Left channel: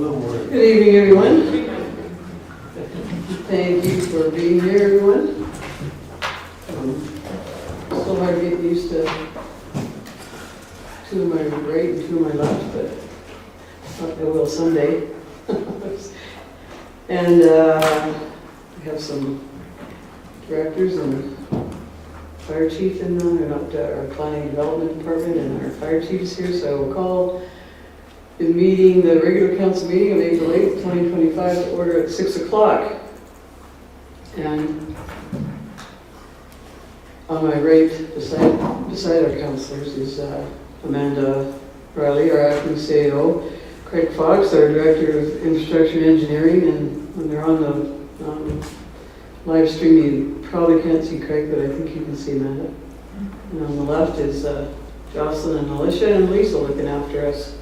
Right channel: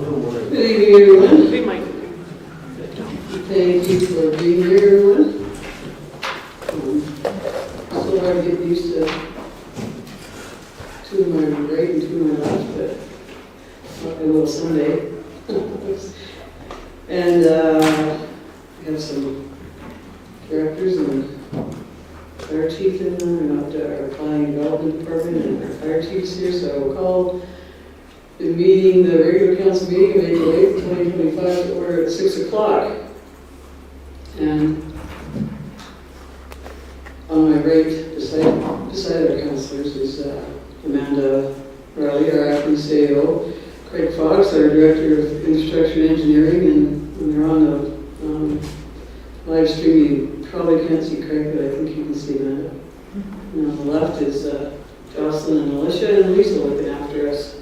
Good evening, everyone. Thank you for being here, everyone. Still hard to get used to two of my right and two of my left, but I will someday. And we have some directors and fire chief in them. We're not our planning development department and our fire chiefs here, so I will call the meeting, the regular council meeting of April 8th, 2025 to order at 6 o'clock. And on my right, beside our councilors, is Amanda Riley, our acting CEO, Craig Fox, our director of infrastructure engineering, and when they're on the live stream, you probably can't see Craig, but I think you can see Amanda. And on the left is Jocelyn and Alicia and Lisa looking after us.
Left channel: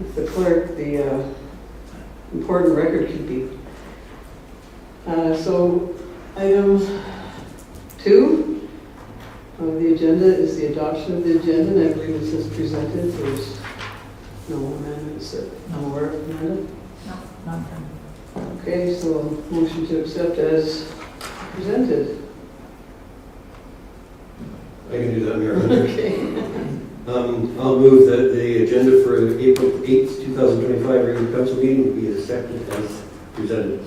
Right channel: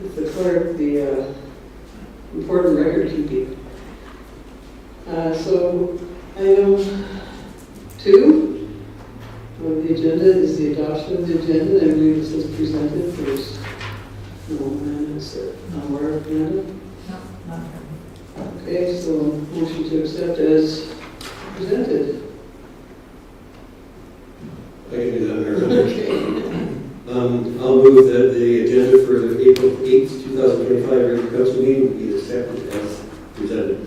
With the clerk, the important record keeping. So item 2 of the agenda is the adoption of the agenda, and I believe this is presented. There's no amendments nowhere. Amanda? No. Okay, so motion to accept as presented. I can do that, Mayor. Okay. I'll move that the agenda for April 8th, 2025 regular council meeting be accepted as presented.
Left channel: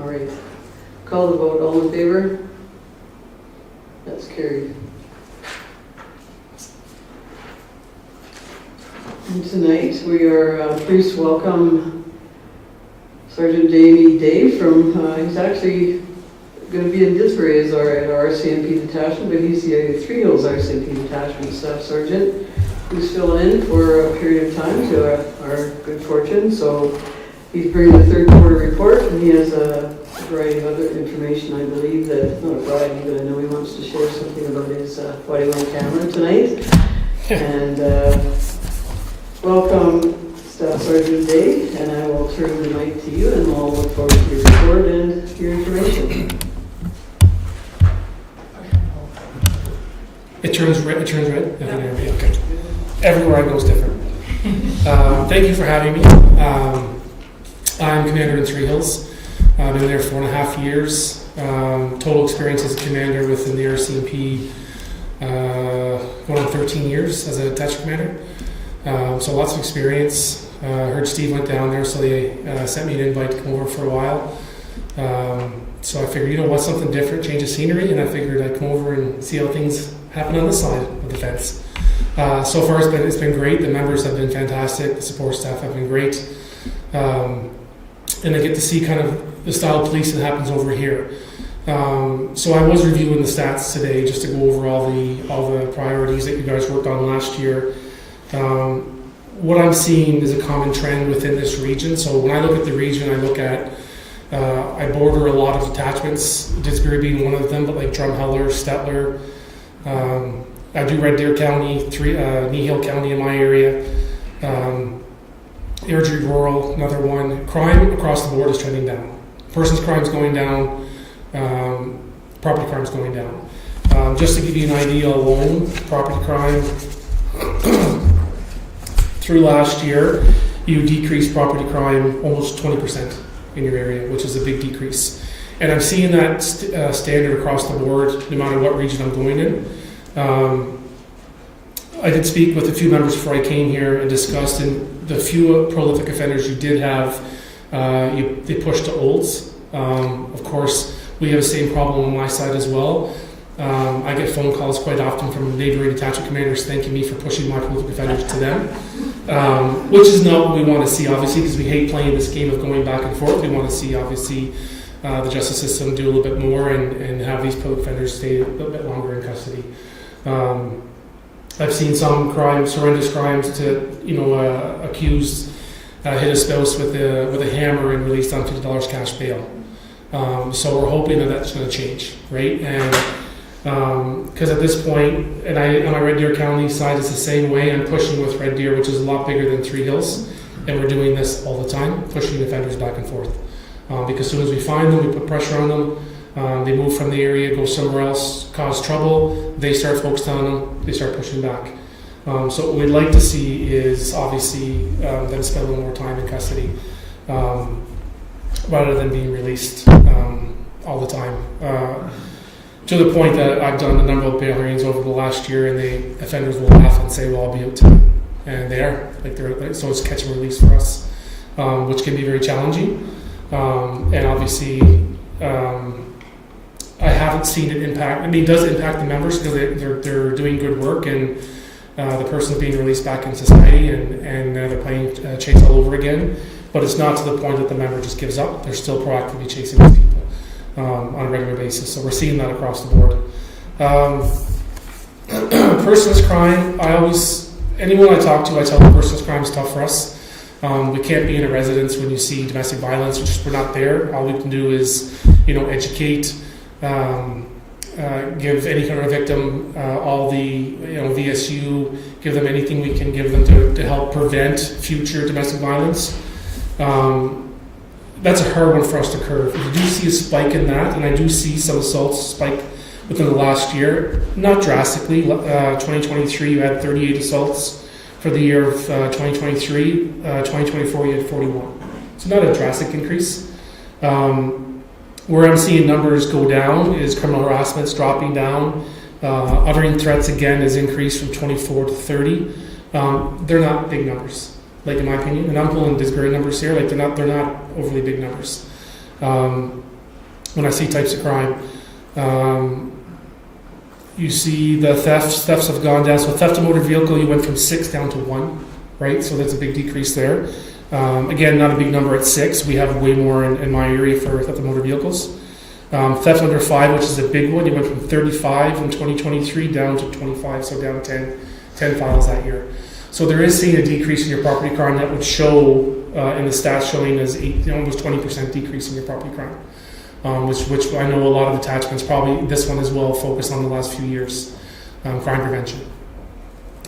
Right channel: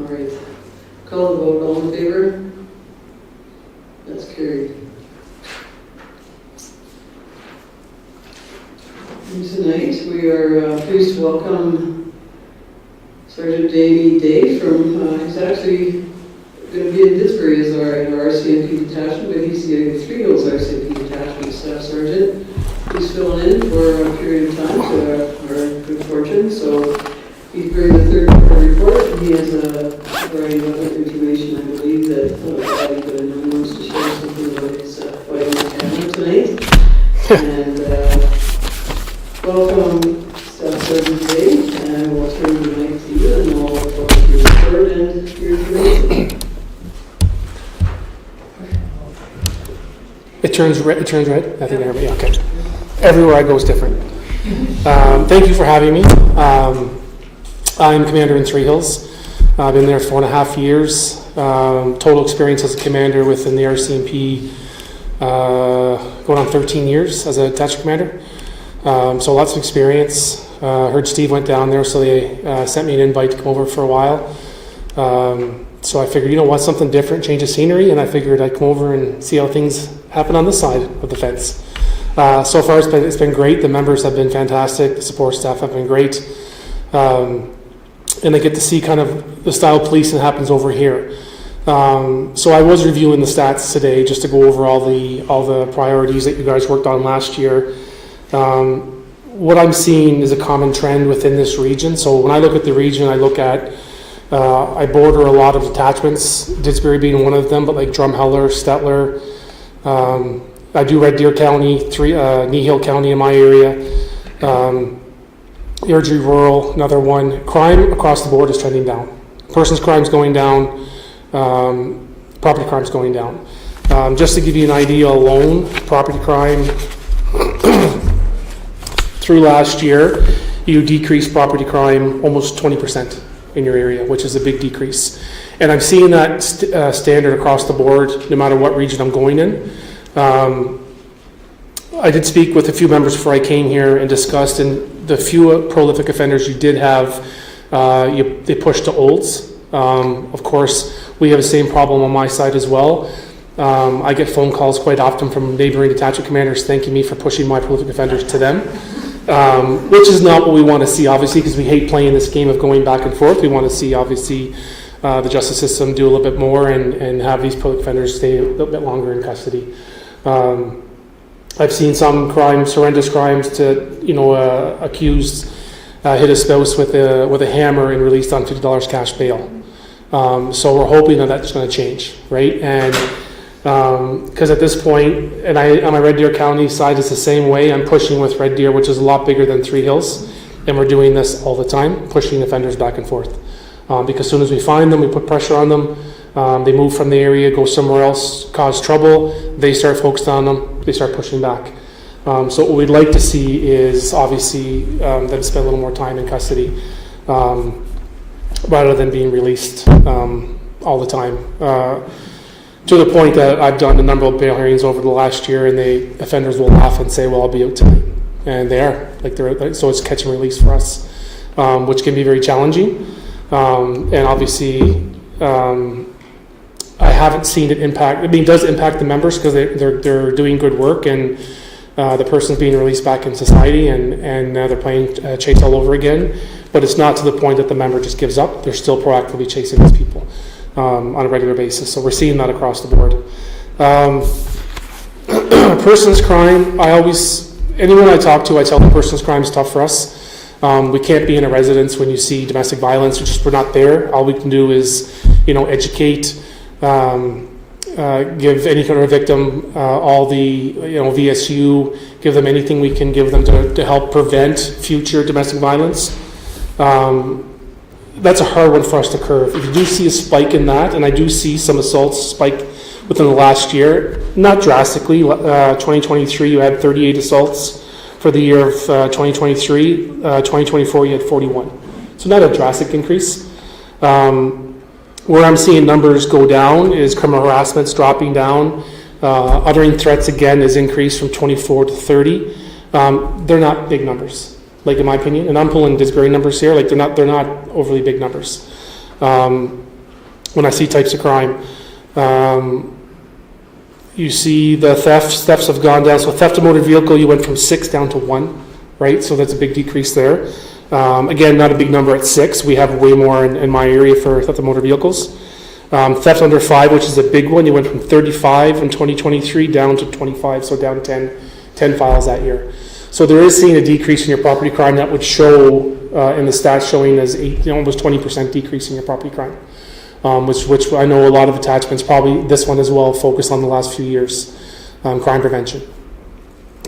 All right. Call the vote. All in favor? That's carried. And tonight we are pleased to welcome Sergeant Davey Day from, he's actually going to be in Disbury as our RCMP detachment, but he's the Three Hills RCMP detachment staff sergeant. He's filling in for a period of time to our good fortune. So he's bringing the third quarter report, and he has a variety of other information, I believe, that I know he wants to share something about his fighting the camera tonight. And welcome, Staff Sergeant Day, and I will turn the mic to you, and we'll look forward to your report and your information. It turns red. I think everybody, okay. Everywhere I go is different. Thank you for having me. I'm commander in Three Hills. I've been there 4.5 years. Total experience as a commander within the RCMP, going on 13 years as a detachment commander. So lots of experience. Heard Steve went down there, so they sent me an invite to come over for a while. So I figured, you know what, something different, change of scenery, and I figured I'd come over and see how things happen on this side of the fence. So far it's been great. The members have been fantastic. The support staff have been great. And I get to see kind of the style of policing that happens over here. So I was reviewing the stats today just to go over all the priorities that you guys worked on last year. What I'm seeing is a common trend within this region. So when I look at the region, I look at I border a lot of detachments, Disbury being one of them, but like Drumheller, Stettler. I do Red Deer County, Nehill County in my area. Airdrie Rural, another one. Crime across the board is trending down. Persons crime's going down. Property crime's going down. Just to give you an idea alone, property crime through last year, you decreased property crime almost 20% in your area, which is a big decrease. And I'm seeing that standard across the board, no matter what region I'm going in. I did speak with a few members before I came here and discussed, and the few prolific offenders you did have, they pushed to olds. Of course, we have the same problem on my side as well. I get phone calls quite often from neighboring detachment commanders thanking me for pushing my prolific offenders to them, which is not what we want to see, obviously, because we hate playing this game of going back and forth. We want to see, obviously, the justice system do a little bit more and have these prolific offenders stay a little bit longer in custody. I've seen some crimes, horrendous crimes, to accused hit a spouse with a hammer and released on $50 cash bail. So we're hoping that that's going to change, right? And because at this point, and on my Red Deer County side, it's the same way. I'm pushing with Red Deer, which is a lot bigger than Three Hills, and we're doing this all the time, pushing offenders back and forth. Because as soon as we find them, we put pressure on them. They move from the area, go somewhere else, cause trouble. They start focused on them. They start pushing back. So what we'd like to see is obviously them spend a little more time in custody. rather than being released all the time. To the point that I've done a number of bail hearings over the last year, and the offenders will laugh and say, well, I'll be out tonight. And they are. So it's catch and release for us, which can be very challenging. And obviously, I haven't seen it impact. I mean, it does impact the members because they're doing good work, and the person's being released back in society, and they're playing chase all over again. But it's not to the point that the member just gives up. They're still proactively chasing these people on a regular basis. So we're seeing that across the board. Person's crime. Anyone I talk to, I tell them person's crime is tough for us. We can't be in a residence when you see domestic violence. We're not there. All we can do is, educate, give any kind of victim all the, VSU, give them anything we can give them to help prevent future domestic violence. That's a hard one for us to curb. If you do see a spike in that, and I do see some assaults spike within the last year, not drastically. 2023, you had 38 assaults. For the year of 2023, 2024, you had 41. So not a drastic increase. Where I'm seeing numbers go down is criminal harassment's dropping down. Uttering threats again has increased from 24 to 30. They're not big numbers, like in my opinion. And I'm pulling disparate numbers here. Like they're not overly big numbers. When I see types of crime, you see the thefts have gone down. So theft of motor vehicle, you went from 6 down to 1, right? So that's a big decrease there. Again, not a big number at 6. We have way more in my area for theft of motor vehicles. Theft under 5, which is a big one, you went from 35 in 2023 down to 25, so down 10 files that year. So there is seeing a decrease in your property crime that would show in the stats showing as almost 20% decrease in your property crime. Which I know a lot of attachments, probably this one as well, focus on the last few years, crime prevention.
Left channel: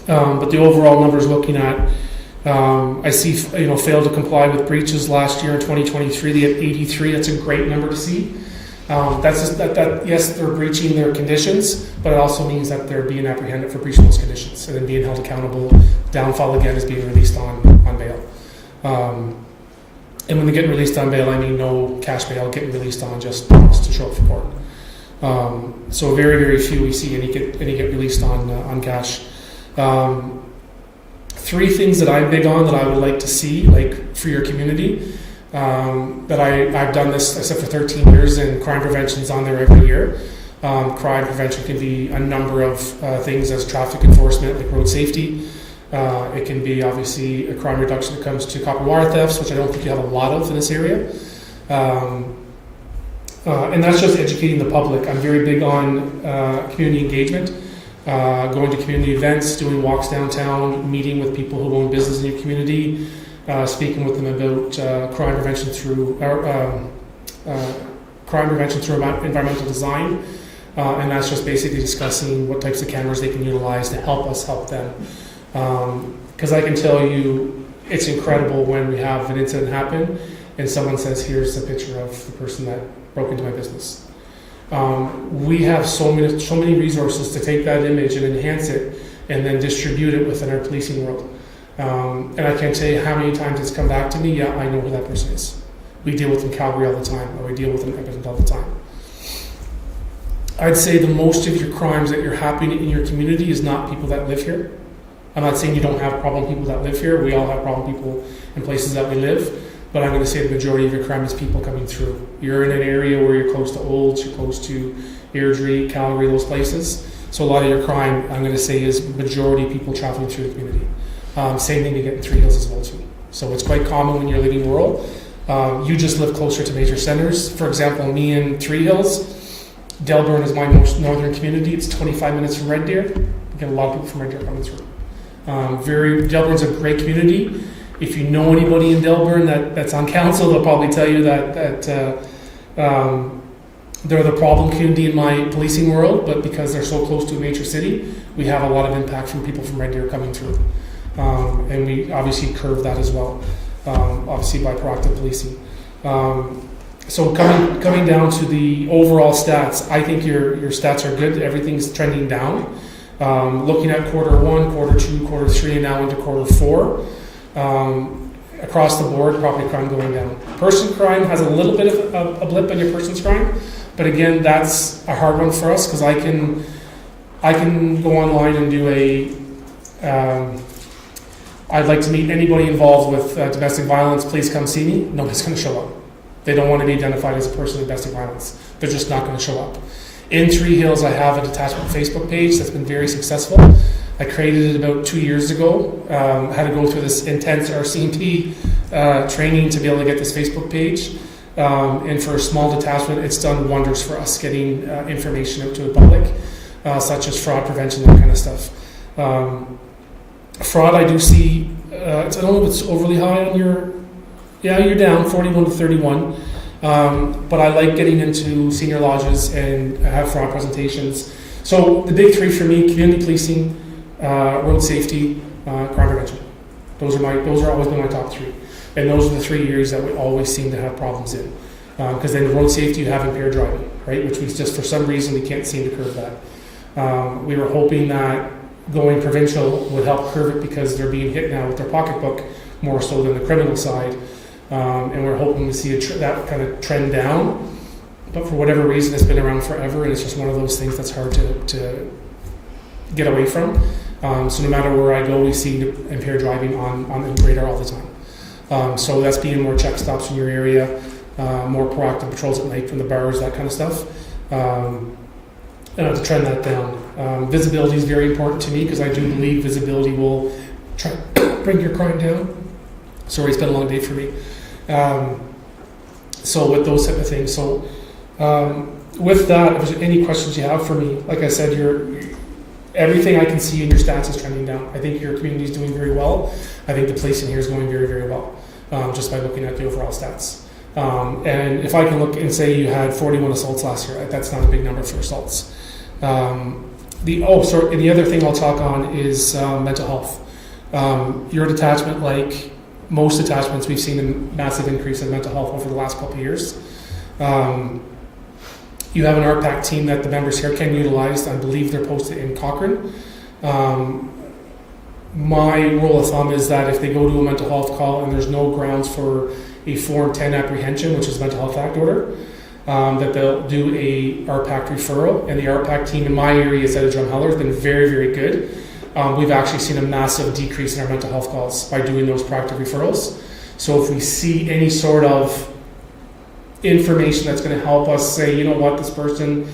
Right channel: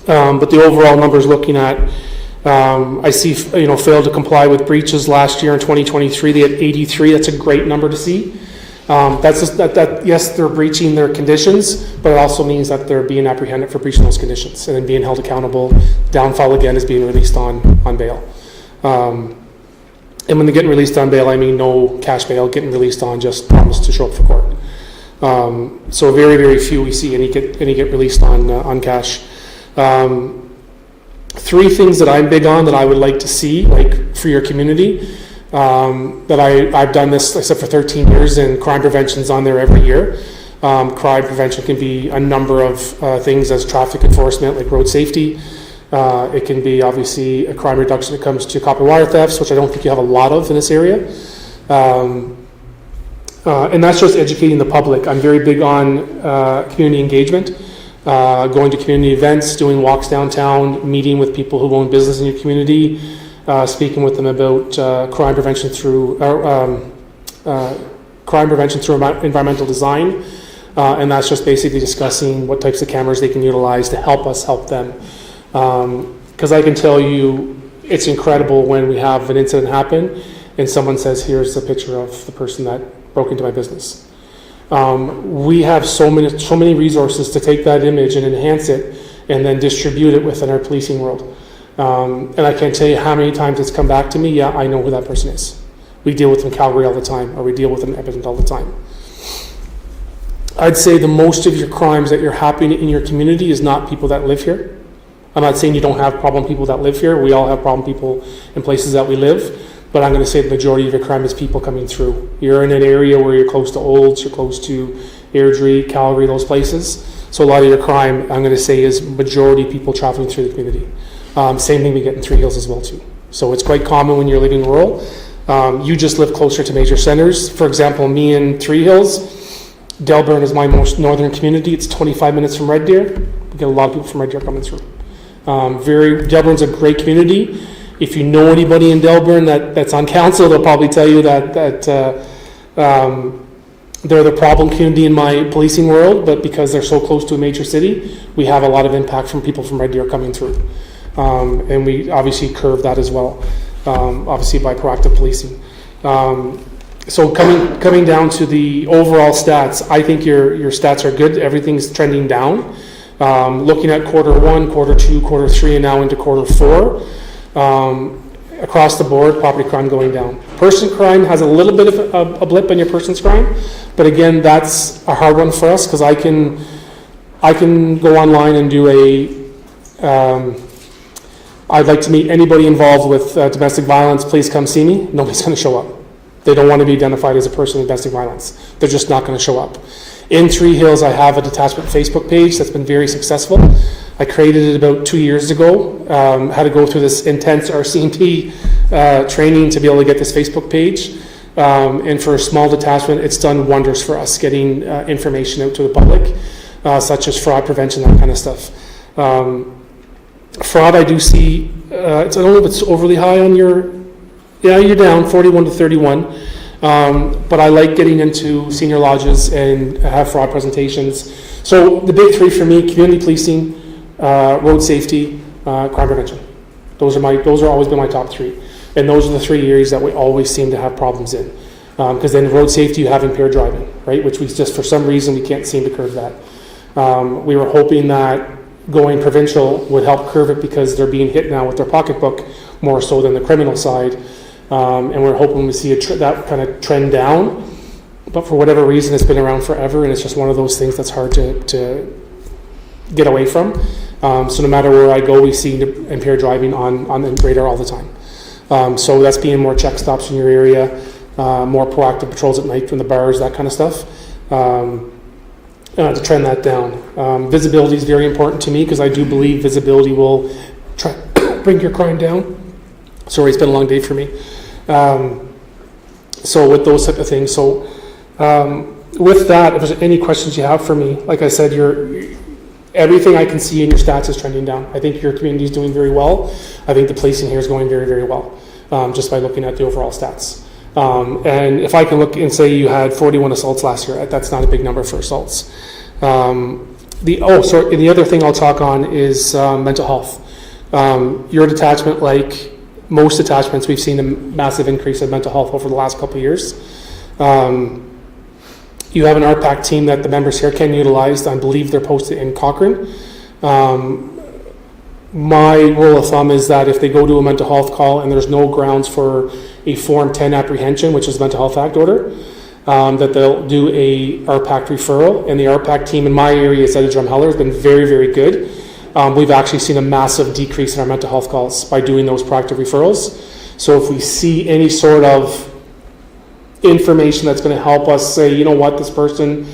But the overall numbers looking at, I see, failed to comply with breaches last year in 2023. They had 83. That's a great number to see. That's just that yes, they're breaching their conditions, but it also means that they're being apprehended for breaching those conditions and then being held accountable. Downfall again is being released on bail. And when they get released on bail, I mean no cash bail, getting released on just promise to show up for court. So very, very few we see any get released on cash. 3 things that I'm big on that I would like to see, like for your community, that I've done this, I said, for 13 years, and crime prevention's on there every year. Crime prevention can be a number of things as traffic enforcement, like road safety. It can be obviously a crime reduction that comes to copper wire thefts, which I don't think you have a lot of in this area. And that's just educating the public. I'm very big on community engagement, going to community events, doing walks downtown, meeting with people who own business in your community, speaking with them about crime prevention through environmental design. And that's just basically discussing what types of cameras they can utilize to help us help them. Because I can tell you, it's incredible when we have an incident happen and someone says, here's a picture of the person that broke into my business. We have so many resources to take that image and enhance it and then distribute it within our policing world. And I can't tell you how many times it's come back to me, yeah, I know who that person is. We deal with them in Calgary all the time, or we deal with them in Edmonton all the time. I'd say the most of your crimes that you're happening in your community is not people that live here. I'm not saying you don't have problem people that live here. We all have problem people in places that we live. But I'm going to say the majority of your crime is people coming through. You're in an area where you're close to Olds, you're close to Airdrie, Calgary, those places. So a lot of your crime, I'm going to say, is majority people traveling through the community. Same thing we get in Three Hills as well, too. So it's quite common when you're living rural. You just live closer to major centers. For example, me in Three Hills, Delburn is my most northern community. It's 25 minutes from Red Deer. We get a lot of people from Red Deer coming through. Delburn's a great community. If you know anybody in Delburn that's on council, they'll probably tell you that they're the problem community in my policing world, but because they're so close to a major city, we have a lot of impact from people from Red Deer coming through. And we obviously curve that as well, obviously by proactive policing. So coming down to the overall stats, I think your stats are good. Everything's trending down. Looking at quarter 1, quarter 2, quarter 3, and now into quarter 4, across the board, property crime going down. Person crime has a little bit of a blip in your person's crime, but again, that's a hard one for us because I can go online and do I'd like to meet anybody involved with domestic violence, please come see me. Nobody's going to show up. They don't want to be identified as a person with domestic violence. They're just not going to show up. In Three Hills, I have a detachment Facebook page that's been very successful. I created it about 2 years ago. Had to go through this intense RCMP training to be able to get this Facebook page. And for a small detachment, it's done wonders for us getting information out to the public, such as fraud prevention, that kind of stuff. Fraud, I do see, I don't know if it's overly high on your, you're down 41 to 31. But I like getting into senior lodges and have fraud presentations. So the big three for me: community policing, road safety, crime prevention. Those are always been my top three, and those are the 3 areas that we always seem to have problems in. Because then road safety, you have impaired driving, right? Which we just for some reason we can't seem to curb that. We were hoping that going provincial would help curb it because they're being hit now with their pocketbook more so than the criminal side. And we're hoping to see that kind of trend down, but for whatever reason, it's been around forever, and it's just one of those things that's hard to get away from. So no matter where I go, we see impaired driving on the radar all the time. So that's being more check stops in your area, more proactive patrols at night from the bars, that kind of stuff, to trend that down. Visibility is very important to me because I do believe visibility will try to bring your crime down. Sorry, it's been a long day for me. So with those type of things, with that, if there's any questions you have for me, like I said, everything I can see in your stats is trending down. I think your community is doing very well. I think the policing here is going very, very well, just by looking at the overall stats. And if I can look and say you had 41 assaults last year, that's not a big number for assaults. The other thing I'll talk on is mental health. Your detachment, like most attachments, we've seen a massive increase in mental health over the last couple of years. You have an RPAC team that the members here can utilize. I believe they're posted in Cochrane. My rule of thumb is that if they go to a mental health call and there's no grounds for a Form 10 apprehension, which is a Mental Health Act order, that they'll do a RPAC referral. And the RPAC team in my area, Zeta Drumheller, has been very, very good. We've actually seen a massive decrease in our mental health calls by doing those proactive referrals. So if we see any sort of information that's going to help us say, you know what, this person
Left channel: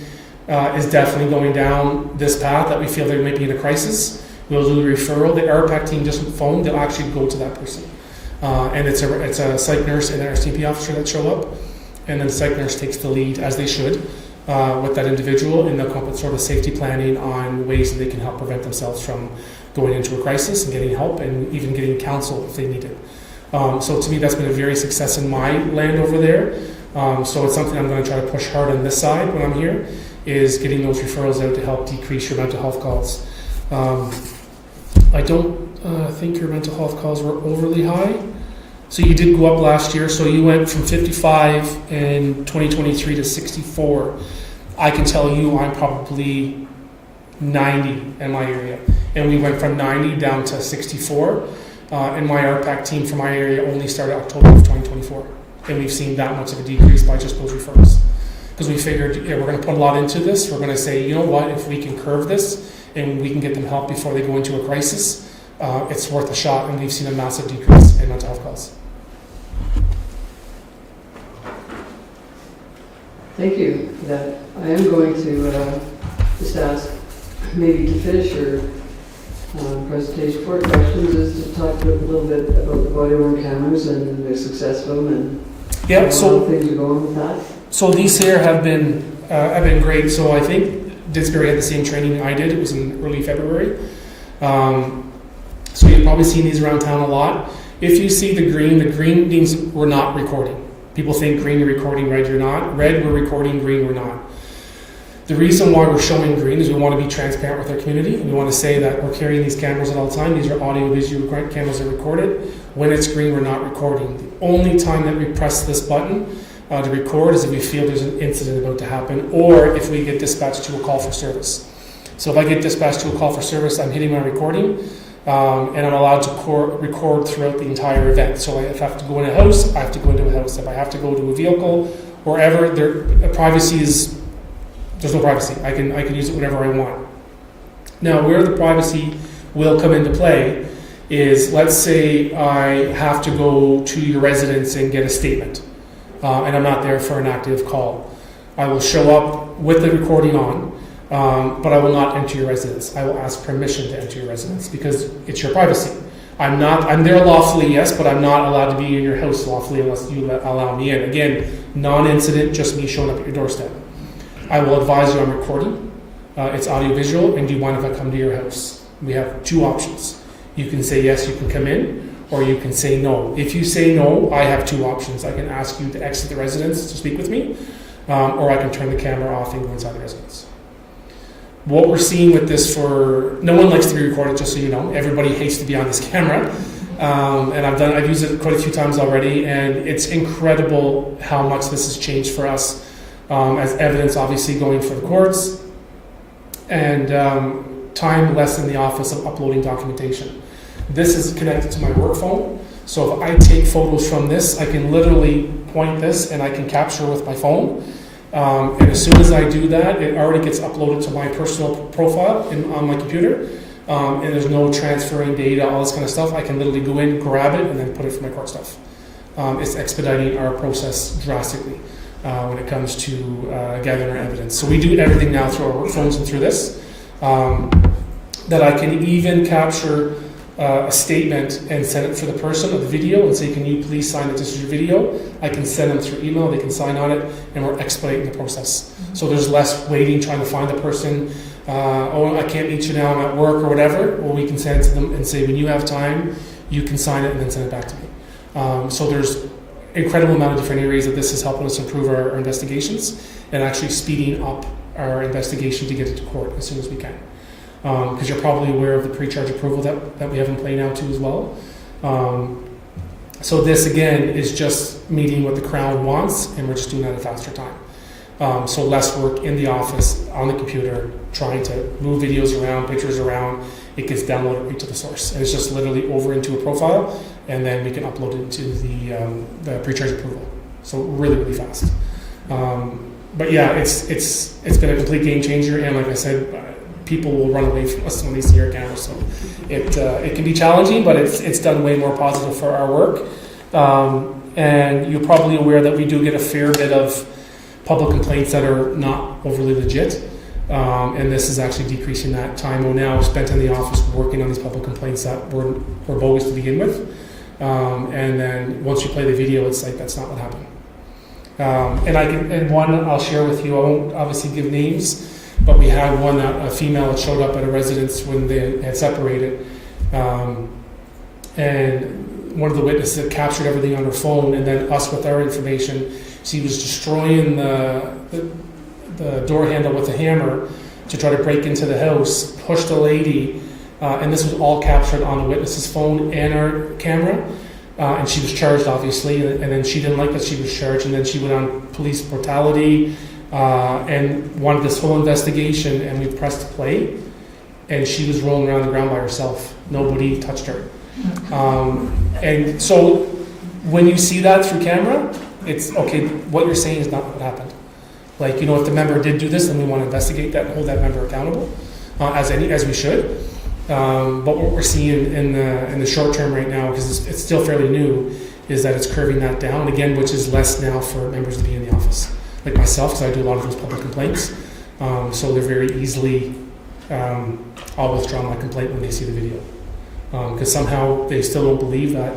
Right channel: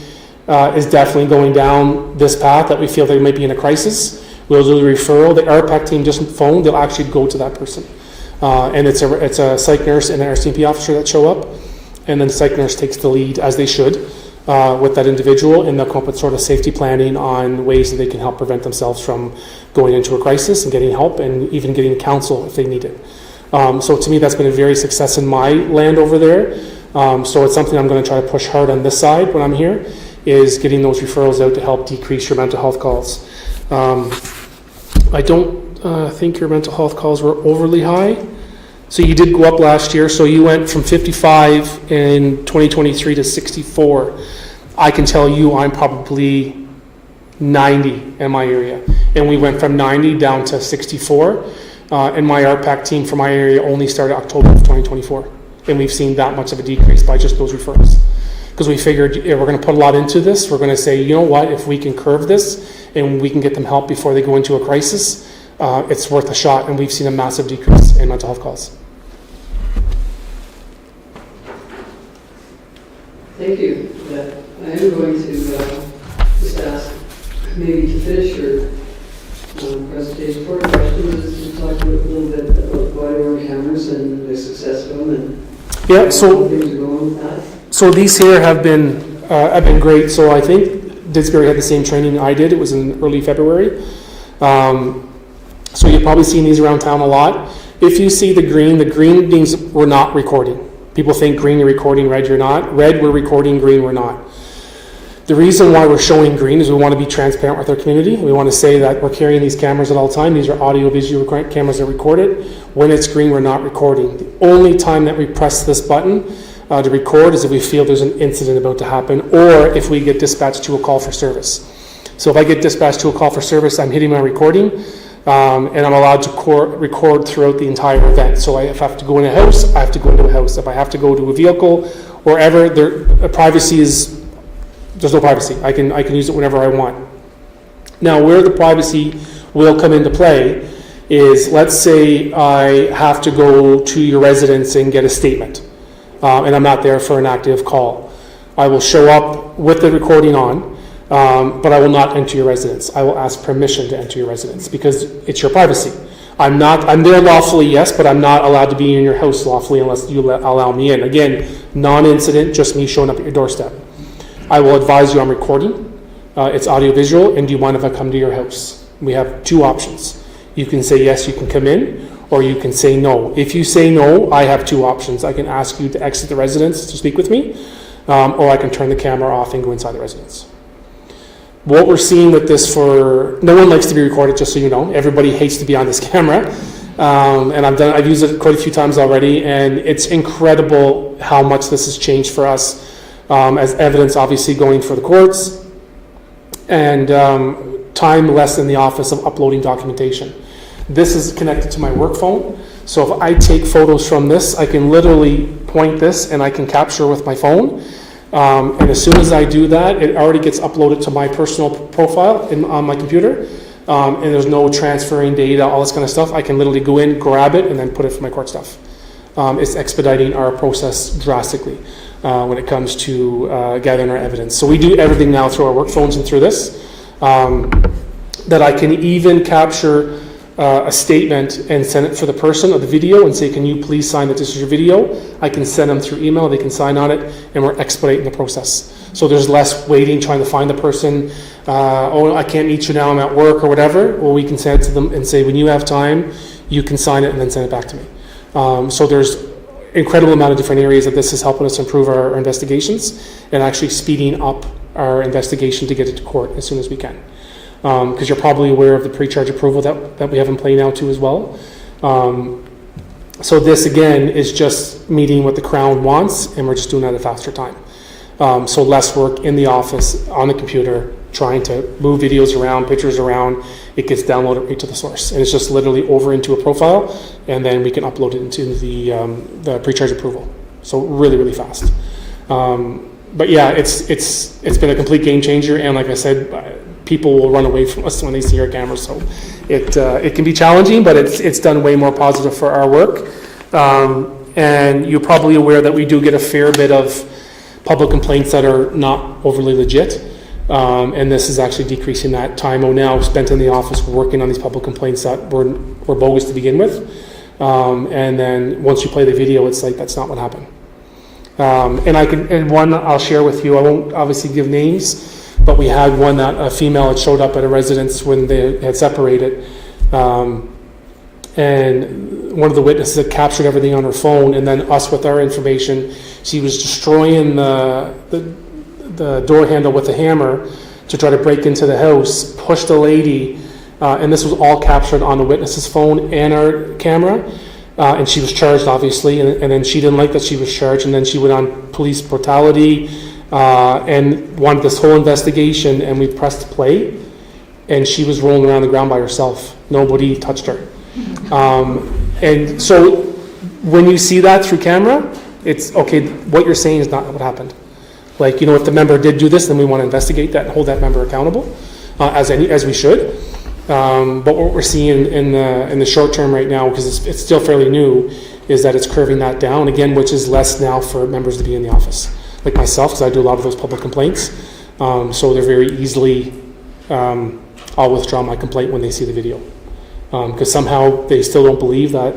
is definitely going down this path, that we feel they might be in a crisis, we'll do the referral. The RPAC team doesn't phone, they'll actually go to that person. And it's a psych nurse and an RCMP officer that show up, and then the psych nurse takes the lead, as they should, with that individual, and they'll come up with sort of safety planning on ways that they can help prevent themselves from going into a crisis and getting help and even getting counsel if they need it. So to me, that's been a very success in my land over there. So it's something I'm going to try to push hard on this side when I'm here, is getting those referrals out to help decrease your mental health calls. I don't think your mental health calls were overly high. So you did go up last year, so you went from 55 in 2023 to 64. I can tell you I'm probably 90 in my area. And we went from 90 down to 64. And my RPAC team for my area only started October of 2024. And we've seen that much of a decrease by just those wereferrals. Because we figured we're going to put a lot into this. We're going to say, you know what, if we can curve this and we can get them help before they go into a crisis, it's worth a shot. And we've seen a massive decrease in mental health calls. Thank you for that. I am going to just ask, maybe to finish your presentation, for questions, is to talk a little bit about body-worn cameras and the success of them and Yeah, how so things are going with that. So these here have been great. So I think Didsbury had the same training I did. It was in early February. So you've probably seen these around town a lot. If you see the green means we're not recording. People think green you're recording, red you're not. Red we're recording, green we're not. The reason why we're showing green is we want to be transparent with our community. We want to say that we're carrying these cameras at all time. These are audio-visual cameras that are recorded. When it's green, we're not recording. The only time that we press this button to record is if we feel there's an incident about to happen, or if we get dispatched to a call for service. So if I get dispatched to a call for service, I'm hitting my recording. and I'm allowed to record throughout the entire event. So if I have to go in a house, I have to go into a house. If I have to go to a vehicle, wherever, there's no privacy. I can use it whenever I want. Now, where the privacy will come into play is, let's say I have to go to your residence and get a statement, and I'm not there for an active call. I will show up with the recording on, but I will not enter your residence. I will ask permission to enter your residence because it's your privacy. I'm there lawfully, yes, but I'm not allowed to be in your house lawfully unless you allow me in. Again, non-incident, just me showing up at your doorstep. I will advise you I'm recording. It's audio-visual, and do you mind if I come to your house? We have two options. You can say yes, you can come in, or you can say no. If you say no, I have two options. I can ask you to exit the residence to speak with me, or I can turn the camera off and go inside the residence. What we're seeing with this no one likes to be recorded, just so you know. Everybody hates to be on this camera. And I've used it quite a few times already, and it's incredible how much this has changed for us, as evidence obviously going for the courts, and time less in the office of uploading documentation. This is connected to my work phone, so if I take photos from this, I can literally point this and I can capture with my phone. And as soon as I do that, it already gets uploaded to my personal profile on my computer. And there's no transferring data, all this kind of stuff. I can literally go in, grab it, and then put it for my court stuff. It's expediting our process drastically when it comes to gathering our evidence. So we do everything now through our work phones and through this. That I can even capture a statement and send it for the person of the video and say, can you please sign that this is your video? I can send them through email, they can sign on it, and we're expediting the process. So there's less waiting, trying to find the person. I can't meet you now, I'm at work or whatever. Well, we can send it to them and say, when you have time, you can sign it and then send it back to me. So there's incredible amount of different areas that this is helping us improve our investigations and actually speeding up our investigation to get it to court as soon as we can. Because you're probably aware of the pre-charge approval that we have in play now too as well. So this again is just meeting what the Crown wants, and we're just doing that at a faster time. So less work in the office, on the computer, trying to move videos around, pictures around. It gets downloaded right to the source. And it's just literally over into a profile, and then we can upload it into the pre-charge approval. So really, really fast. But yeah, it's been a complete game changer, and like I said, people will run away from us when they see our camera. So it can be challenging, but it's done way more positive for our work. And you're probably aware that we do get a fair bit of public complaints that are not overly legit. And this is actually decreasing that time now spent in the office working on these public complaints that were bogus to begin with. And then once you play the video, it's like, that's not what happened. And one I'll share with you, I won't obviously give names, but we had one that a female had showed up at a residence when they had separated. And one of the witnesses had captured everything on her phone, and then us with our information, she was destroying the door handle with a hammer to try to break into the house, pushed a lady, and this was all captured on the witness's phone and our camera. And she was charged, obviously, and then she didn't like that she was charged, and then she went on police brutality and wanted this whole investigation, and we pressed play, and she was rolling around the ground by herself. Nobody touched her. And so when you see that through camera, it's, okay, what you're saying is not what happened. Like, if the member did do this, then we want to investigate that and hold that member accountable, as we should. But what we're seeing in the short term right now, because it's still fairly new, is that it's curving that down again, which is less now for members to be in the office. Like myself, because I do a lot of those public complaints, so they're very easily, I'll withdraw my complaint when they see the video, because somehow they still don't believe that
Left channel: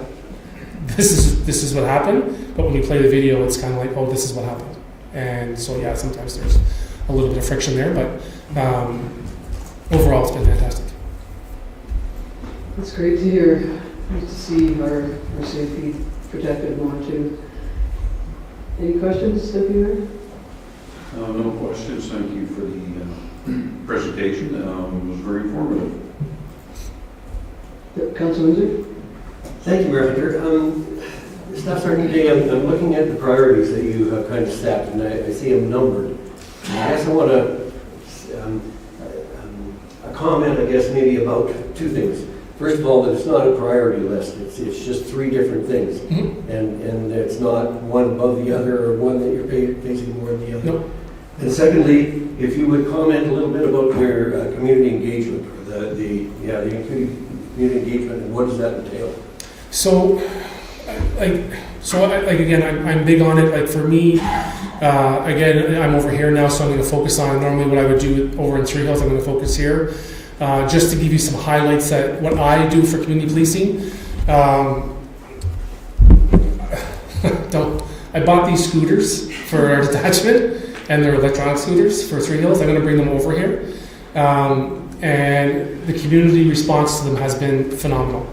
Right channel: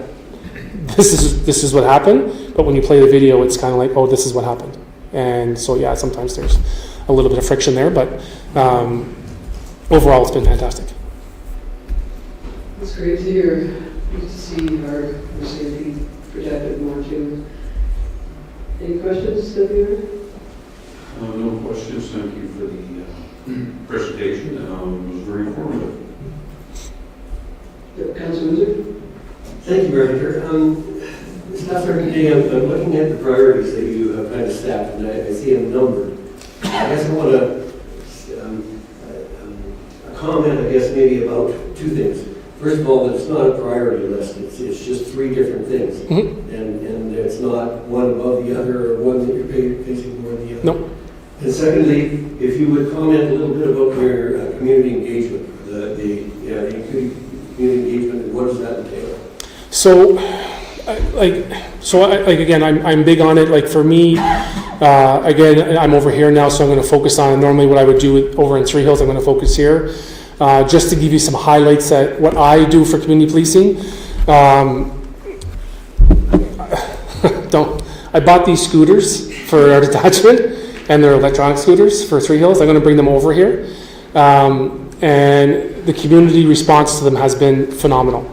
this is what happened. But when you play the video, it's kind of like, oh, this is what happened. And so yeah, sometimes there's a little bit of friction there, but overall, it's been fantastic. That's great to hear. Good to see our safety protected more too. Any questions, Sylvia? No questions. Thank you for the presentation. It was very informative. Yep, Councilor Windsor? Thank you, Mayor Hunter. This afternoon, I'm looking at the priorities that you have kind of stacked, and I see them numbered. I guess I want to a comment, maybe about two things. first of all, that it's not a priority list. It's just 3 different things. Mhm. And it's not one above the other or one that you're facing more than the other. No. And secondly, if you would comment a little bit about your community engagement, the community engagement, and what does that entail? So, again, I'm big on it. Like for me, again, I'm over here now, so I'm going to focus on normally what I would do over in Three Hills. I'm going to focus here, just to give you some highlights that what I do for community policing. I bought these scooters for our detachment, and they're electronic scooters for Three Hills. I'm going to bring them over here, and the community response to them has been phenomenal.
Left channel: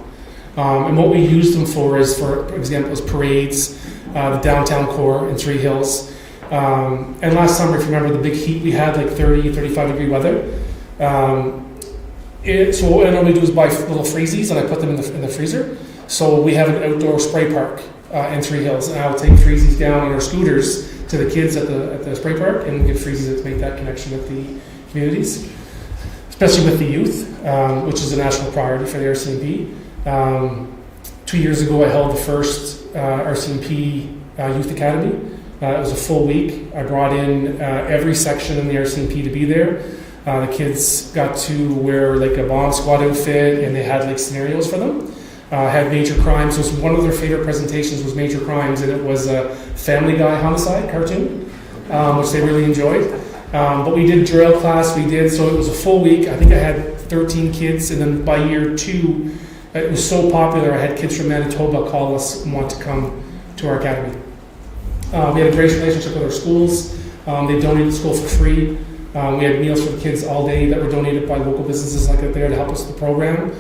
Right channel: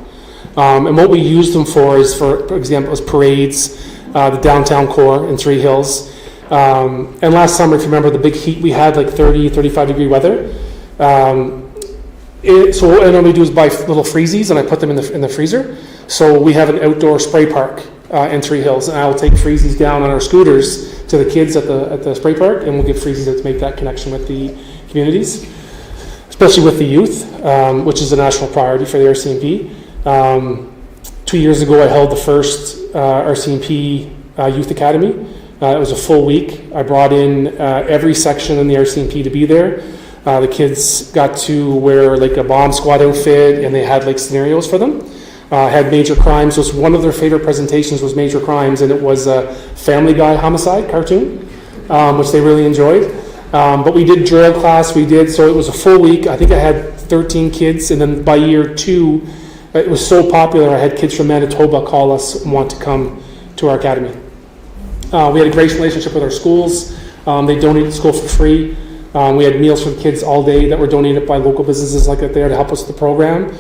And what we use them for is, for example, is parades, the downtown core in Three Hills. And last summer, if you remember the big heat we had, like 30, 35 degree weather. So what I normally do is buy little freezies and I put them in the freezer. So we have an outdoor spray park in Three Hills, and I'll take freezies down on our scooters to the kids at the spray park, and we'll give freezies to make that connection with the communities, especially with the youth, which is a national priority for the RCMP. 2 years ago, I held the first RCMP Youth Academy. It was a full week. I brought in every section in the RCMP to be there. The kids got to wear like a bomb squad outfit, and they had like scenarios for them. Had major crimes. So one of their favorite presentations was major crimes, and it was a Family Guy homicide cartoon, which they really enjoyed. But we did drill class. So it was a full week. I think I had 13 kids, and then by year 2, it was so popular, I had kids from Manitoba call us and want to come to our academy. We had a great relationship with our schools. They donated to school for free. We had meals for the kids all day that were donated by local businesses like that there to help us with the program.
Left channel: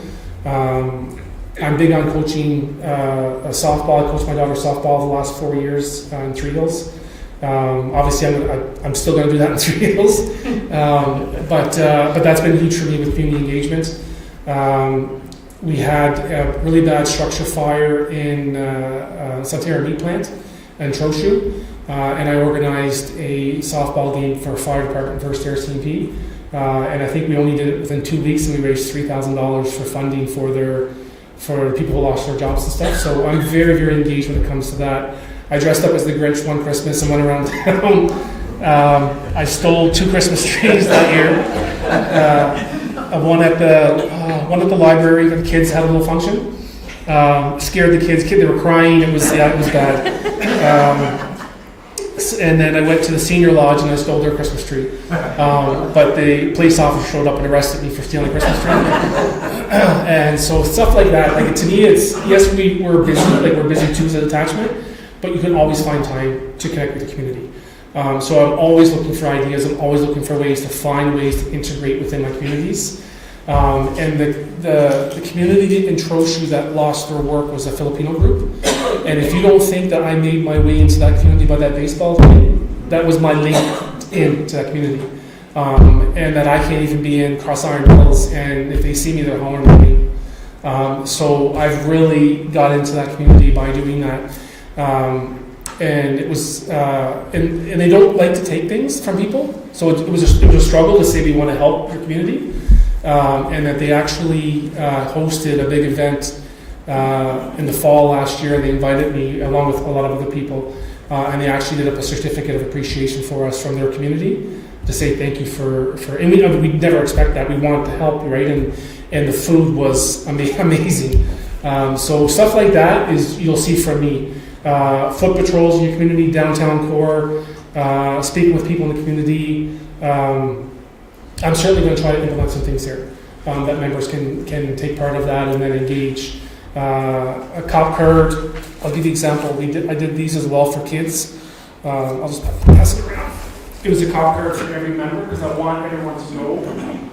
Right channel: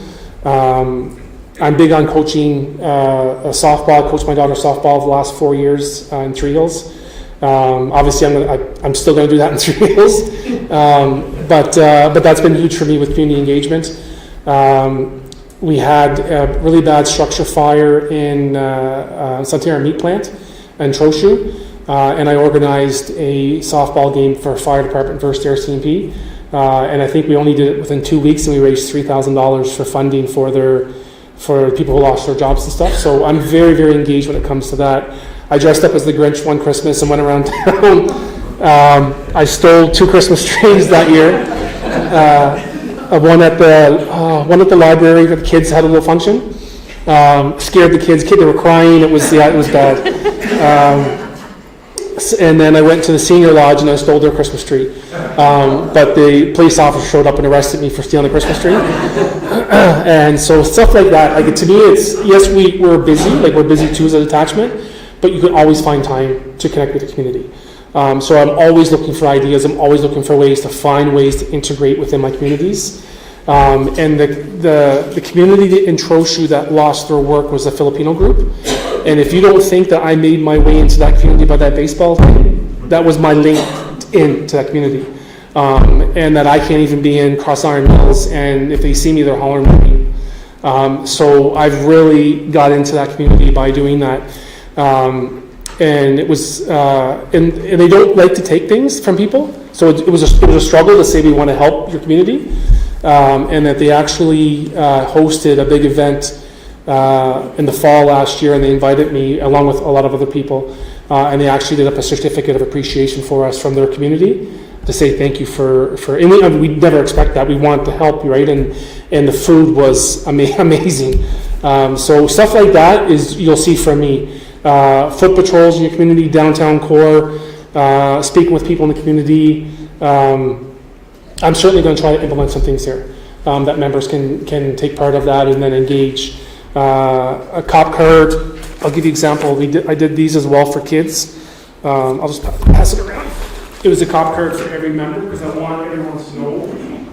I'm big on coaching softball. I coached my daughter softball the last 4 years in Three Hills. Obviously, I'm still going to do that in Three Hills. But that's been huge for me with community engagement. We had a really bad structure fire in Santerre Meat Plant in Trochu, and I organized a softball game for fire department versus RCMP, and I think we only did it within 2 weeks, and we raised $3,000 for funding for people who lost their jobs and stuff. So I'm very, very engaged when it comes to that. I dressed up as the Grinch one Christmas and went around town. I stole 2 Christmas trees that year. One at the library. The kids had a little function. Scared the kids. They were crying. It was bad. And then I went to the senior lodge and I stole their Christmas tree. But the police officer showed up and arrested me for stealing the Christmas tree. And so stuff like that. Like to me, it's yes, we're busy. Like we're busy too as a detachment, but you can always find time to connect with the community. So I'm always looking for ideas. I'm always looking for ways to find ways to integrate within my communities. And the community in Trochu that lost their work was the Filipino group. And if you don't think that I made my way into that community by that baseball game, that was my link into that community. And that I can't even be in Cross Iron Mills, and if they see me, they're hollering at me. So I've really got into that community by doing that. And it was, and they don't like to take things from people. So it was a struggle to say we want to help your community. And that they actually hosted a big event in the fall last year, and they invited me along with a lot of other people, and they actually did up a certificate of appreciation for us from their community to say thank you for and we never expect that. We wanted to help, right? And the food was amazing. So stuff like that is you'll see from me. Foot patrols in your community, downtown core, speaking with people in the community. I'm certainly going to try to implement some things here that members can take part of that and then engage. A cop card, I'll give you an example. I did these as well for kids. I'll just pass it around. It was a cop card for every member because I want everyone to know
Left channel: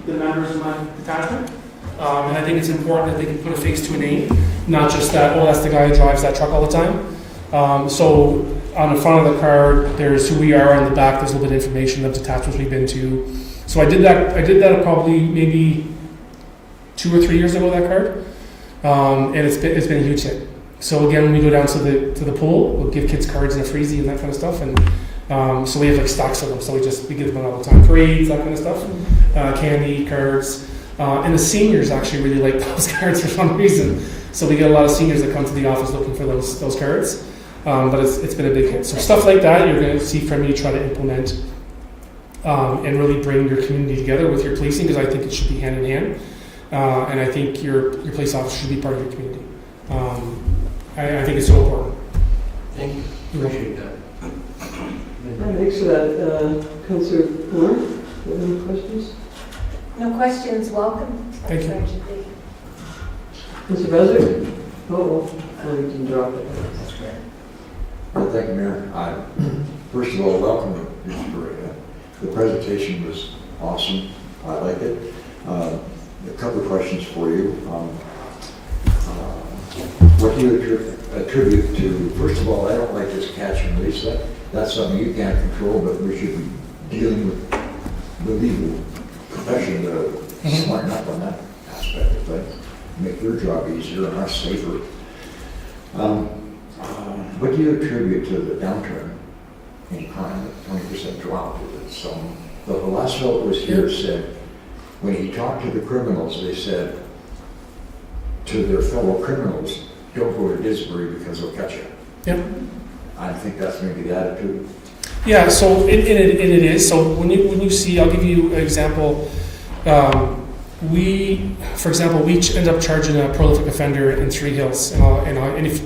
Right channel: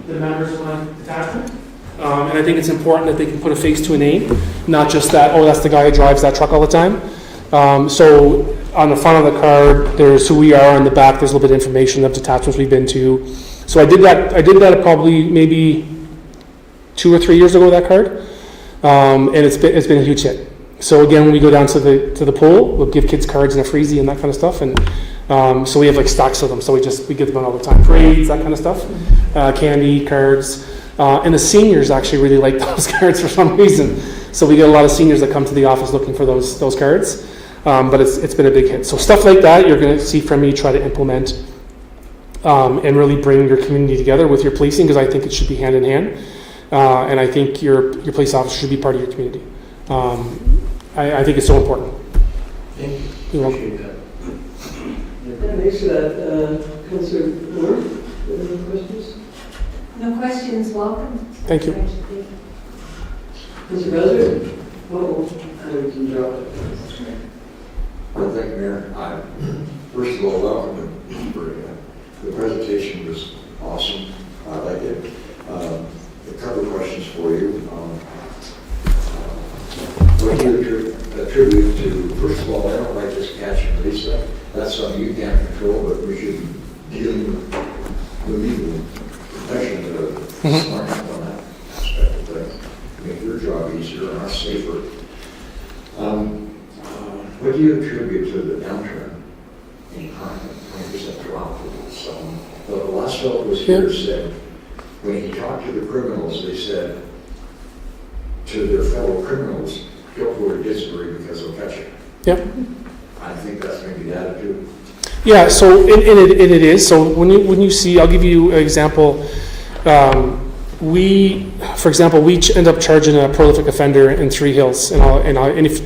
the members of my detachment. And I think it's important that they can put a face to a name, not just that, oh, that's the guy who drives that truck all the time. So on the front of the card, there's who we are. On the back, there's a little bit of information of detachments we've been to. So I did that probably maybe 2 or 3 years ago, that card. And it's been a huge hit. So again, when we go down to the pool, we'll give kids cards and a freezie and that kind of stuff. And so we have like stacks of them. So we give them out all the time. Parades, that kind of stuff. Candy, cards. And the seniors actually really like those cards for some reason. So we get a lot of seniors that come to the office looking for those cards. But it's been a big hit. So stuff like that, you're going to see from me try to implement and really bring your community together with your policing, because I think it should be hand in hand. And I think your police officer should be part of your community. I think it's so important. Thank you. You know. Appreciate that. Thanks for that. Councillor Moore, any questions? No questions, welcome. Thank you. Sergeant Lee. Mr. President? Oh, we can drop it. Well, thank you, Mayor. First of all, welcome to Mr. Berry. The presentation was awesome. I liked it. A couple of questions for you. What do you attribute to, first of all, I don't like this catch and release stuff. That's something you can't control, but we should be dealing with the legal profession that are smart up on that aspect of things. Make your job easier and us safer. What do you attribute to the downturn in crime, 20% drop? The last fellow was here said, when he talked to the criminals, they said to their fellow criminals, don't go to Didsbury because they'll catch you. Yep. I think that's maybe the attitude. Yeah, so it is. So when you see, I'll give you an example. For example, we end up charging a prolific offender in Three Hills, and if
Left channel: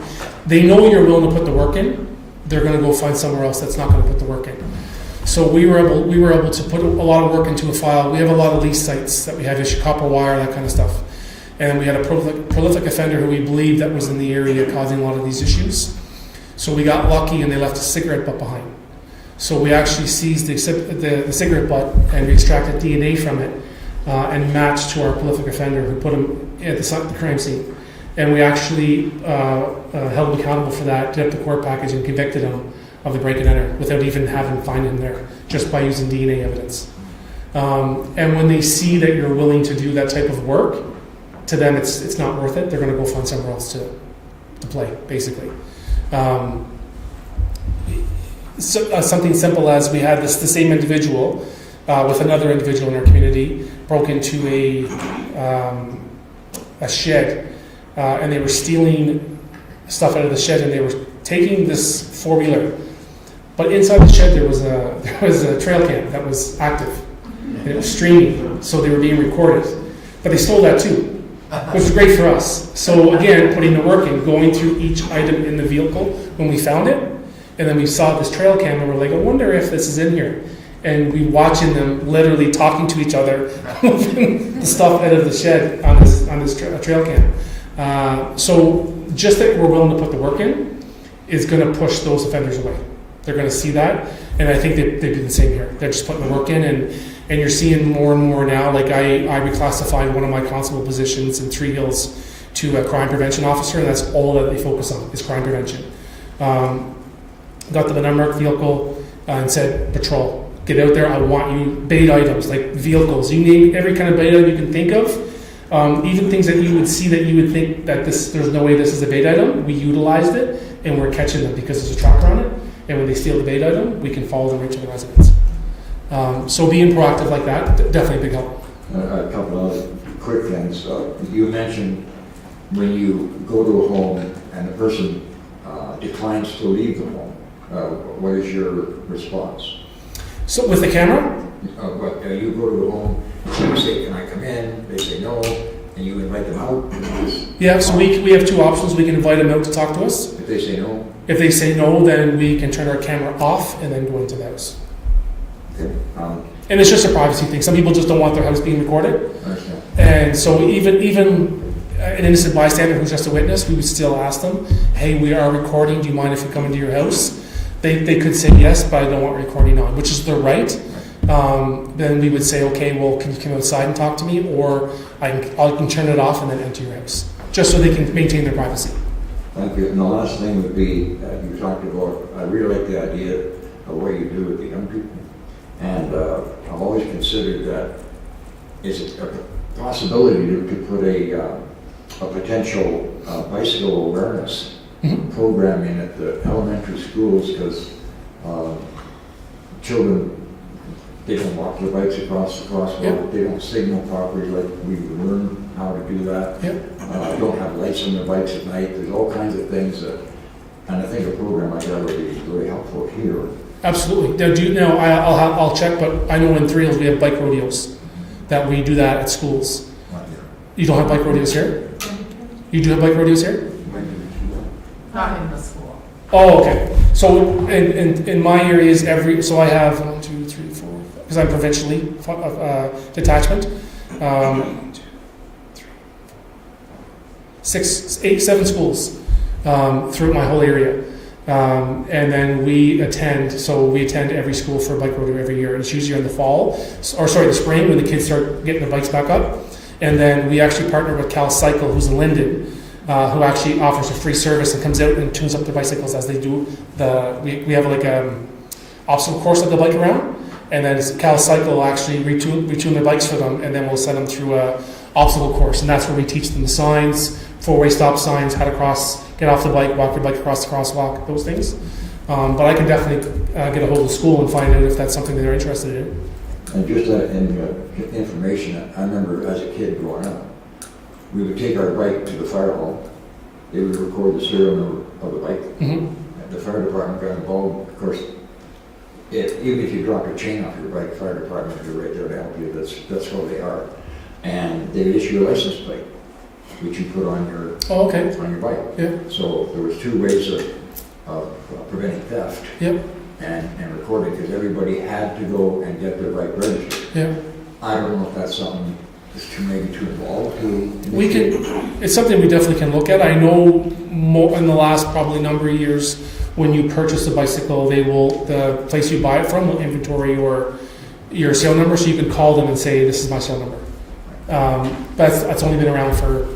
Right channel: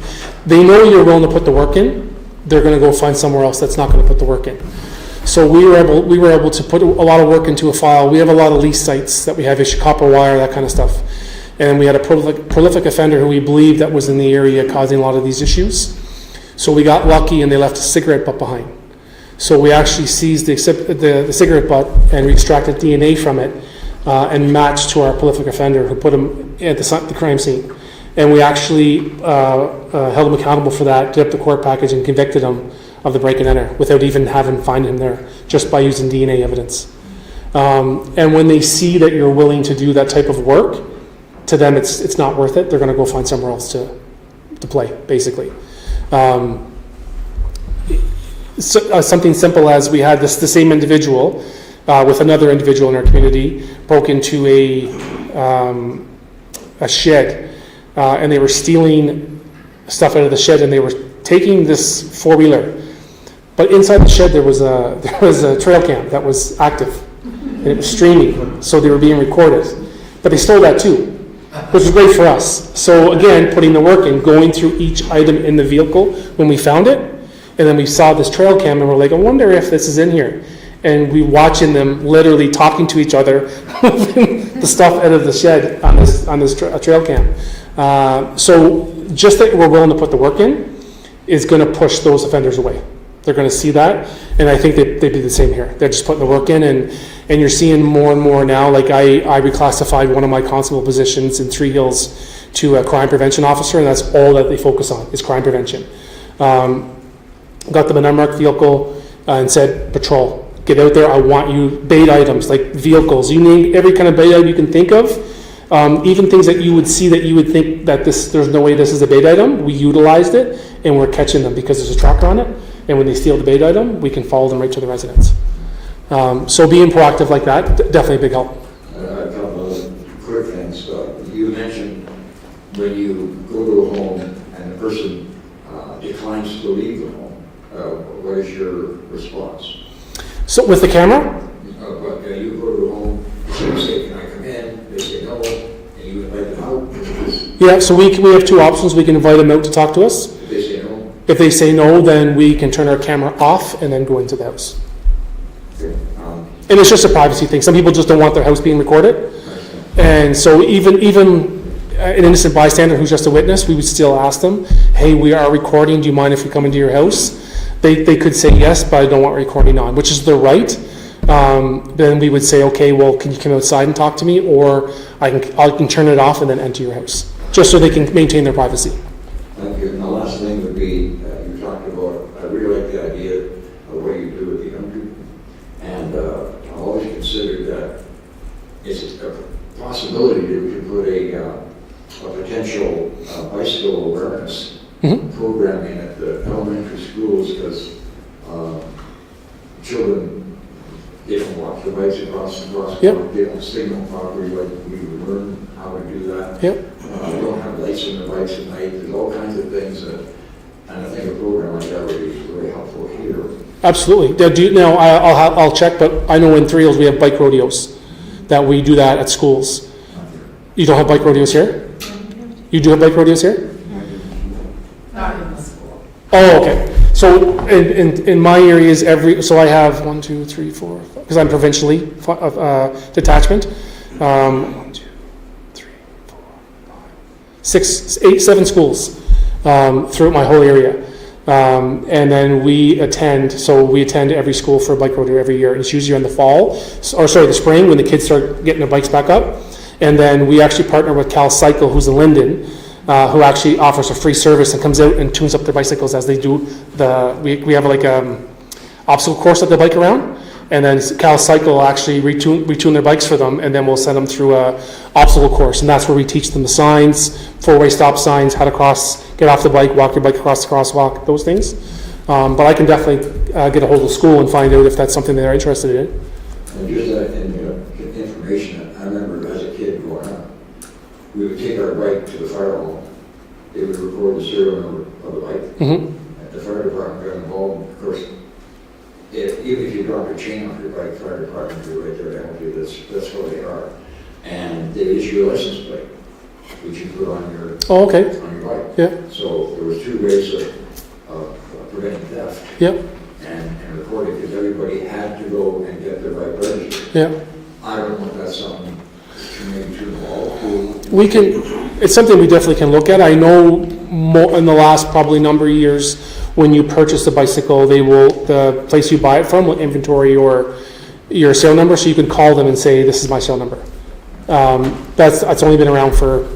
they know you're willing to put the work in, they're going to go find somewhere else that's not going to put the work in. So we were able to put a lot of work into a file. We have a lot of lease sites that we have issue copper wire, that kind of stuff, and we had a prolific offender who we believed that was in the area causing a lot of these issues. So we got lucky, and they left a cigarette butt behind. So we actually seized the cigarette butt and we extracted DNA from it and matched to our prolific offender who put him at the crime scene. And we actually held him accountable for that, did up the court package, and convicted him of the break and enter without even having to find him there, just by using DNA evidence. And when they see that you're willing to do that type of work, to them it's not worth it. They're going to go find somewhere else to play, basically. Something simple as we had the same individual with another individual in our community broke into a shed, and they were stealing stuff out of the shed, and they were taking this 4-wheeler, but inside the shed there was a trail cam that was active, and it was streaming, so they were being recorded. But they stole that too, which was great for us. So again, putting the work in, going through each item in the vehicle when we found it, and then we saw this trail cam, and we're like, I wonder if this is in here. And we watching them literally talking to each other, moving the stuff out of the shed on this trail cam. So just that we're willing to put the work in is going to push those offenders away. They're going to see that, and I think they do the same here. They're just putting the work in, and you're seeing more and more now. Like I reclassified one of my constable positions in Three Hills to a crime prevention officer, and that's all that they focus on is crime prevention. Got them an unmarked vehicle and said, patrol, get out there, I want you, bait items, like vehicles, you name every kind of bait item you can think of, even things that you would see that you would think that there's no way this is a bait item, we utilized it, and we're catching them because there's a tracker on it, and when they steal the bait item, we can follow them right to the residence. So being proactive like that, definitely a big help. A couple of quick things. You mentioned when you go to a home and the person declines to leave the home, what is your response? So with the camera? But you go to the home, you say, can I come in? They say no, and you invite them out. Yeah, so we have two options. We can invite them out to talk to us. If they say no, If they say no, then we can turn our camera off and then go into the house. okay. And it's just a privacy thing. Some people just don't want their house being recorded. Understand. And so even an innocent bystander who's just a witness, we would still ask them, hey, we are recording. Do you mind if we come into your house? They could say yes, but I don't want recording on, which is their right. Then we would say, okay, well, can you come outside and talk to me? Or I can turn it off and then enter your house, just so they can maintain their privacy. Thank you. And the last thing would be, you talked about, I really like the idea of what you do with the young people. And I've always considered that it's a possibility to put a potential bicycle awareness programming at the elementary schools, because children They don't walk their bikes across the crosswalk. Yep. They don't signal properly like we would learn how to do that. Yep. They don't have lights on their bikes at night. There's all kinds of things that, and I think a program like that would be really helpful here. Absolutely. Now, I'll check, but I know in Three Hills we have bike rodeos, that we do that at schools. You don't have bike rodeos here? You do have bike rodeos here? Not in the school. Oh, okay. So in my areas, so I have 1, 2, 3, 4, because I'm provincially detachment. 1, 2, 3, 4, 6, 8, 7 schools throughout my whole area. And then we attend every school for a bike rodeo every year. It's usually in the fall, the spring when the kids start getting their bikes back up. And then we actually partner with Cal Cycle, who's in Linden, who actually offers a free service and comes out and tunes up their bicycles as they do we have like obstacle course that they bike around, and then Cal Cycle will actually retune their bikes for them, and then we'll send them through a obstacle course, and that's where we teach them the signs, 4-way stop signs, how to get off the bike, walk your bike across the crosswalk, those things. But I can definitely get a hold of the school and find out if that's something they're interested in. And just information, I remember as a kid growing up, we would take our bike to the fire hall. They would record the serial number of the bike. Mm-hmm. The fire department got involved. Of course, even if you drop a chain off your bike, fire department are right there to help you. That's how they are. And they issue a license plate, which you put on your bike. Yeah. So there was 2 ways of preventing theft. Yep. And recording, because everybody had to go and get their bike registered. Yeah. I don't know if that's something maybe to involve. It's something we definitely can look at. I know more in the last probably number of years, when you purchase a bicycle, the place you buy it from will inventory your serial number, so you can call them and say, this is my serial number. That's only been around for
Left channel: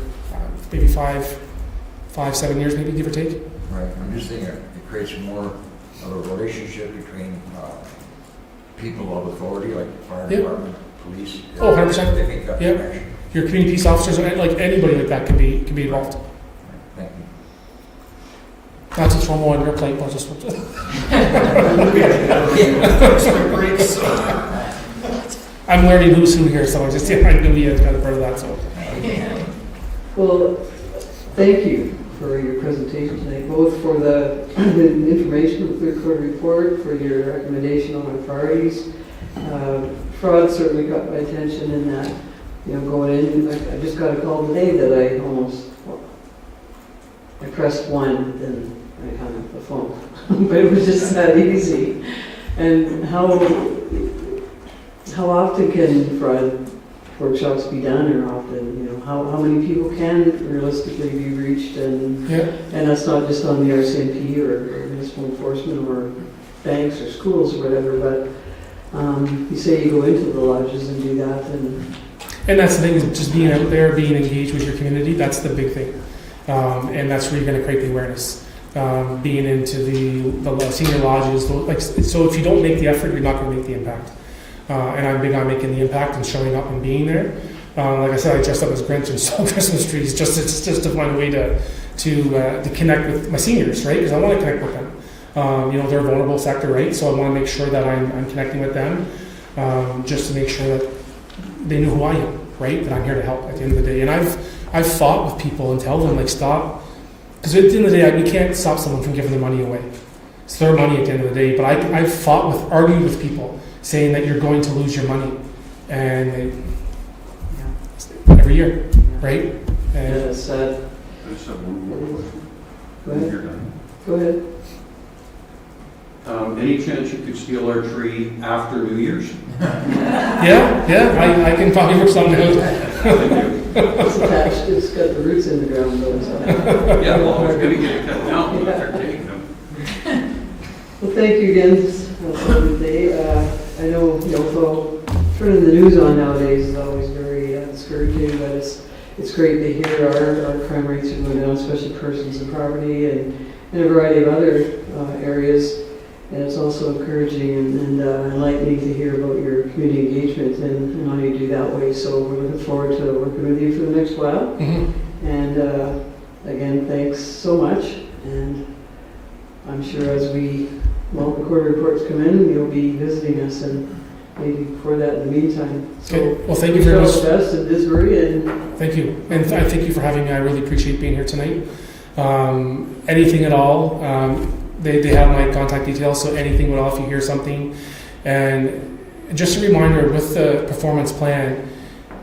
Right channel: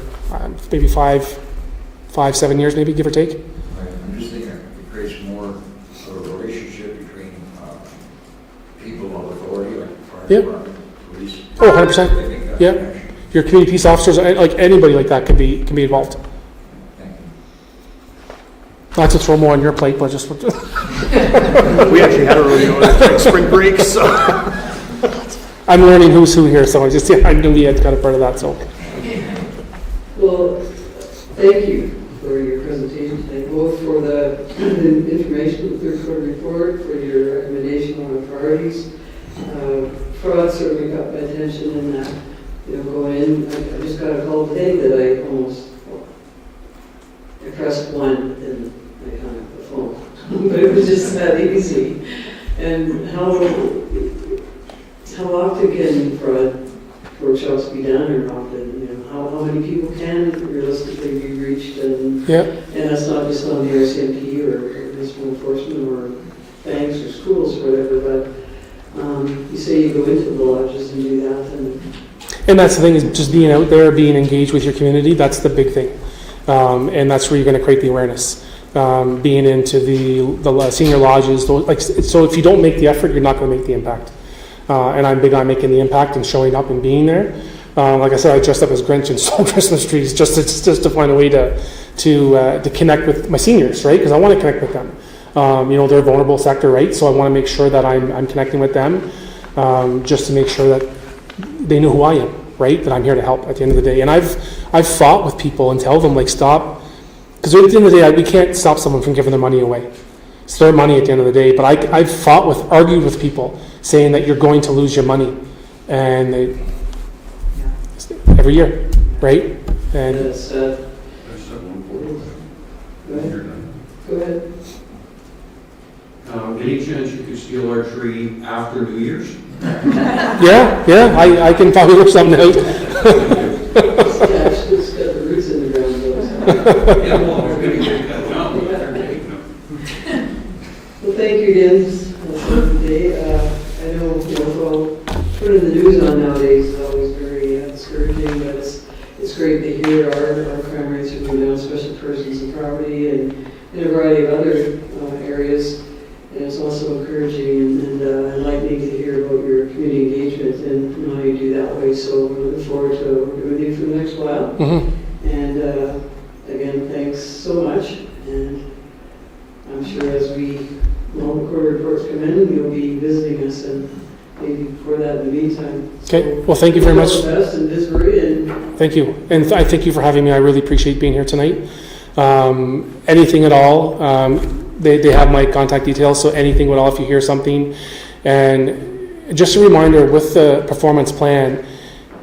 maybe 5-7 years, maybe, give or take. Right, I'm just thinking it creates more of a relationship between people of authority, like fire department, police. Oh, 100%. They make that Yeah. connection. Your community peace officers, like anybody like that, can be involved. Thank you. Not to throw more on your plate, but just We actually had a rodeo spring break, so. I'm learning who's who here, so I knew we had kind of part of that. So Well, thank you for your presentation tonight, both for the information, the third quarter report, for your recommendation on our priorities. Fraud certainly got my attention in that, going in, I just got a call today that I pressed 1, then I hung up the phone. But it was just that easy. And how often can fraud workshops be done, or often, how many people can realistically be reached, and that's not just on the RCMP or municipal enforcement or banks or schools or whatever, but you say you go into the lodges and do that, and that's the thing, is just being out there, being engaged with your community. That's the big thing, and that's where you're going to create the awareness. Being into the senior lodges, so if you don't make the effort, you're not going to make the impact. And I'm big on making the impact and showing up and being there. Like I said, I dressed up as Grinch and stole Christmas trees just to find a way to connect with my seniors, right? Because I want to connect with them. They're a vulnerable sector, right? So I want to make sure that I'm connecting with them, just to make sure that they know who I am, right? That I'm here to help at the end of the day. And I've fought with people and tell them, stop, because at the end of the day, we can't stop someone from giving their money away. It's their money at the end of the day. But I've argued with people saying that you're going to lose your money, and every year, right? And it's That's a Go ahead. You're done. Go ahead. Any chance you could steal our tree after New Year's? I can probably work something out. It's attached, it's got the roots in the ground though, so. Yeah, well, we're going to get that down. Well, thank you again for the day. I know, for turning the news on nowadays is always very discouraging, but it's great to hear our crime rates are going down, especially persons and property, and in a variety of other areas. And it's also encouraging and enlightening to hear about your community engagement and how you do that way. So we're looking forward to working with you for the next while. Mm-hmm. And again, thanks so much. And I'm sure as the quarter reports come in, you'll be visiting us and maybe before that in the meantime. Okay, well, thank you very All much. the best in Disbury, and Thank you. And I thank you for having me. I really appreciate being here tonight. Anything at all, they have my contact details, so anything at all if you hear something. And just a reminder, with the performance plan,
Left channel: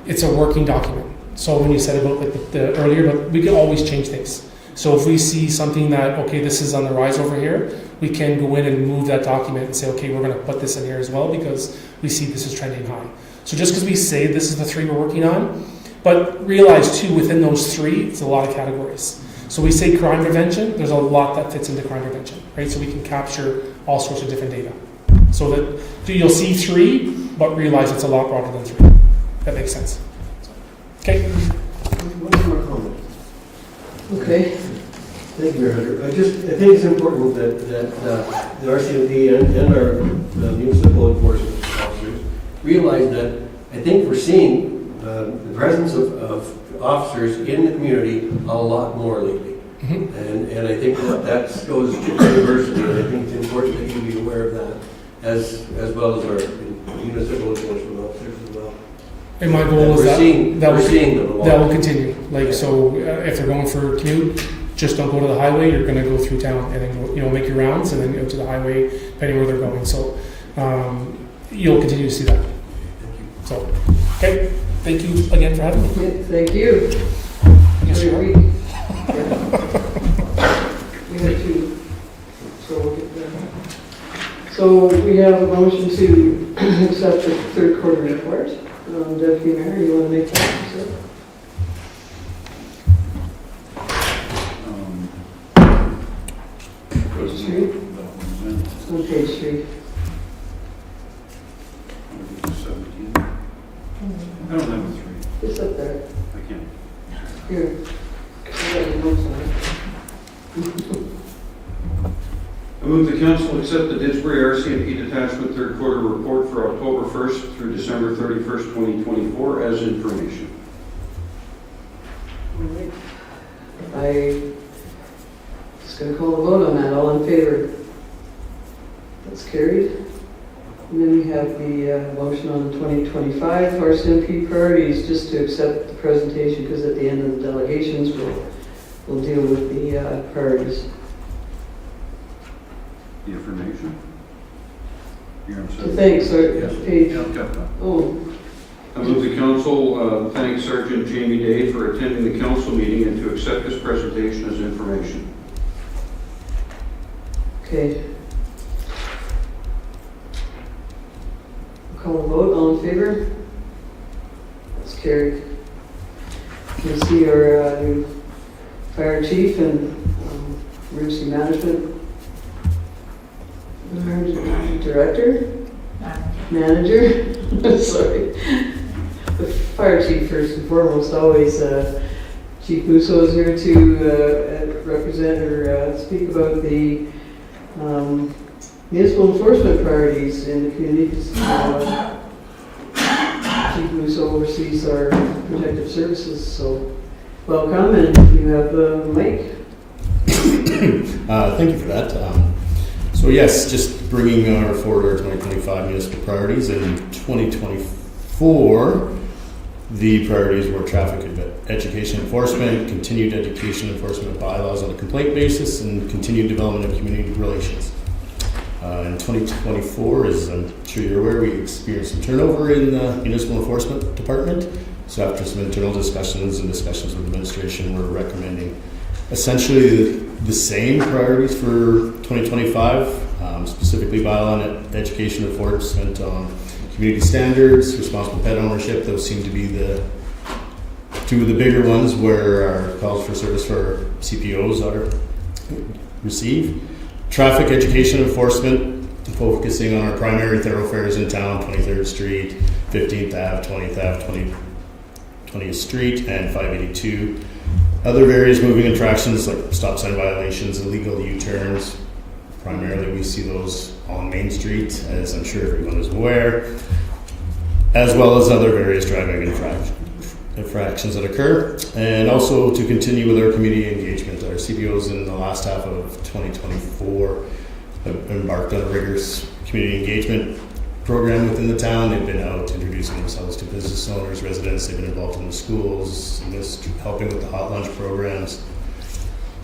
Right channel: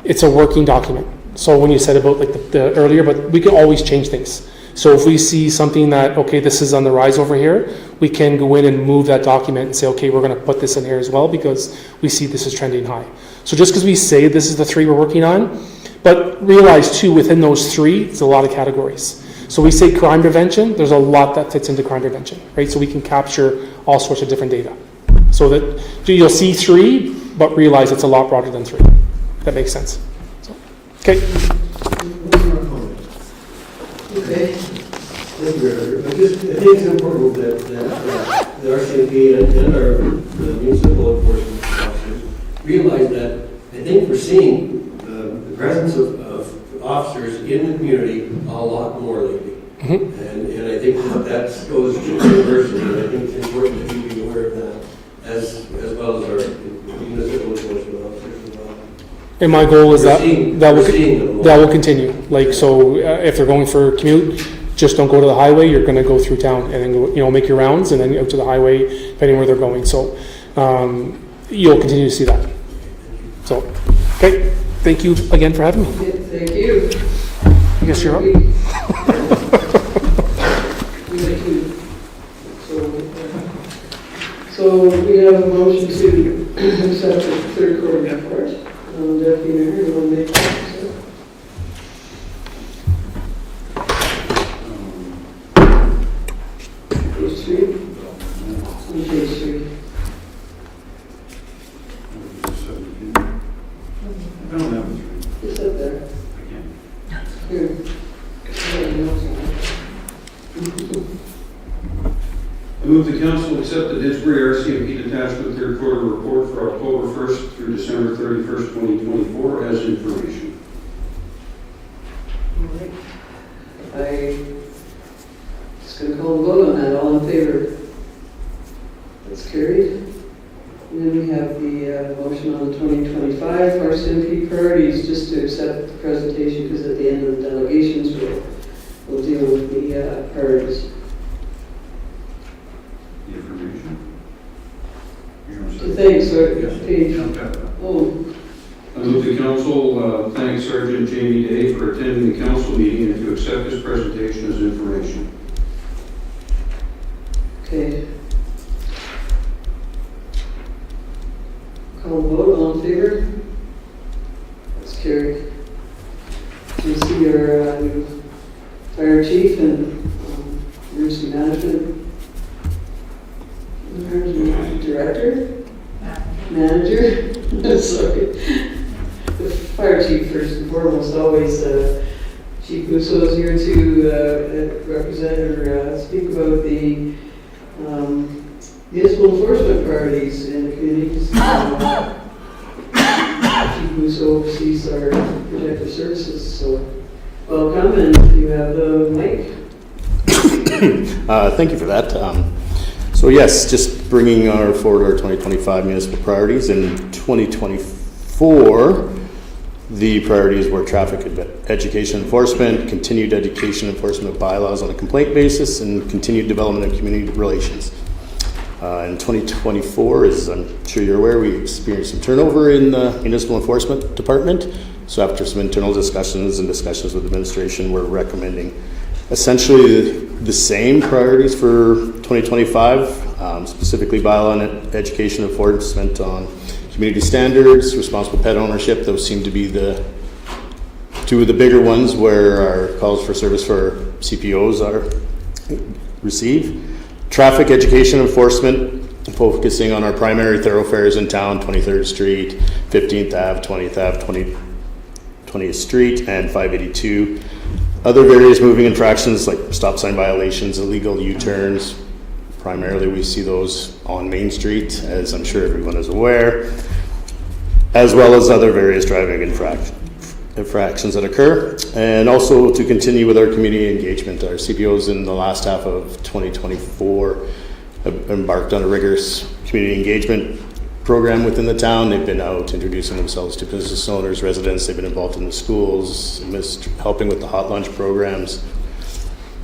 it's a working document. So when you said about like the earlier, but we can always change things. So if we see something that, okay, this is on the rise over here, we can go in and move that document and say, okay, we're going to put this in here as well because we see this is trending high. So just because we say this is the 3 we're working on, but realize too, within those 3, there's a lot of categories. So we say crime prevention, there's a lot that fits into crime prevention, right? So we can capture all sorts of different data. So that you'll see 3, but realize it's a lot broader than 3. That makes sense. Okay. One more comment. okay. Thank you, Hunter. I think it's important that the RCMP and the municipal enforcement officers realize that I think we're seeing the presence of officers in the community a lot more lately. Mm-hmm. And I think that goes universally, and I think it's important that you be aware of that as well as our municipal enforcement officers as well. And my goal is We're seeing them a lot. that will continue. Like, so if you're going for a commute, just don't go to the highway. You're going to go through town and then, make your rounds and then go to the highway, depending where they're going. So you'll continue to see that. So, okay. Thank you again for having me. Yeah, thank you. I guess you're up. We have to- So we have a motion to accept the third quarter report. Deputy Mayor, you want to make that? Page 3? On page 3. I don't have a 3. Just up there. I can't. Here. I got the notes on it. I move the council accept the Disbury RCMP Detachment third quarter report for October 1st through December 31st, 2024 as information. I just going to call a vote on that. All in favor? That's carried. And then we have the motion on the 2025 RCMP priorities, just to accept the presentation, because at the end of the delegations, we'll deal with the priorities. The information. You're on So second. thanks, Yes. page. Yeah, I've got that. Oh, I move the council thank Sergeant Jamie Day for attending the council meeting and to accept this presentation as information. okay. Call a vote. All in favor? That's carried. You see our new fire chief and emergency management director, manager. Sorry, the fire chief first and foremost. Always, Chief Musso is here to represent or speak about the municipal enforcement priorities in the communities. Chief Musso oversees our protective services. So, welcome, and you have the mic. Thank you for that. So yes, just bringing forward our 2025 municipal priorities. In 2024, the priorities were traffic education enforcement, continued education enforcement of bylaws on a complaint basis, and continued development of community relations. In 2024, as I'm sure you're aware, we experienced some turnover in the municipal enforcement department. So after some internal discussions with administration, we're recommending essentially the same priorities for 2025, specifically bylaw and education enforcement on community standards, responsible pet ownership. Those seem to be the two of the bigger ones where our calls for service for CPOs are received. Traffic education enforcement, focusing on our primary thoroughfares in town, 23rd Street, 15th Ave, 20th Ave, 20th Street, and 582. Other various moving infractions like stop sign violations, illegal U-turns. Primarily we see those on Main Street, as I'm sure everyone is aware, as well as other various driving infractions that occur. And also to continue with our community engagement. Our CBOs in the last half of 2024 have embarked on a rigorous community engagement program within the town. They've been out introducing themselves to business owners, residents. They've been involved in the schools, helping with the hot lunch programs.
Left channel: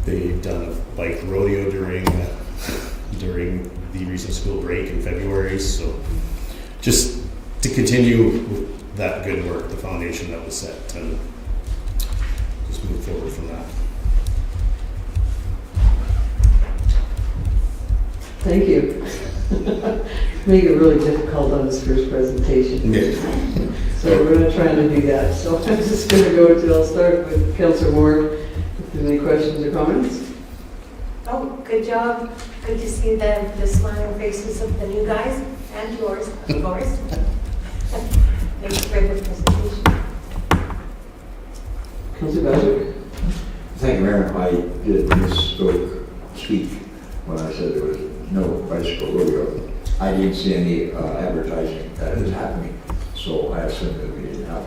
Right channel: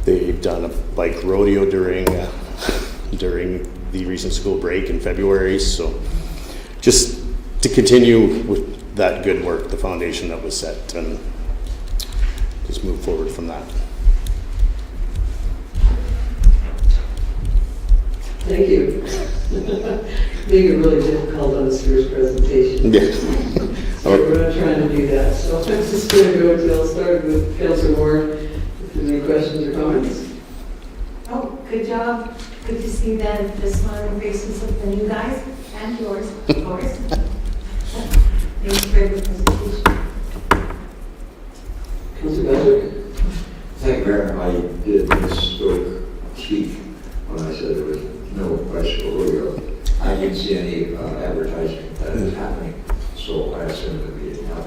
They've done a bike rodeo during the recent school break in February. So just to continue with that good work, the foundation that was set, and just move forward from that. Thank you. Make it really difficult on his first presentation. So we're not trying to do that. So I'm just going to I'll start with Councillor Ward. If you have any questions or comments? Oh, good job. Good to see the smiling faces of the new guys and yours, of course. Thank you for the presentation. Councillor Bashir. Thank you, Mayor. I did speak when I said there was no bicycle rodeo. I didn't see any advertising that is happening, so I assumed that we didn't have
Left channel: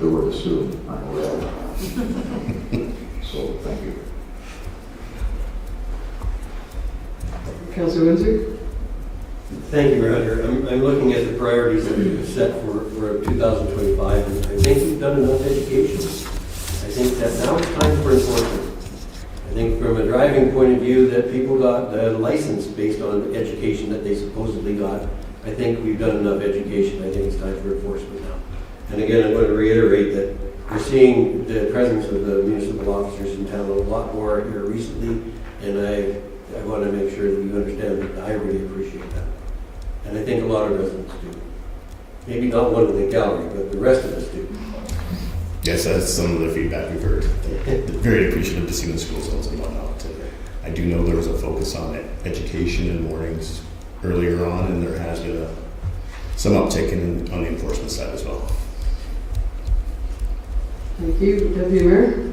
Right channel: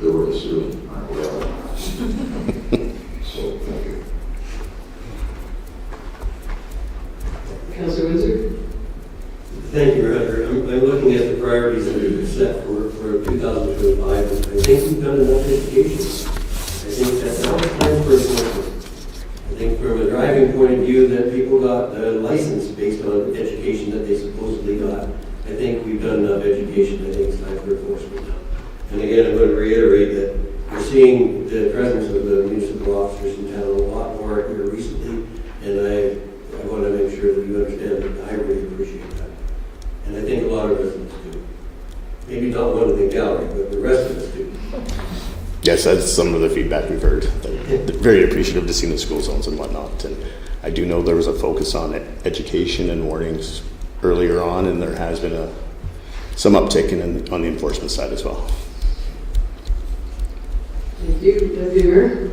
the word assume, I'm aware of. So, thank you. Councillor Windsor. Thank you, Roger. I'm looking at the priorities that are set for 2025, and I think we've done enough education. I think that now it's time for enforcement. I think from a driving point of view that people got a license based on education that they supposedly got. I think we've done enough education. I think it's time for enforcement now. And again, I'm going to reiterate that we're seeing the presence of the municipal officers in town a lot more here recently, and I want to make sure that you understand that I really appreciate that. And I think a lot of residents do. Maybe not one in the gallery, but the rest of us do. Yes, that's some of the feedback we've heard. Very appreciative to see the school zones and whatnot. And I do know there was a focus on education and mornings earlier on, and there has been some uptick on the enforcement side as well. Thank you. Deputy Mayor.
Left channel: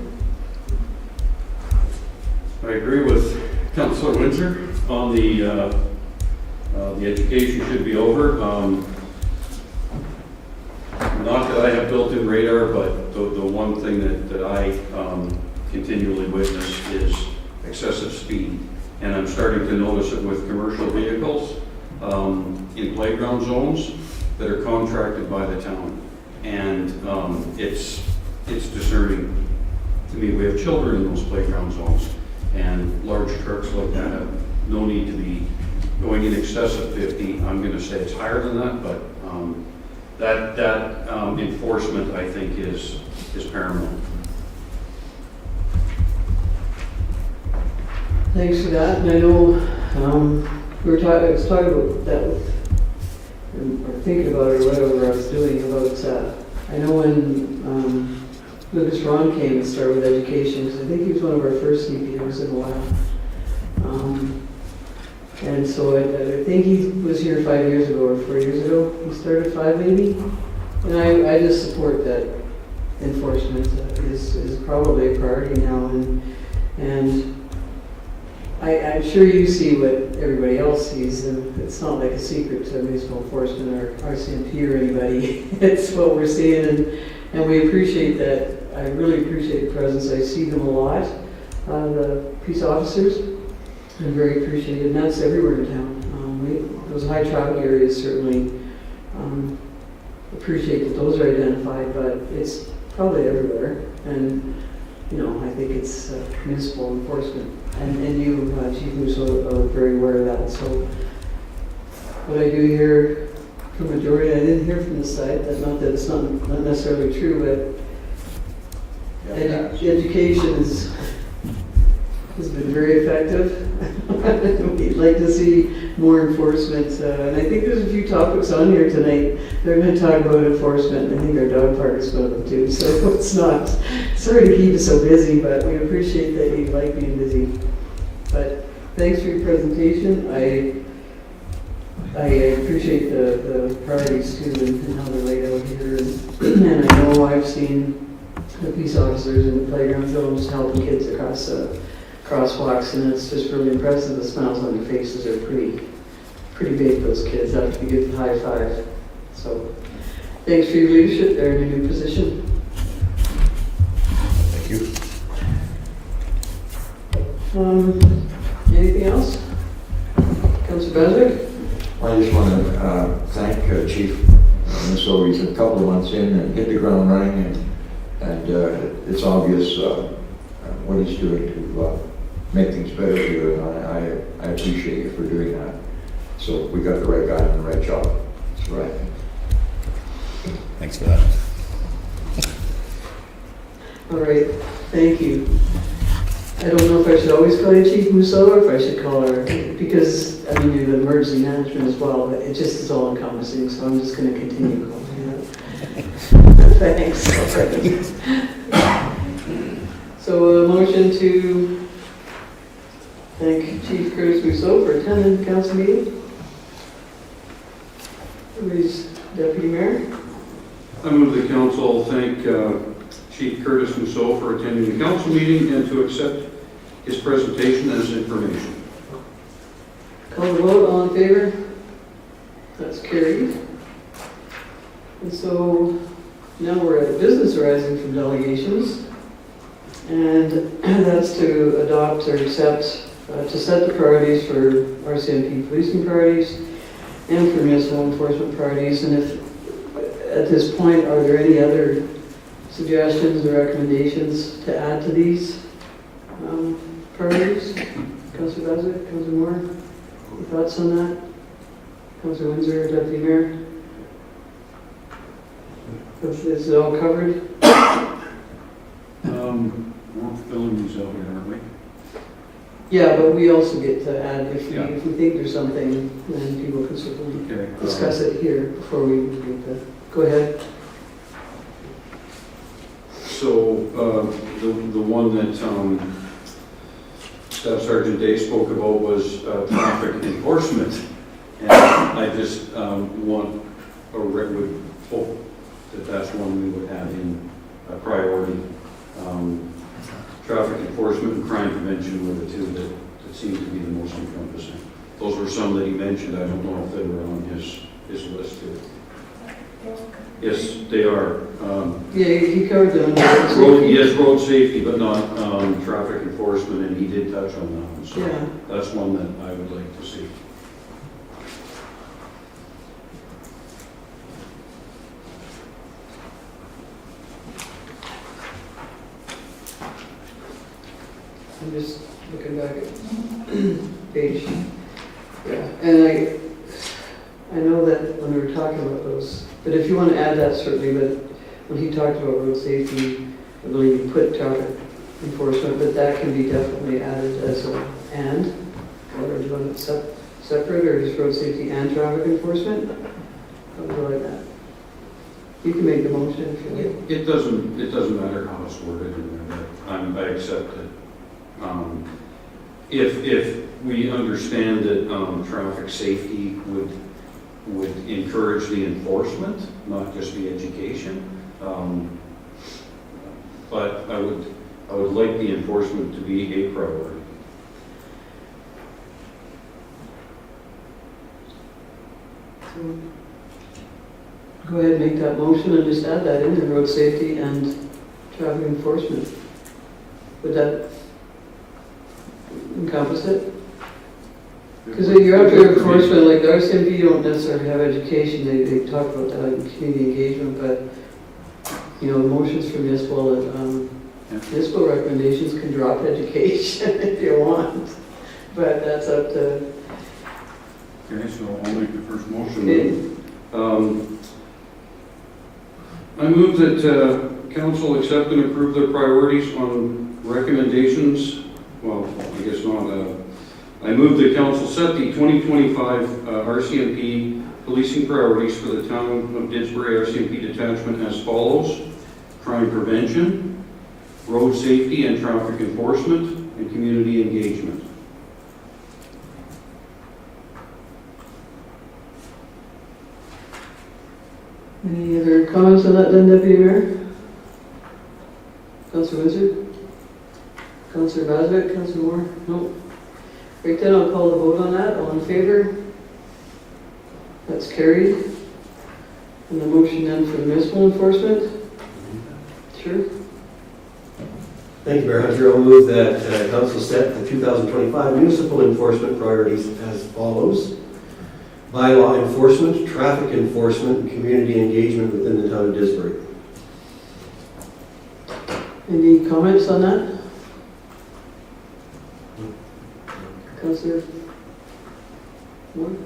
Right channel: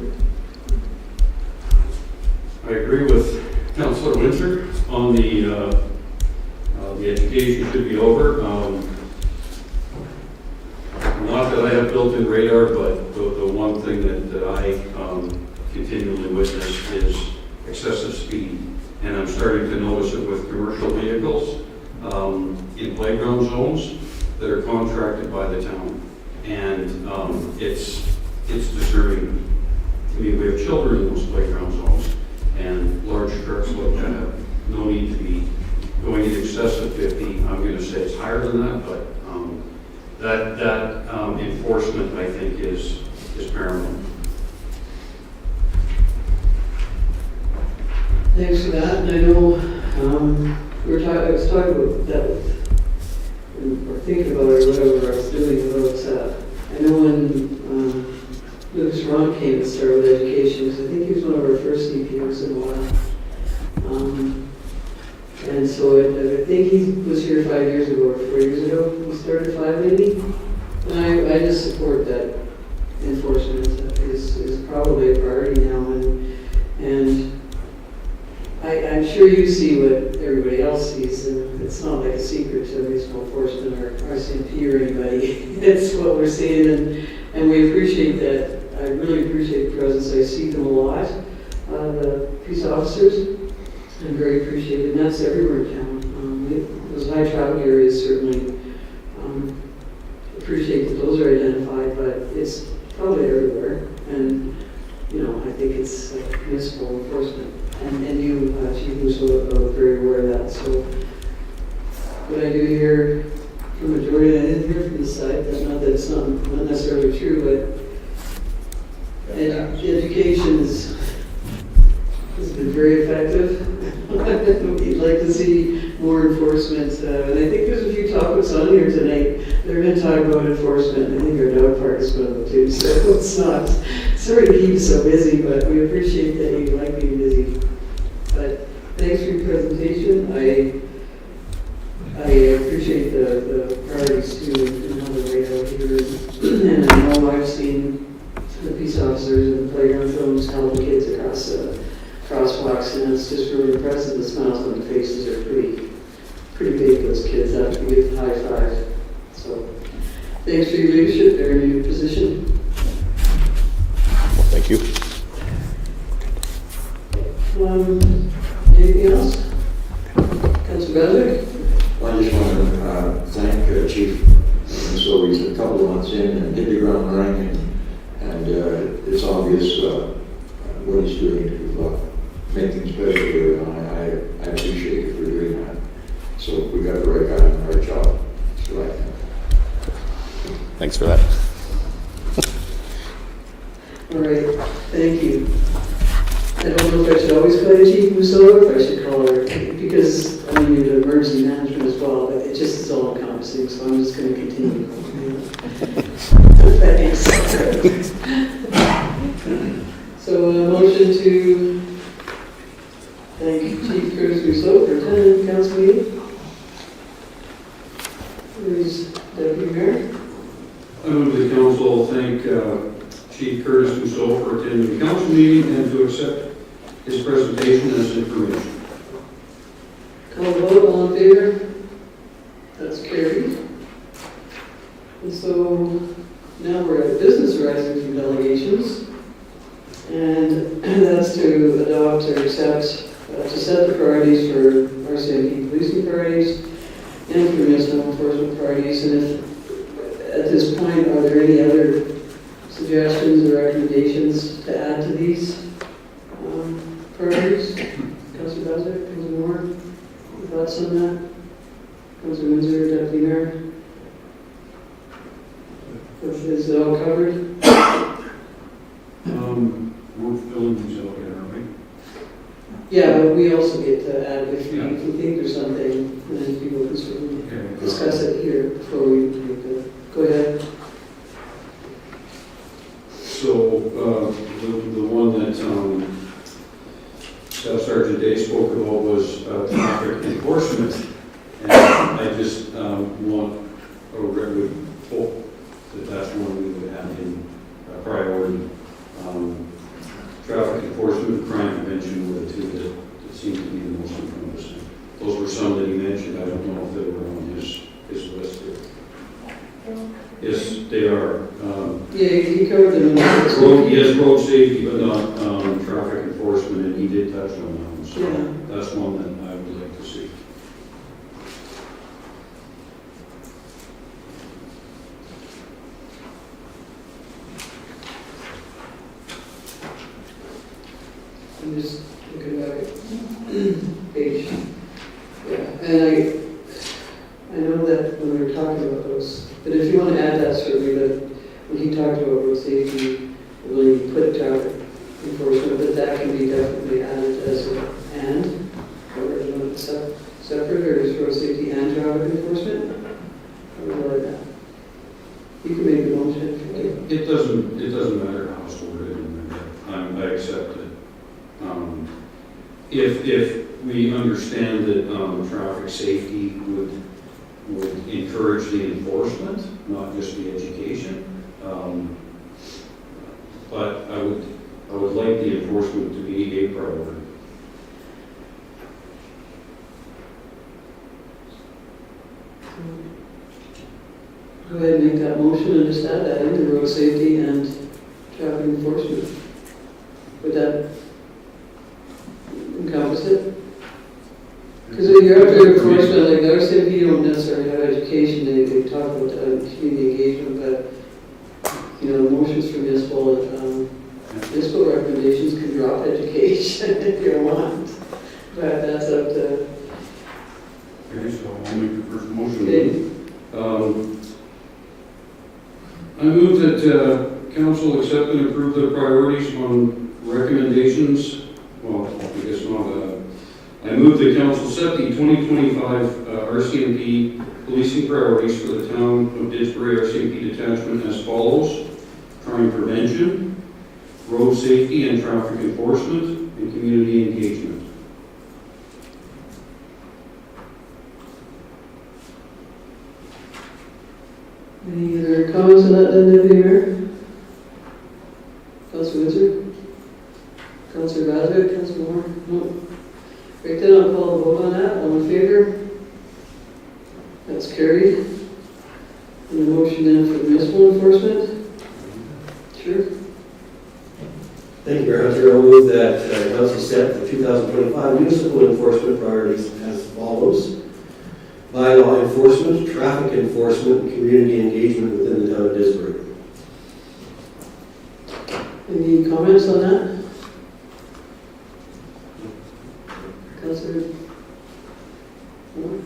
I agree with Councillor Windsor on the education should be over. Not that I have built-in radar, but the one thing that I continually witness is excessive speed. And I'm starting to notice it with commercial vehicles in playground zones that are contracted by the town. And it's disturbing to me. We have children in those playground zones, and large trucks like that have no need to be going in excess of 50. I'm going to say it's higher than that, but that enforcement, I think, is paramount. Thanks for that. And I know I was talking about that, or thinking about it, or whatever I was doing about. I know when Lucas Ron came and started with education, because I think he was one of our first CPOs in a while. And so I think he was here 5 years ago or 4 years ago. He started 5 maybe. And I just support that enforcement is probably a priority now. And I'm sure you see what everybody else sees, and it's not like a secret to municipal enforcement or RCMP or anybody. It's what we're seeing, and we appreciate that. I really appreciate the presence. I see them a lot, the peace officers. I'm very appreciated, and that's everywhere in town. Those high traffic areas certainly appreciate that those are identified, but it's probably everywhere. And I think it's municipal enforcement, and you, Chief Musso, are very aware of that. So what I do hear from the majority, I didn't hear from the side. That's not that it's not necessarily true, but education has been very effective. We'd like to see more enforcement. And I think there's a few topics on here tonight. They're going to talk about enforcement, and I think our dog park is one of them too. So it's not, sorry to keep you so busy, but we appreciate that you like being busy. But thanks for your presentation. I appreciate the priorities too, and how they're laid out here. And I know I've seen the peace officers in the playground zones helping kids across crosswalks, and it's just really impressive. The smiles on their faces are pretty big, those kids. I have to give them a high five. So thanks for your leadership. They're in a new position. Thank you. Anything else? Councilor Bowser? Well, I just want to thank Chief Minnesota. He's a couple of months in and hit the ground running, and it's obvious what he's doing to make things better here, and I appreciate you for doing that. So we got the right guy on the right job. That's what I think. Thanks for that. All right, thank you. I don't know if I should always call you Chief Musso or if I should call her, because, I mean, you're the emergency management as well, but it just is all encompassing, so I'm just gonna continue. Thanks. So a motion to thank Chief Curtis Musso for attending the council meeting. Who's Deputy Mayor? I move the council thank Chief Curtis Musso for attending the council meeting and to accept his presentation as information. Call the vote, all in favor? That's carried. And so now we're at business arising from delegations. And that's to adopt or accept, to set the priorities for RCMP policing priorities and for municipal enforcement priorities. And if, at this point, are there any other suggestions or recommendations to add to these priorities? Councilor Beswick, Councilor Moore, thoughts on that? Councilor Windsor, Deputy Mayor? Is it all covered? We're filling these out, aren't we? Yeah, but we also get to add, if we, Yeah. if we think there's something, then people can certainly Okay. discuss it here before we make the, go ahead. So, the one that Staff Sergeant Day spoke about was traffic enforcement. And I just want, or would hope that that's one we would have in a priority. Traffic enforcement and crime prevention were the two that seemed to be the most encompassing. Those were some that he mentioned. I don't know if they were on his list there. Yes, they are. Yeah, he covered them. Yes, road safety, but not traffic enforcement, and he did touch on that. So Yeah. that's one that I would like to see. I'm just looking back at page. Yeah, and I know that when we were talking about those, but if you want to add that certainly, but when he talked about road safety, I believe he put traffic enforcement, but that can be definitely added as a and, or do you want it separate, or is road safety and traffic enforcement? I would like that. You can make the motion if you like. It doesn't matter how it's worded, and I accept it. If we understand that traffic safety would encourage the enforcement, not just the education, but I would like the enforcement to be a priority. Go ahead and make that motion and just add that into road safety and traffic enforcement. Would that encompass it? Because when you're up there enforcement, like the RCMP don't necessarily have education, they talk about that in community engagement, but, you know, motions for municipal recommendations can drop education if you want, but that's up to, Okay, so I'll make the first motion. it. I move that council accept and approve the priorities on recommendations. Well, I guess not. I move that council set the 2025 RCMP policing priorities for the town of Didsbury RCMP detachment as follows: crime prevention, road safety and traffic enforcement, and community engagement. Any other comments on that then, Deputy Mayor? Councilor Wizard? Councilor Baswick? Councilor Moore? No. Right then, I'll call the vote on that. All in favor? That's carried. And the motion then for municipal enforcement? Sure. Thank you, Mayor Hunter. I'll move that council set the 2025 municipal enforcement priorities as follows. bylaw enforcement, traffic enforcement, and community engagement within the town of Disbury. Any comments on that? Councillor? Moore?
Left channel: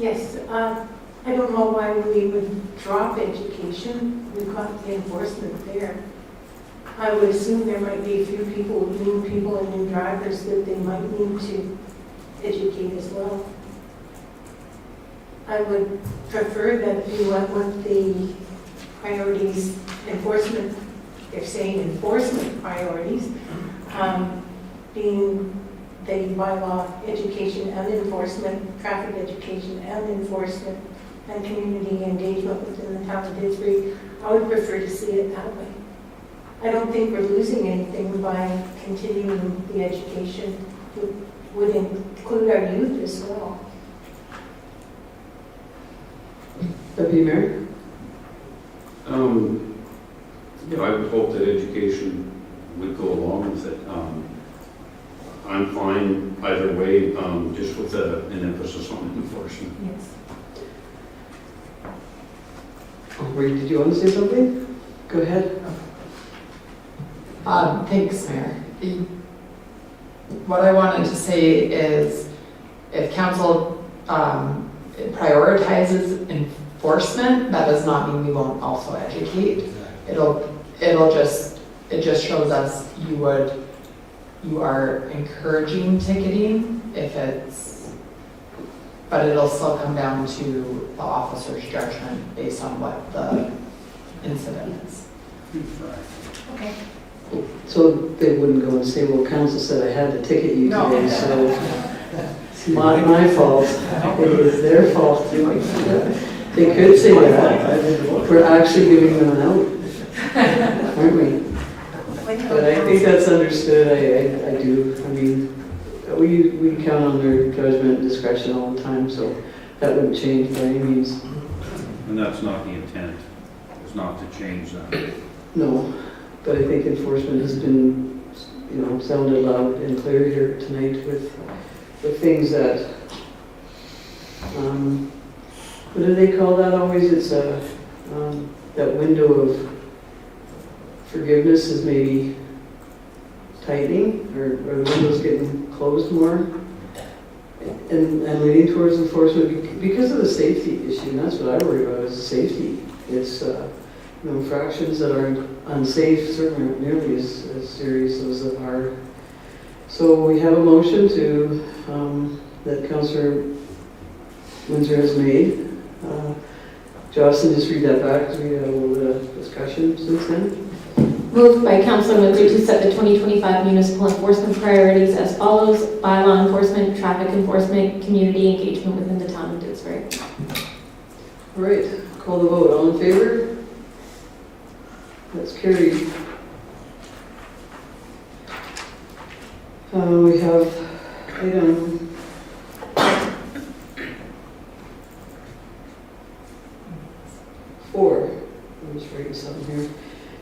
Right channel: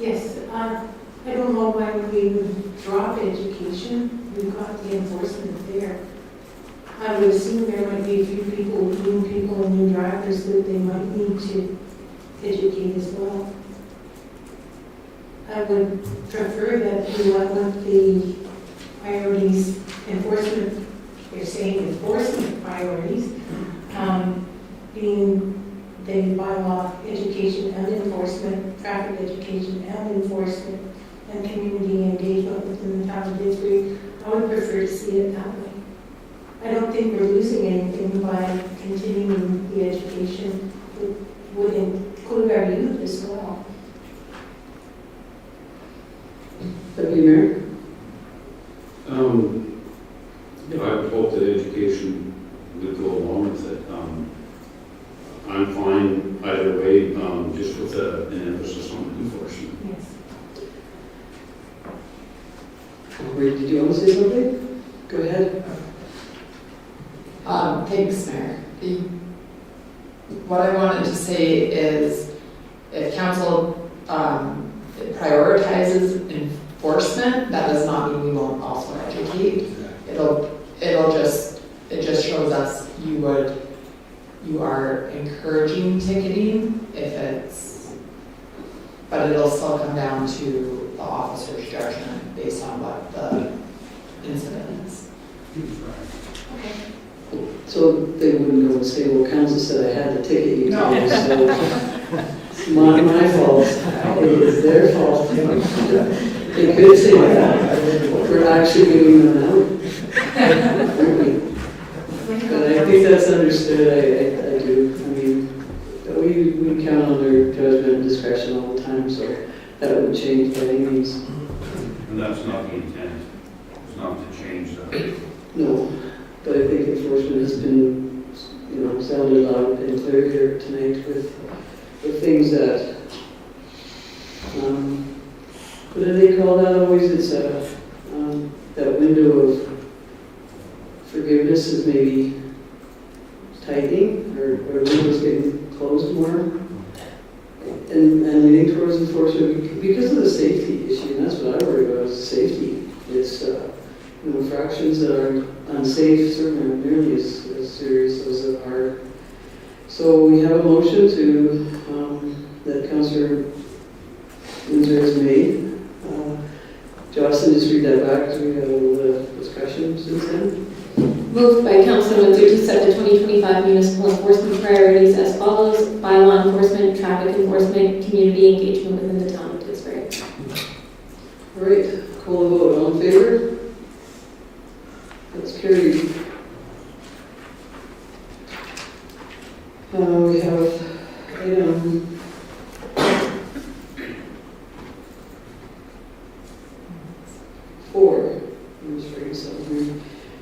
Yes, I don't know why we would drop education. We've got the enforcement there. I would assume there might be a few people, new people and new drivers that they might need to educate as well. I would prefer that you went with the priorities enforcement, they're saying enforcement priorities, being the bylaw education and enforcement, traffic education and enforcement, and community engagement within the town of Disbury. I would prefer to see it that way. I don't think we're losing anything by continuing the education. Would include our youth as well. Deputy Mayor? I would hope that education would go along with it. I'm fine either way, just with an emphasis on enforcement. Yes. Wait, did you want to say something? Go ahead. Thanks, Mayor. What I wanted to say is if council prioritizes enforcement, that does not mean we won't also educate. It just shows us you are encouraging ticketing but it'll still come down to the officer's judgment based on what the incident is. Okay. So they wouldn't go and say, well, council said I had to ticket you No. today, so it's not my fault. It is their fault. They could say that. We're actually giving them out. Aren't we? But I think that's understood. I do. I mean, we count on their judgment and discretion all the time, so that wouldn't change by any means. And that's not the intent, it's not to change that. No, but I think enforcement has been, sounded loud and clear here tonight with things that, what do they call that always? It's that window of forgiveness is maybe tightening, or windows getting closed more, and leaning towards enforcement because of the safety issue, and that's what I worry about is safety. It's infractions that are unsafe certainly aren't nearly as serious as that are. So we have a motion that Councillor Windsor has made. Jocelyn, just read that back because we had a little discussion since then. Moved by Councilor Windsor to set the 2025 municipal enforcement priorities as follows: bylaw enforcement, traffic enforcement, community engagement within the town of Disbury. All right, call the vote. All in favor? That's carried. We have item 4. I'm just writing something here.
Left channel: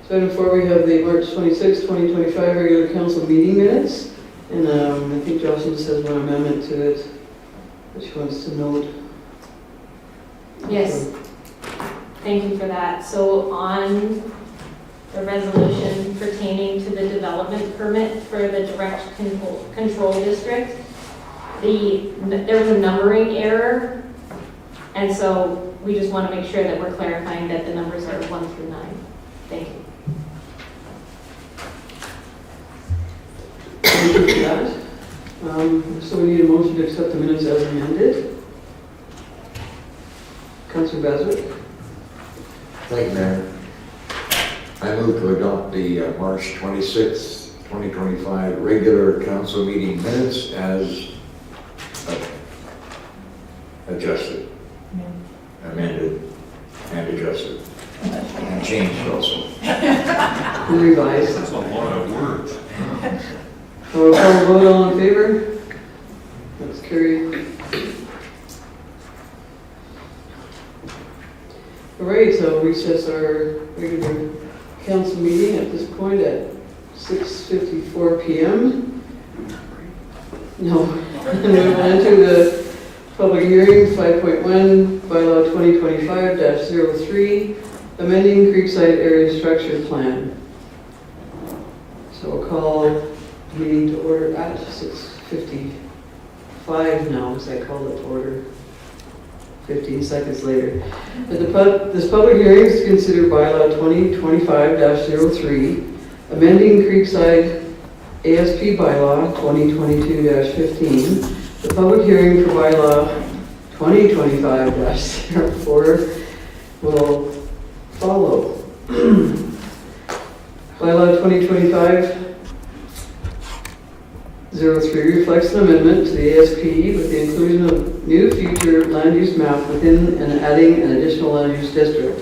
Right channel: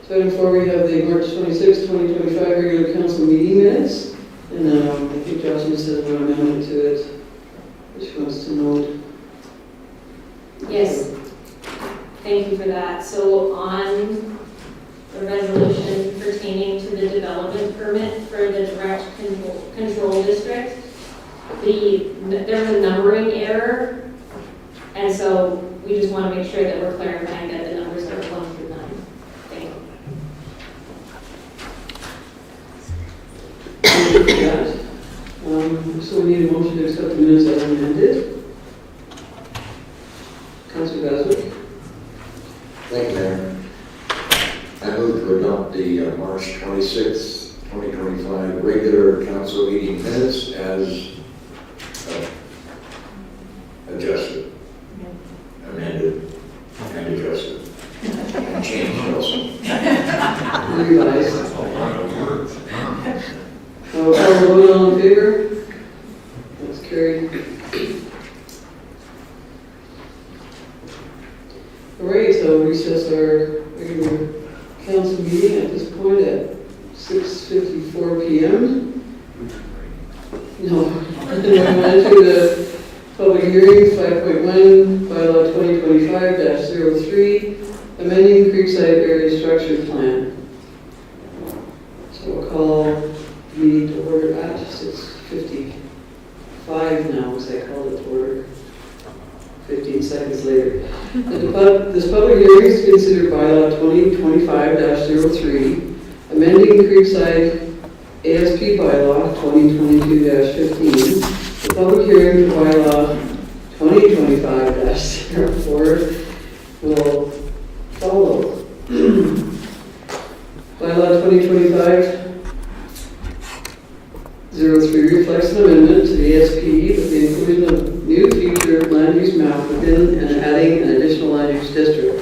So item 4, we have the March 26, 2025 regular council meeting minutes. And I think Jocelyn said an amendment to it, which wants to note. Yes, thank you for that. So on the resolution pertaining to the development permit for the direct control district, there's a numbering error, and so we just want to make sure that we're clarifying that the numbers are 1 through 9. Thank you. So we need a motion to accept the minutes as amended. Councillor Beswick. Thank you, Mayor. I move to adopt the March 26th, 2025 regular council meeting minutes as adjusted, amended, and adjusted, and changed also. Revised. That's a lot of words. Call the vote. All in favor? That's carried. All right, so recess our regular council meeting at this point at 6:54 p.m. No, we're going to enter the public 5.1, bylaw 2025-03, amending Creekside Area Structure Plan. So we'll call the meeting to order at 6:55 now, because I called it to order 15 seconds later. This public hearing is to consider bylaw 2025-03, amending Creekside ASP bylaw 2022-15. The public hearing for bylaw 2025-04 will follow. Bylaw 2025-03 reflects an amendment to the ASP with the inclusion of new future land use map within and adding an additional land use district.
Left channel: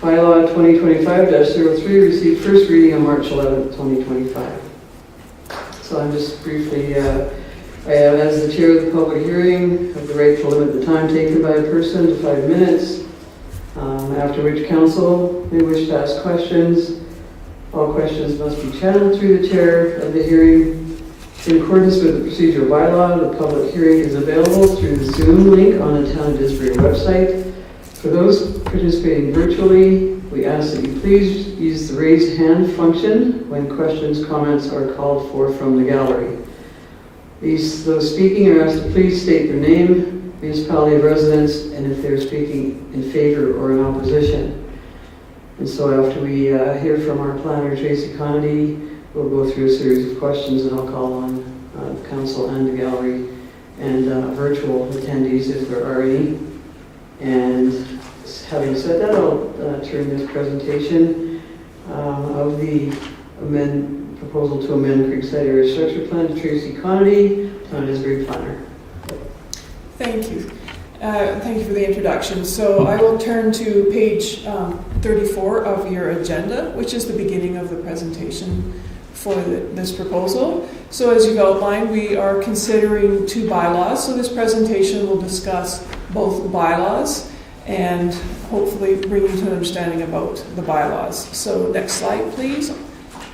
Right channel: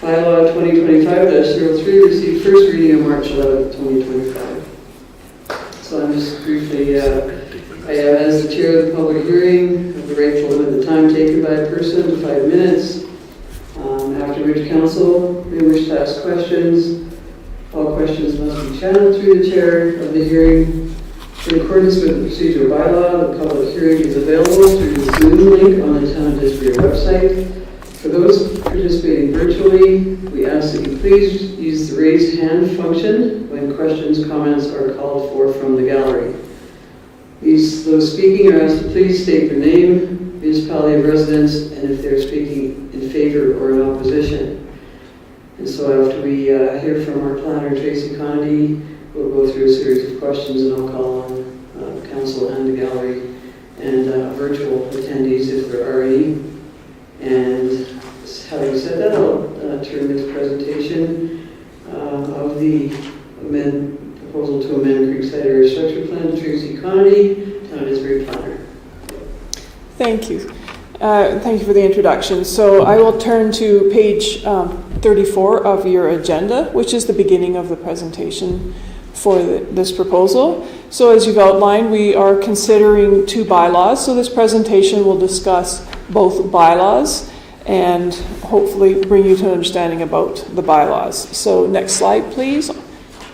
Bylaw 2025-03 received first reading on March 11, 2025. So I'm just briefly, as the chair of the public hearing, I'm very to limit the time taken by a person to 5 minutes. After which council may wish to ask questions. All questions must be channeled through the chair of the hearing. In accordance with the procedural bylaw, the public hearing is available through the Zoom link on the Town of Didsbury website. For those participating virtually, we ask that you please use the raised hand function when questions, comments are called for from the gallery. Those speaking are asked to please state their name, municipality of residence, and if they're speaking in favor or in opposition. And so after we hear from our planner, Tracy Connolly, we'll go through a series of questions and I'll call on the council and the gallery and virtual attendees if there are any. And having said that, I'll turn this presentation of the proposal to amend Creekside Area Structure Plan to Tracy Connolly, Town of Didsbury planner. Thank you. Thank you for the introduction. So I will turn to page 34 of your agenda, which is the beginning of the presentation for this proposal. So as you've outlined, we are considering two bylaws. So this presentation will discuss both bylaws and hopefully bring you to an understanding about the bylaws. So next slide, please.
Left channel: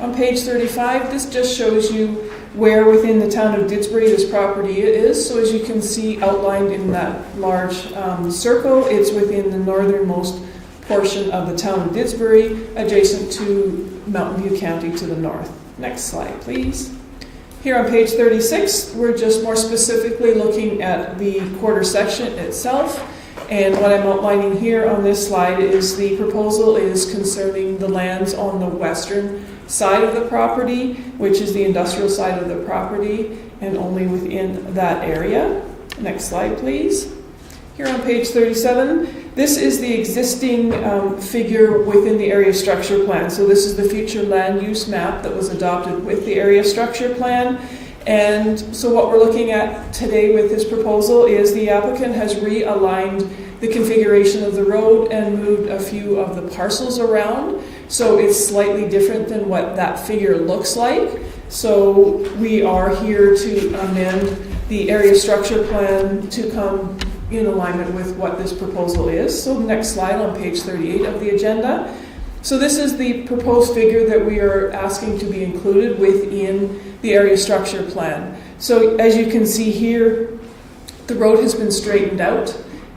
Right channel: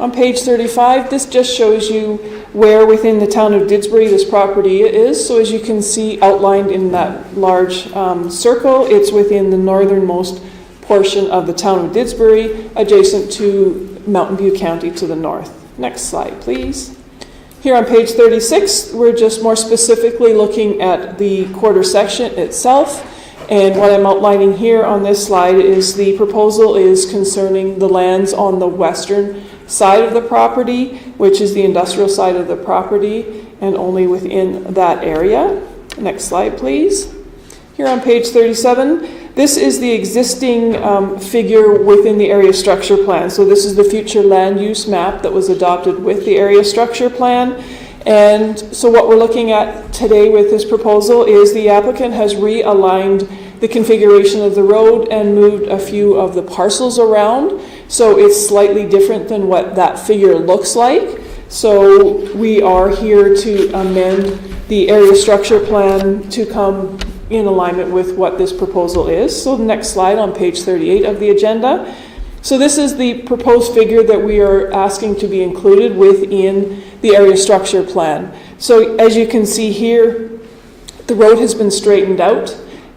On page 35, this just shows you where within the town of Didsbury this property is. So as you can see outlined in that large circle, it's within the northernmost portion of the town of Didsbury, adjacent to Mountain View County to the north. Next slide, please. Here on page 36, we're just more specifically looking at the quarter section itself. And what I'm outlining here on this slide is the proposal is concerning the lands on the western side of the property, which is the industrial side of the property, and only within that area. Next slide, please. Here on page 37, this is the existing figure within the area structure plan. So this is the future land use map that was adopted with the area structure plan. And so what we're looking at today with this proposal is the applicant has realigned the configuration of the road and moved a few of the parcels around. So it's slightly different than what that figure looks like. So we are here to amend the area structure plan to come in alignment with what this proposal is. So the next slide on page 38 of the agenda. So this is the proposed figure that we are asking to be included within the area structure plan. So as you can see here, the road has been straightened out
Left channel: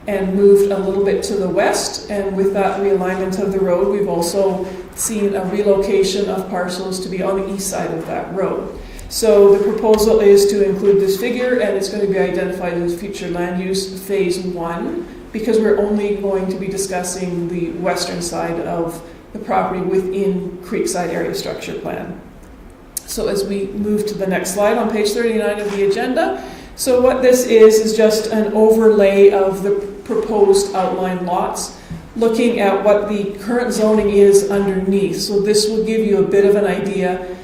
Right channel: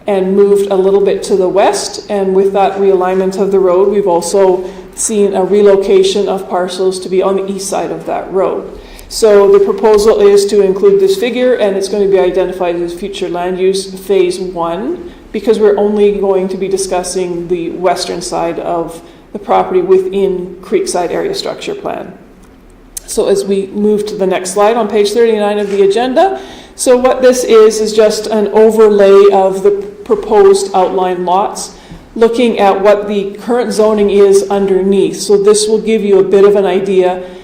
and moved a little bit to the west. And with that realignment of the road, we've also seen a relocation of parcels to be on the east side of that road. So the proposal is to include this figure, and it's going to be identified as future land use phase 1, because we're only going to be discussing the western side of the property within Creekside Area Structure Plan. So as we move to the next slide on page 39 of the agenda, so what this is just an overlay of the proposed outline lots, looking at what the current zoning is underneath. So this will give you a bit of an idea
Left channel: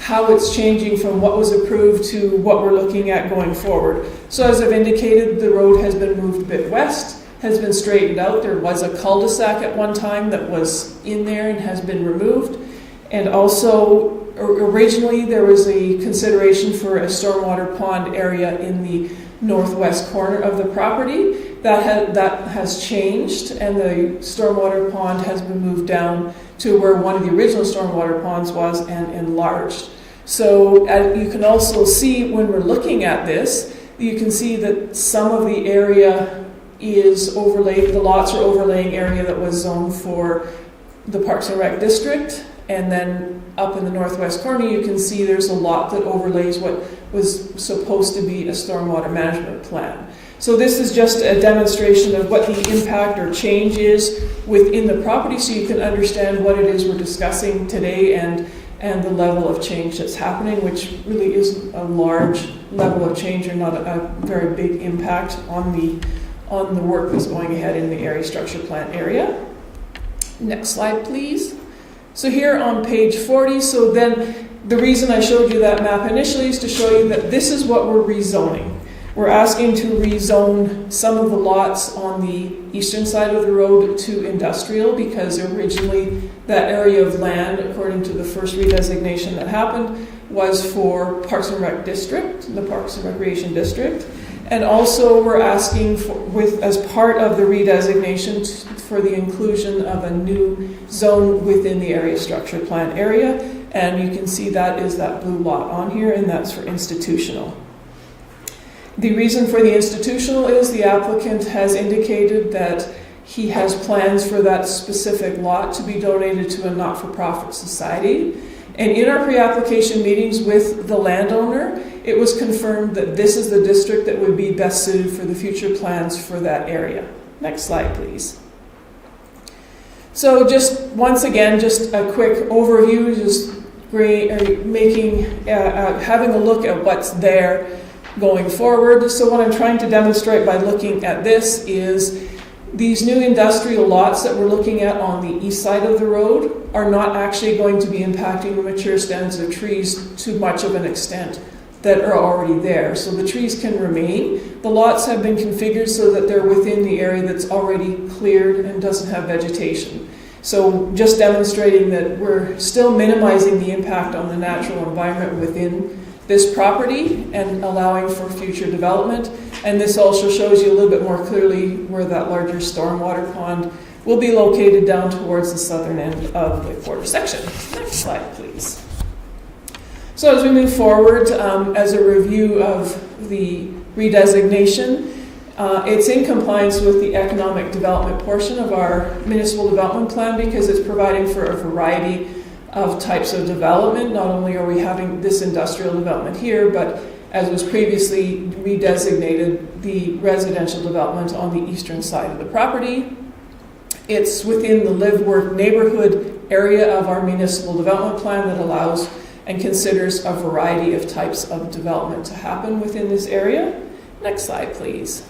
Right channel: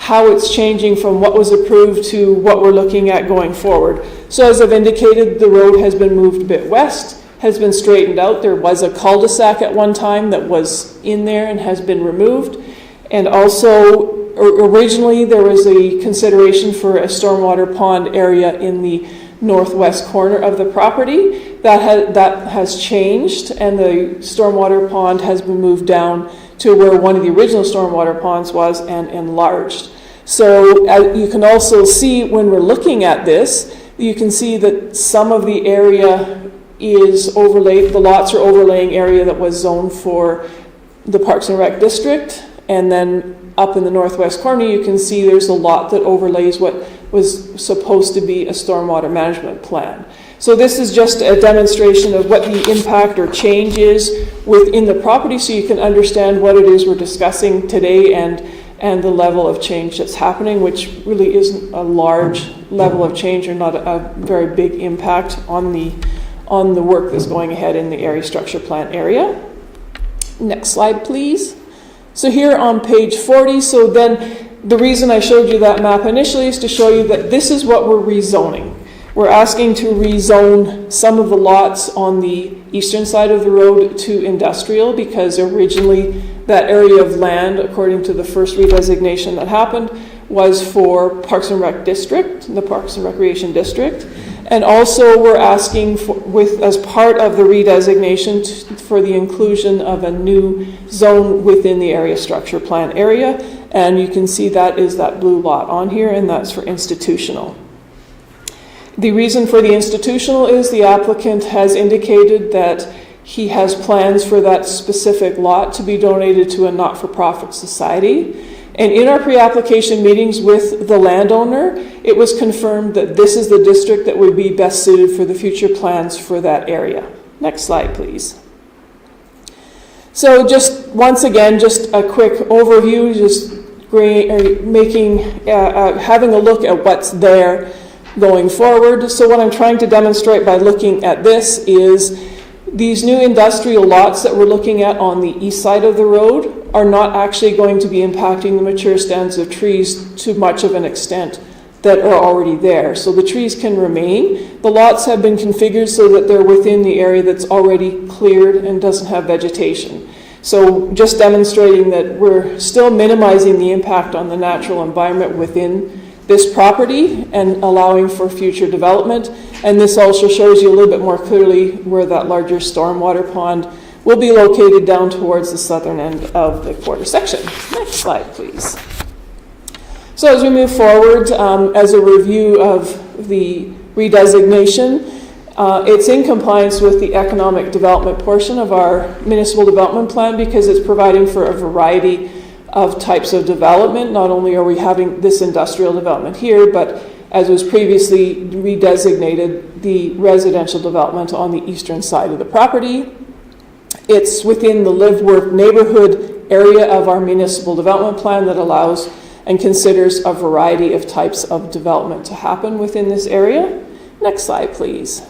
how it's changing from what was approved to what we're looking at going forward. So as I've indicated, the road has been moved a bit west, has been straightened out. There was a cul-de-sac at one time that was in there and has been removed. And also, originally there was a consideration for a stormwater pond area in the northwest corner of the property. That has changed, and the stormwater pond has been moved down to where one of the original stormwater ponds was and enlarged. So you can also see when we're looking at this You can see that some of the area is overlaid, the lots are overlaying area that was zoned for the Parks and Rec district, and then up in the northwest corner you can see there's a lot that overlays what was supposed to be a stormwater management plan. So this is just a demonstration of what the impact or change is within the property, so you can understand what it is we're discussing today and the level of change that's happening, which really isn't a large level of change or not a very big impact on the work that's going ahead in the area structure plan area. Next slide, please. So here on page 40, so then the reason I showed you that map initially is to show you that this is what we're rezoning. We're asking to rezone some of the lots on the eastern side of the road to industrial, because originally that area of land, according to the first redesignation that happened, was for Parks and Rec District, the Parks and Recreation District. And also we're asking as part of the redesignation for the inclusion of a new zone within the area structure plan area. And you can see that is that blue lot on here, and that's for institutional. The reason for the institutional is the applicant has indicated that he has plans for that specific lot to be donated to a not-for-profit society. And in our pre-application meetings with the landowner, it was confirmed that this is the district that would be best suited for the future plans for that area. Next slide, please. So just once again, just a quick overview, just having a look at what's there going forward. So what I'm trying to demonstrate by looking at this is these new industrial lots that we're looking at on the east side of the road are not actually going to be impacting the mature stands of trees to much of an extent that are already there. So the trees can remain. The lots have been configured so that they're within the area that's already cleared and doesn't have vegetation. So just demonstrating that we're still minimizing the impact on the natural environment within this property and allowing for future development. And this also shows you a little bit more clearly where that larger stormwater pond will be located down towards the southern end of the quarter section. Next slide, please. So as we move forward, as a review of the redesignation, it's in compliance with the economic development portion of our municipal development plan, because it's providing for a variety of types of development. Not only are we having this industrial development here, but as was previously redesignated, the residential development on the eastern side of the property. It's within the live-work neighborhood area of our municipal development plan that allows and considers a variety of types of development to happen within this area. Next slide, please.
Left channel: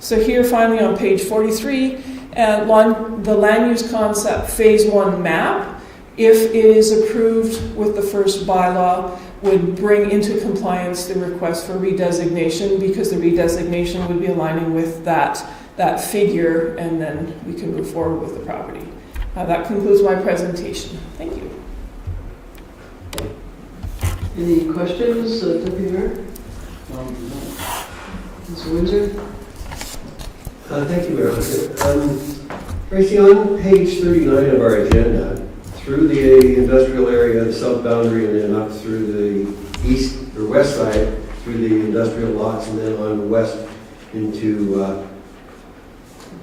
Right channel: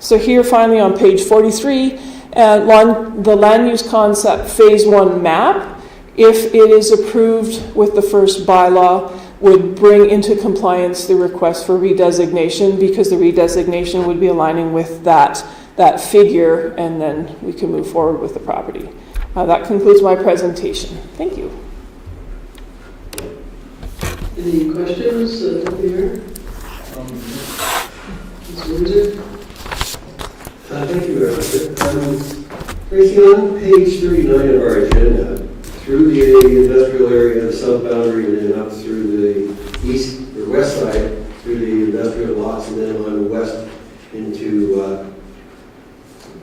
So here finally on page 43, the land use concept phase 1 map, if it is approved with the first bylaw, would bring into compliance the request for redesignation, because the redesignation would be aligning with that figure, and then we can move forward with the property. That concludes my presentation. Thank you. Any questions, Deputy Mayor? Mr. Windsor? Thank you very much. Tracy, on page 39 of our agenda, through the industrial area, the south boundary, and then up through the east or west side, through the industrial lots, and then on the west into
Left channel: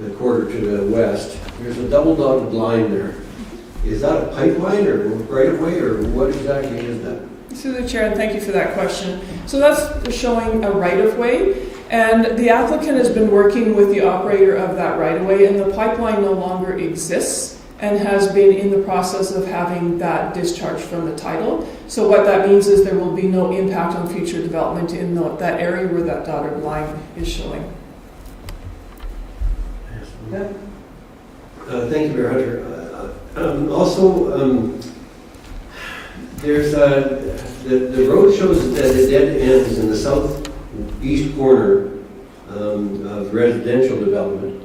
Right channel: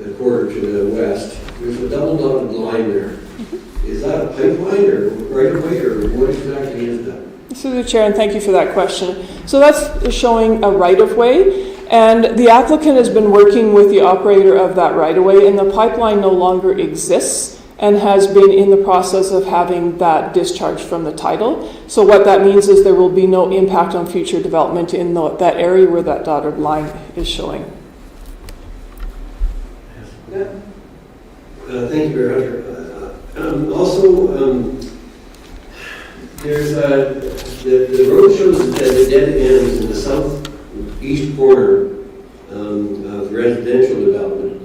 the quarter to the west, there's a double dotted line there. Is that a pipeline or right of way, or what exactly is that? Through the chair, and thank you for that question. So that's showing a right of way, and the applicant has been working with the operator of that right of way, and the pipeline no longer exists and has been in the process of having that discharged from the title. So what that means is there will be no impact on future development in that area where that dotted line is showing. Yeah. Thank you very much. Also, there's the road shows that it dead ends in the southeast corner of residential development.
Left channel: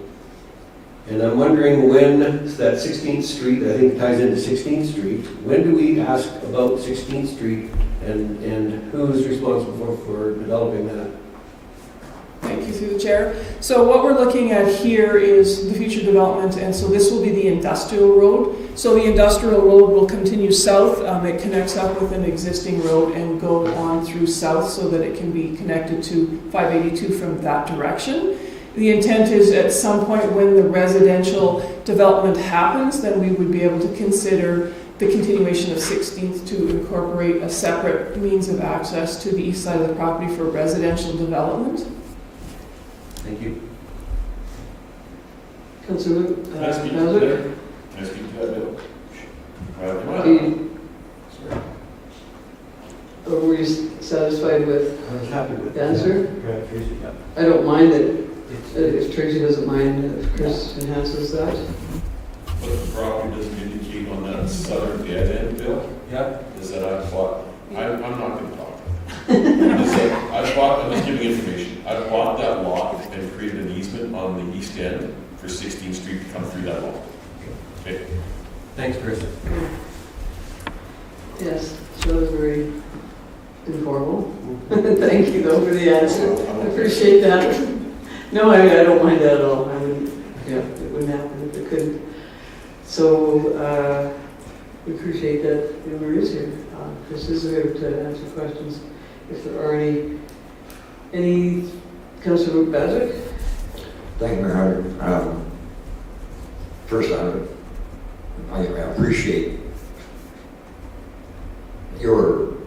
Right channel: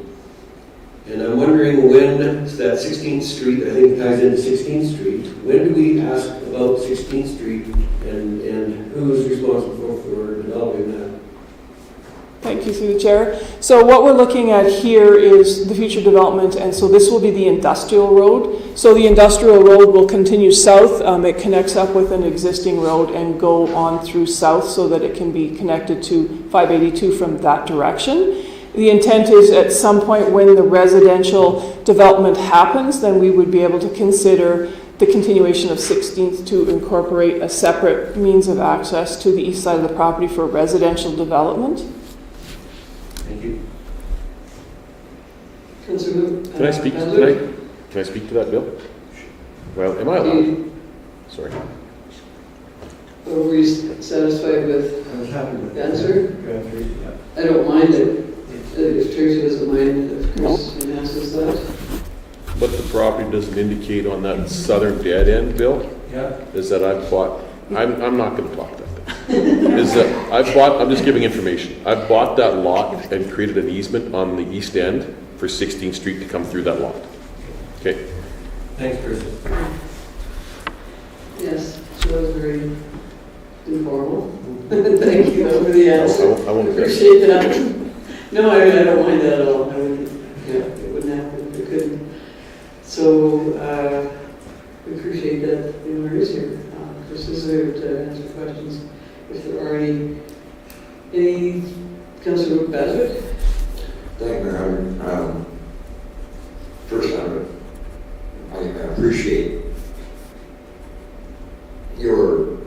And I'm wondering when that 16th Street, I think ties into 16th Street, when do we ask about 16th Street and who is responsible for developing that? Thank you, through the chair. So what we're looking at here is the future development, and so this will be the industrial road. So the industrial road will continue south. It connects up with an existing road and go on through south so that it can be connected to 582 from that direction. The intent is at some point when the residential development happens, then we would be able to consider the continuation of 16th to incorporate a separate means of access to the east side of the property for residential development. Thank you. Councillor, Can I speak to Hazard? that? Can I speak to that, Bill? Well, am I allowed? Sorry. Or were you satisfied with I was happy with the answer? Grant Tracy, yeah. I don't mind it, if Tracy doesn't mind, if Chris enhances that. What the property doesn't indicate on that southern dead end, Bill, Yeah. is that I've bought, I'm not gonna talk about it. Is that I've bought, I'm just giving information. I've bought that lot and created an easement on the east end for 16th Street to come through that lot. Okay? Thanks, Chris. Yes, so that was very informal. Thank you for the answer. I won't- Appreciate that. No, I don't mind that at all. I mean, yeah, it wouldn't happen if it couldn't. So, we appreciate that Amber is here. Chris is there to answer questions if there are any. Councillor Bazic? Thank you, Mayor. First, I appreciate your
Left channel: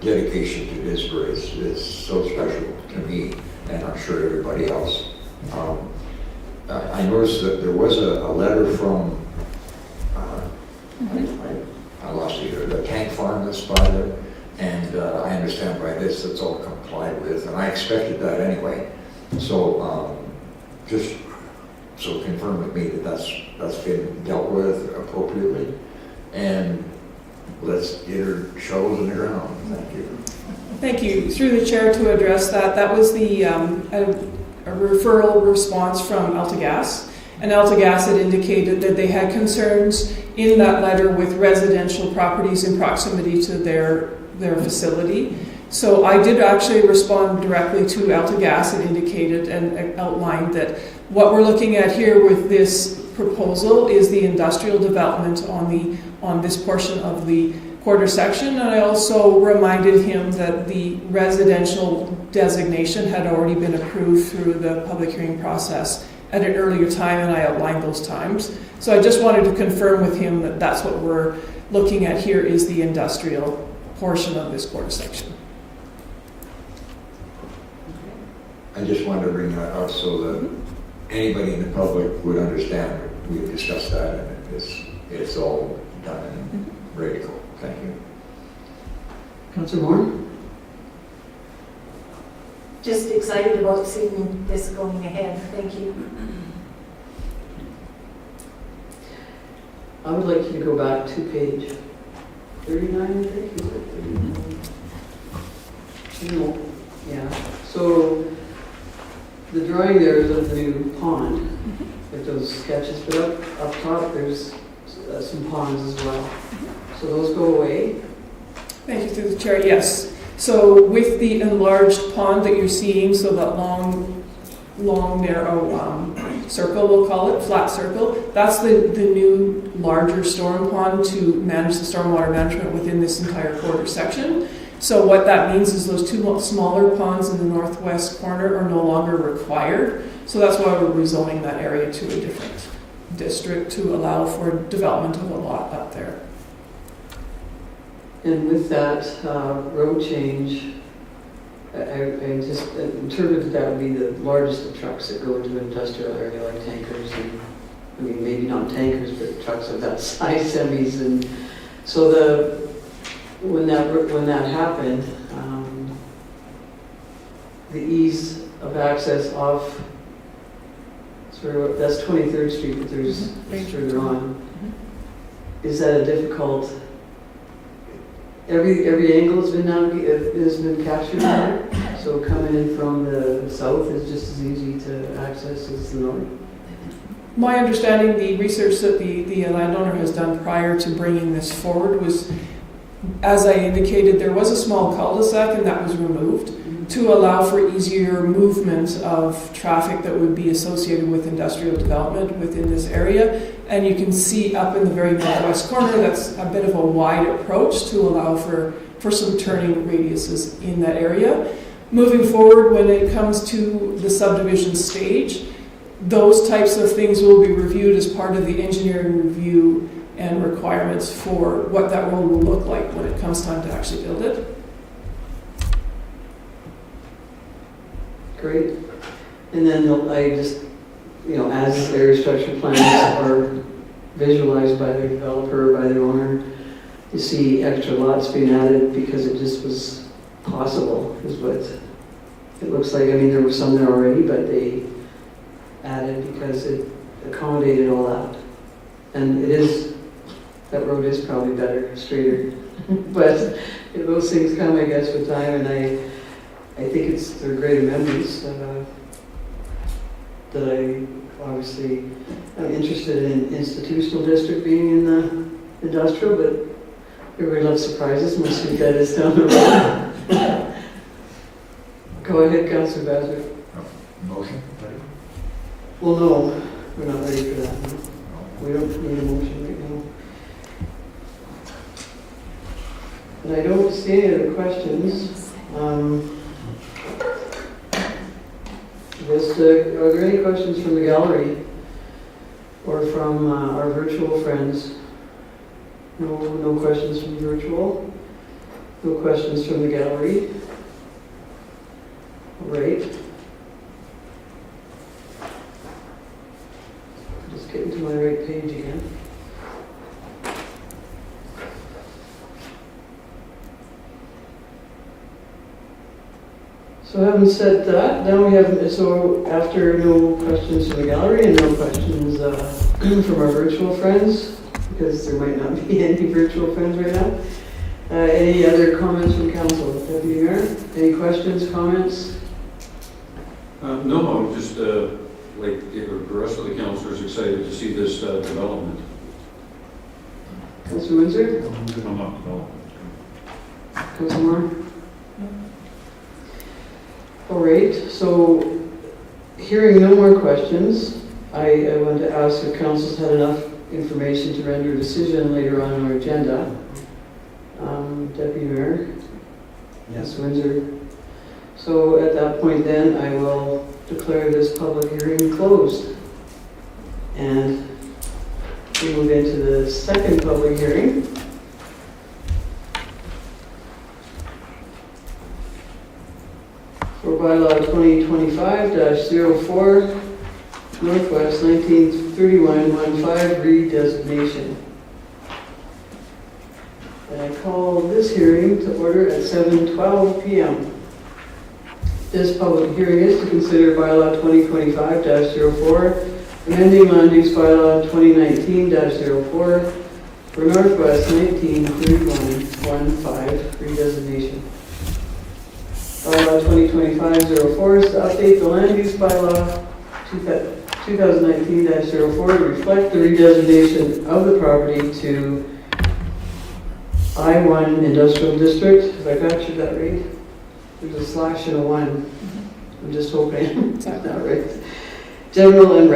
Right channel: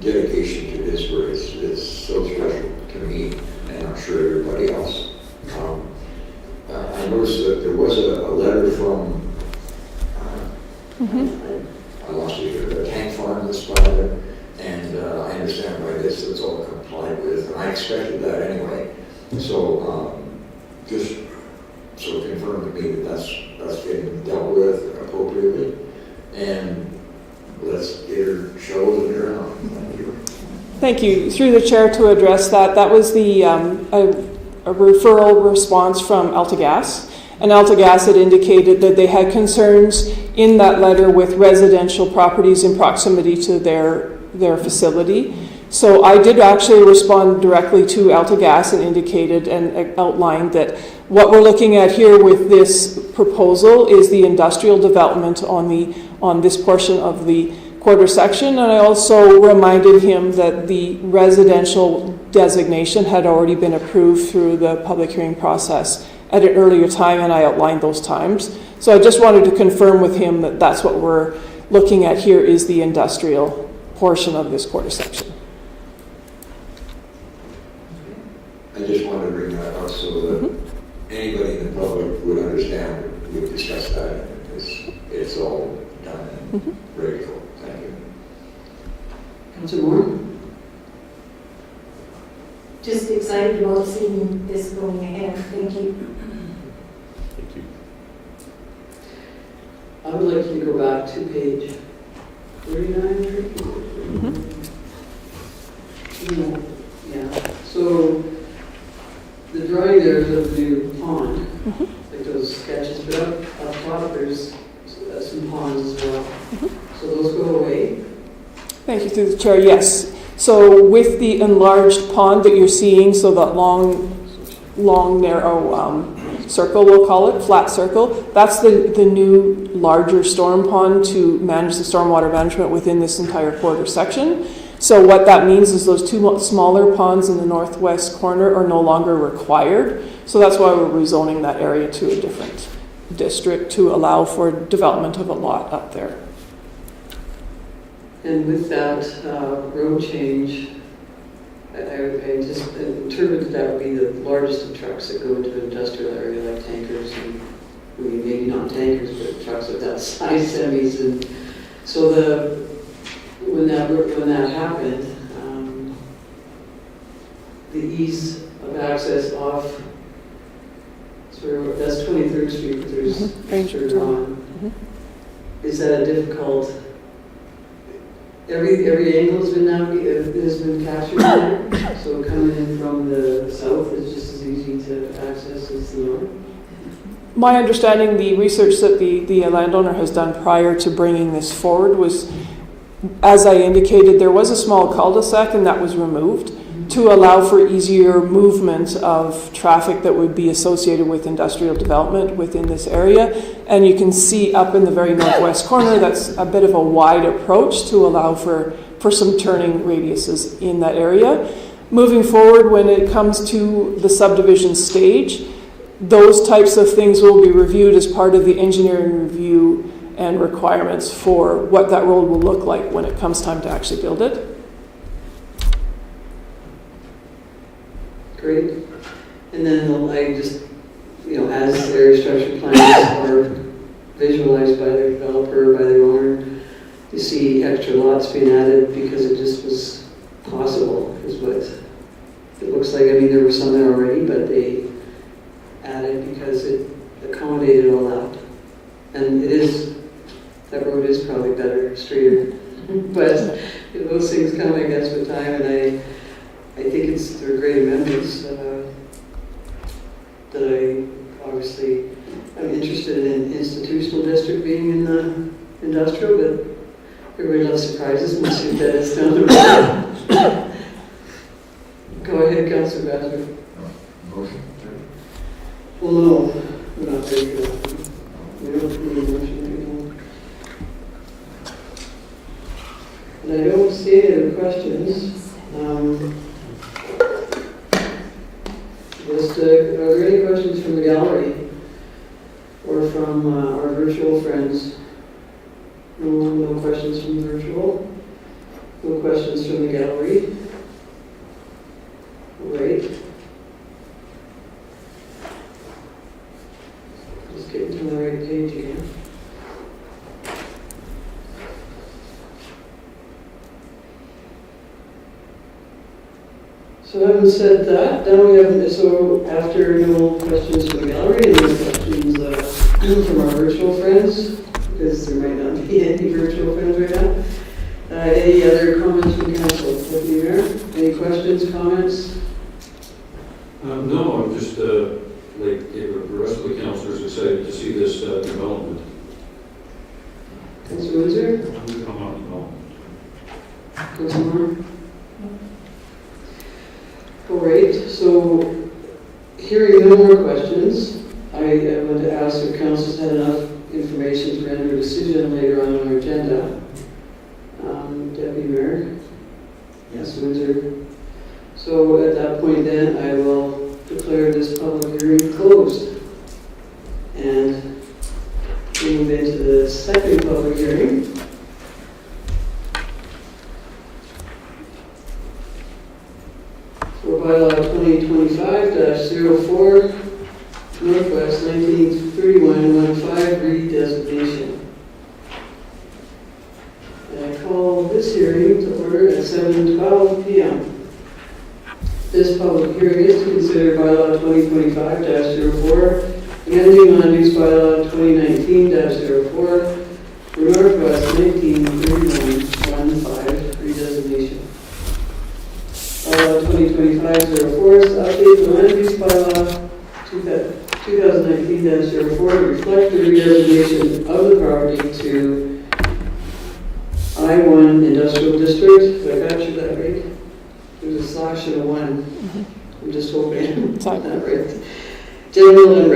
dedication to this, where it's so special to me, and I'm sure everybody else. I noticed that there was a letter from, I lost it here, the tank farm that's by there, and I understand by this it's all complied with, and I expected that anyway. So, just so confirm with me that that's getting dealt with appropriately, and let's get her chosen around. Thank you. Thank you. Through the chair to address that, that was the a referral response from AltaGas. And AltaGas had indicated that they had concerns in that letter with residential properties in proximity to their facility. So I did actually respond directly to AltaGas and indicated and outlined that what we're looking at here with this proposal is the industrial development on this portion of the quarter section. And I also reminded him that the residential designation had already been approved through the public hearing process at an earlier time, and I outlined those times. So I just wanted to confirm with him that that's what we're looking at here is the industrial portion of this quarter section. I just wanted to bring that up so that anybody in the public would understand that we discussed that, and it's all done and ready to go. Thank you. Councillor Moore? Just excited about seeing this going ahead. Thank you. I would like you to go back to page 39. No, yeah. So the drawing there is of the new pond. There's those sketches, but up top there's some ponds as well. So those go away. Thank you, through the chair. Yes. So with the enlarged pond that you're seeing, so that long narrow circle, we'll call it, flat circle, that's the new larger storm pond to manage the stormwater management within this entire quarter section. So what that means is those two smaller ponds in the northwest corner are no longer required. So that's why we're rezoning that area to a different district to allow for development of a lot up there. And with that road change, I just interpreted that would be the largest of trucks that go into an industrial area like tankers and, I mean, maybe not tankers, but trucks of that size, semis. And so when that happened, the ease of access off, sort of, that's 23rd Street, but there's further on. Is that a difficult? Every angle has been captured there, so coming in from the south is just as easy to access as the north. My understanding, the research that the landowner has done prior to bringing this forward was, as I indicated, there was a small cul-de-sac and that was removed. to allow for easier movement of traffic that would be associated with industrial development within this area. And you can see up in the very northwest corner, that's a bit of a wide approach to allow for some turning radiuses in that area. Moving forward, when it comes to the subdivision stage, those types of things will be reviewed as part of the engineering review and requirements for what that road will look like when it comes time to actually build it. Great. And then I just, as their structure plans are visualized by the developer, by the owner, you see extra lots being added because it just was possible, is what it looks like. I mean, there were some there already, but they added because it accommodated all that. And that road is probably better, straighter. But those things come, I guess, with time, and I think they're great amendments that I'm interested in institutional district being in the industrial, but everybody loves surprises and see that it's down the road. Go ahead, Councilor Bassler. Motion? Well, no, we're not ready for that. We don't need a motion right now. And I don't see any other questions. Are there any questions from the gallery or from our virtual friends? No questions from the virtual. No questions from the gallery. Great. Just getting to my right page again. So having said that, now we have, so after no questions from the gallery and no questions from our virtual friends, because there might not be any virtual friends right now, any other comments from council? Deputy Mayor, any questions, comments? No, I'm just, like the rest of the councilors, excited to see this development. Councilor Windsor? Come up, no. Councilor Moore? All right, so hearing no more questions, I want to ask if council's had enough information to render a decision later on our agenda. Deputy Mayor? Yes. Windsor? So at that point then, I will declare this public hearing closed. And we move into the second public hearing. For bylaw 2025-04, Northwest 1931-15 redesignation. And I call this hearing to order at 7:12 p.m. This public hearing is to consider bylaw 2025-04, amending land use bylaw 2019-04 for Northwest 1931-15 redesignation. Bylaw 2025-04 is to update the land use bylaw 2019-04 to reflect the redesignation of the property to I-1 Industrial District. If I got you that right? There's a slash and a 1. I'm just hoping. Not right. General and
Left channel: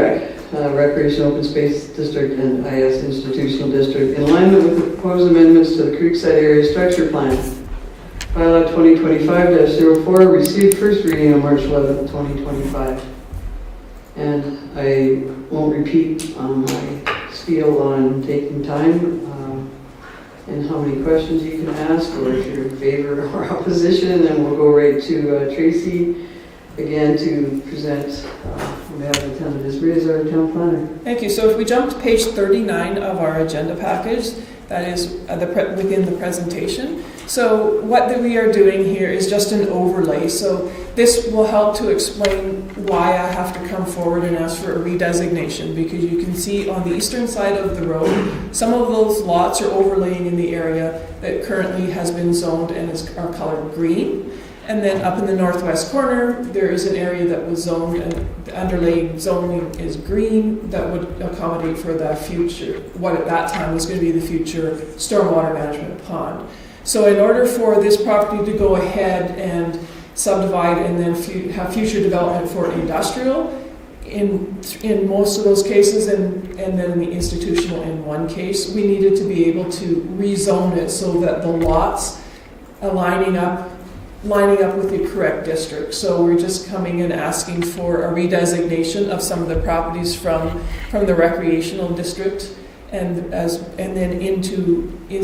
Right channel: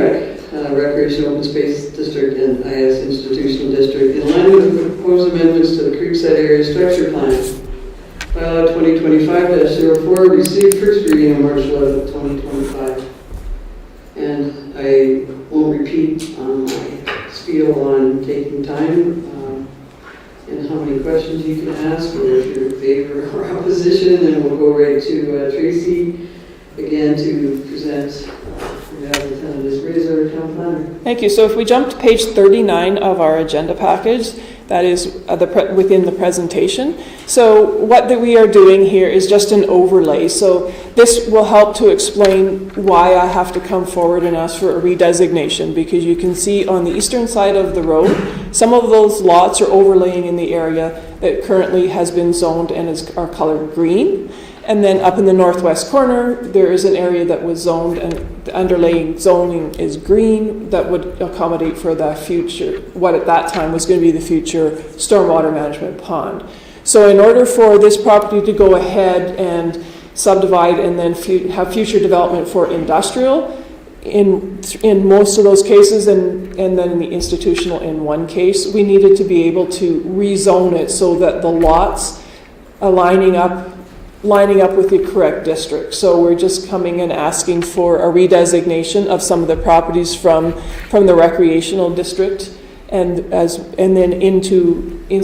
Recreation Open Space District and IS Institutional District in line with the proposed amendments to the Creekside Area Structure Plan. Bylaw 2025-04 received first reading on March 11, 2025. And I won't repeat my spiel on taking time and how many questions you can ask, or if you're in favor or opposition, and we'll go right to Tracy again to present on behalf of Lieutenant Disbury as our town planner. Thank you. So if we jump to page 39 of our agenda package, that is within the presentation. So what we are doing here is just an overlay. So this will help to explain why I have to come forward and ask for a redesignation, because you can see on the eastern side of the road, some of those lots are overlaying in the area that currently has been zoned and are colored green. And then up in the northwest corner, there is an area that was zoned, and the underlying zoning is green, that would accommodate for the future, what at that time was going to be the future stormwater management pond. So in order for this property to go ahead and subdivide and then have future development for industrial in most of those cases, and then the institutional in one case. We needed to be able to rezone it so that the lots are lining up with the correct district. So we're just coming and asking for a redesignation of some of the properties from the recreational district and then into the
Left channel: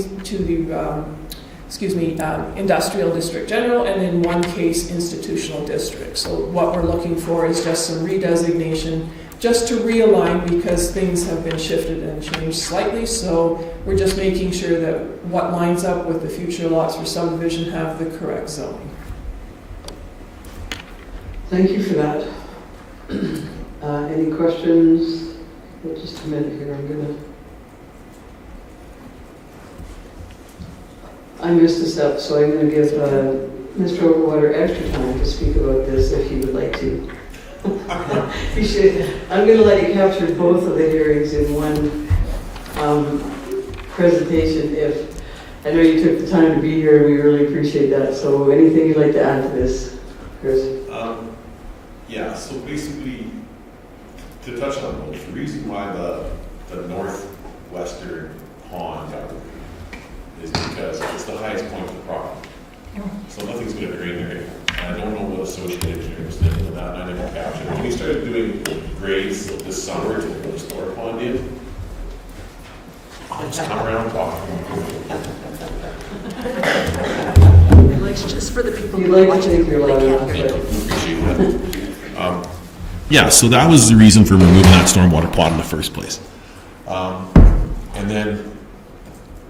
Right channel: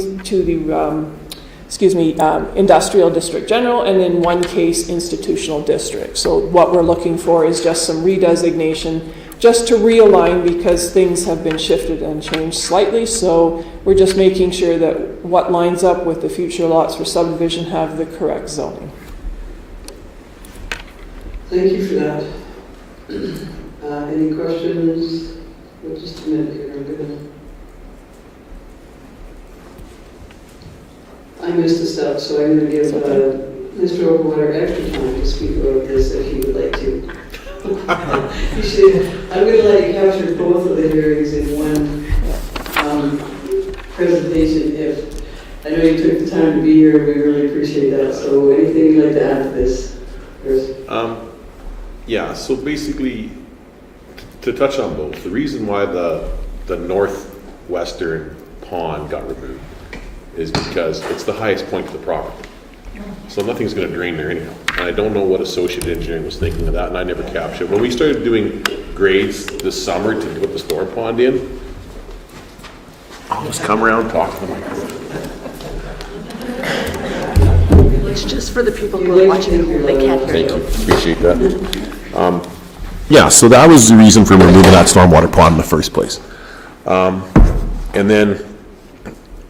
industrial district general, and in one case institutional district. So what we're looking for is just some redesignation, just to realign, because things have been shifted and changed slightly. So we're just making sure that what lines up with the future lots for subdivision have the correct zoning. Thank you for that. Any questions? Well, just a minute here. I missed a step, so I'm going to give Mr. Overwater extra time to speak about this if he would like to. I'm going to let you capture both of the hearings in one presentation. If I know you took the time to be here, we really appreciate that. So anything you'd like to add to this, Chris? Yeah, so basically, to touch on those, the reason why the northwestern pond got removed is because it's the highest point of the property. So nothing's going to drain there anyway. And I don't know what Associate Engineering was thinking of that, and I never captured. When we started doing grades this summer to put the store pond in, it's come around talking. It's just for the people who are watching, they can't hear you. Appreciate that. Yeah, so that was the reason for removing that stormwater pond in the first place. And then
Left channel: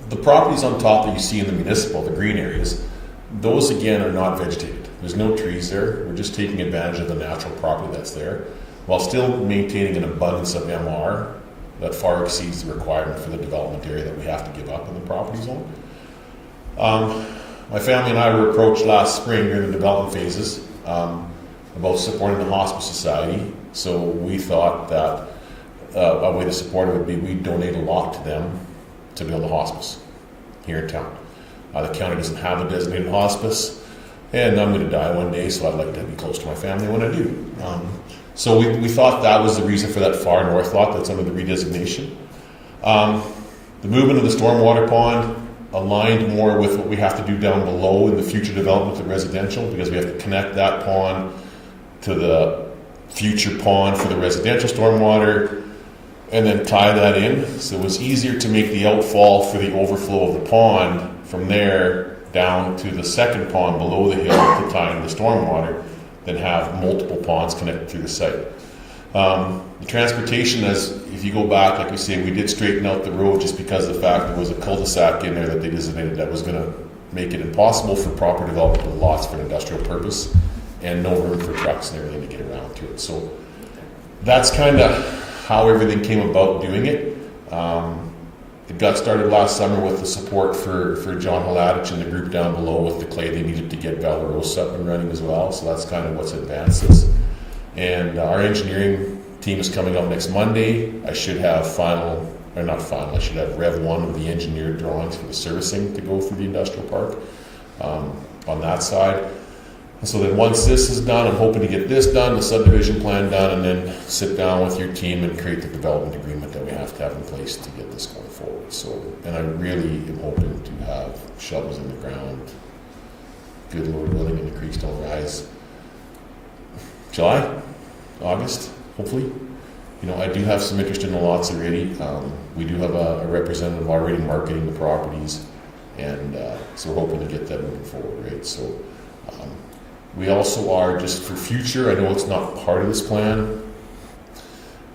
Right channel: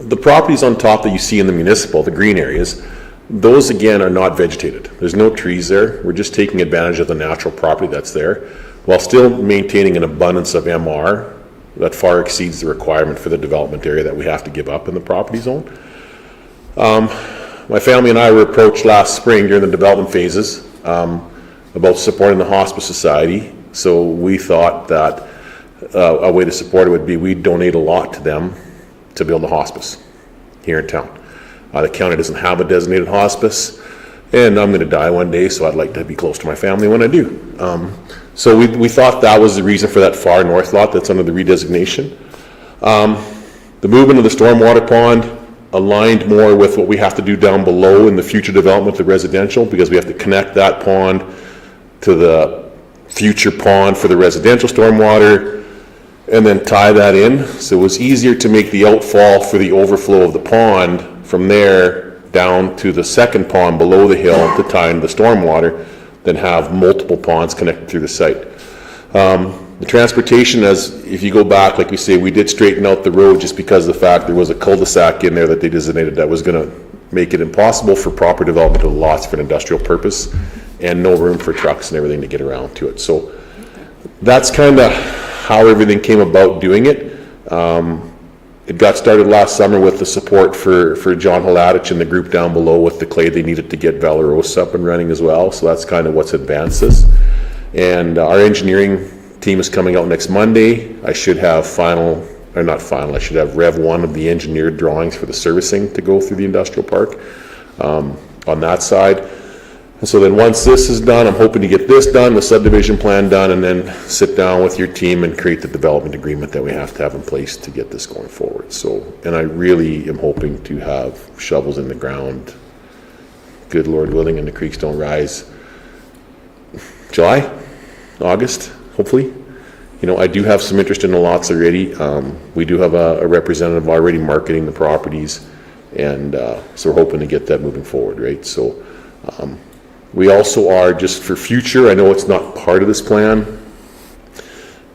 the properties on top that you see in the municipal, the green areas, those again are not vegetated. There's no trees there. We're just taking advantage of the natural property that's there while still maintaining an abundance of MR that far exceeds the requirement for the development area that we have to give up in the property zone. My family and I were approached last spring during the development phases about supporting the Hospice Society. So we thought that a way to support it would be we'd donate a lot to them to build a hospice here in town. The county doesn't have a designated hospice, and I'm going to die one day, so I'd like to be close to my family when I do. So we thought that was the reason for that far north lot that's under the redesignation. The movement of the stormwater pond aligned more with what we have to do down below in the future development of residential, because we have to connect that pond to the future pond for the residential stormwater and then tie that in. So it was easier to make the outfall for the overflow of the pond from there down to the second pond below the hill to tie into the stormwater than have multiple ponds connected through the site. The transportation, as if you go back, like we say, we did straighten out the road just because of the fact there was a cul-de-sac in there that they designated that was going to make it impossible for proper development of lots for an industrial purpose and no room for trucks and everything to get around to it. So that's kind of how everything came about doing it. It got started last summer with the support for John Haladich and the group down below with the clay they needed to get Valeros up and running as well. So that's kind of what's advanced this. And our engineering team is coming out next Monday. I should have I should have Rev 1 of the engineered drawings for the servicing to go through the industrial park on that side. And so then once this is done, I'm hoping to get this done, the subdivision plan done, and then sit down with your team and create the development agreement that we have to have in place to get this going forward. So, and I really am hoping to have shovels in the ground, good Lord willing, and the creeks don't rise. July, August, hopefully. You know, I do have some interest in the lots already. We do have a representative already marketing the properties, and so we're hoping to get that moving forward, right? So we also are, just for future, I know it's not part of this plan,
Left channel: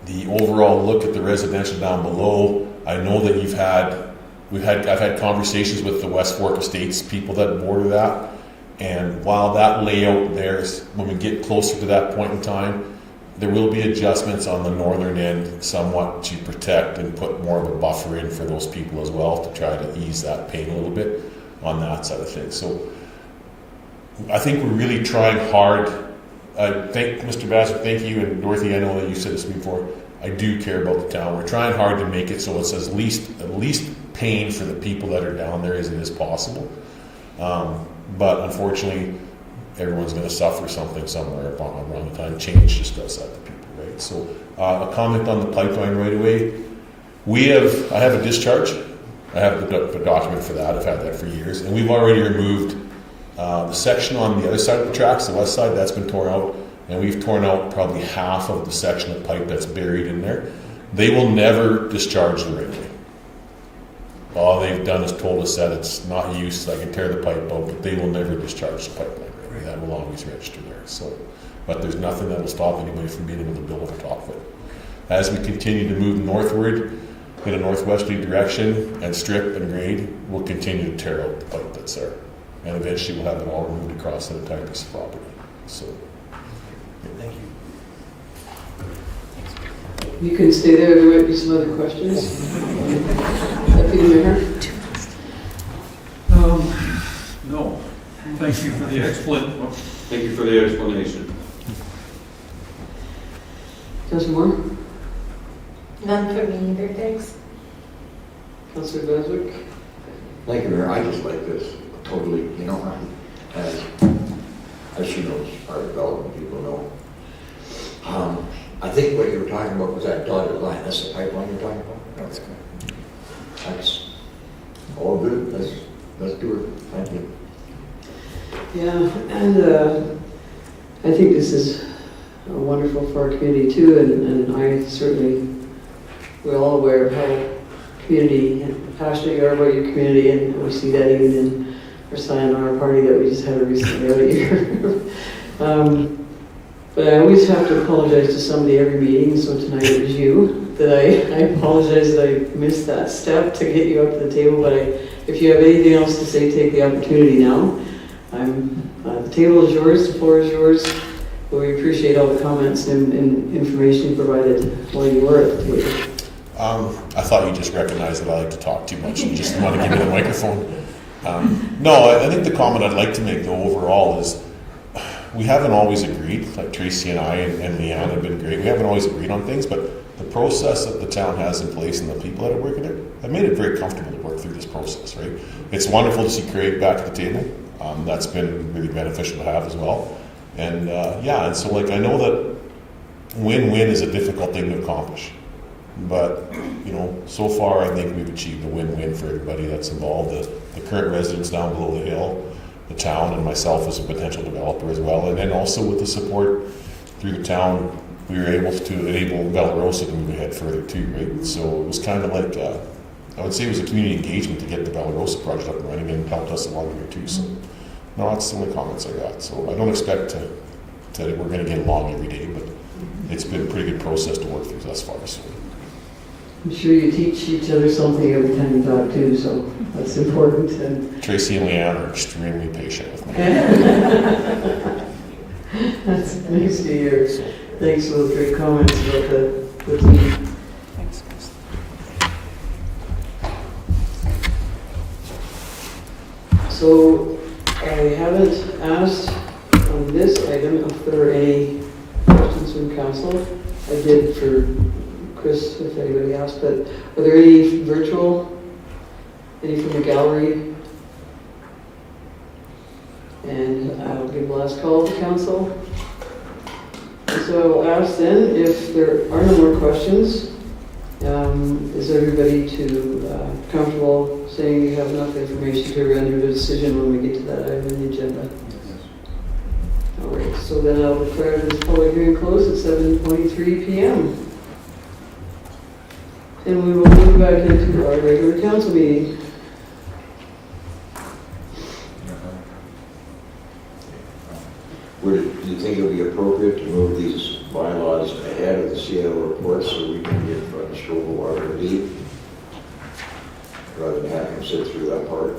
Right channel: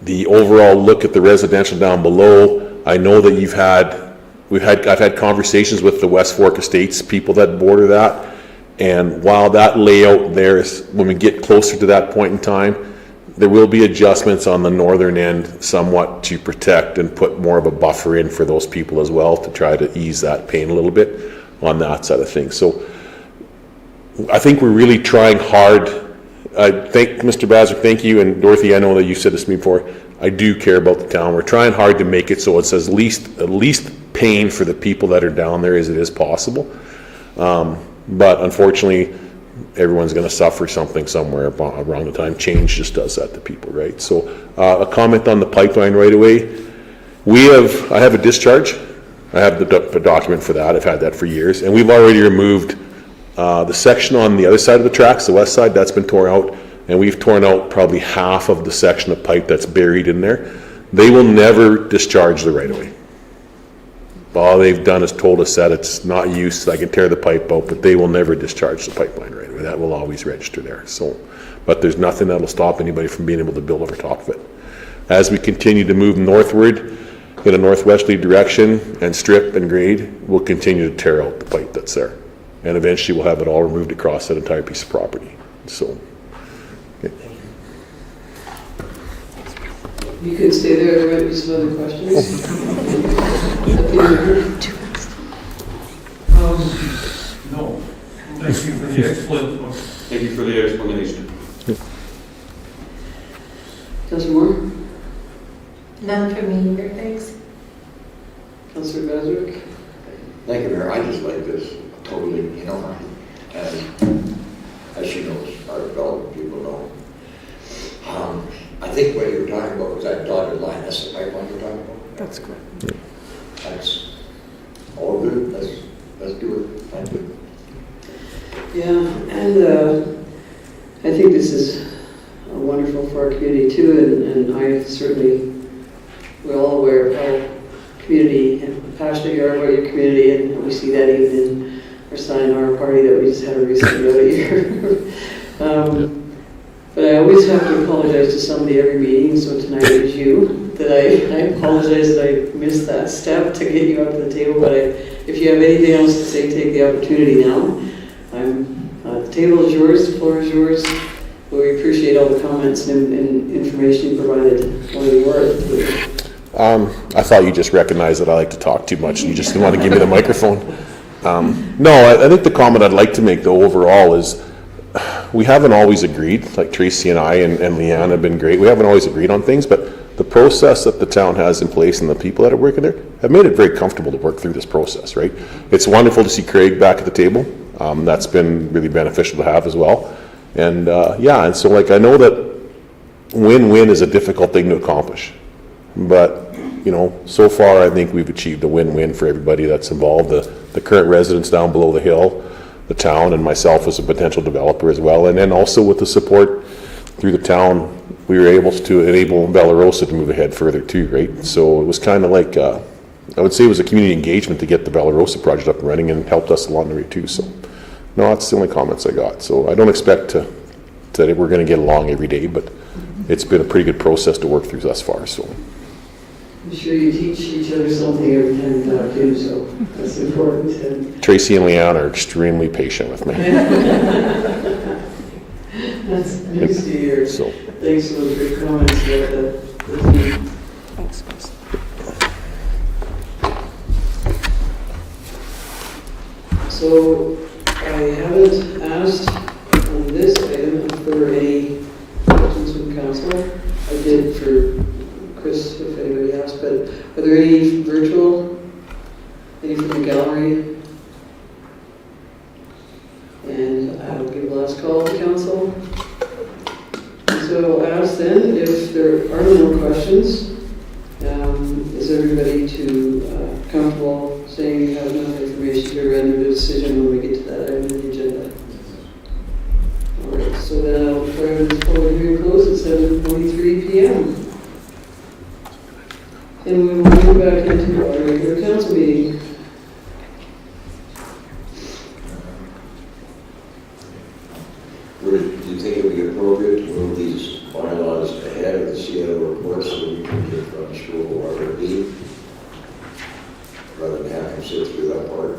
the overall look at the residential down below. I know that I've had conversations with the West Fork Estates people that border that, and while that layout there is, when we get closer to that point in time, there will be adjustments on the northern end somewhat to protect and put more of a buffer in for those people as well to try to ease that pain a little bit on that side of things. So I think we're really trying hard. I thank Mr. Bazard, thank you, and Dorothy, I know that you said this to me before. I do care about the town. We're trying hard to make it so it's at least pain for the people that are down there as it is possible. But unfortunately, everyone's gonna suffer something somewhere around the time. Change just does that to people, right? So, a comment on the pipeline right away. I have a discharge. I have the document for that. I've had that for years. And we've already removed the section on the other side of the tracks, the west side, that's been torn out. And we've torn out probably half of the section of pipe that's buried in there. They will never discharge the right-of-way. All they've done is told us that it's not used, so I can tear the pipe out, but they will never discharge the pipeline right-of-way. That will always register there. So, but there's nothing that will stop anybody from being able to build over top of it. As we continue to move northward in a northwesterly direction and strip and grade, we'll continue to tear out the pipe that's there. And eventually we'll have it all removed across that entire piece of property. So, yeah. You can stay there, there might be some other questions. No. Thank you for the explanation. Thank you for the explanation. Councilor Moore? None for me either, thanks. Councilor Beswick? Thank you, Mayor. I just like this totally, as she knows, our development people know. I think what you were talking about was that dotted line. That's the pipeline you're talking about? That's good. That's all good. Let's do it. Thank you. Yeah, and I think this is wonderful for our community too, and I certainly, we're all aware of how passionate you are about your community, and we see that even in our sign our party that we just had recently out here. But I always have to apologize to somebody every meeting, so tonight it was you, that I apologize that I missed that step to get you up to the table, but if you have anything else to say, take the opportunity now. The table is yours, the floor is yours. We appreciate all the comments and information you provided while you were at the table. I thought you just recognized that I like to talk too much and you just want to give me the microphone. No, I think the comment I'd like to make though overall is we haven't always agreed, like Tracy and I and Leanne have been great. We haven't always agreed on things, but the process that the town has in place and the people that are working there have made it very comfortable to work through this process, right? It's wonderful to see Craig back at the table. That's been really beneficial to have as well. And and so like I know that win-win is a difficult thing to accomplish. But, so far I think we've achieved a win-win for everybody that's involved. The current residents down below the hill, the town, and myself as a potential developer as well. And then also with the support through the town, we were able to enable Bella Rosa to move ahead further too, right? So it was kind of like, I would say it was a community engagement to get the Bella Rosa project up and running and helped us along the way too. So, no, that's the only comments I got. So I don't expect that we're going to get along every day, but it's been a pretty good process to work through thus far. So I'm sure you teach each other something every time you talk too, so that's important. And Tracy and Leanne are extremely patient with me. that's nice to hear. So, thanks for those great comments about the team. So I haven't asked on this item if there are any questions from council. I did for Chris, if anybody asked, but are there any virtual, any from the gallery? And I'll give the last call to council. So ask then, if there are no more questions, is everybody comfortable saying you have enough information to render a decision when we get to that item on the agenda? All right, so then I'll declare this public hearing closed at 7:23 p.m. And we will move back into our regular council meeting. Do you think it would be appropriate to move these bylaws ahead of the CL report so we can get from school or RD? Rather than having to sit through that part?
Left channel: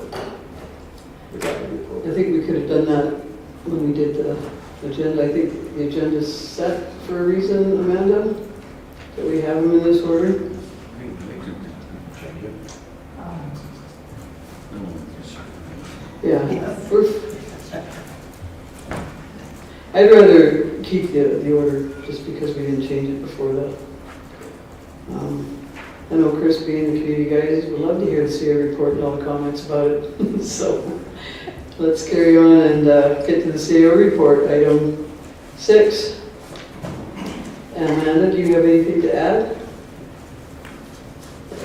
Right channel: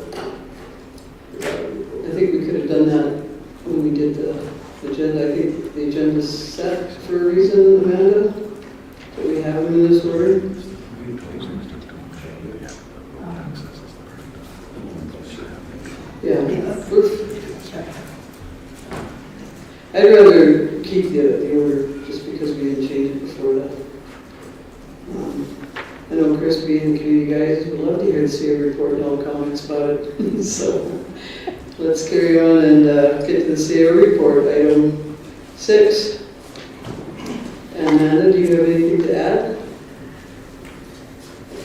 I think we could have done that when we did the agenda. I think the agenda is set for a reason, Amanda. Do we have them in this order? Yeah. I'd rather keep the order just because we didn't change it before that. I know Chris being the community guys would love to hear the CA report and all comments about it. So let's carry on and get to the CO report, item 6. And Amanda, do you have anything to add?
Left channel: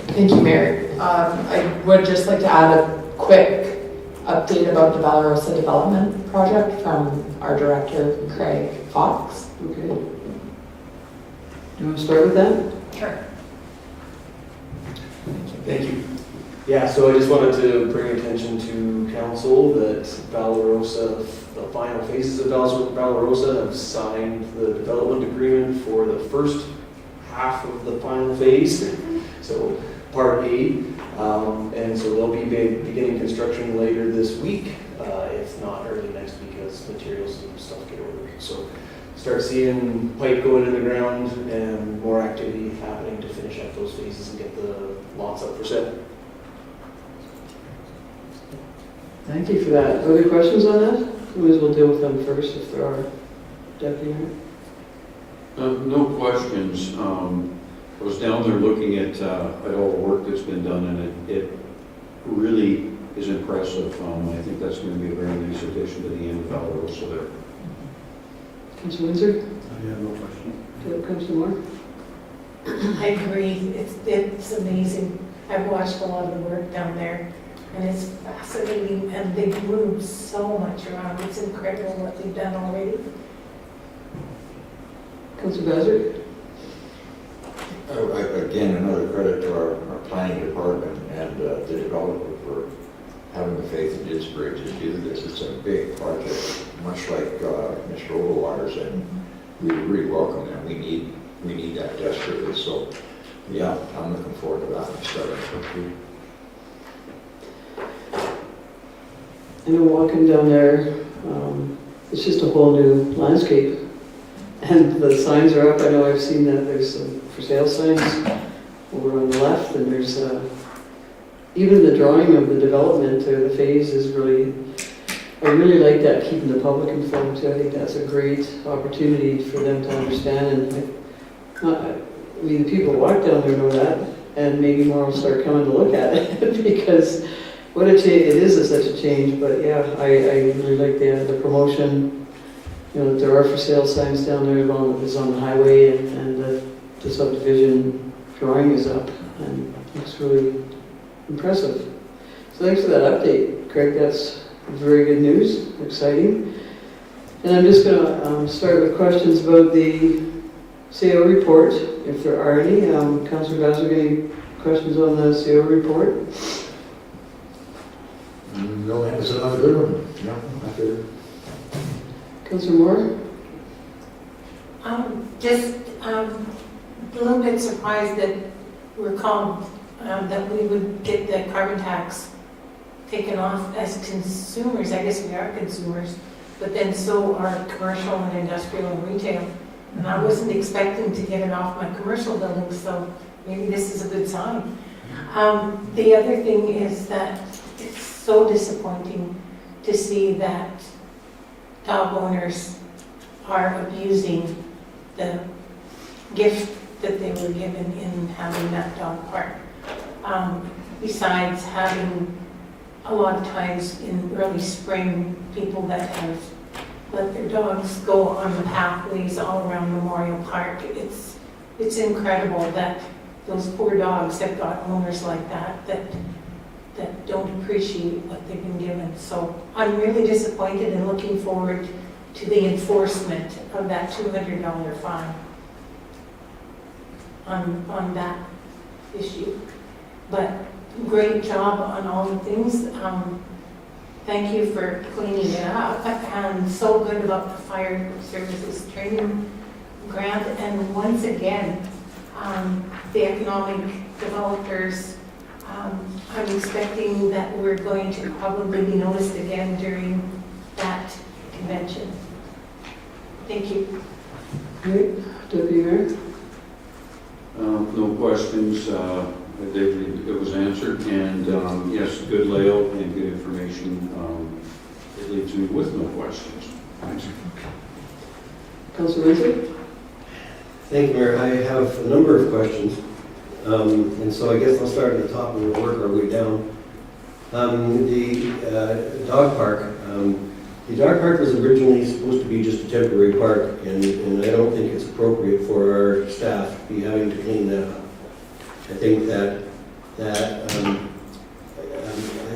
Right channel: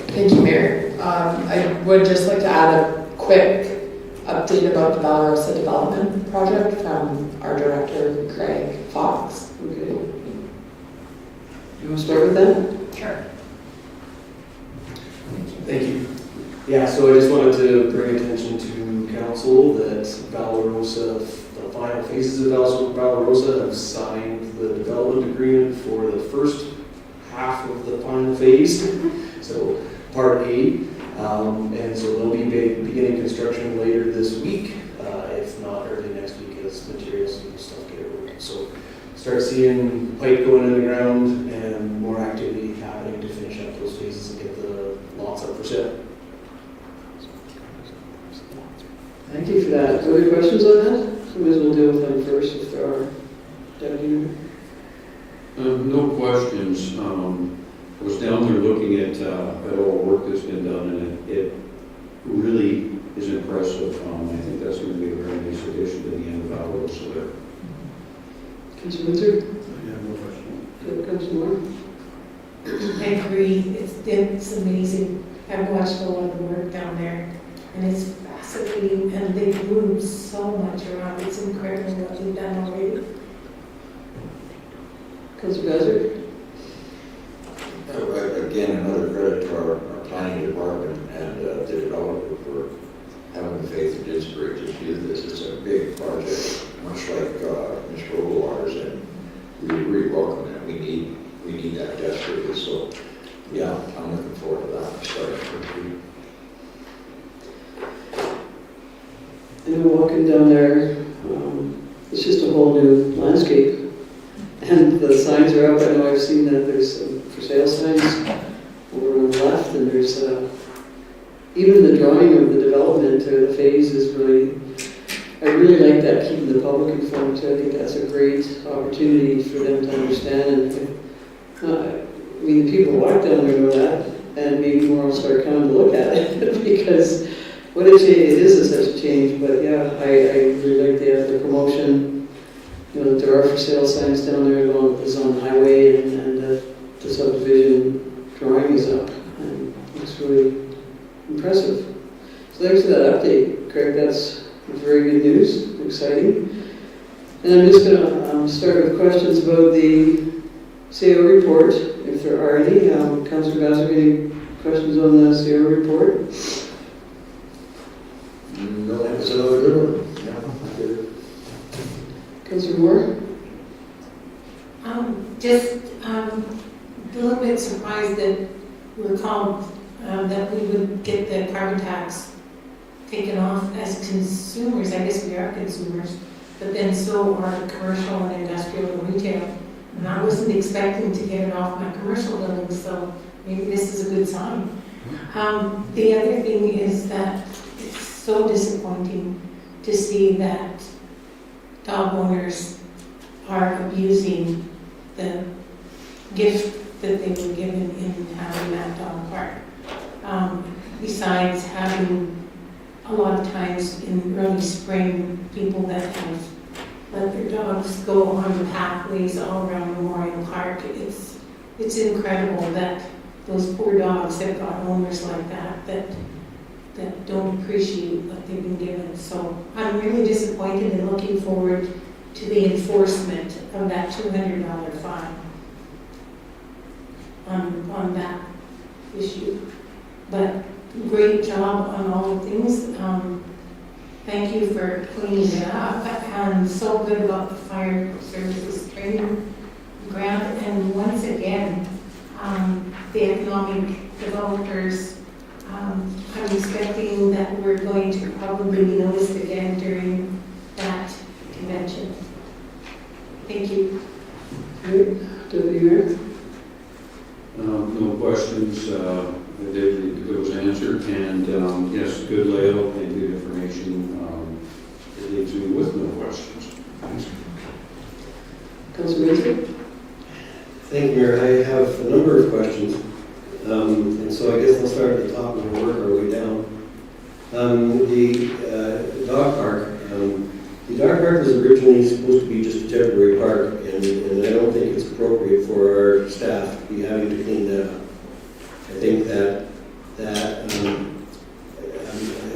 Thank you, Mayor. I would just like to add a quick update about the Valorosa Development Project from our director, Craig Fox. Okay. You want to start with that? Sure. Thank you. Yeah, so I just wanted to bring attention to council that Valorosa, the final phases of Valorosa have signed the development agreement for the first half of the final phase, so part A. And so they'll be beginning construction later this week, if not early next week, as materials and stuff get ordered. So start seeing pipe going in the ground and more activity happening to finish up those phases and get the lots up for sale. Thank you for that. Other questions on that? Who is will deal with them first if there are. Deputy? No questions. I was down there looking at all the work that's been done, and it really is impressive. I think that's going to be a very nice addition to the end of Valorosa there. Councilor Windsor? I have no question. Councilor Moore? I agree, it's amazing. I've watched a lot of the work down there, and it's fascinating, and they've moved so much around. It's incredible what they've done already. Councilor Bazard? Again, another credit to our planning department and the developer for having the faith in Didsbury to do this. It's a big project, much like Mr. Overwater's, and we really welcome that. We need that desperately. So, yeah, I'm looking forward to that starting. I know walking down there, it's just a whole new landscape. And the signs are up. I know I've seen that there's some for sale signs over on the left, and there's even the drawing of the development or the phase is really, I really like that, keeping the public informed too. I think that's a great opportunity for them to understand. And I mean, the people walk down there know that, and maybe more will start coming to look at it because what a change, it is such a change. But yeah, I really like the promotion. You know, there are for sale signs down there along on the highway, and the subdivision drawing is up, and it's really impressive. So thanks for that update, Craig. That's very good news, exciting. And I'm just going to start with questions about the CO report, if there are any. Councillor Gosser, any questions on the CO report? No, that's another good one. Yeah, Councillor Moore? Just a little bit surprised that we're called, that we would get the carbon tax taken off as consumers. I guess we are consumers, but then so are commercial and industrial and retail. And I wasn't expecting to get it off my commercial buildings, so maybe this is a good sign. The other thing is that it's so disappointing to see that dog owners are abusing the gift that they were given in having that dog park. Besides having a lot of times in early spring, people that have let their dogs go on the pathways all around Memorial Park. It's incredible that those poor dogs have got owners like that don't appreciate what they've been given. So I'm really disappointed and looking forward to the enforcement of that $200 fine on that issue. But great job on all the things. Thank you for cleaning it up, and so good about the fire services training grant. And once again, the economic developers, I'm expecting that we're going to probably be noticed again during that convention. Thank you. Great. Deputy Mayor? No questions. It was answered, and yes, good layout and good information. It leaves me with no questions. Councilor Windsor? Thank you, Mayor. I have a number of questions. And so I guess I'll start at the top and we'll work our way down. The dog park, The dog park was originally supposed to be just a temporary park, and I don't think it's appropriate for our staff to be having to clean that up. I think that I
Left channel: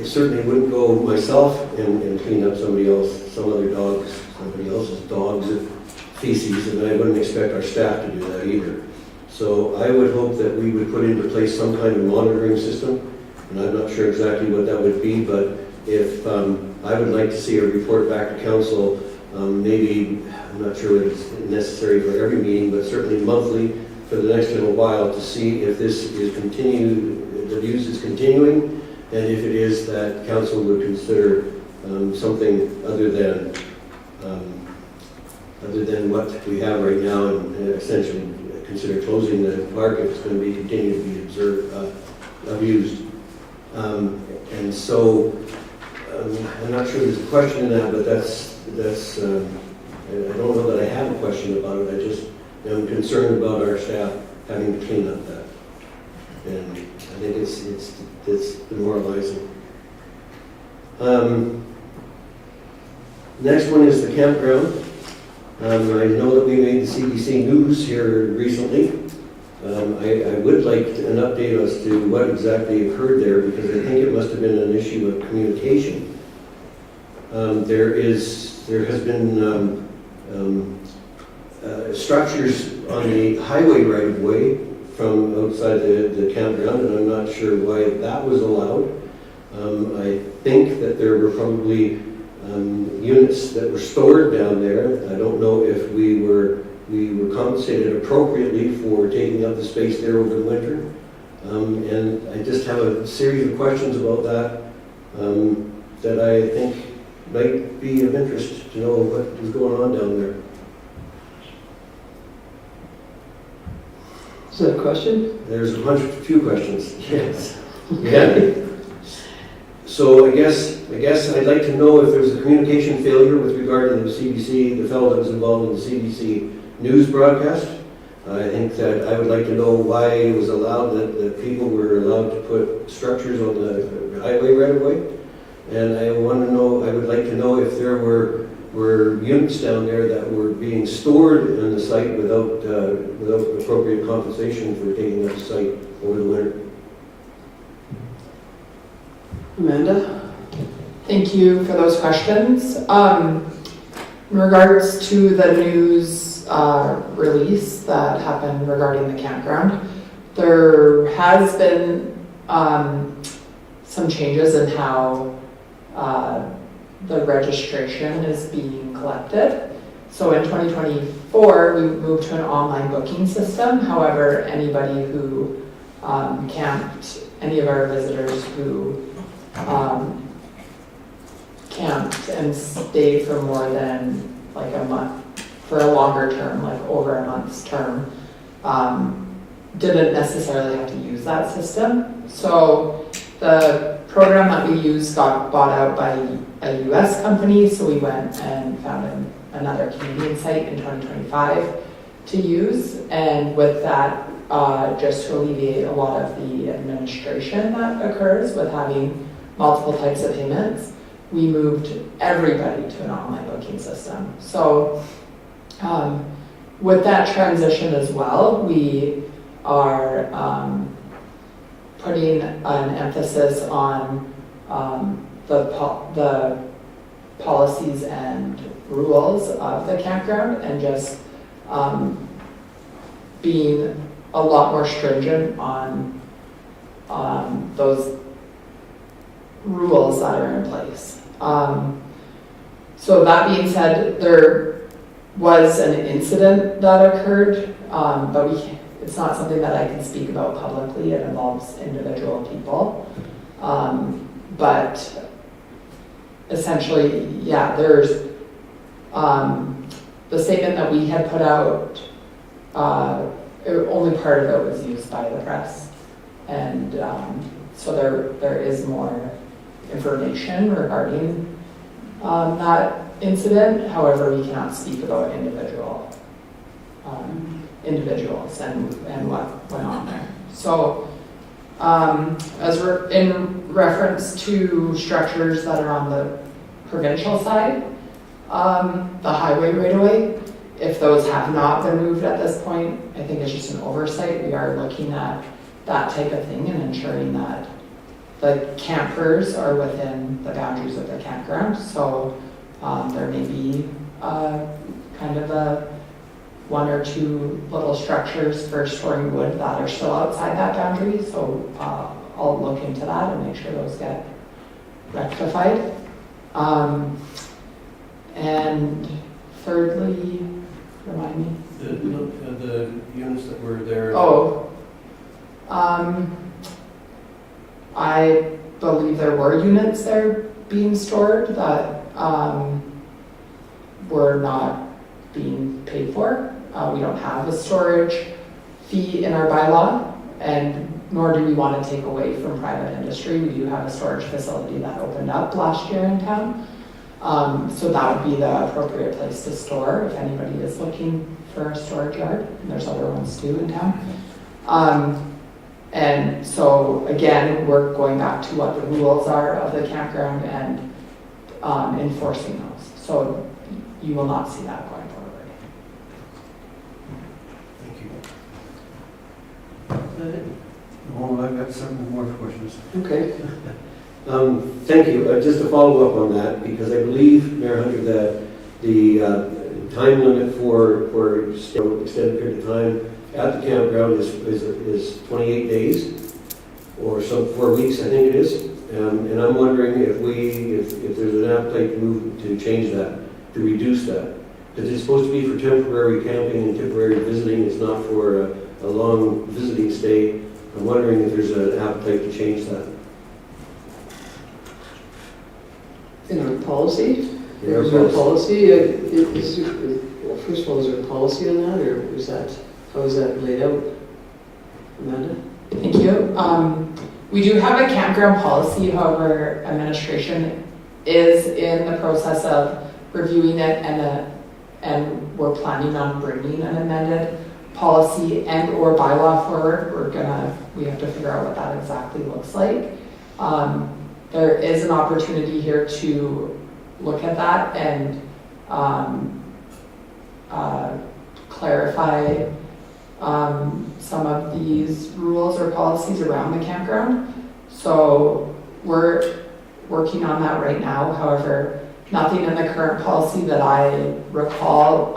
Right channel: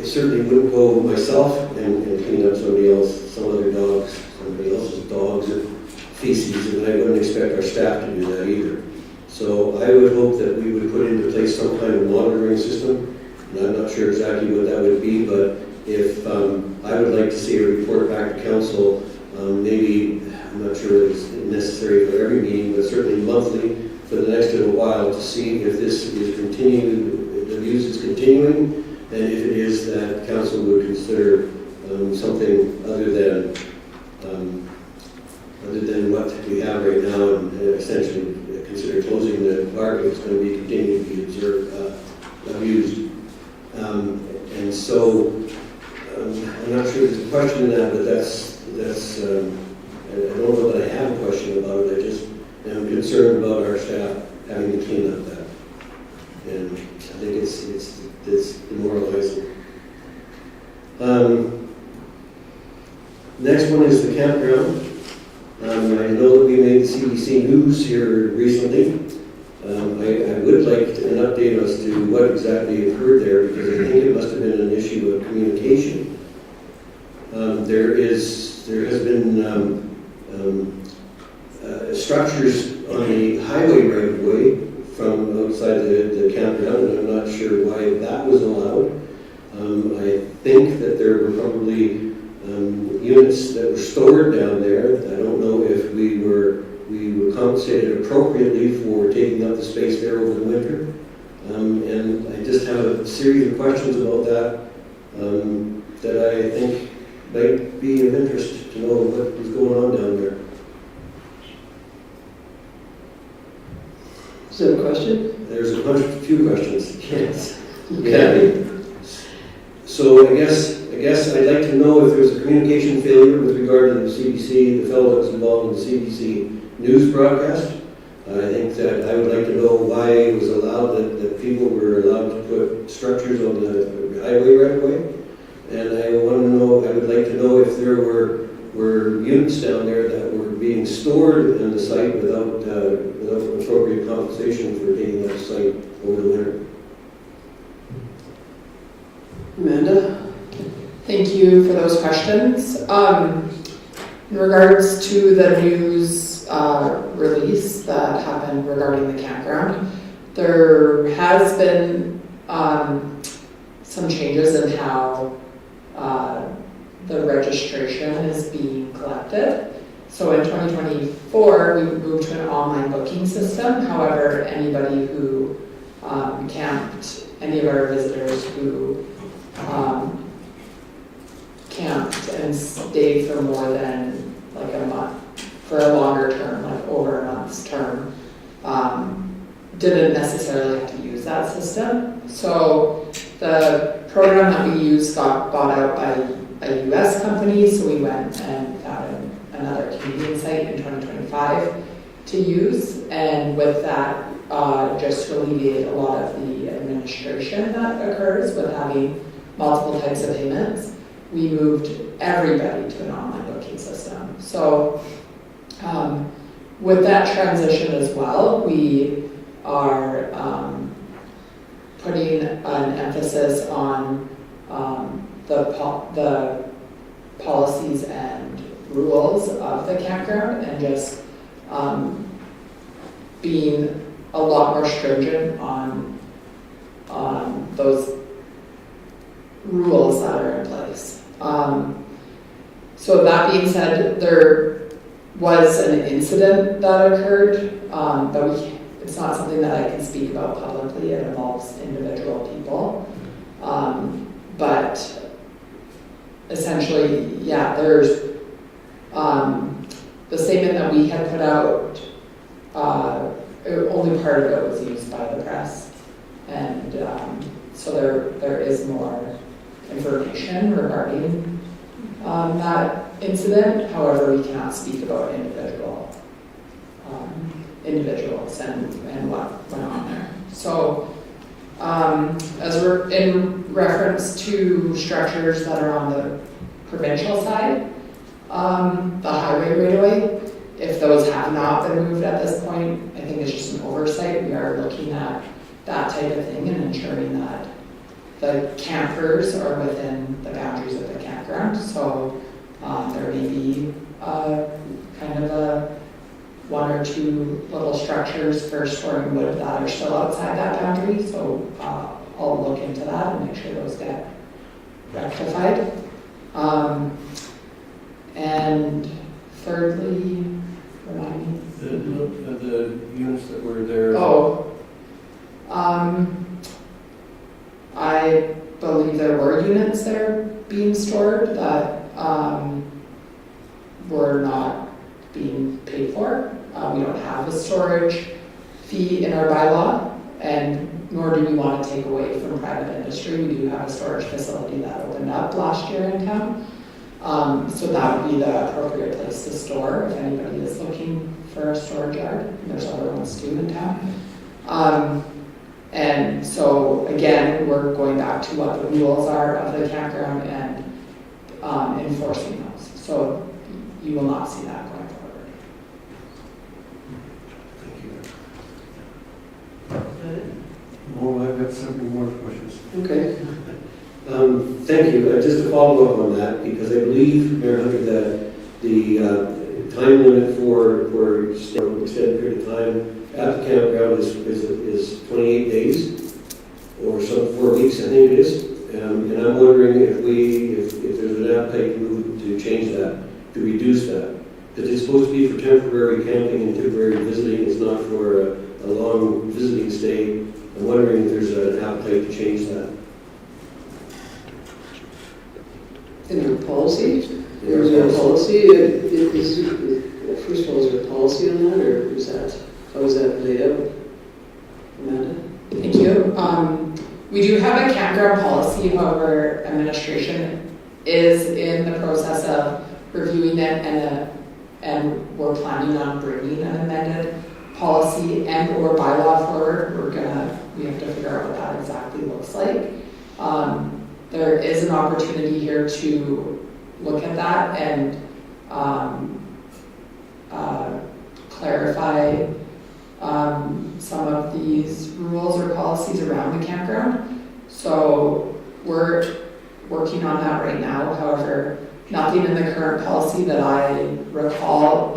certainly wouldn't go myself and clean up somebody else's dogs or feces, and I wouldn't expect our staff to do that either. So I would hope that we would put into place some kind of monitoring system, and I'm not sure exactly what that would be, but if I would like to see a report back to council, maybe, I'm not sure it's necessary for every meeting, but certainly monthly for the next little while, to see if this is continued, the use is continuing, and if it is, that council would consider something other than what we have right now, and essentially consider closing the park if it's going to be continued to be abused. And so I'm not sure there's a question in that, but that's I don't know that I have a question about it. I just am concerned about our staff having to clean up that. And I think it's demoralizing. Next one is the campground. I know that we made the CBC news here recently. I would like an update as to what exactly occurred there, because I think it must have been an issue of communication. There has been structures on the highway right of way from outside the campground, and I'm not sure why that was allowed. I think that there were probably units that were stored down there. I don't know if we were compensated appropriately for taking up the space there over the winter. And I just have a series of questions about that that I think might be of interest to know what is going on down there. Is that a question? There's a few questions. Yes. Okay. So I guess I'd like to know if there was a communication failure with regard to the CBC, the fellow that was involved in the CBC news broadcast. I think that I would like to know why it was allowed that people were allowed to put structures on the highway right away. And I would like to know if there were units down there that were being stored on the site without appropriate compensation for taking up the site over the winter. Amanda? Thank you for those questions. In regards to the news release that happened regarding the campground, there has been some changes in how the registration is being collected. So in 2024, we moved to an online booking system. However, anybody who camped, any of our visitors who camped and stayed for more than like a month, for a longer term, like over a month's term, didn't necessarily have to use that system. So the program that we used got bought out by a US company, so we went and found another Canadian site in 2025 to use, and with that, just to alleviate a lot of the administration that occurs with having multiple types of payments, we moved everybody to an online booking system. So with that transition as well, we are putting an emphasis on the policies and rules of the campground, and just being a lot more stringent on those rules that are in place. So that being said, there was an incident that occurred, but it's not something that I can speak about publicly. It involves individual people. But essentially, yeah, there's the statement that we had put out, only part of it was used by the press. And so there is more information regarding that incident. However, we cannot speak about individuals and what went on there. So as we're in reference to structures that are on the provincial side, the highway right away. If those have not been moved at this point, I think it's just an oversight. We are looking at that type of thing and ensuring that the campers are within the boundaries of the campground. So there may be kind of a one or two little structures for storing wood that are still outside that boundary. So I'll look into that and make sure those get rectified. And thirdly, remind me. The units that were there. I believe there were units there being stored that were not being paid for. We don't have a storage fee in our bylaw, and nor do we want to take away from private industry. We do have a storage facility that opened up last year in town. So that would be the appropriate place to store if anybody is looking for a storage yard. There's other ones too in town. And so again, we're going back to what the rules are of the campground and enforcing those. So you will not see that going forward. Thank you. Well, I've got several more questions. Okay. Thank you. Just to follow up on that, because I believe, Mayor Hunter, that the time limit for extended period of time at the campground is 28 days, or some 4 weeks, I think it is. And I'm wondering if there's an appetite to change that, to reduce that. Because it's supposed to be for temporary camping and temporary visiting. It's not for a long visiting stay. I'm wondering if there's an appetite to change that. In our policy? In our Is there a policy? Well, first of all, is there a policy on that, or is that, how is that laid out? Amanda? Thank you. We do have a campground policy, however, administration is in the process of reviewing it, and we're planning on bringing an amended policy and or bylaw forward. We have to figure out what that exactly looks like. There is an opportunity here to look at that and clarify some of these rules or policies around the campground. So we're working on that right now. However, nothing in the current policy that I recall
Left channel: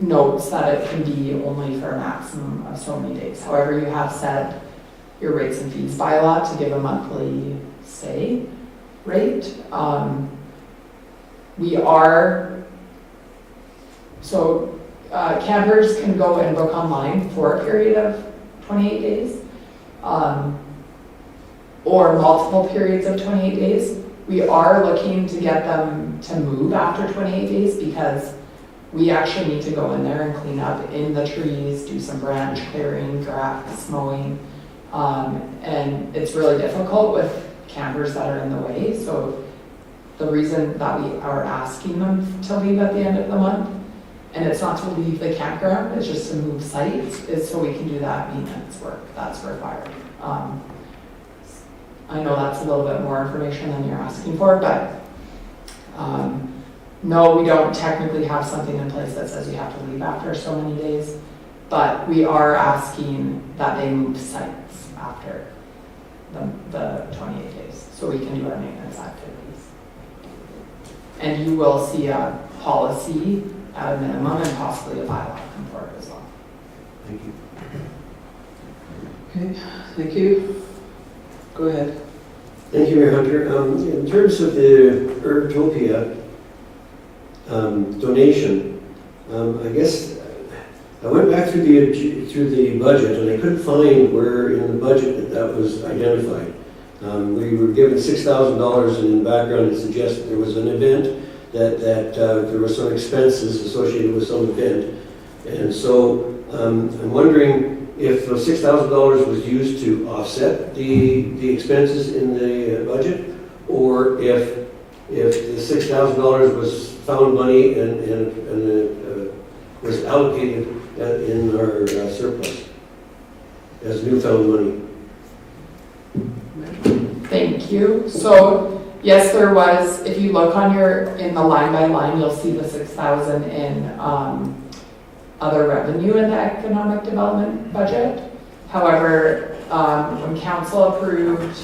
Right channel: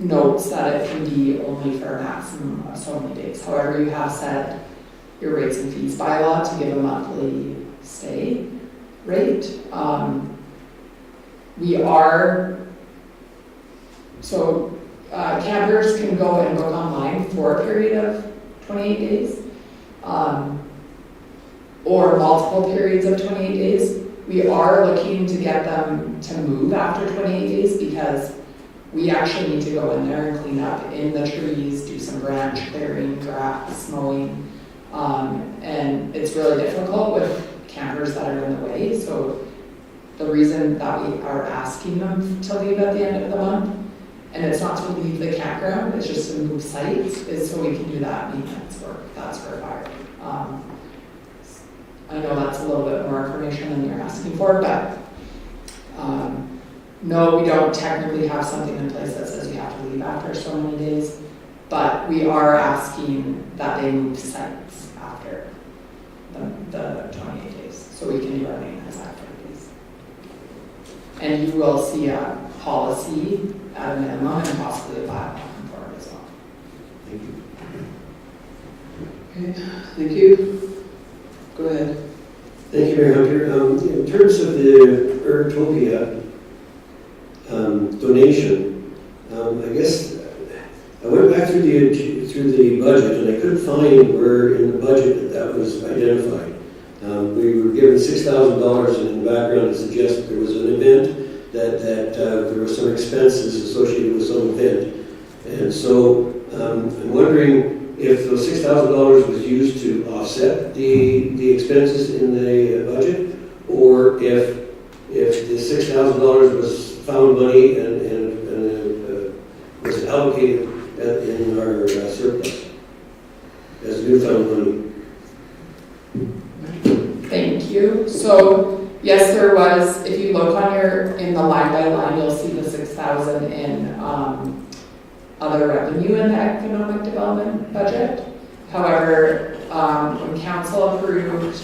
notes that it can be only for a maximum of so many days. However, you have set your rates and fees bylaw to give a monthly stay rate. Campers can go and book online for a period of 28 days, or multiple periods of 28 days. We are looking to get them to move after 28 days because we actually need to go in there and clean up in the trees, do some branch clearing, grass mowing, and it's really difficult with campers that are in the way. So the reason that we are asking them to leave at the end of the month, and it's not to leave the campground, it's just to move sites, is so we can do that maintenance work that's required. I know that's a little bit more information than you're asking for, but no, we don't technically have something in place that says you have to leave after so many days, but we are asking that they move sites after the 28 days, so we can do our maintenance activities. And you will see a policy at a minimum and possibly a bylaw come forward as well. Thank you. Okay, thank you. Go ahead. Thank you, Mayor Hunter. In terms of the Urtopia donation, I guess I went back through the budget and I couldn't find where in the budget that was identified. We were given $6,000, and in the background it suggests there was an event that there were some expenses associated with some event. And so I'm wondering if the $6,000 was used to offset the expenses in the budget, or if the $6,000 was found money and was allocated in our surplus as newfound money. Thank you. So Yes, there was, if you look on in the line by line, you'll see the 6,000 in other revenue in the economic development budget. However, when council approved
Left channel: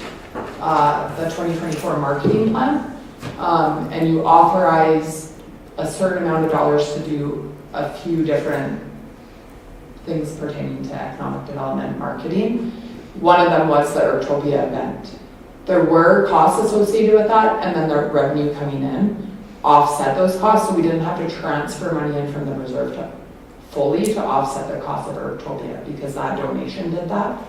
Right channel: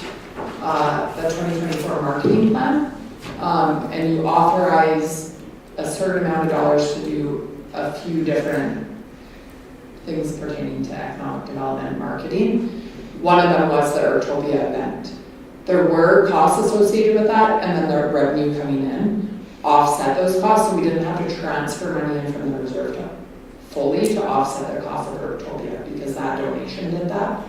the 2024 marketing plan, and you authorize a certain amount of dollars to do a few different things pertaining to economic development marketing, one of them was the Urtopia event. There were costs associated with that, and then the revenue coming in offset those costs, so we didn't have to transfer money in from the reserve to fully to offset the cost of Urtopia, because that donation did that.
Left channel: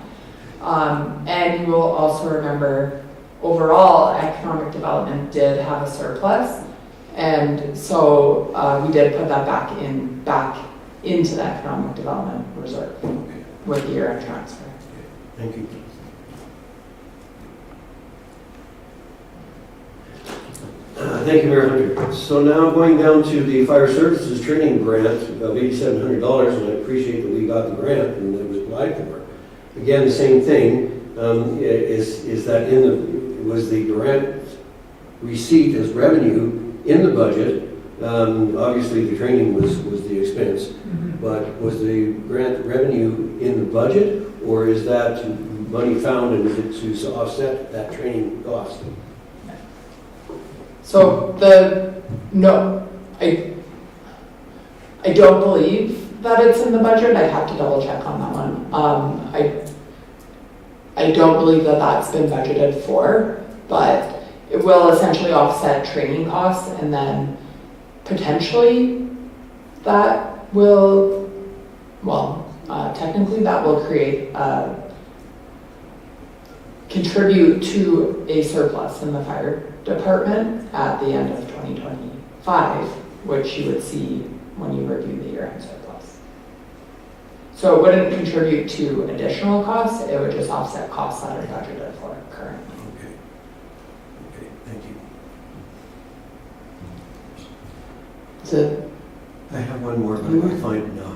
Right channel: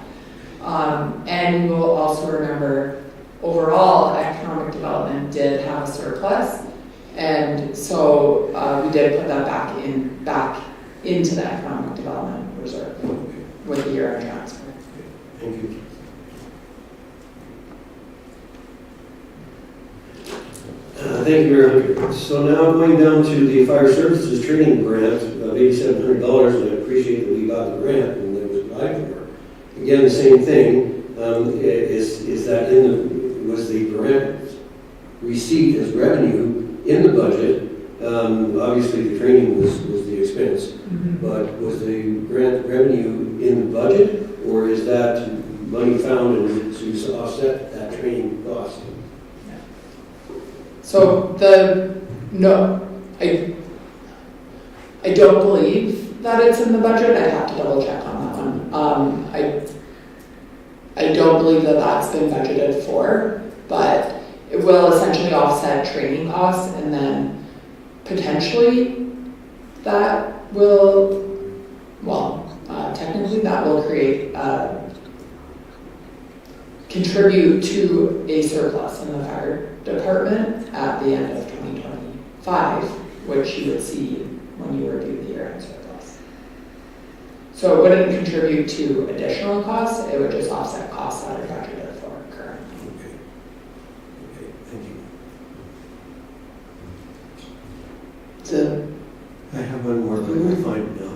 And you will also remember, overall, economic development did have a surplus, and so we did put that back into the economic development reserve with the year-end transfer. Thank you. Thank you, Mayor Hunter. So now going down to the fire services training grant of $8,700, and I appreciate that we got the grant and it was applied for. Again, the same thing, is that was the grant received as revenue in the budget? Obviously, the training was the expense, but was the grant revenue in the budget, or is that money found to offset that training cost? So I don't believe that it's in the budget. I'd have to double check on that one. I don't believe that that's been budgeted for, but it will essentially offset training costs, and then potentially that will, technically that will contribute to a surplus in the fire department at the end of 2025, which you would see when you review the year-end surplus. So it wouldn't contribute to additional costs, it would just offset costs that are budgeted for currently. Okay, thank you. So, I have one more, but I find it now.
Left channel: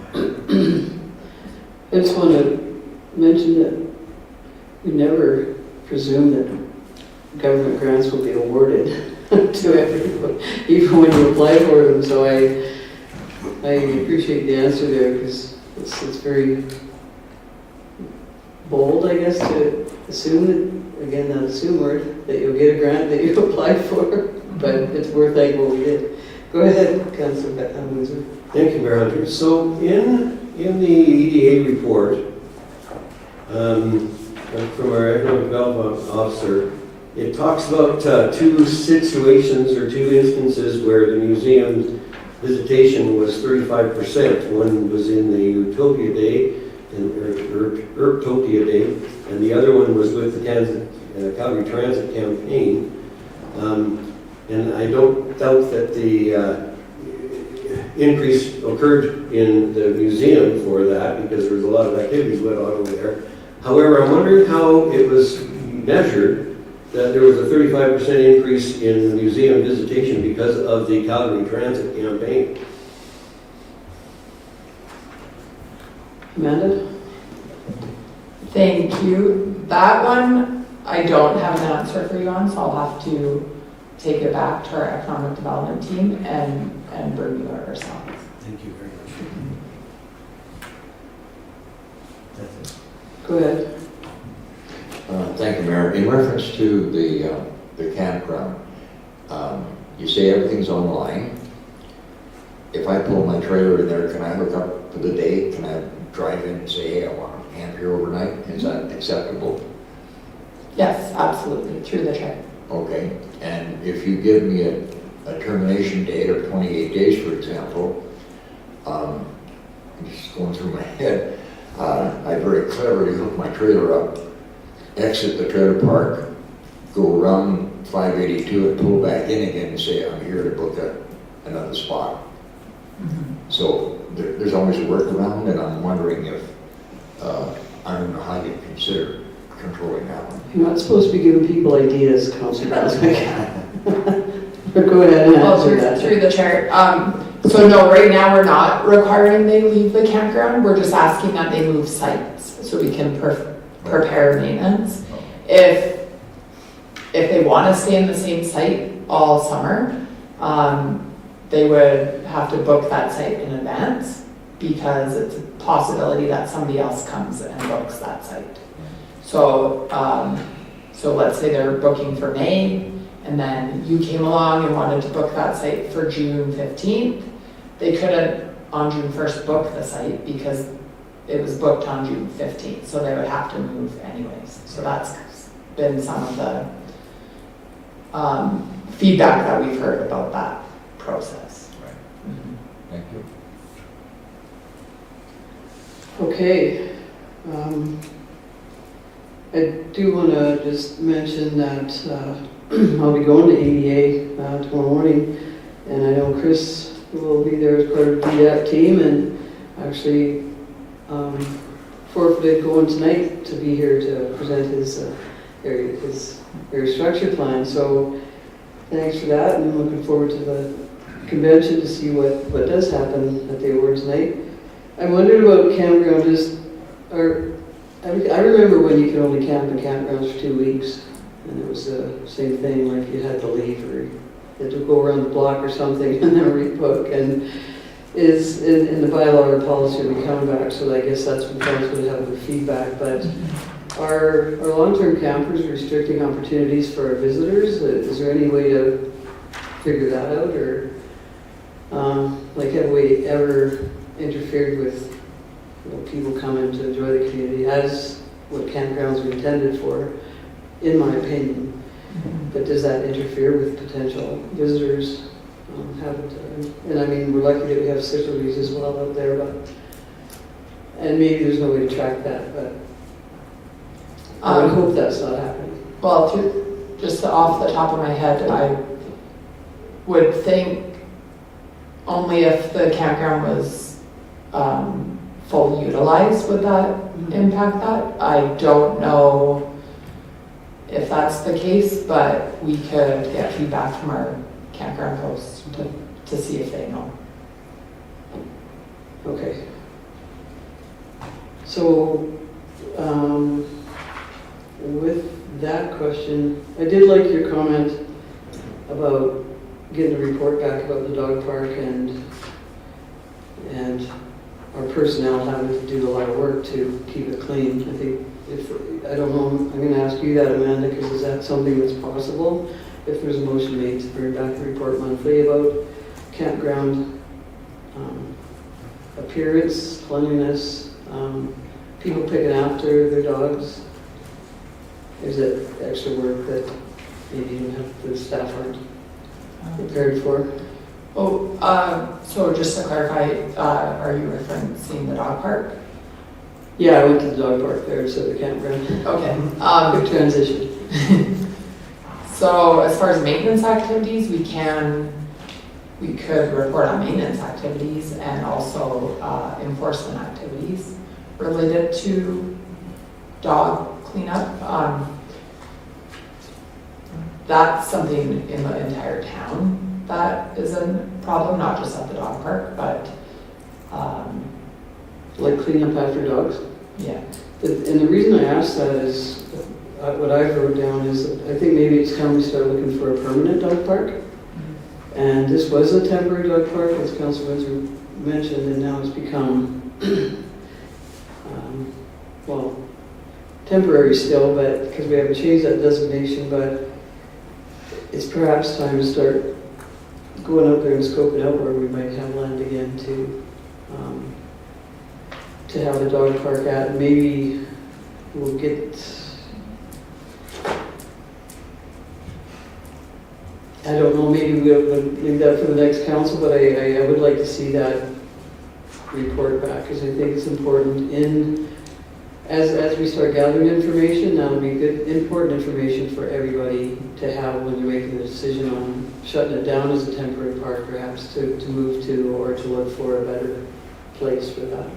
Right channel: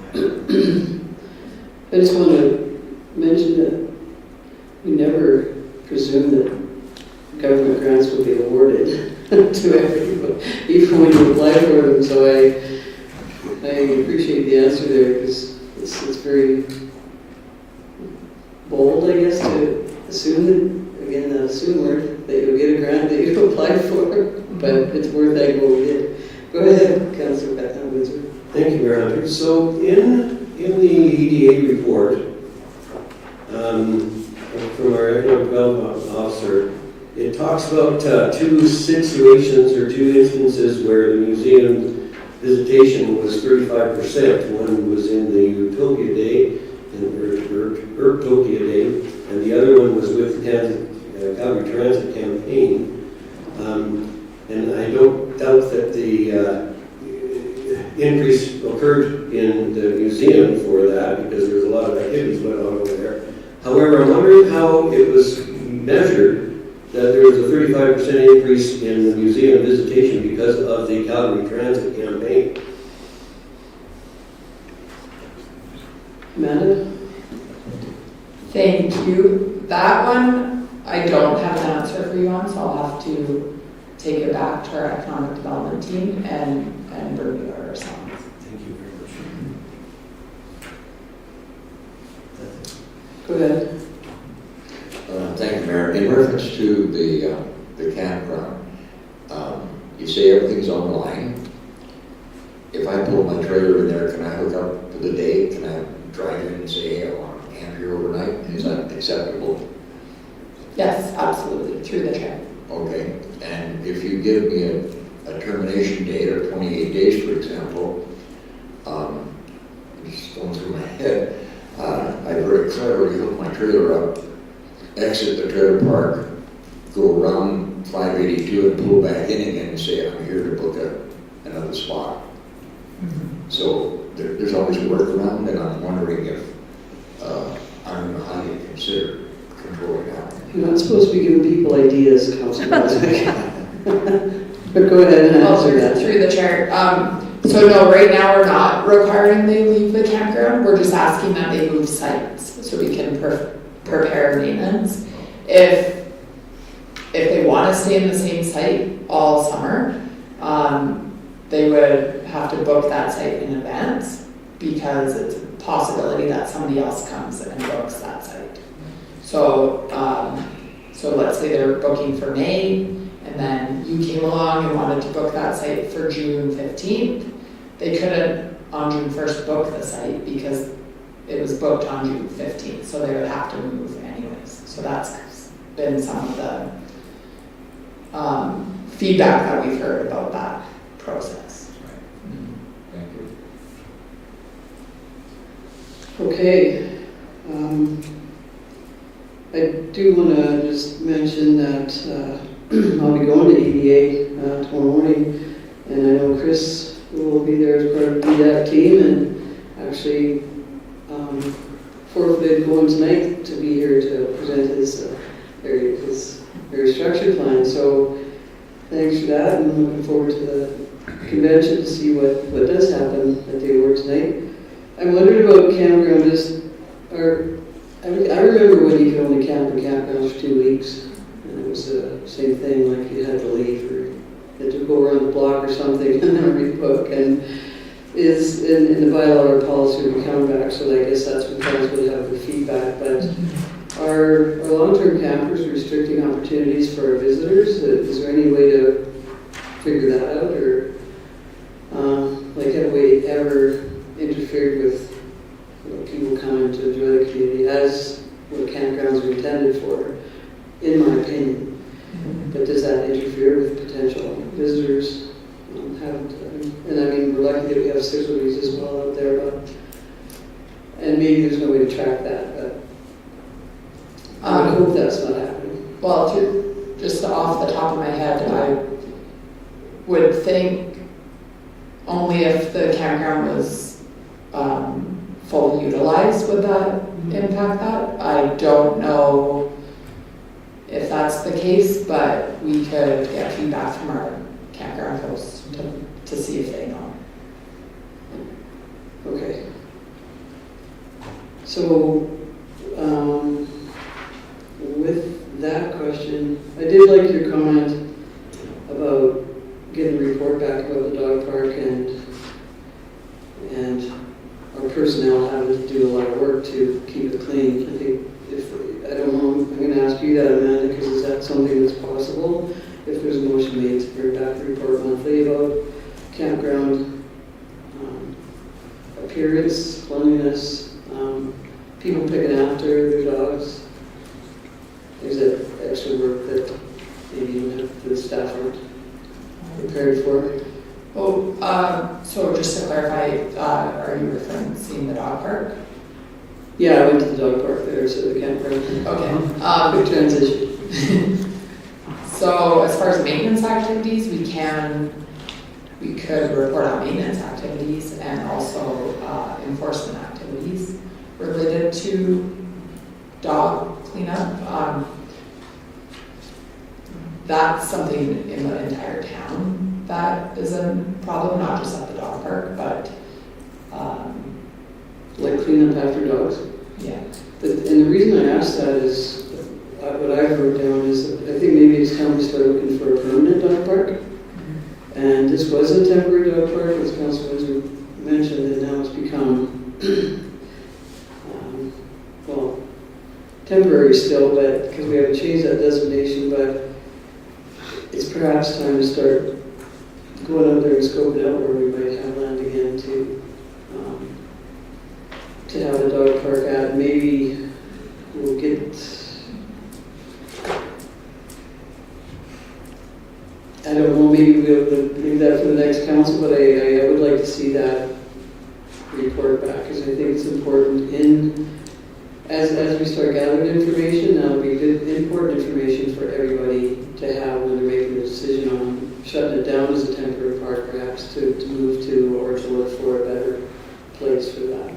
I just want to mention that we never presume that government grants will be awarded to everyone, even when you apply for them. So I appreciate the answer there, because it's very bold, I guess, to assume, again, not assume word, that you'll get a grant that you applied for, but it's worth like what we did. Go ahead, Councilor Windsor. Thank you, Mayor Hunter. So in the EDA report, from our economic development officer, it talks about two situations or two instances where the museum visitation was 35%. One was in the Utopia Day, Urtopia Day, and the other one was with the Calgary Transit Campaign. And I don't doubt that the increase occurred in the museum for that, because there's a lot of activities going on over there. However, I'm wondering how it was measured that there was a 35% increase in the museum visitation because of the Calgary Transit Campaign. Amanda? Thank you. That one, I don't have an answer for you on, so I'll have to take it back to our economic development team and review it ourselves. Thank you very much. Go ahead. Thank you, Mayor. In reference to the campground, you say everything's on the line. If I pull my trailer in there, can I hook up for the day? Can I drive in and say, hey, I want to camp here overnight? Is that acceptable? Yes, absolutely, through the check. Okay. And if you give me a termination date of 28 days, for example, I'm just going through my head, I very cleverly hook my trailer up, exit the trailer park, go around 582 and pull back in again and say, I'm here to book another spot. So there's always a workaround, and I'm wondering if, I don't know how you consider controlling that. You're not supposed to be giving people ideas, Councilor. But go ahead and answer that. Through the chair. So no, right now we're not requiring they leave the campground. We're just asking that they move sites so we can prepare maintenance. If if they want to stay in the same site all summer, they would have to book that site in advance because it's a possibility that somebody else comes and books that site. So, so let's say they're booking for May, and then you came along and wanted to book that site for June 15th. They couldn't on June 1st book the site because it was booked on June 15th, so they would have to move anyways. So that's been some of the feedback that we've heard about that process. Thank you. Okay. I do want to just mention that I'll be going to EDA tomorrow morning, and I know Chris will be there as part of that team, and actually forfeited going tonight to be here to present his area structure plan. So thanks for that, and I'm looking forward to the convention to see what does happen at the awards night. I wondered about campground. I remember when you could only camp in campgrounds for 2 weeks, and it was the same thing, like you had to leave or you had to go around the block or something and then rebook, and is in the bylaw or policy to come back, so I guess that's what council would have the feedback. But are long-term campers restricting opportunities for our visitors? Is there any way to figure that out, or like have we ever interfered with people coming to enjoy the community as what campgrounds are intended for, in my opinion? But does that interfere with potential visitors? And I mean, we're lucky that we have facilities as well out there, but and maybe there's no way to track that, but I hope that's not happening. Well, just off the top of my head, I would think only if the campground was fully utilized would that impact that. I don't know if that's the case, but we could get feedback from our campground hosts to see if they know. Okay. So, with that question, I did like your comment about getting a report back about the dog park and our personnel having to do a lot of work to keep it clean. I think I don't know, I'm going to ask you that, Amanda, because is that something that's possible? If there's a motion made to bring back the report monthly about campground appearance, cleanliness, people picking after their dogs. Is it extra work that maybe the staff aren't prepared for? Oh, so just to clarify, are you referring to seeing the dog park? Yeah, I went to the dog park there, so the campground. Okay. Good transition. So as far as maintenance activities, we could report on maintenance activities and also enforcement activities related to dog cleanup. That's something in the entire town that is a problem, not just at the dog park, but Like cleanup after dogs? yeah. And the reason I asked that is, what I've wrote down is, I think maybe it's time to start looking for a permanent dog park. And this was a temporary dog park, as Council Windsor mentioned, and now it's become, well, temporary still, but because we haven't changed that designation, but it's perhaps time to start going out there and scoping out where we might have land again to have the dog park at. Maybe we'll get, I don't know, maybe we'll leave that for the next council, but I would like to see that report back, because I think it's important as we start gathering information. That'll be good, important information for everybody to have when they're making a decision on shutting it down as a temporary park, perhaps to move to, or to look for a better place for that.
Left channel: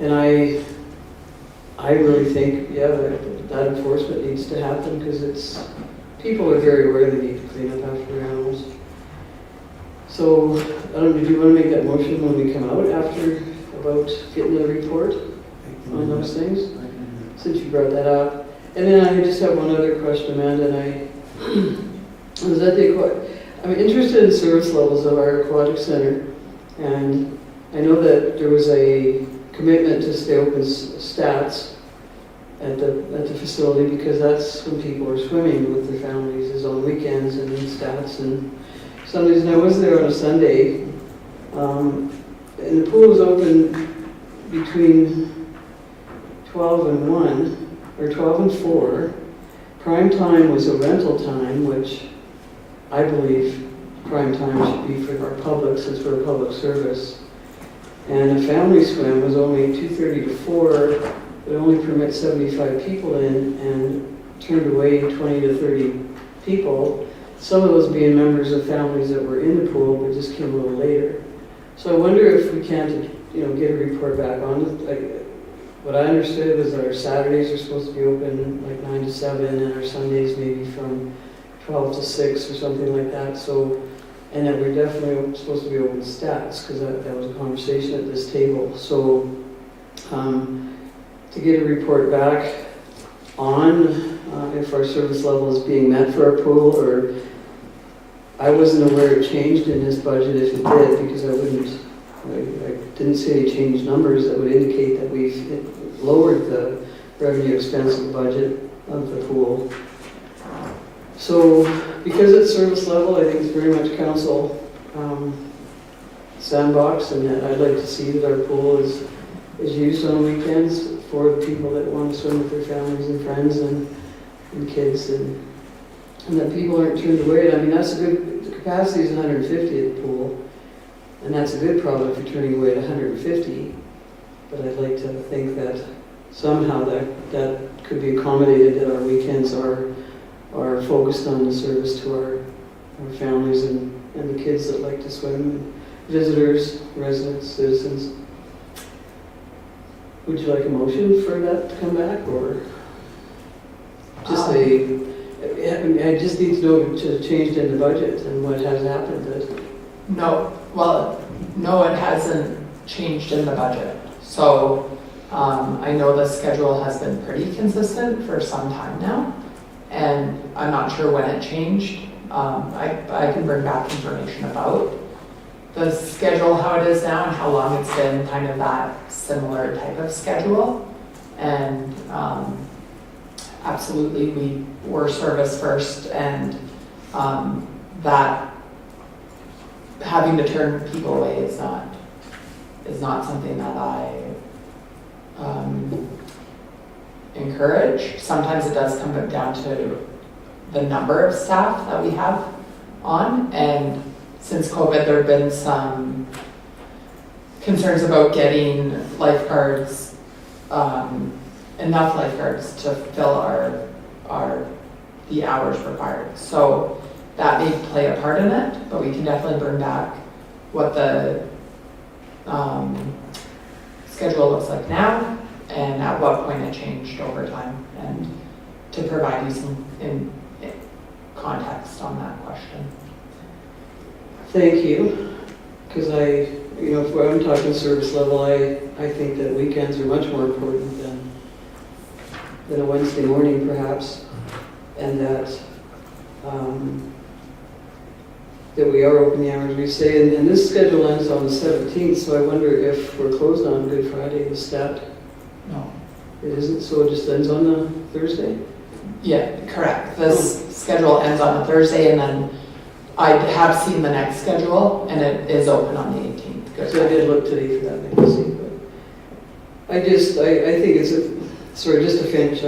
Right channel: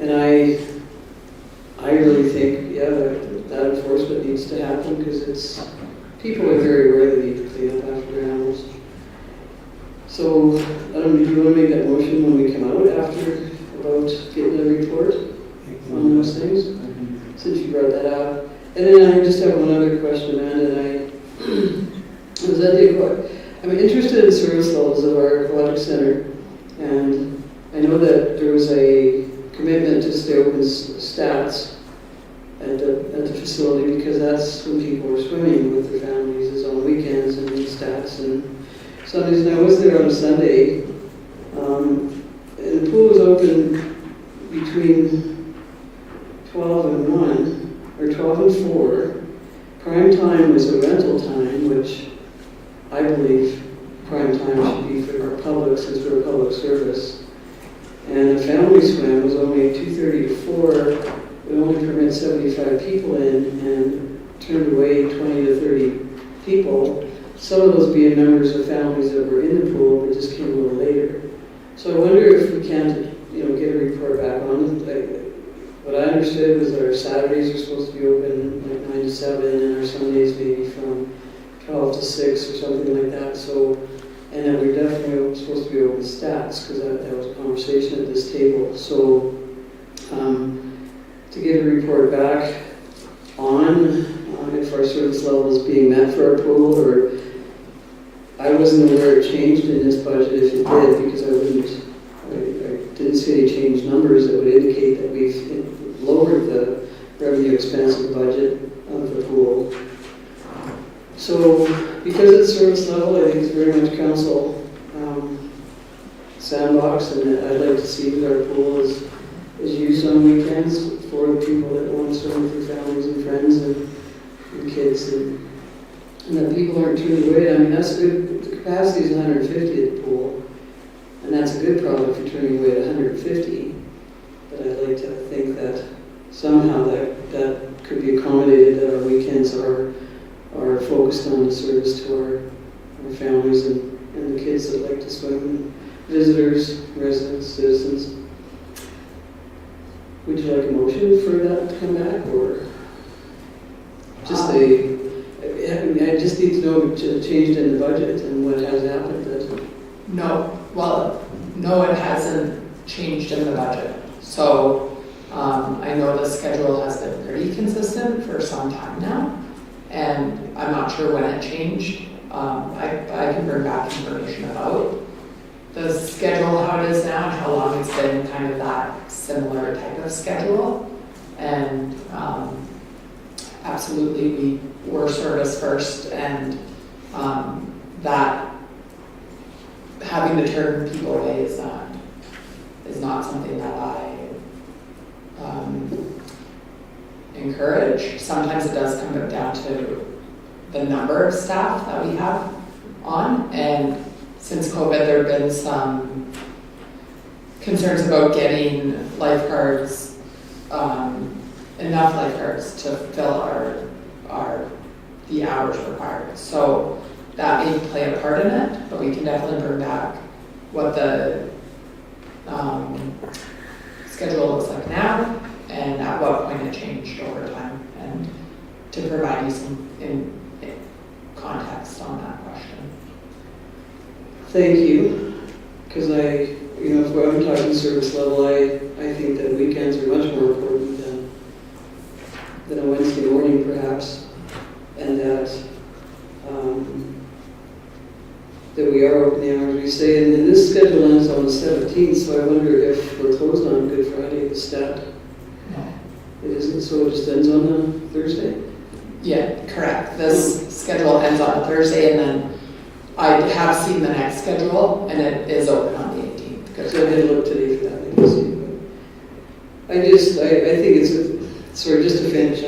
And I really think, yeah, that enforcement needs to happen, because people are very aware they need to clean up after their animals. So, do you want to make that motion when we come out after, about getting the report on those things? Since you brought that up. And then I just have one other question, Amanda, and interested in service levels of our aquatic center, and I know that there was a commitment to stay open stats at the facility, because that's when people were swimming with their families, is on weekends and in stats and Sundays. And I was there on a Sunday, and the pool was open between 12 and 1, or 12 and 4. Prime time was a rental time, which I believe prime time should be for our public, since we're a public service. And the family swim was only 2:30 to 4. We only permit 75 people in and turned away 20 to 30 people. Some of those being members of families that were in the pool but just came a little later. So I wonder if we can, get a report back on it. What I understood was our Saturdays are supposed to be open like 9 to 7, and our Sundays maybe from 12 to 6 or something like that. So, and then we're definitely supposed to be open stats, because that was a conversation at this table. So, to get a report back on if our service level is being met for our pool, or I wasn't aware it changed in this budget. If it did, because I didn't see any changed numbers that would indicate that we've lowered the revenue expense of the budget of the pool. So, because it's service level, I think it's very much council sandbox, and I'd like to see that our pool is used on weekends for the people that want to swim with their families and friends and kids, and that people aren't turned away. I mean, that's a good, the capacity is 150 at the pool, and that's a good problem if you're turning away at 150. But I'd like to think that somehow that could be accommodated, that our weekends are focused on the service to our families and the kids that like to swim, and visitors, residents, citizens. Would you like a motion for that to come back, or just I just need to know what changed in the budget and what has happened? No, it hasn't changed in the budget. So I know the schedule has been pretty consistent for some time now, and I'm not sure when it changed. I can bring back information about the schedule, how it is now, and how long it's been kind of that similar type of schedule. And absolutely, we were service first, and that having to turn people away is not something that I encourage. Sometimes it does come down to the number of staff that we have on, and since COVID, there have been some concerns about getting lifeguards, enough lifeguards to fill the hours required. So that may play a part in it, but we can definitely bring back what the schedule looks like now and at what point it changed over time, and to provide you some context on that question. Thank you, because if I'm talking service level, I think that weekends are much more important than a Wednesday morning, perhaps, and that we are open the hours we say. And then this schedule ends on the 17th, so I wonder if we're closed on Good Friday, the stat. No. It isn't, so it just ends on a Thursday? Yeah, correct. This schedule ends on a Thursday, and then I have seen the next schedule, and it is open on the 18th. Good So I didn't look today for that, I can see. But I think it's just to finish,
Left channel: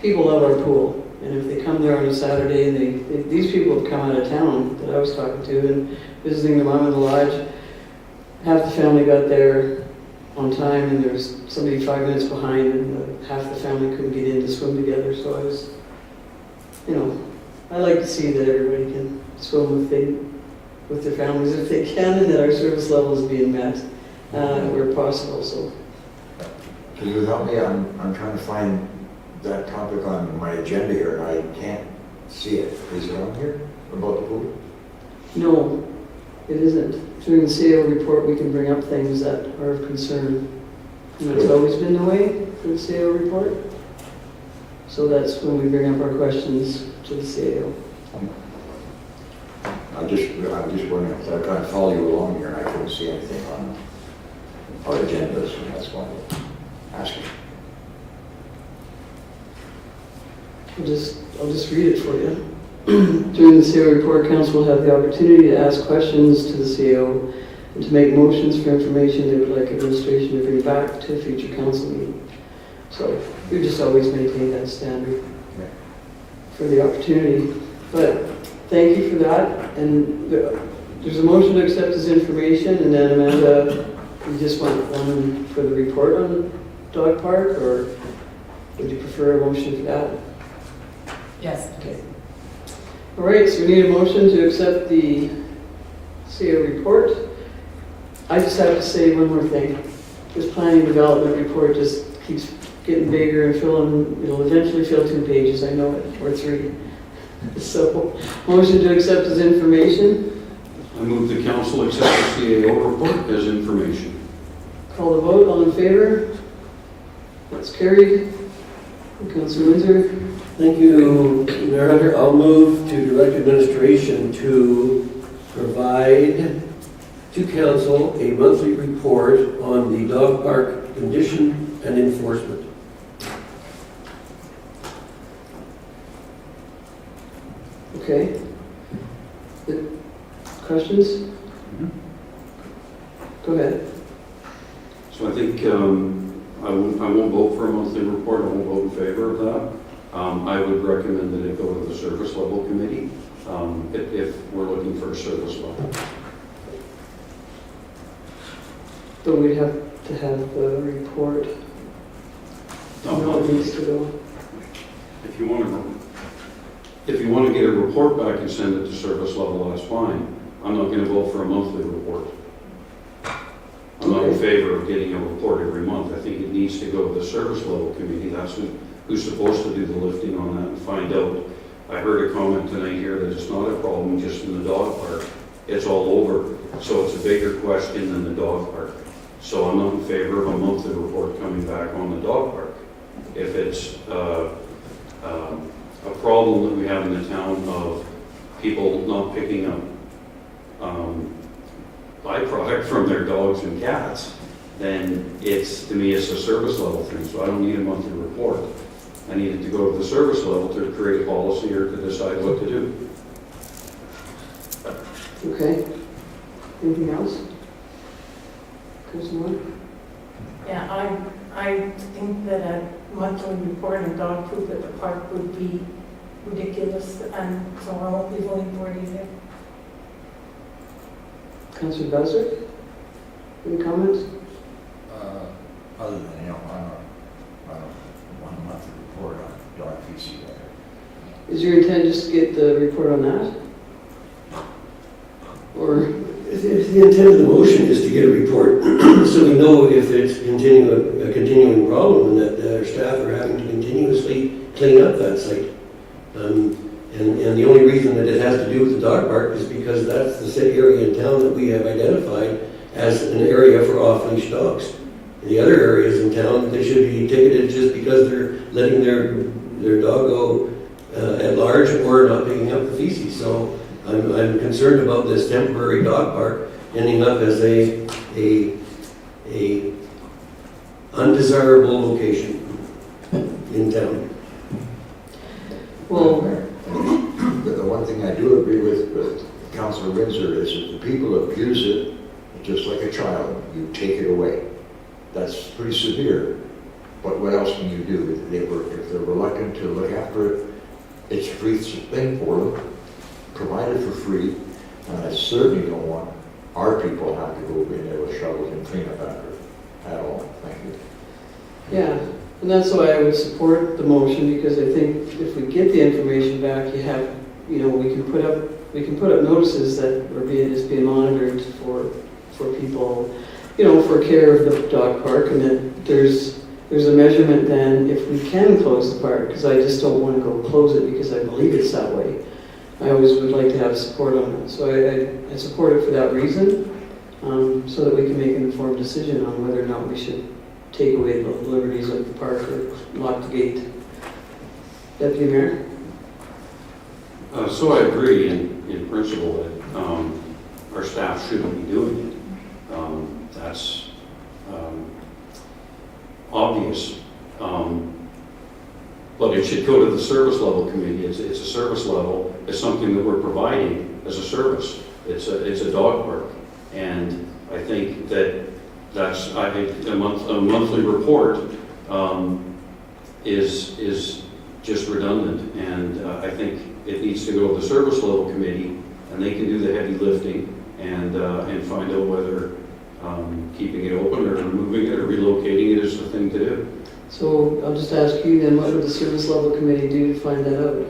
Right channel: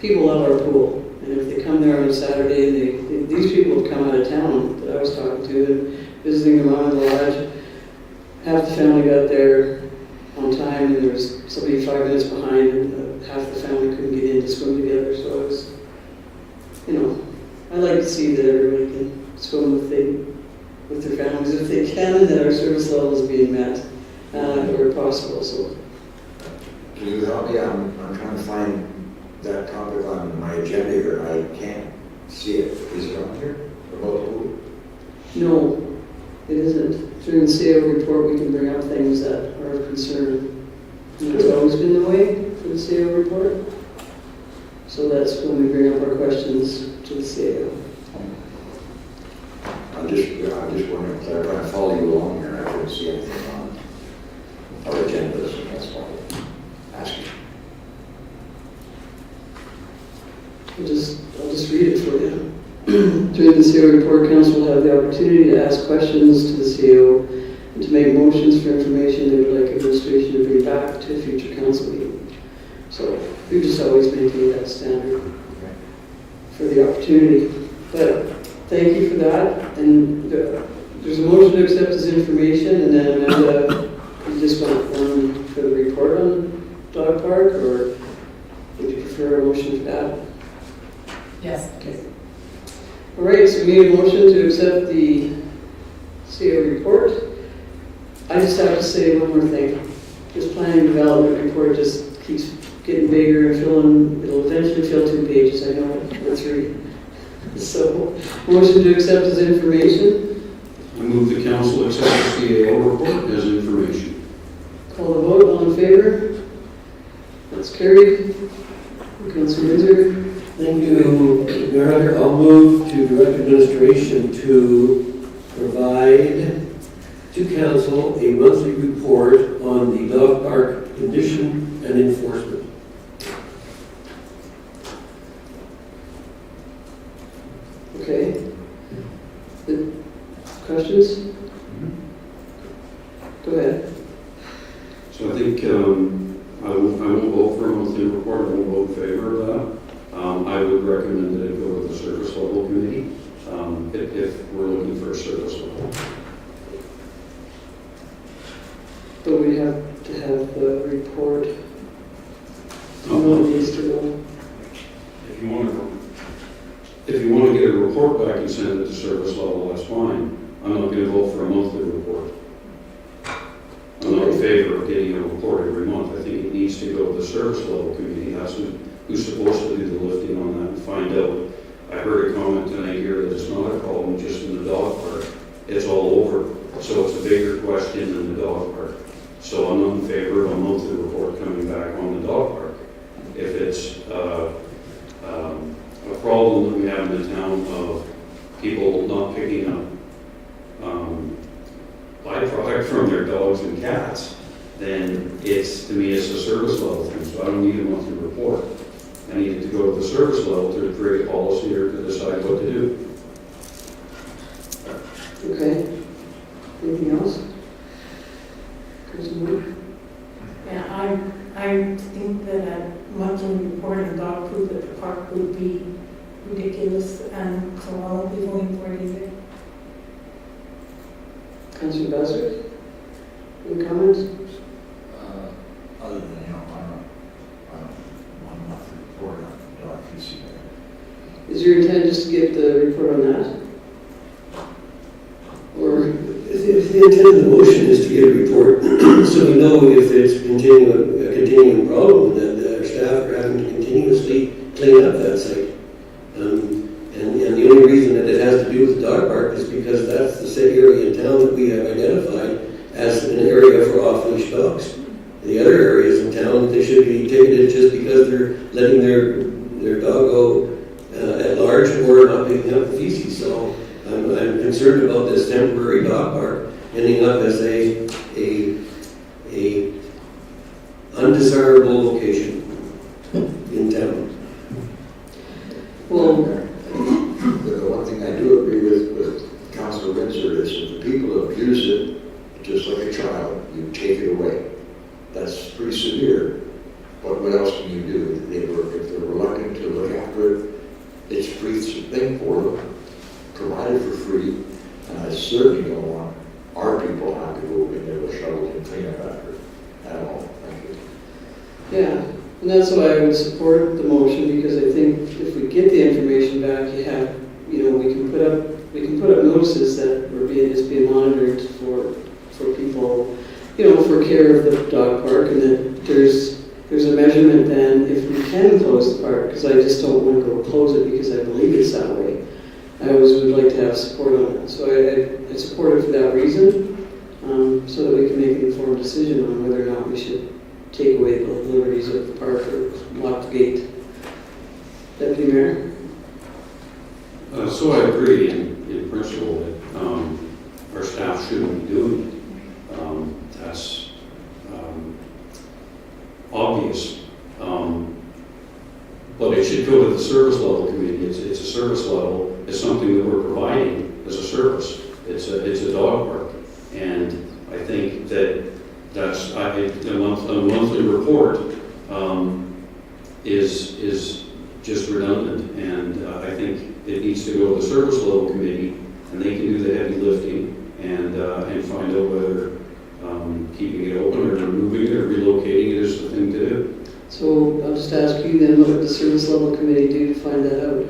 people love our pool. And if they come there on a Saturday, these people have come out of town that I was talking to and visiting their mom in the lodge. Half the family got there on time, and there was somebody 5 minutes behind, and half the family couldn't get in to swim together. So I was, I like to see that everybody can swim with their families if they can, and that our service level is being met where possible. So, Can you help me? I'm trying to find that topic on my agenda here, and I can't see it. Is it on here about the pool? no, it isn't. Through the CAO report, we can bring up things that are of concern. And it's always been the way in the CAO report. So that's when we bring up our questions to the CAO. I'm just I just wondering, if I'm trying to follow you along here, and I couldn't see anything on our agendas, and that's why I'm asking. I'll just read it for you. During the CO report, council will have the opportunity to ask questions to the CO and to make motions for information they would like administration to bring back to a future council meeting. So we just always maintain that standard for the opportunity. But thank you for that. And there's a motion to accept this information, and then Amanda, you just want one for the report on dog park, or would you prefer a motion for that? Yes. Okay. All right, so we need a motion to accept the CO report. I just have to say one more thing. This planning development report just keeps getting bigger and filling, it'll eventually fill 2 pages, I know it, or 3. So, motion to accept as information. I move the council accept the CAO report as information. Call the vote, all in favor? That's carried. Councilor Windsor. Thank you, Mayor Hunter. I'll move to direct administration to provide to council a monthly report on the dog park condition and enforcement. Okay. Questions? Go ahead. So I think I won't vote for a monthly report. I won't vote in favor of that. I would recommend that it go to the service level committee if we're looking for a service level. But we'd have to have the report. No, These two. if you want to get a report back and send it to service level, that's fine. I'm not going to vote for a monthly report. I'm not in favor of getting a report every month. I think it needs to go to the service level committee. That's who's supposed to do the lifting on that and find out. I heard a comment tonight here that it's not a problem just in the dog park. It's all over. So it's a bigger question than the dog park. So I'm not in favor of a monthly report coming back on the dog park. If it's a problem that we have in the town of people not picking up byproduct from their dogs and cats, then it's, to me, it's a service level thing. So I don't need a monthly report. I need it to go to the service level to create a policy or to decide what to do. Okay. Anything else? Councilor? Yeah, I think that a monthly report on dog food at the park would be ridiculous, and so I won't be voting for it either. Councilor Buzzard? Any comments? Other than, I don't want a monthly report on dog feces. Is your intent just to get the report on that? Or, The intent of the motion is to get a report so we know if it's a continuing problem and that our staff are having to continuously clean up that site. And the only reason that it has to do with the dog park is because that's the same area in town that we have identified as an area for off-leash dogs. The other areas in town, they should be ticketed just because they're letting their dog go at large or not picking up the feces. So I'm concerned about this temporary dog park ending up as a undesirable location in town. well, The one thing I do agree with Councilor Windsor is if people abuse it, just like a child, you take it away. That's pretty severe. But what else can you do? If they're reluctant to look after it, it's a free thing for them, provided for free. And I certainly don't want our people to have to go in there with shovels and clean up after it at all. Thank you. yeah, and that's why I would support the motion, because I think if we get the information back, we can put up notices that we're being monitored for people, for care of the dog park, and that there's a measurement then if we can close the park, because I just don't want to go close it because I believe it's that way. I always would like to have support on it. So I support it for that reason, so that we can make an informed decision on whether or not we should take away the liberties of the park or lock the gate. Deputy Mayor? So I agree in principle that our staff shouldn't be doing it. That's obvious. But it should go to the service level committee. It's a service level. It's something that we're providing as a service. It's a dog park. And I think that's a monthly report is just redundant. And I think it needs to go to the service level committee, and they can do the heavy lifting and find out whether keeping it open or removing it or relocating it is the thing to do. So I'll just ask you then, what would the service level committee do to find that out?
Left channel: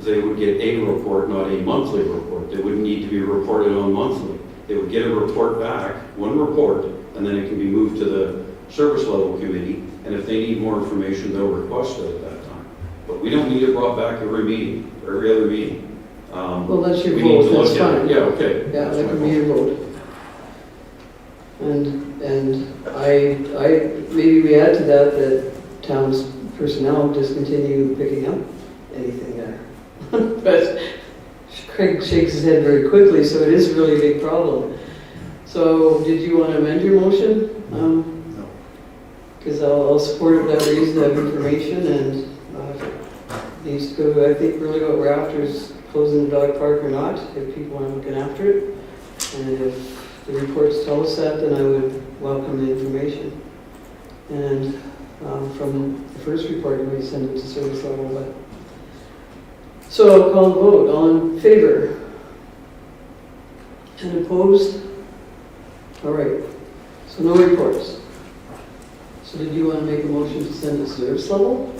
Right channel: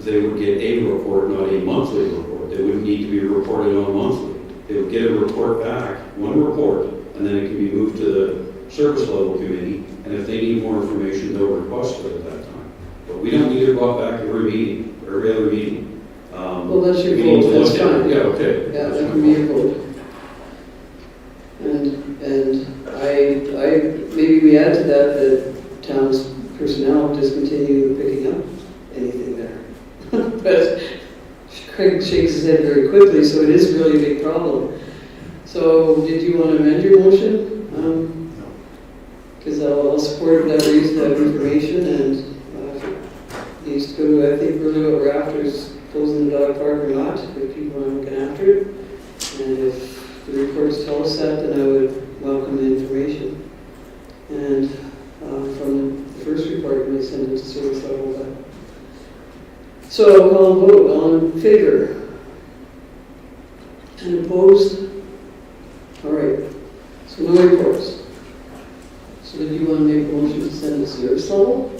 They would get a report, not a monthly report. They wouldn't need to be reported on monthly. They would get a report back, one report, and then it can be moved to the service level committee, and if they need more information, they'll request it at that time. But we don't need it brought back every meeting, or every other meeting. Well, that's your we need vote, to that's look at it. fine. Yeah, okay. Yeah, that would be your vote. And maybe we add to that town's personnel discontinue picking up anything there. But Craig shakes his head very quickly, so it is really a big problem. So did you want to amend your motion? No. Because I'll support that reason of information, and needs to go to, I think, really what we're after is closing the dog park or not, if people are looking after it. And if the reports tell us that, then I would welcome the information. And from the first report, we send it to service level. But so I'll call a vote. All in favor? And opposed? All right. So no reports. So did you want to make a motion to send it to service level?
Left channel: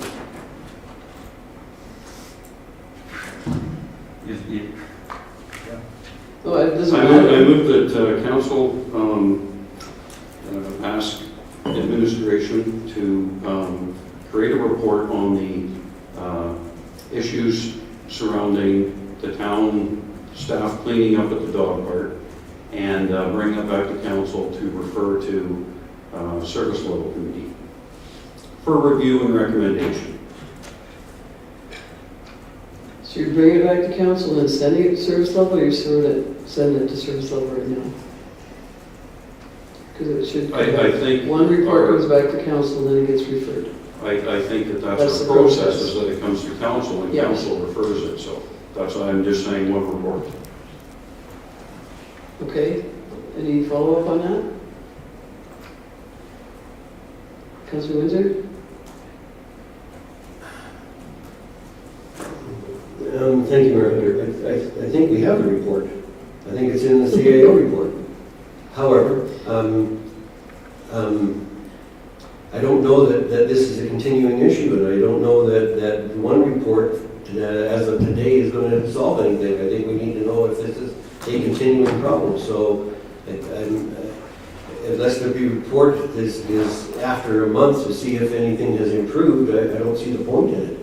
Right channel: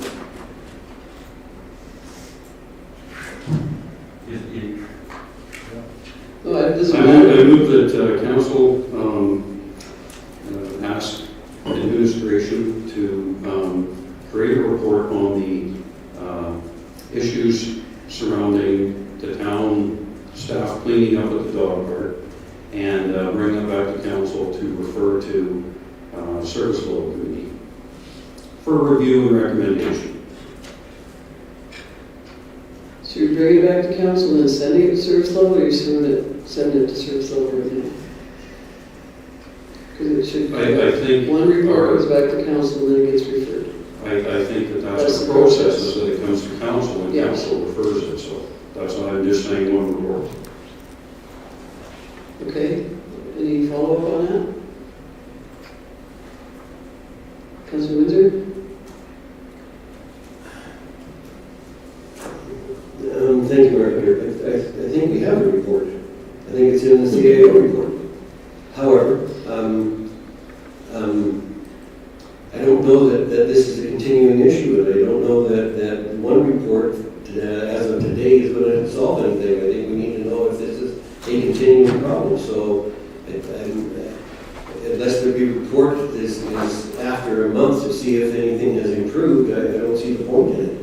No, it doesn't matter. I move that council ask administration to create a report on the issues surrounding the town staff cleaning up at the dog park, and bring it back to council to refer to service level committee for review and recommendation. So you bring it back to council and send it to service level, or you send it to service level right now? Because it should, I think one report goes back to council and then it gets referred. I think that that's That's the the process, process. is that it comes to council and Yes. council refers it, so that's why I'm just saying one report. Okay, any follow-up on that? Councilor Windsor? Thank you, Mayor. I think we have a report. I think it's in the CAO report. However, I don't know that this is a continuing issue, and I don't know that one report as of today is going to solve anything. I think we need to know if this is a continuing problem. So unless the report is after a month to see if anything has improved, I don't see the point in it.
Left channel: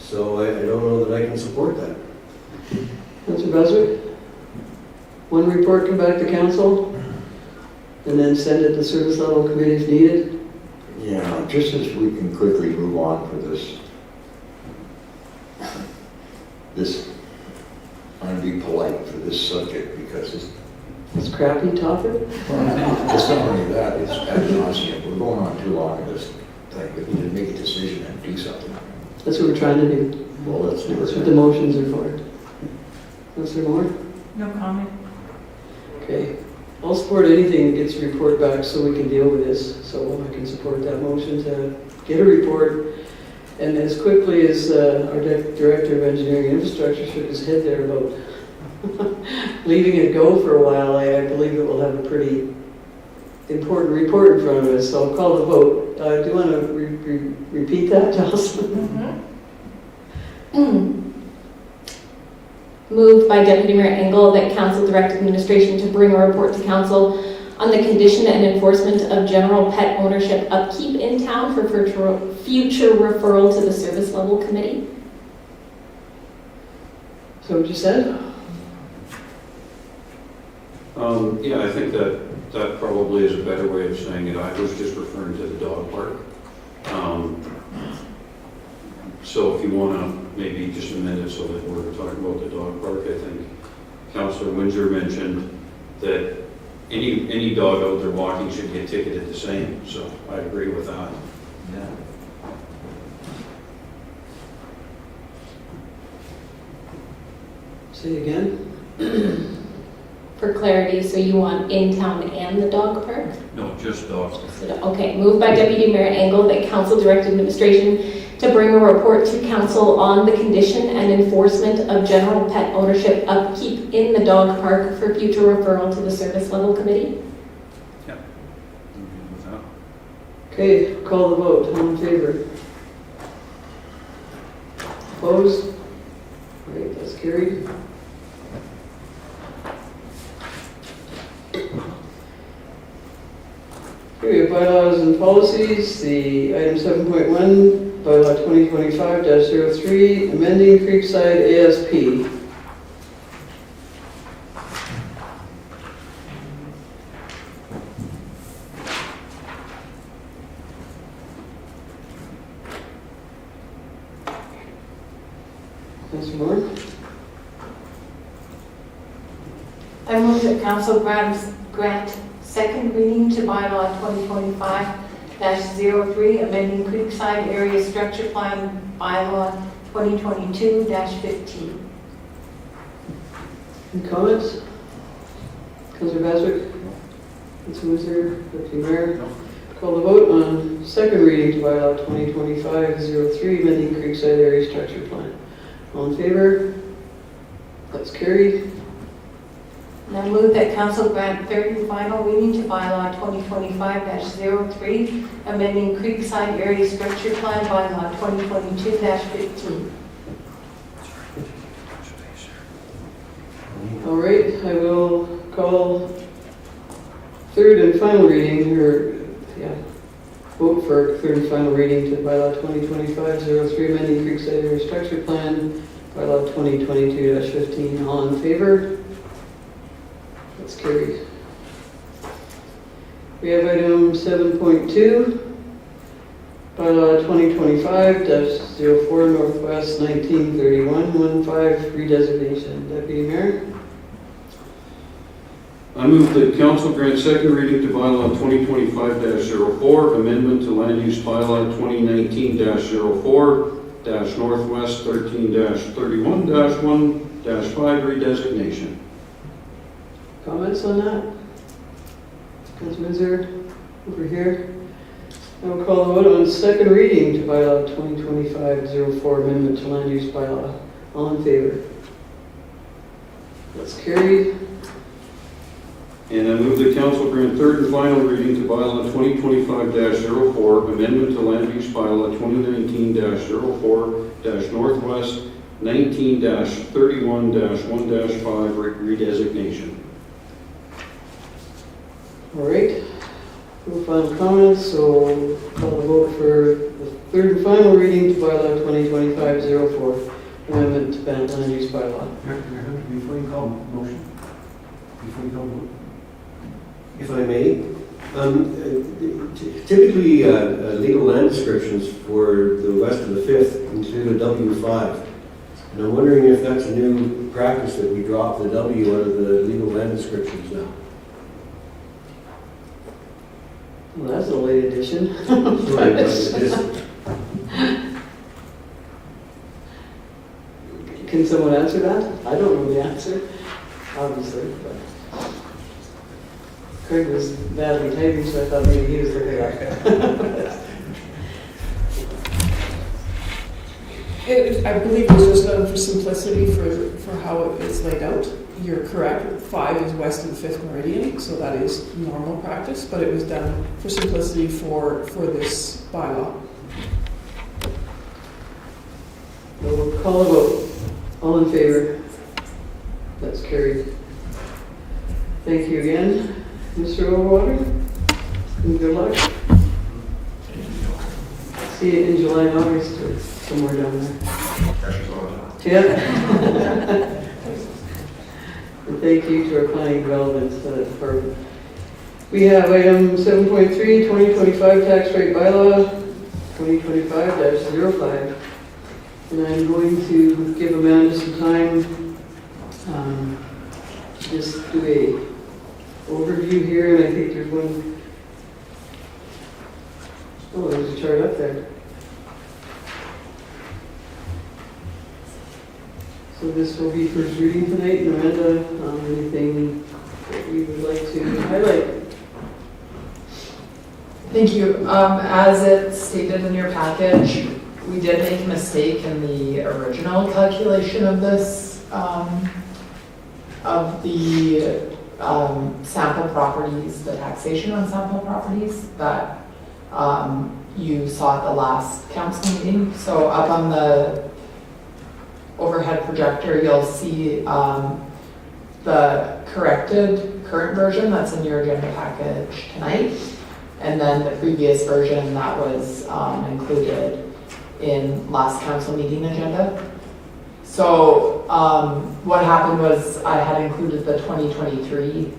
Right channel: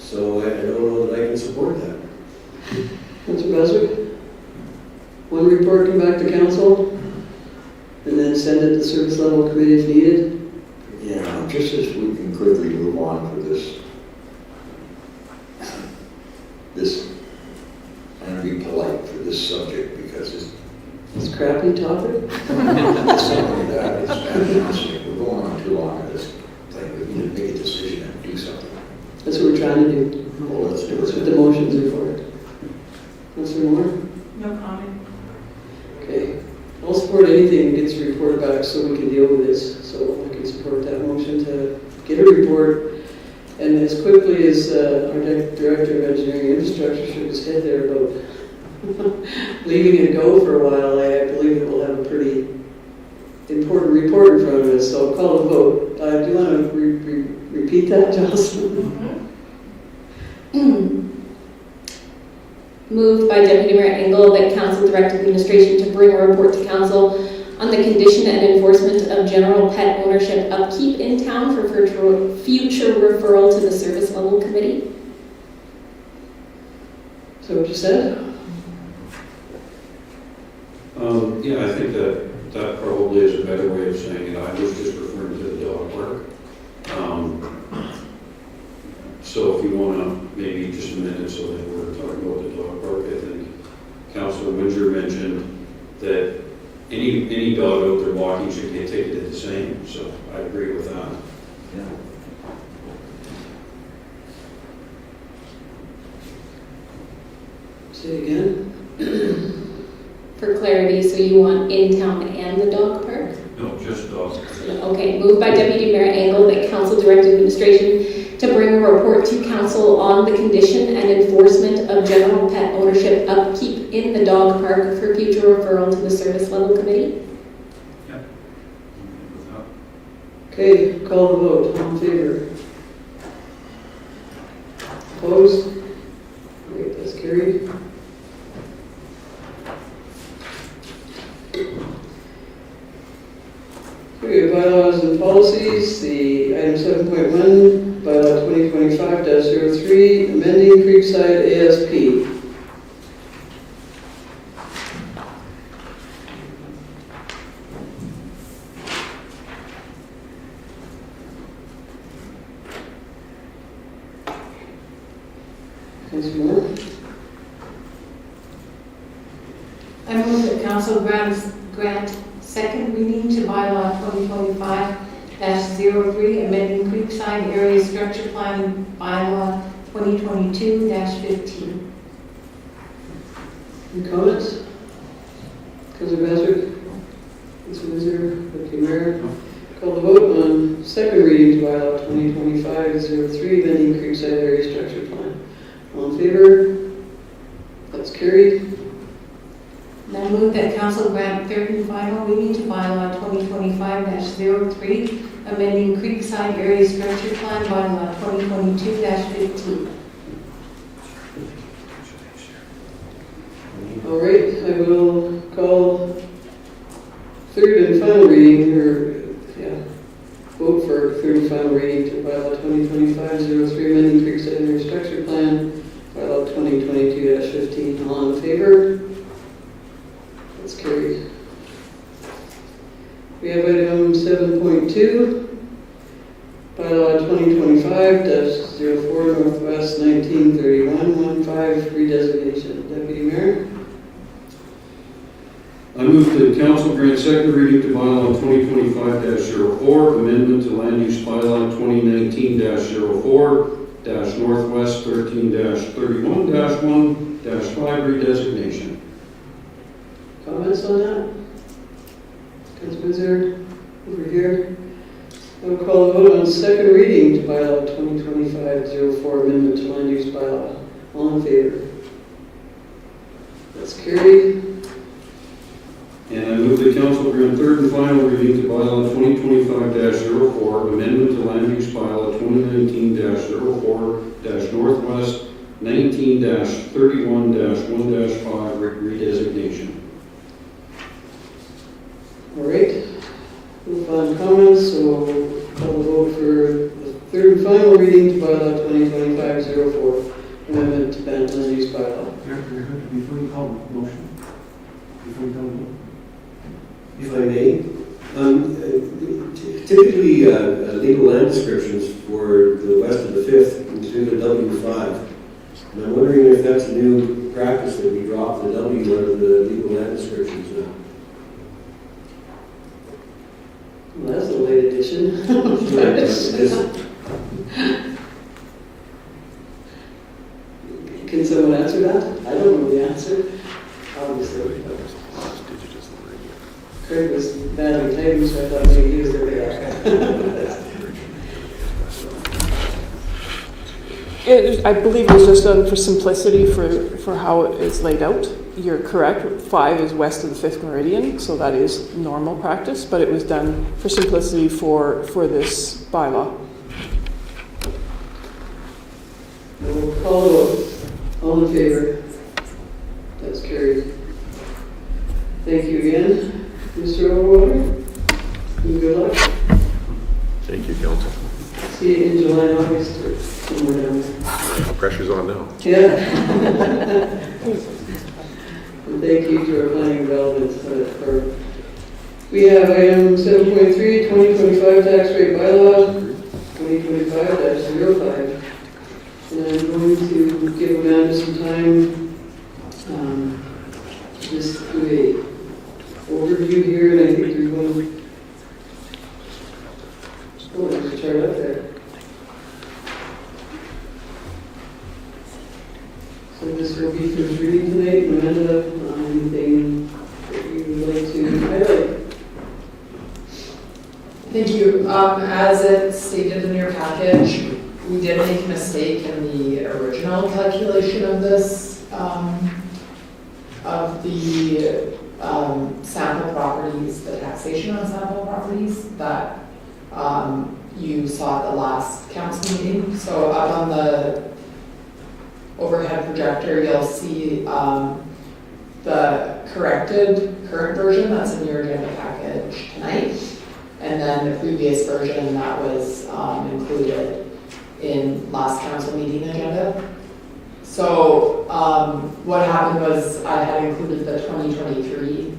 So I don't know that I can support that. Councilor Besser? One report come back to council, and then send it to service level committee if needed? Yeah, just as we can quickly move on for this, I'm going to be polite for this subject because It's a crappy topic? it's not only that, it's honestly, we're going on too long on this thing. We need to make a decision and do something. That's what we're trying to do. Well, let's do That's what it. the motions are for. Councilor Moore? No comment. Okay. I'll support anything that gets reported back so we can deal with this. So I can support that motion to get a report. And as quickly as our Director of Engineering Infrastructure shook his head there about leaving it go for a while, I believe that we'll have a pretty important report in front of us. So I'll call a vote. Do you want to repeat that, Jocelyn? Moved by Deputy Mayor Engel that council direct administration to bring a report to council on the condition and enforcement of general pet ownership upkeep in town for future referral to the service level committee. So what you said? Yeah, I think that probably is a better way of saying it. I was just referring to the dog park. So if you want to maybe just amend it so that we're talking about the dog park, I think council notion that any dog out there walking should get ticketed the same, so I agree with that. Yeah. Say again? For clarity, so you want in town and the dog park? No, just dogs. Okay, moved by Deputy Mayor Engel that council direct administration to bring a report to council on the condition and enforcement of general pet ownership upkeep in the dog park for future referral to the service level committee. Okay, call the vote. All in favor? Opposed? Great, that's carried. Okay, bylaws and policies, the item 7.1, bylaw 2025-03, amending Creekside ASP. Councilor Moore? I move that council grant second reading to bylaw 2025-03, amending Creekside Area Structure Plan bylaw 2022-15. Any comments? Councilor Bassett? Councilor Whizzer? Deputy Mayor? Call the vote on second reading to bylaw 2025-03, amending Creekside Area Structure Plan. All in favor? That's carried. And I move that council grant third and final reading to bylaw 2025-03, amending Creekside Area Structure Plan bylaw 2022-15. All right, I will call third and final reading, vote for third and final reading to bylaw 2025-03, amending Creekside Area Structure Plan, bylaw 2022-15. All in favor? That's carried. We have item 7.2, bylaw 2025-04, Northwest 1931-15 redesignation. Deputy Mayor? I move that council grant second reading to bylaw 2025-04, amendment to land use bylaw 2019-04, Northwest 13-31-1-5 redesignation. Comments on that? Councilor Whizzer, over here. I will call a vote on second reading to bylaw 2025-04, amendment to land use bylaw. All in favor? That's carried. And I move that council grant third and final reading to bylaw 2025-04, amendment to land use bylaw 2019-04, Northwest 19-31-1-5 redesignation. All right. No final comments, so call the vote for the third and final reading to bylaw 2025-04, amendment to land use bylaw. Before you call motion, if I may, typically legal land descriptions for the west of the 5th include a W5. And I'm wondering if that's a new practice that we drop the W out of the legal land descriptions now. Well, that's a late addition. Can someone answer that? I don't know the answer, obviously. But Craig was badly typing, so I thought maybe he was there. I believe it was just done for simplicity for how it's laid out. You're correct, 5 is west of the 5th meridian, so that is normal practice, but it was done for simplicity for this bylaw. We'll call a vote. All in favor? That's carried. Thank you again, Mr. Overwater. And good luck. Thank you, council. See you in July and August or somewhere down there. Pressure's on now. Yeah. And thank you for applying relevance to that part. We have item 7.3, 2025 tax rate bylaw, 2025-05. And I'm going to give Amanda some time just do a overview here, and I think there's one, oh, there's a chart up there. So this will be first reading tonight. Amanda, anything that you would like to highlight? Thank you. As it's stated in your package, we did make a mistake in the original calculation of this, of the sample properties, the taxation on sample properties that you saw at the last council meeting. So up on the overhead projector, you'll see the corrected current version that's in your agenda package tonight, and then the previous version that was included in last council meeting agenda. So what happened was I had included the 2023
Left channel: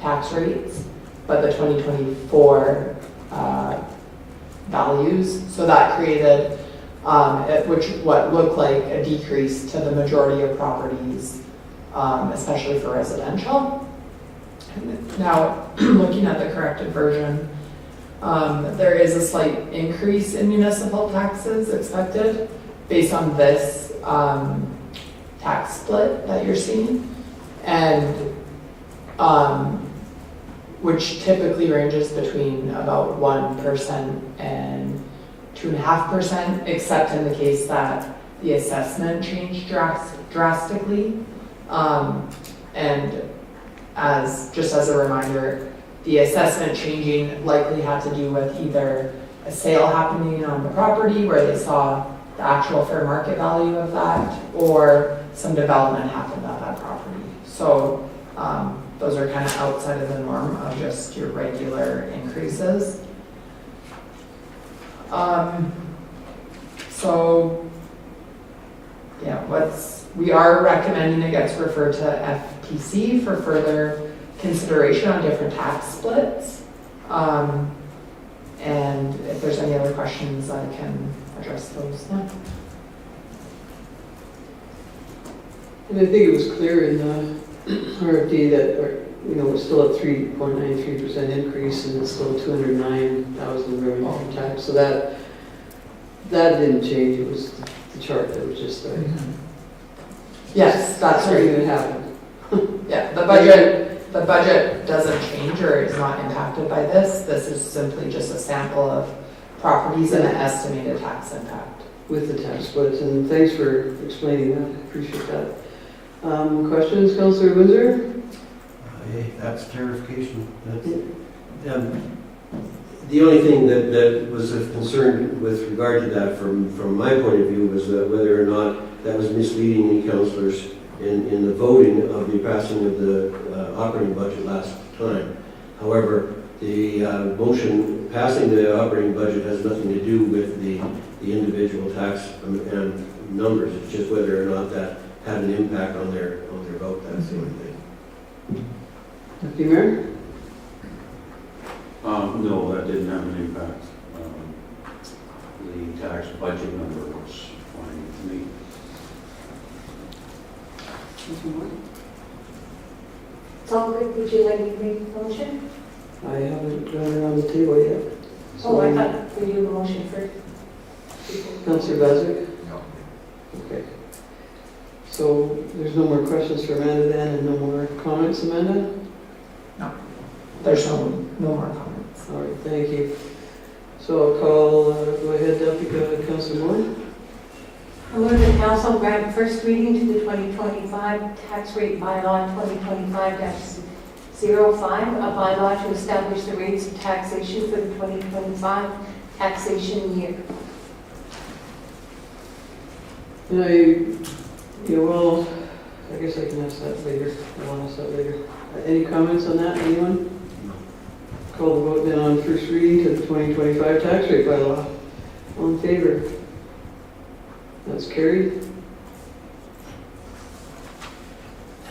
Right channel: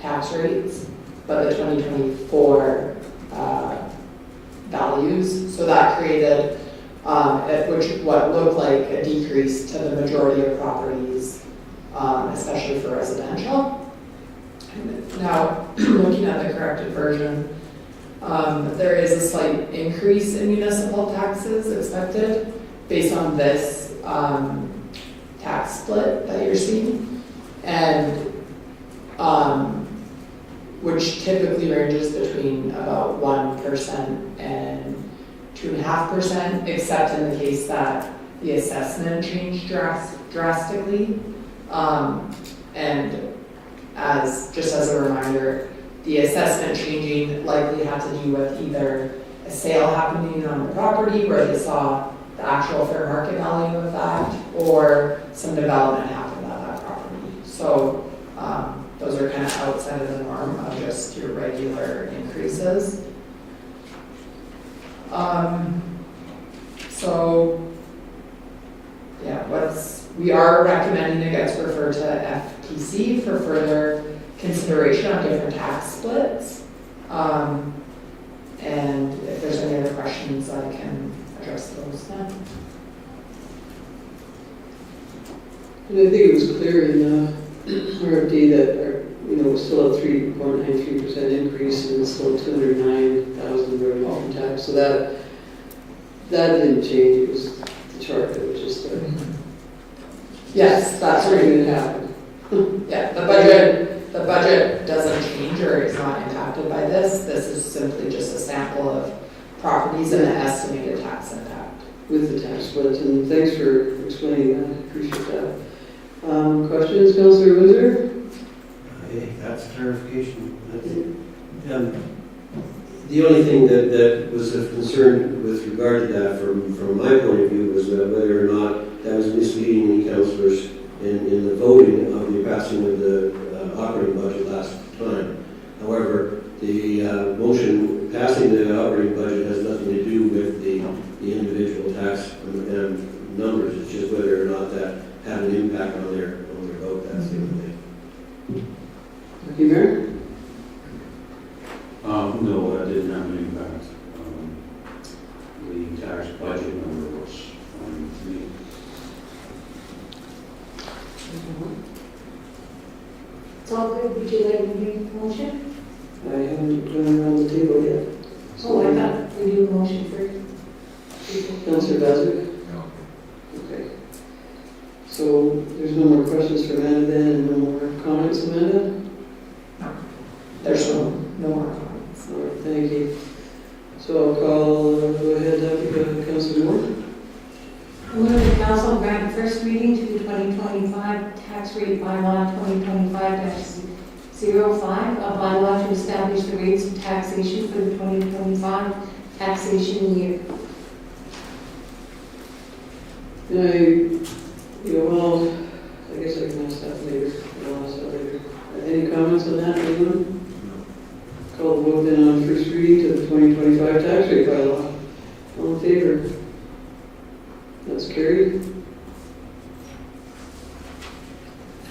tax rates, but the 2024 values. So that created what looked like a decrease to the majority of properties, especially for residential. Now, looking at the corrected version, there is a slight increase in municipal taxes expected based on this tax split that you're seeing, and which typically ranges between about 1% and 2.5%, except in the case that the assessment changed drastically. And just as a reminder, the assessment changing likely had to do with either a sale happening on the property where they saw the actual fair market value of that, or some development happened on that property. So those are kind of outside of the norm of just your regular increases. So yeah, we are recommending it gets referred to FTC for further consideration on different tax splits. And if there's any other questions, I can address those now. And I think it was clear in the RFD that, we're still at 3.93% increase, and it's still 209,000 road and welcome tax. So that didn't change. It was the chart that was just there. Yes, that's Sorry, right. it happened. Yeah, the budget doesn't change or is not impacted by this. This is simply just a sample of properties and an estimated tax impact. With the tax splits, and thanks for explaining that. I appreciate that. Questions, Councillor Windsor? Hey, that's clarification. The only thing that was of concern with regard to that from my point of view was whether or not that was misleading any councillors in the voting of the passing of the operating budget last time. However, the motion passing the operating budget has nothing to do with the individual tax and numbers. It's just whether or not that had an impact on their vote. That's the only thing. Thank you, Mayor. No, that didn't have an impact. The tax budget number was fine with me. So would you like to make a motion? I haven't done it on the table yet. Oh, I thought we do a motion first. Councillor Baswick? No. Okay. So there's no more questions for Amanda then, and no more comments, Amanda? There's no more comments. All right, thank you. So I'll call, go ahead, Deputy Councillor Moore. I move the council grant first reading to the 2025 tax rate bylaw 2025-05, a bylaw to establish the rates of taxation for the 2025 taxation year. And well, I guess I can ask that later. I'll ask that later. Any comments on that, anyone? Call the vote then on first reading to the 2025 tax rate bylaw. All in favor? That's carried.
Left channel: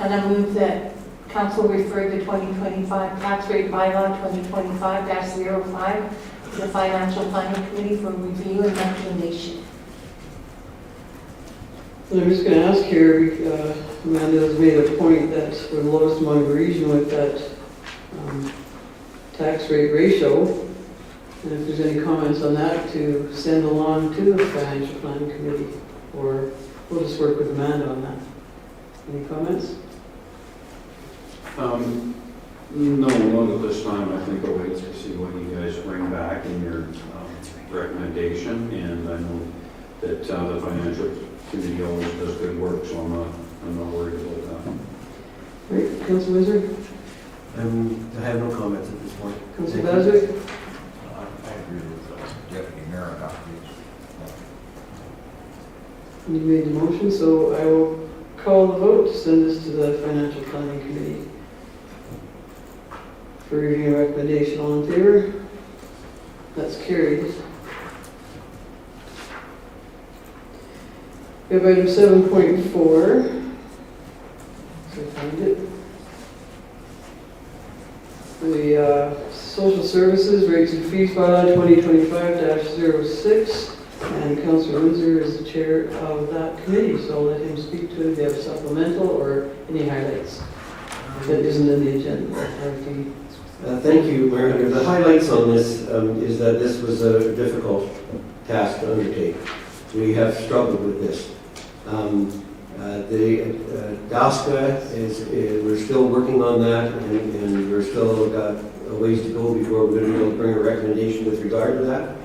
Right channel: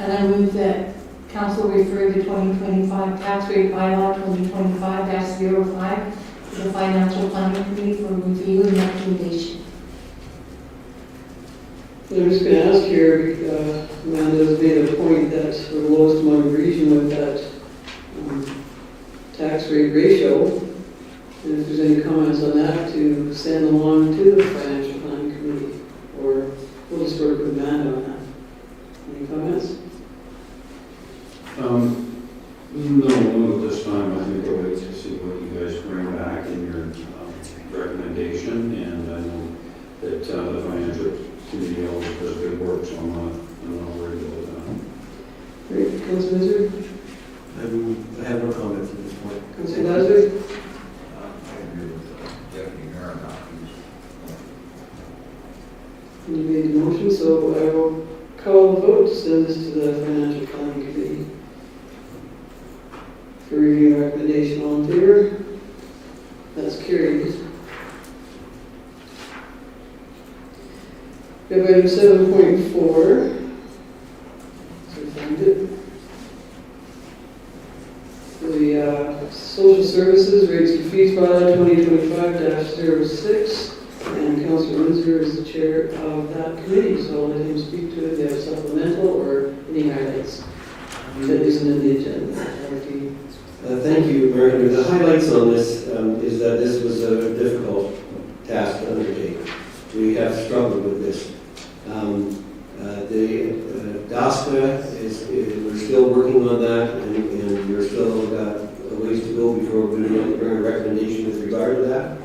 And I move that council refer the 2025 tax rate bylaw 2025-05 to the Financial Planning Committee for review and recommendation. So I'm just going to ask here, Amanda's made a point that we're the lowest among the region with that tax rate ratio. And if there's any comments on that, to send along to the financial planning committee, or we'll just work with Amanda on that. Any comments? No, none at this time. I think we'll wait to see what you guys bring back in your recommendation, and I know that the financial committee always does good work, so I'm not worried about that. Great, Councilor Wizard? I have no comments at this point. Councilor Lazar? I agree with Deputy Mayor on that. You made the motion, so I will call the vote to send this to the financial planning committee for review recommendation. All in favor? That's carried. We have item 7.4. So find it. The social services rates and fees bylaw 2025-06. And Councilor Windsor is the chair of that committee, so I'll let him speak to it. If you have a supplemental or any highlights that isn't in the agenda. Thank you, Mayor. The highlights on this is that this was a difficult task to undertake. We have struggled with this. The DASCA we're still working on that, and we're still got a ways to go before we're going to be able to bring a recommendation with regard to that.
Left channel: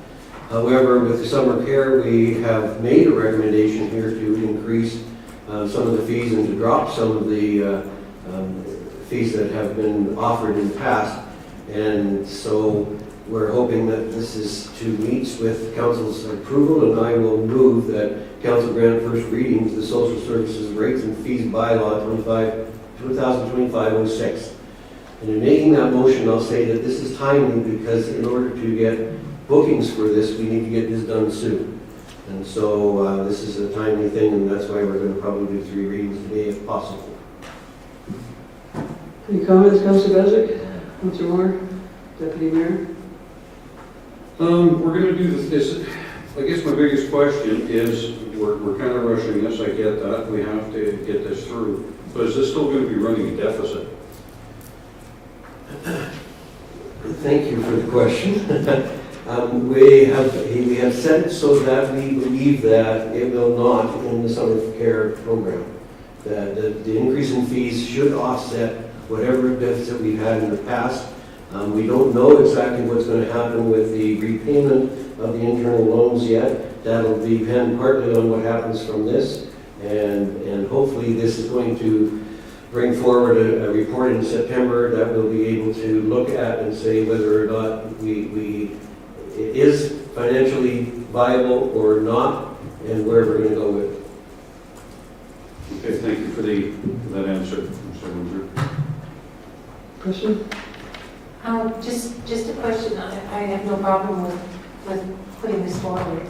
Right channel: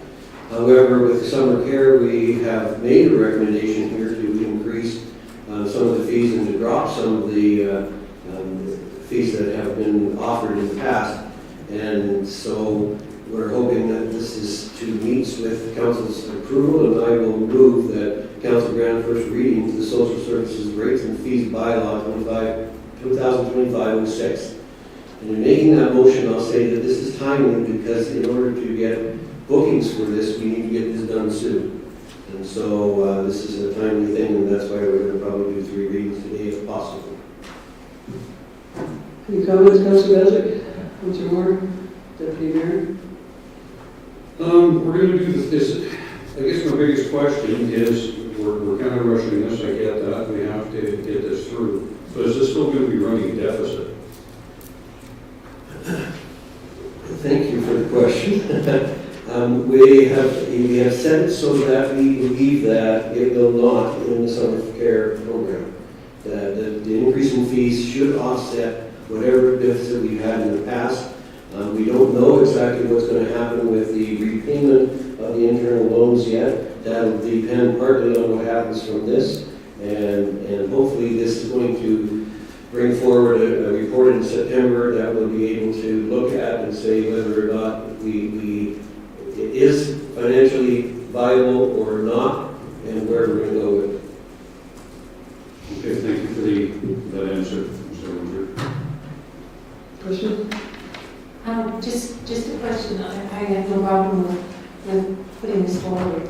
However, with summer care, we have made a recommendation here to increase some of the fees and to drop some of the fees that have been offered in the past. And so we're hoping that this is to meet with council's approval, and I will move that council grant first reading to the social services rates and fees bylaw 2025-06. And in making that motion, I'll say that this is timely because in order to get bookings for this, we need to get this done soon. And so this is a timely thing, and that's why we're going to probably do 3 readings today if possible. Any comments, Councilor Bezic? Councilor Moore? Deputy Mayor? We're going to do this. I guess my biggest question is, we're kind of rushing this, I get that, we have to get this through. But is this still going to be running a deficit? Thank you for the question. We have set it so that we believe that it will not in the summer care program. That the increase in fees should offset whatever deficit we've had in the past. We don't know exactly what's going to happen with the repayment of the internal loans yet. That'll depend partly on what happens from this, and hopefully this is going to bring forward a report in September that we'll be able to look at and say whether or not it is financially viable or not, and where we're going to go with it. Okay, thank you for that answer, Mr. Windsor. Question? Just a question. I have no problem with putting this forward.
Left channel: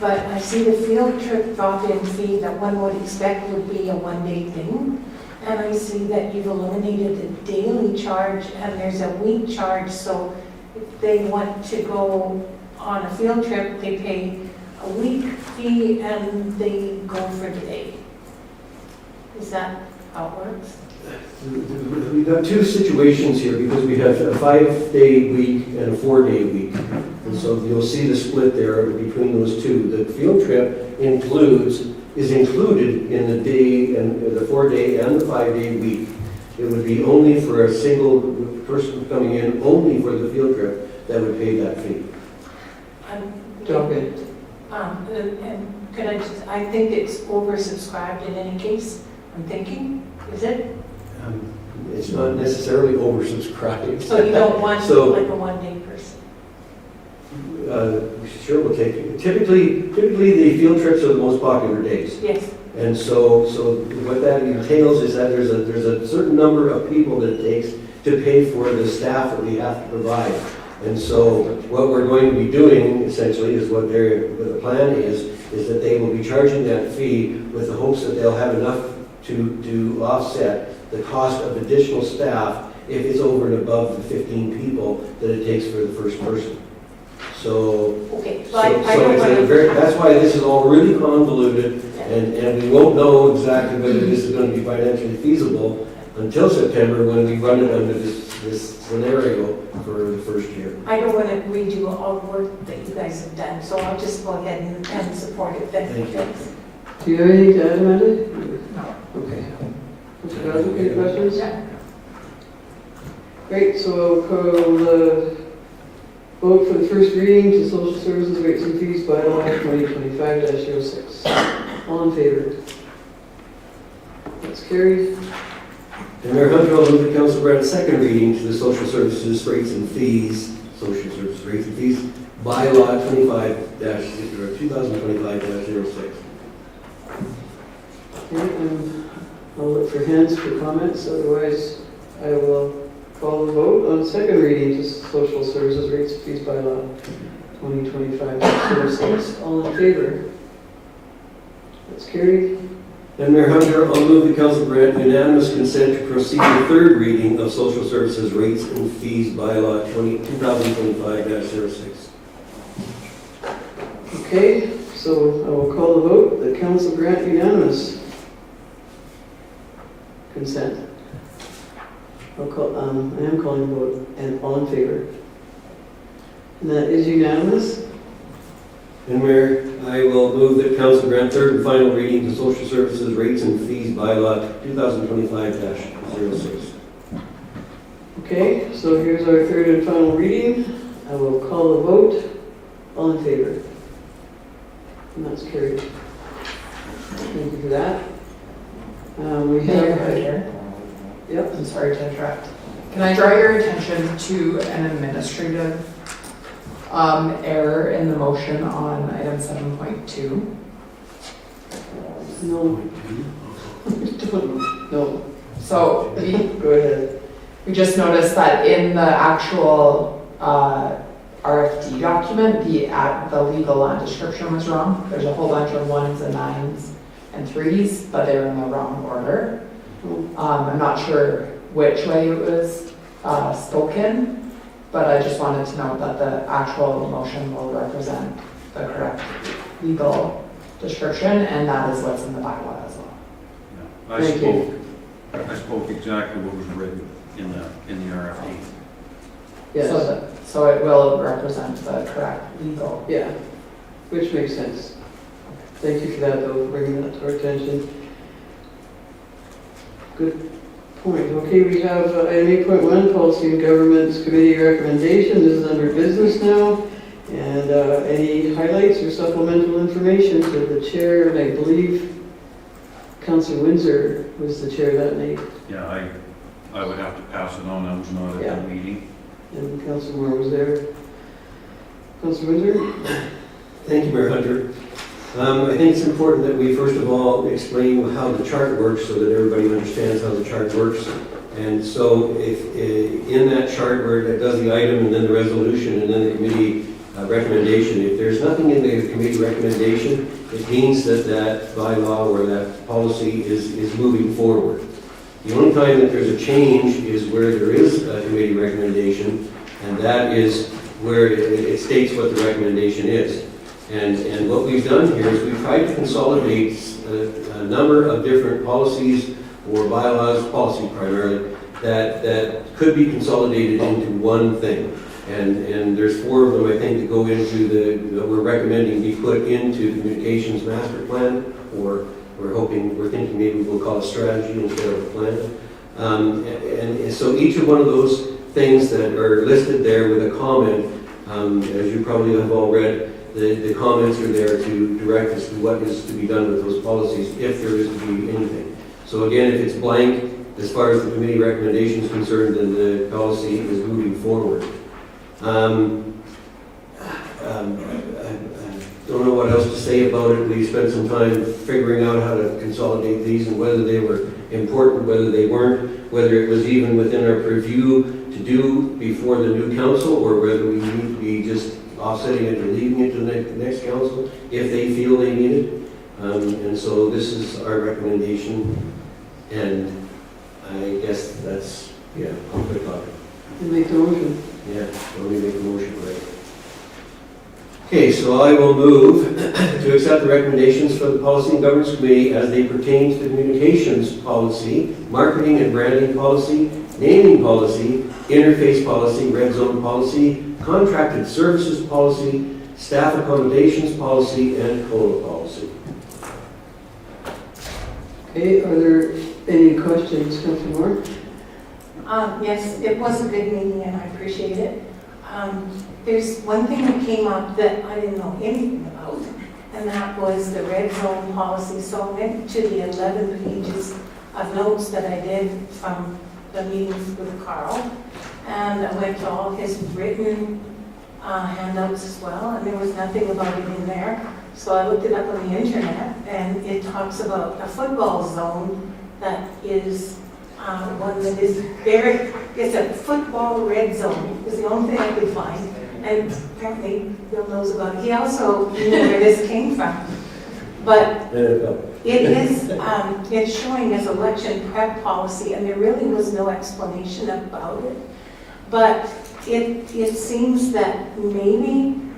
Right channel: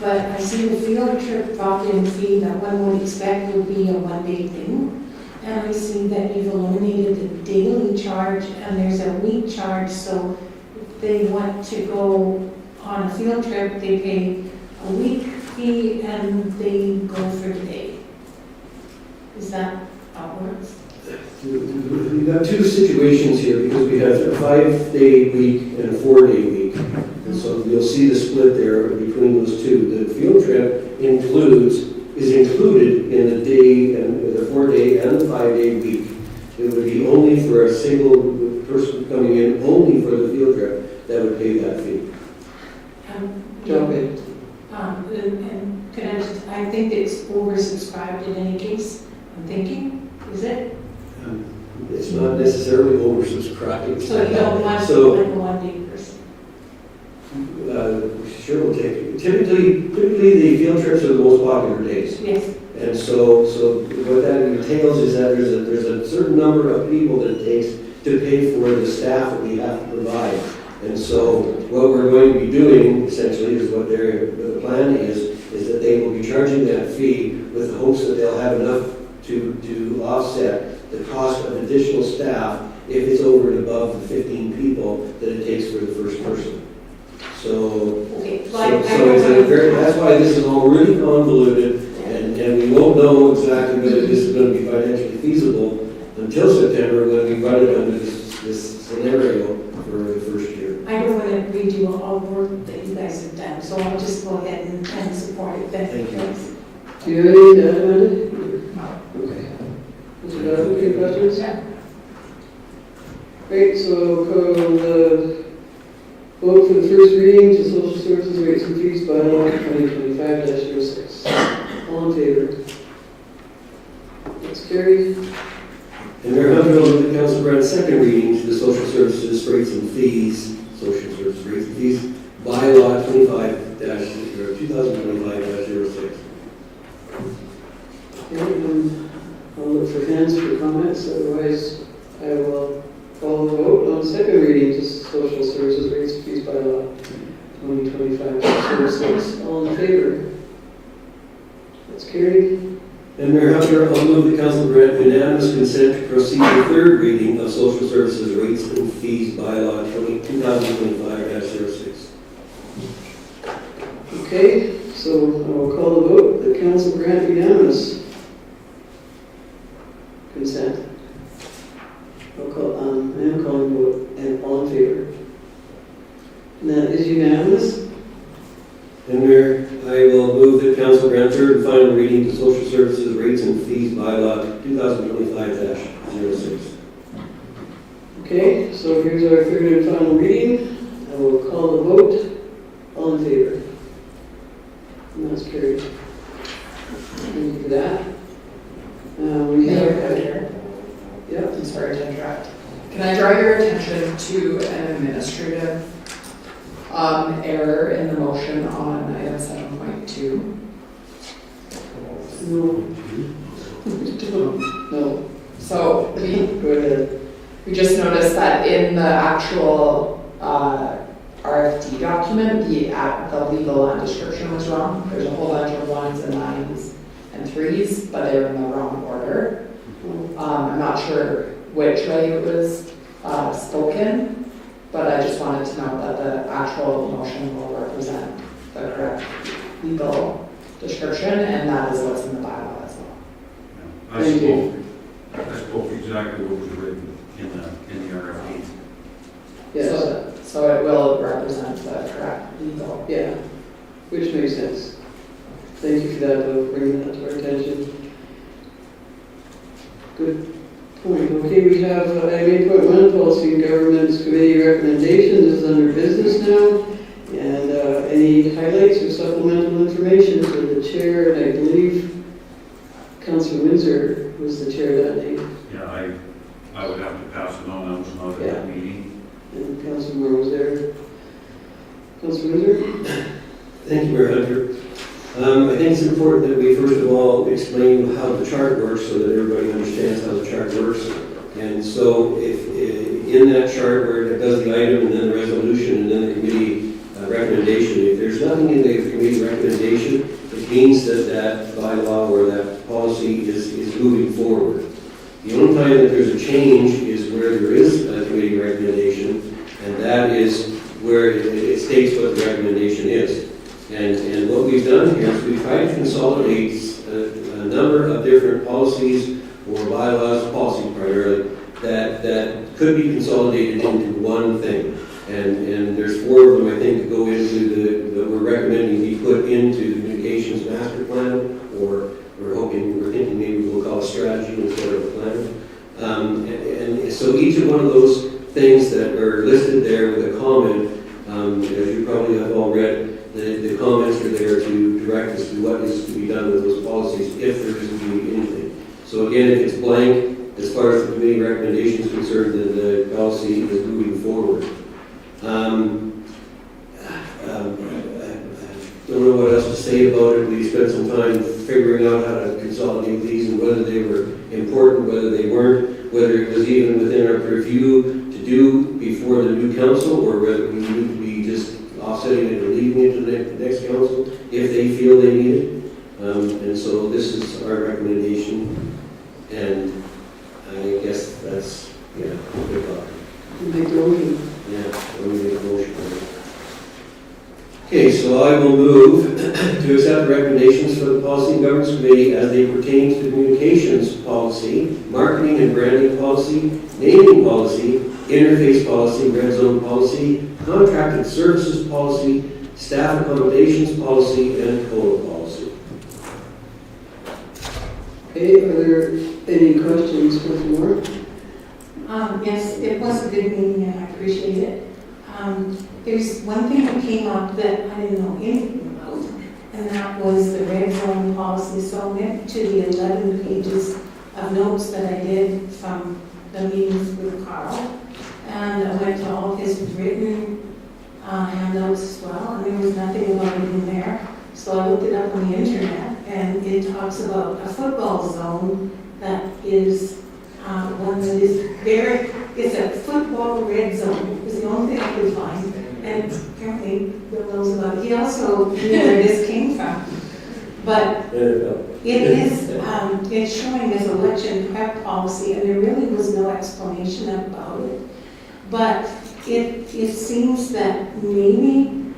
But I see the field trip drop-in fee that one would expect would be a one-day thing. And I see that you've eliminated the daily charge and there's a week charge. So if they want to go on a field trip, they pay a week fee and they go for the day. Is that how it works? We've got 2 situations here because we have a 5-day week and a 4-day week. And so you'll see the split there between those 2. The field trip is included in the day and the 4-day and the 5-day week. It would be only for a single person coming in, only for the field trip, that would pay that fee. Okay. And can I think it's oversubscribed in any case, I'm thinking, is it? It's not necessarily oversubscribed. So you don't want like a one-day person? Sure, we'll take it. Typically the field trips are the most popular days. Yes. And so what that entails is that there's a certain number of people that it takes to pay for the staff that we have to provide. And so what we're going to be doing essentially is what the plan is that they will be charging that fee with the hopes that they'll have enough to offset the cost of additional staff if it's over and above the 15 people that it takes for the first person. So, Okay, that's why this is all really convoluted, And we won't know exactly whether this is going to be financially feasible until September when we run it under this scenario for the first year. I don't want to redo all the work that you guys have done, so I'll just go ahead and support it. Thank you. Thank Do you have anything to add, Amanda? No. Okay. Mr. Donovan, any questions? Yeah. Great, so I'll call the vote for the first reading to social services rates and fees by law 2025-06. All in favor? That's carried. And Mayor Hunter will move the council grant a second reading to the social services rates and fees, social services rates and fees, by law 2025-06. I'll look for hands for comments, otherwise I will call the vote on second reading to social services rates and fees by law 2025-06. All in favor? That's carried. And Mayor Hunter, I'll move the council grant unanimous consent to proceed to third reading of social services rates and fees by law 2025-06. Okay, so I will call the vote. The council grant unanimous consent. I am calling the vote, and all in favor. And that is unanimous. And Mayor, I will move that council grant third and final reading to social services rates and fees by law 2025-06. Okay, so here's our third and final reading. I will call the vote. All in favor. And that's carried. Thank you for that. We have... Yep. I'm sorry to interrupt. Can I draw your attention to an administrative error in the motion on item 7.2? No. No. So Go ahead. we just noticed that in the actual RFD document, the legal land description was wrong. There's a whole bunch of 1s and 9s and 3s, but they're in the wrong order. I'm not sure which way it was spoken, but I just wanted to note that the actual motion will represent the correct legal description, and that is what's in the bylaw as well. I spoke exactly what was written in the RFP. Yes. So it will represent the correct legal. Yeah, which makes sense. Thank you for that, though, for bringing that to our attention. Good point. Okay, we have item 8.1, Policy and Governments Committee recommendation. This is under business now. And any highlights or supplemental information for the chair? And I believe Councillor Windsor was the chair that night. Yeah, I would have to pass it on. I was not at that meeting. And Councillor Moore was there. Councillor Windsor? Thank you, Mayor Hunter. I think it's important that we first of all explain how the chart works so that everybody understands how the chart works. And so if in that chart where it does the item and then the resolution and then the committee recommendation, if there's nothing in the committee recommendation, it means that that bylaw or that policy is moving forward. The only time that there's a change is where there is a committee recommendation, and that is where it states what the recommendation is. And what we've done here is we've tried to consolidate a number of different policies or bylaws, policy primarily, that could be consolidated into one thing. And there's 4 of them, I think, that go into that we're recommending be put into the communications master plan, or we're thinking maybe we'll call a strategy instead of a plan. And so each of one of those things that are listed there with a comment, as you probably have all read, the comments are there to direct us to what is to be done with those policies if there is to be anything. So again, if it's blank, as far as the committee recommendation is concerned, then the policy is moving forward. I don't know what else to say about it. We spent some time figuring out how to consolidate these and whether they were important, whether they weren't, whether it was even within our purview to do before the new council, or whether we need to be just offsetting it or leaving it to the next council if they feel they need it. And so this is our recommendation, and I guess that's, yeah, good luck. Make the motion. Yeah, let me make a motion. Okay, so I will move to accept the recommendations for the Policy and Governance Committee as they pertain to communications policy, marketing and branding policy, naming policy, interface policy, red zone policy, contracted services policy, staff accommodations policy, and COLA policy. Okay, are there any questions, Councilor Moore? Yes, it was a good meeting and I appreciate it. There's one thing that came up that I didn't know anything about, and that was the red zone policy. So I went to the 11 pages of notes that I did from the meetings with Carl, and I went to all his written handouts as well, and there was nothing about it in there. So I looked it up on the internet, and it talks about a football zone that is one that is very, it's a football red zone, is the only thing I could find. And apparently Bill knows about it. He also knew where this came from. But it is, it's showing as election prep policy, and there really was no explanation about it. But it seems that maybe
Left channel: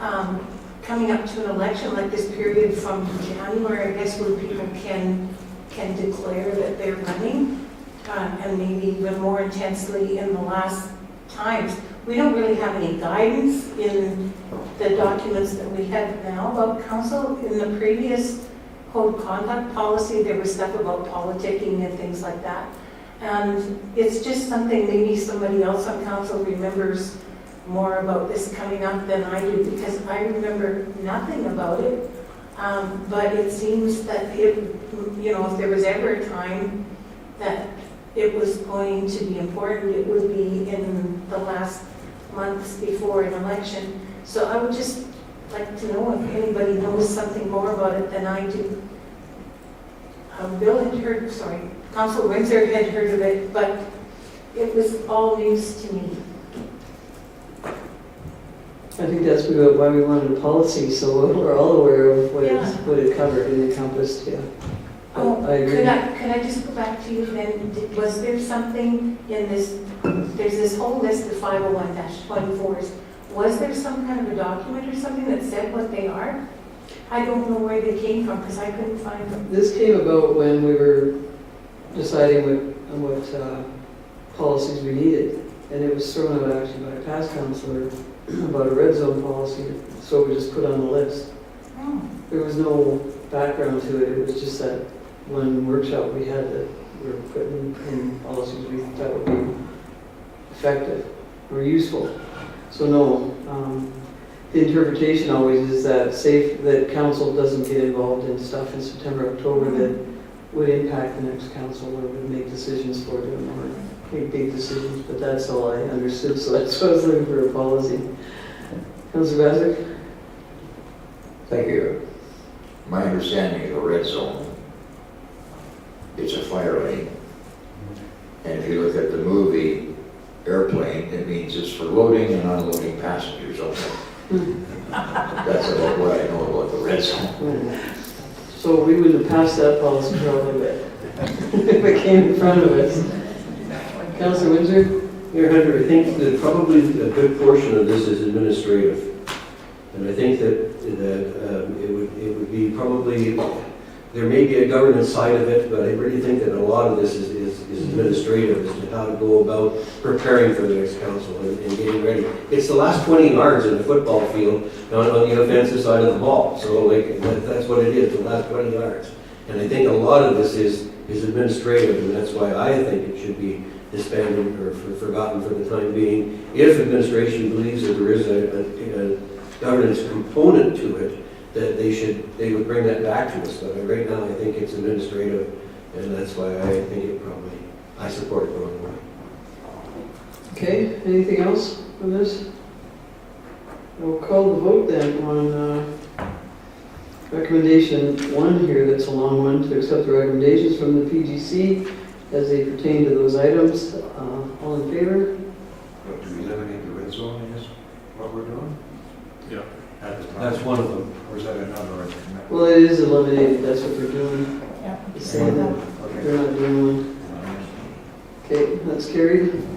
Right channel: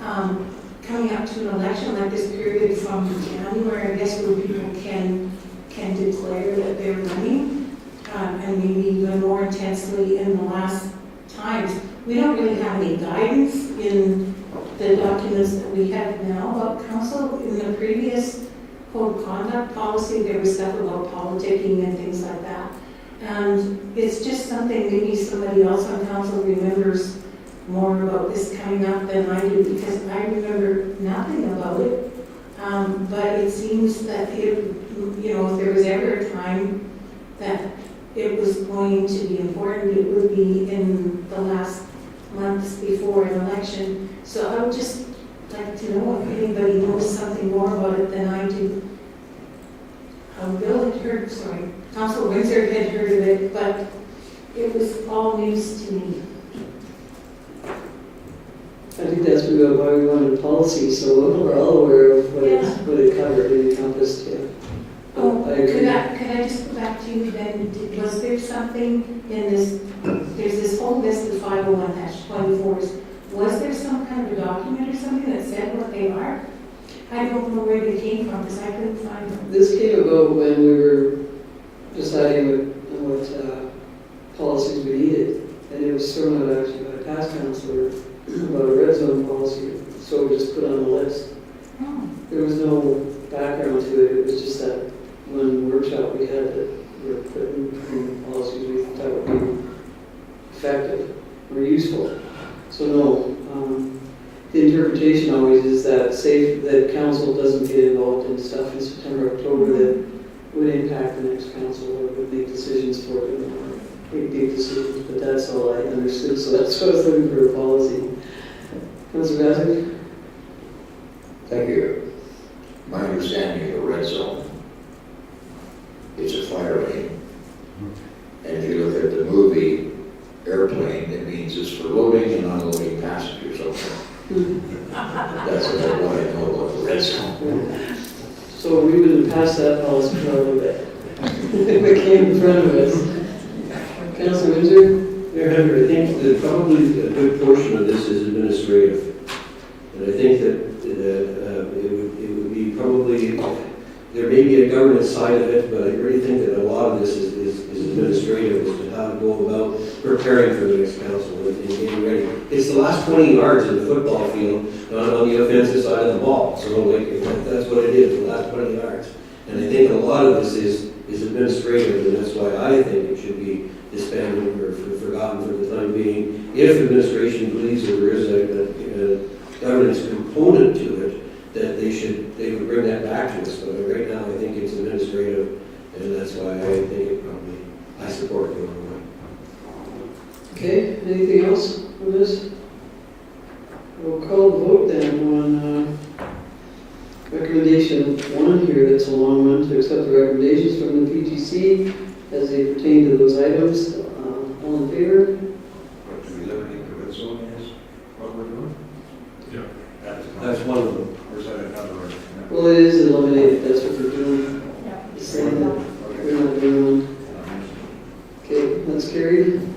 coming up to an election like this period from January, I guess, where people can declare that they're running, and maybe even more intensely in the last times. We don't really have any guidance in the documents that we have now about council. In the previous code of conduct policy, there was stuff about politicking and things like that. And it's just something maybe somebody else on council remembers more about this coming up than I do, because I remember nothing about it. But it seems that if there was ever a time that it was going to be important, it would be in the last months before an election. So I would just like to know if anybody knows something more about it than I do. Bill had heard, Council Windsor had heard of it, but it was all news to me. I think that's why we wanted a policy, so we're all aware of what it covered and encompassed, yeah. Oh, I agree. could I just go back to you then? Was there something in this, there's this whole list of 501-24s. Was there some kind of a document or something that said what they are? I don't know where they came from because I couldn't find them. This came about when we were deciding what policies we needed. And it was thrown out actually by a past councillor about a red zone policy, so we just put on the list. Oh. There was no background to it, it was just that one workshop we had that we were putting policies we thought would be effective or useful. So no, the interpretation always is that council doesn't get involved in stuff in September, October that would impact the next council or would make decisions for them or make big decisions, but that's all I understood, so that's why I was looking for a policy. Councilor Bassick? Thank you. My understanding of the red zone, it's a fire lane. And if you look at the movie Airplane, it means it's for loading and unloading passengers, okay? That's about what I know about the red zone. So we would have passed that policy probably if it came in front of us. Councilor Windsor? Mayor Hunter, I think that probably a good portion of this is administrative. And I think that it would be probably, there may be a governance side of it, but I really think that a lot of this is administrative, as to how to go about preparing for the next council and getting ready. It's the last 20 yards of the football field on the offensive side of the ball. So that's what it is, the last 20 yards. And I think a lot of this is administrative, and that's why I think it should be disbanded or forgotten for the time being. If administration believes that there is a governance component to it, that they would bring that back to us. But right now, I think it's administrative, and that's why I think I support going away. Okay, anything else on this? We'll call the vote then on recommendation 1 here, that's a long one, to accept the recommendations from the PGC as they pertain to those items. All in favor? But do we eliminate the red zone, is what we're doing? Yeah. That's one of them. Or is that another? Well, it is eliminated, that's what we're doing. Yeah. We're not doing one. Okay, that's carried.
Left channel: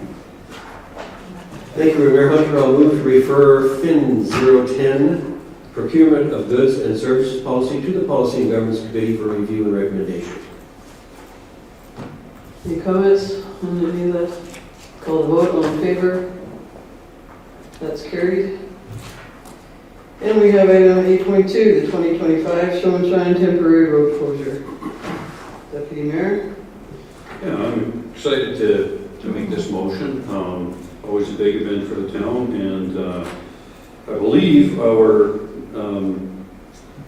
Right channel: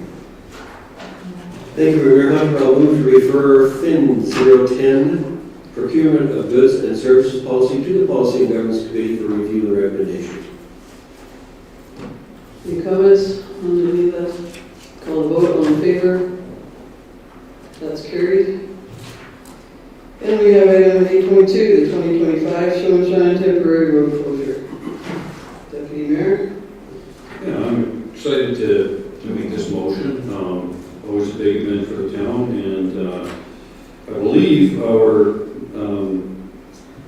Thank you, Mayor Hunter. I'll move to refer FIN 010, Procurement of Goods and Services Policy, to the Policy and Governance Committee for review and recommendation. Any comments on any of that? Call the vote, all in favor? That's carried. And we have item 8.2, the 2025 Show and Shine temporary road closure. Deputy Mayor? Yeah, I'm excited to make this motion. Always a big event for the town, and I believe our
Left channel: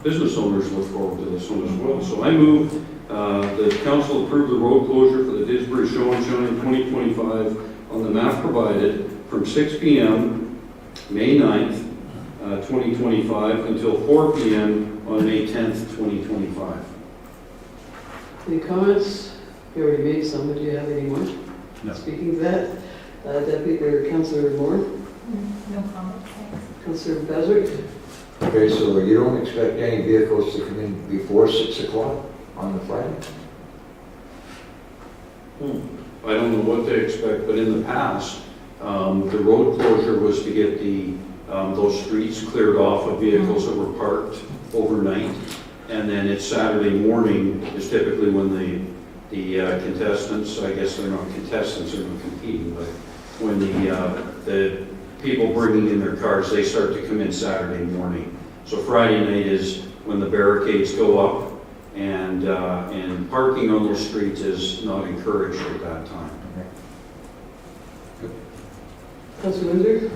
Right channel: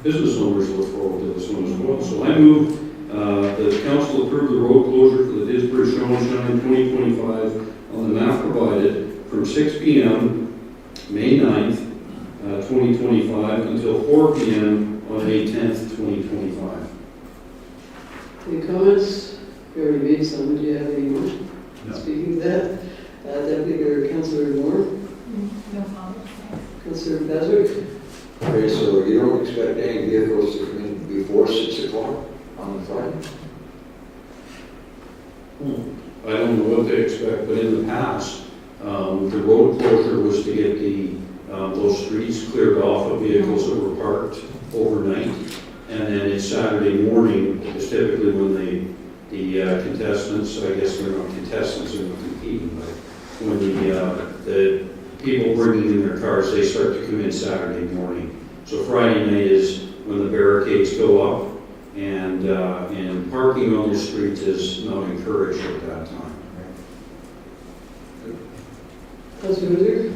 business owners look forward to this one as well. So I move that council approve the road closure for the Didsbury Show and Shine 2025 on the map provided from 6 p.m. May 9th, 2025 until 4 p.m. on May 10th, 2025. Any comments? You already made some, do you have any more? No. Speaking of that, Deputy or Councillor Moore? No comments, thanks. Councillor Bazard? Okay, so you don't expect any vehicles to come in before 6 o'clock on the Friday? I don't know what to expect, but in the past, the road closure was to get those streets cleared off of vehicles that were parked overnight. And then it's Saturday morning is typically when the contestants, I guess they're not contestants, they're not competing, but when the people bringing in their cars, they start to come in Saturday morning. So Friday night is when the barricades go up, and parking on those streets is not encouraged at that time. Councillor Windsor?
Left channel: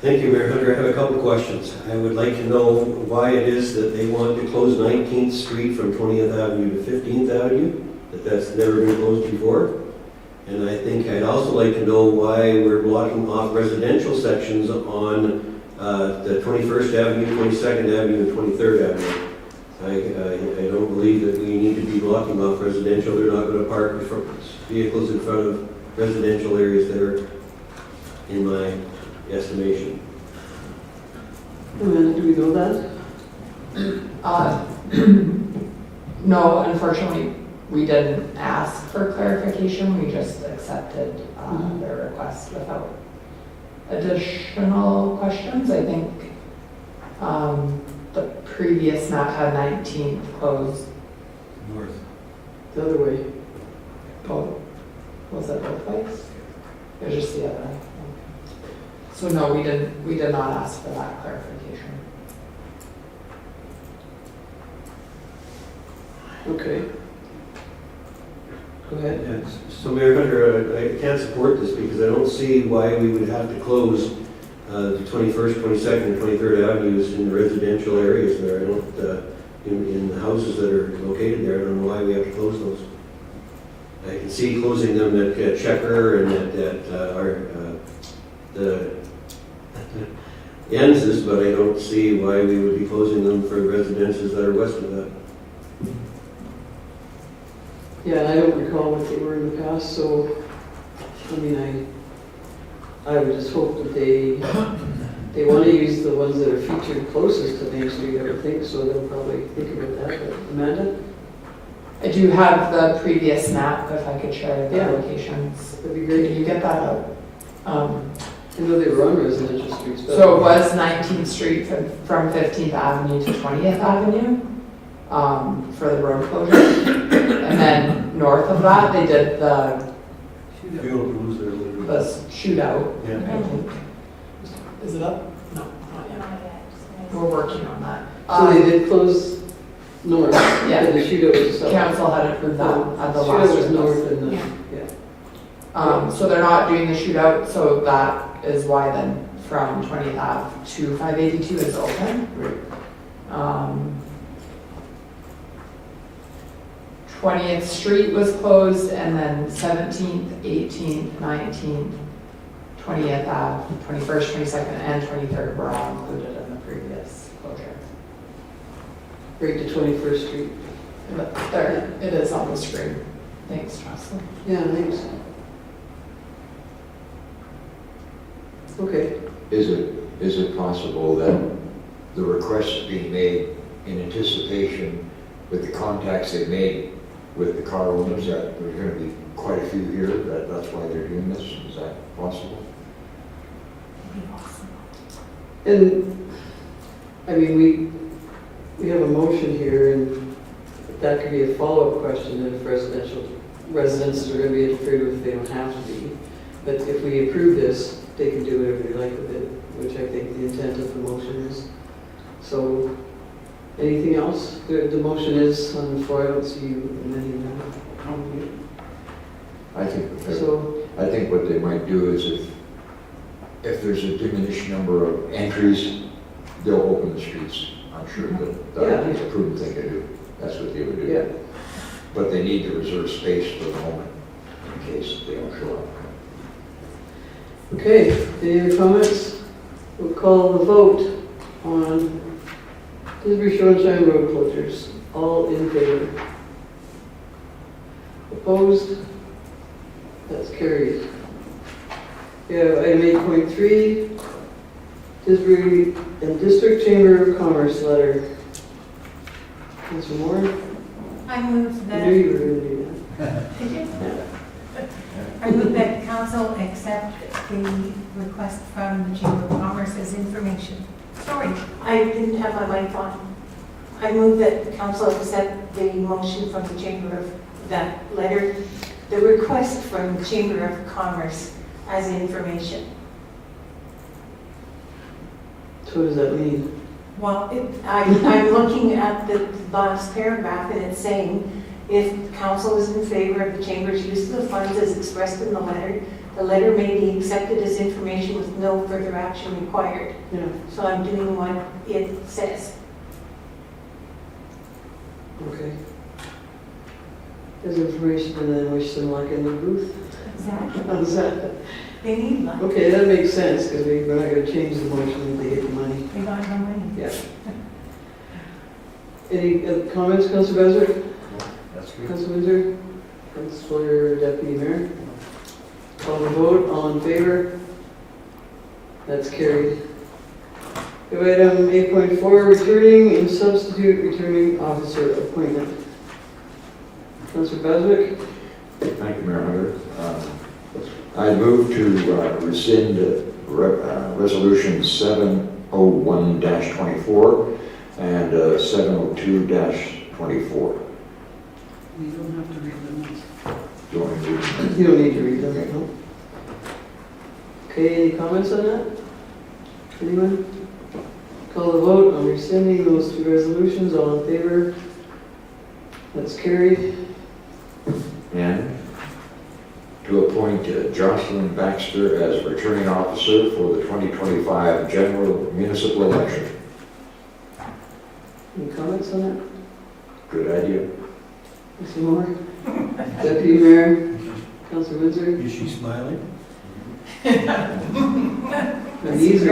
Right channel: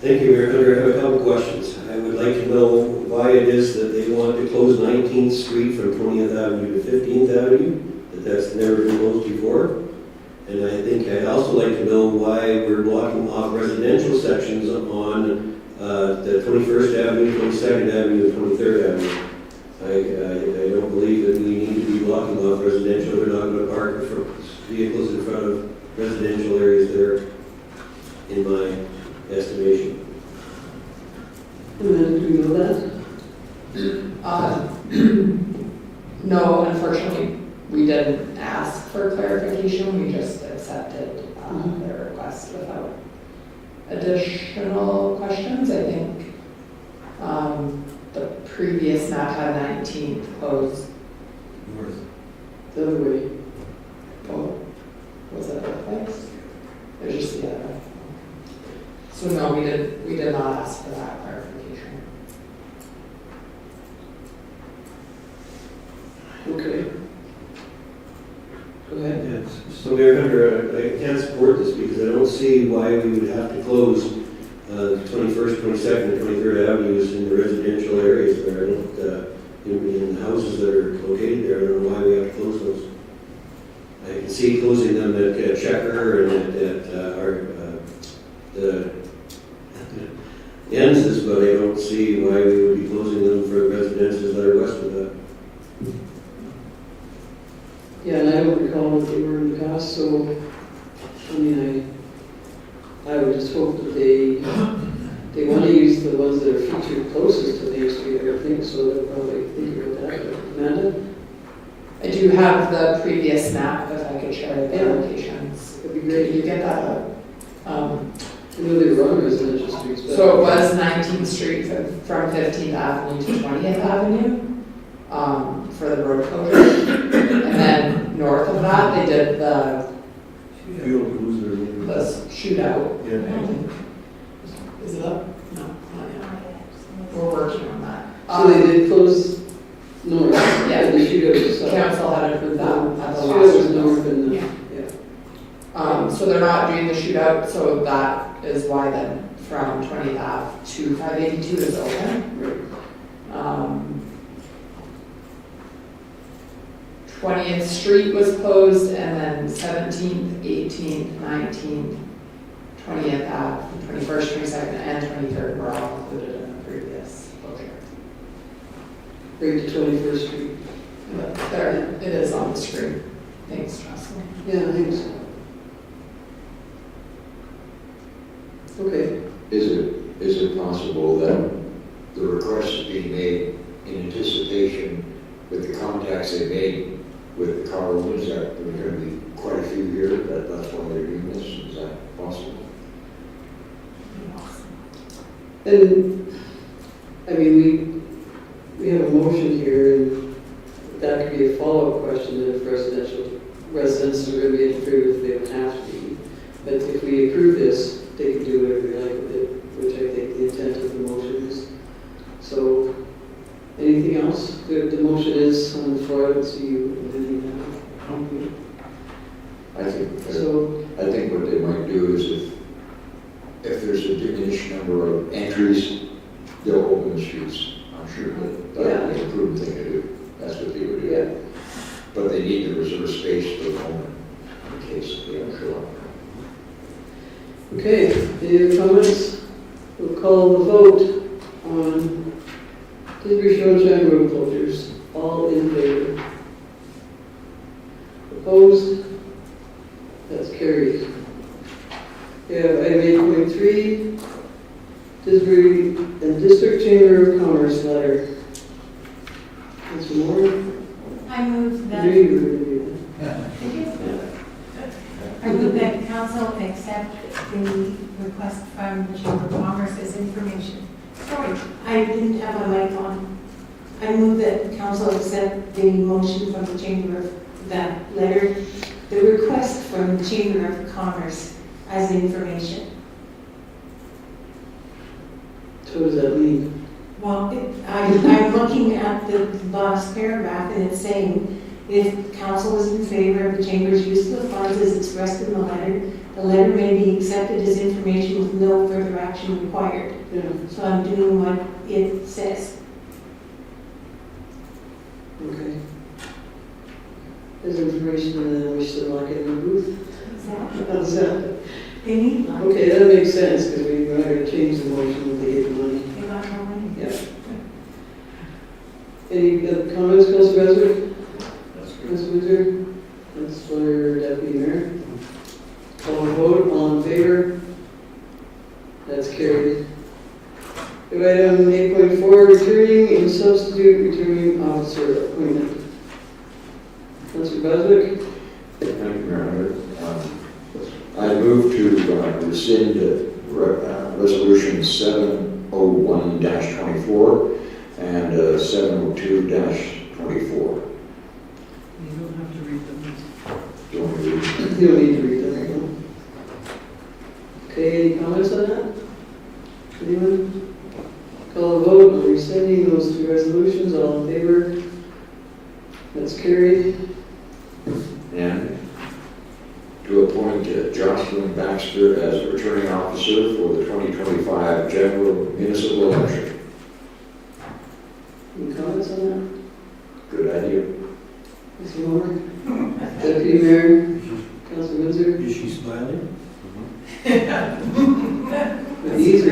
Thank you, Mayor Hunter. I have a couple of questions. I would like to know why it is that they want to close 19th Street from 20th Avenue to 15th Avenue, that's never been closed before. And I think I'd also like to know why we're blocking off residential sections on the 21st Avenue, 22nd Avenue, and 23rd Avenue. I don't believe that we need to be blocking off residential. They're not going to park vehicles in front of residential areas there, in my estimation. Do we know that? No, unfortunately, we didn't ask for clarification, we just accepted their request without additional questions. I think the previous map had 19th closed. North. The other way. Oh, was it both ways? Or just the other way? So no, we did not ask for that clarification. Okay. Go ahead. Yes. So Mayor Hunter, I can't support this because I don't see why we would have to close the 21st, 22nd, and 23rd Avenues in the residential areas there. I don't, in the houses that are located there, I don't know why we have to close those. I can see closing them at Checker and at the Enz's, but I don't see why we would be closing them for the residences that are west of that. Yeah, and I don't recall what they were in the past, so, I mean, I would just hope that they want to use the ones that are featured closest to Main Street, I would think, so they'll probably think about that. But Amanda? I do have the previous map, if I could share the Yeah. locations. That'd be great. Did you get that up? I know they were on residential streets. but- So it was 19th Street from 15th Avenue to 20th Avenue for the road closure. And then north of that, they did the Fuel crews that are looking. shootout. Yeah. I think. Is it up? No, not yet. We're working on that. So they did close north, Yeah. and the shootout was south. Council had approved that at the Shootout last. was north and the, Yeah. yeah. So they're not doing the shootout, so that is why then from 20th Ave to 582 is open. Right. 20th Street was closed, and then 17th, 18th, 19th, 20th Ave, 21st, 22nd, and 23rd were all included in the previous closure. Right to 21st Street. But there, it is on the screen. Thanks, Jocelyn. Yeah, thanks. Okay. Is it possible that the request is being made in anticipation with the contacts they made with the car owners, that there's going to be quite a few here, that's why they're doing this? Is that possible? And, I mean, we have a motion here, and that could be a follow-up question that if residents are going to be interfered with, they don't have to be. But if we approve this, they can do whatever they like with it, which I think the intent of the motion is. So, anything else? The motion is on the floor. I don't see you amending that. I think what they might do is if there's a diminished number of entries, they'll open the streets. I'm sure that's a prudent thing to do. That's what they would do. Yeah. But they need to reserve space for the moment in case they don't show up. Okay, any other comments? We'll call the vote on Tisbury Shoshine road closures. All in favor? Opposed? That's carried. We have item 8.3, Tisbury and District Chamber of Commerce letter. Mr. Moore? I move that. Do you I move that council accept the request from the Chamber of Commerce as information. Sorry, I didn't have my mic on. I move that council accept the motion from the Chamber of, that letter, the request from the Chamber of Commerce as information. So what does that mean? Well, I'm looking at the last paragraph, and it's saying, if council is in favor of the Chamber's use of the funds as expressed in the letter may be accepted as information with no further action required. Yeah. So I'm doing what it says. Okay. There's information, and then we still like in the booth. Exactly. How's that? They need money. Okay, that makes sense, because we're not going to change the motion if they get money. They got no money. Yeah. Any other comments, Councilor Beswick? Councilor Windsor? Councilor Deputy Mayor? Call the vote, all in favor? That's carried. Item 8.4, returning and substitute returning officer appointment. Councilor Beswick? Thank you, Mayor. I move to rescind resolution 701-24 and 702-24. You don't have to read them. Do you want me to read them? You don't need to read them. No. Okay, any comments on that? Anyone? Call the vote on rescinding those two resolutions. All in favor? That's carried. And to appoint Jocelyn Baxter as returning officer for the 2025 general municipal election. Any comments on that? Good idea. Mr. Moore? Deputy Mayor? Councilor Windsor? Is she smiling? Her knees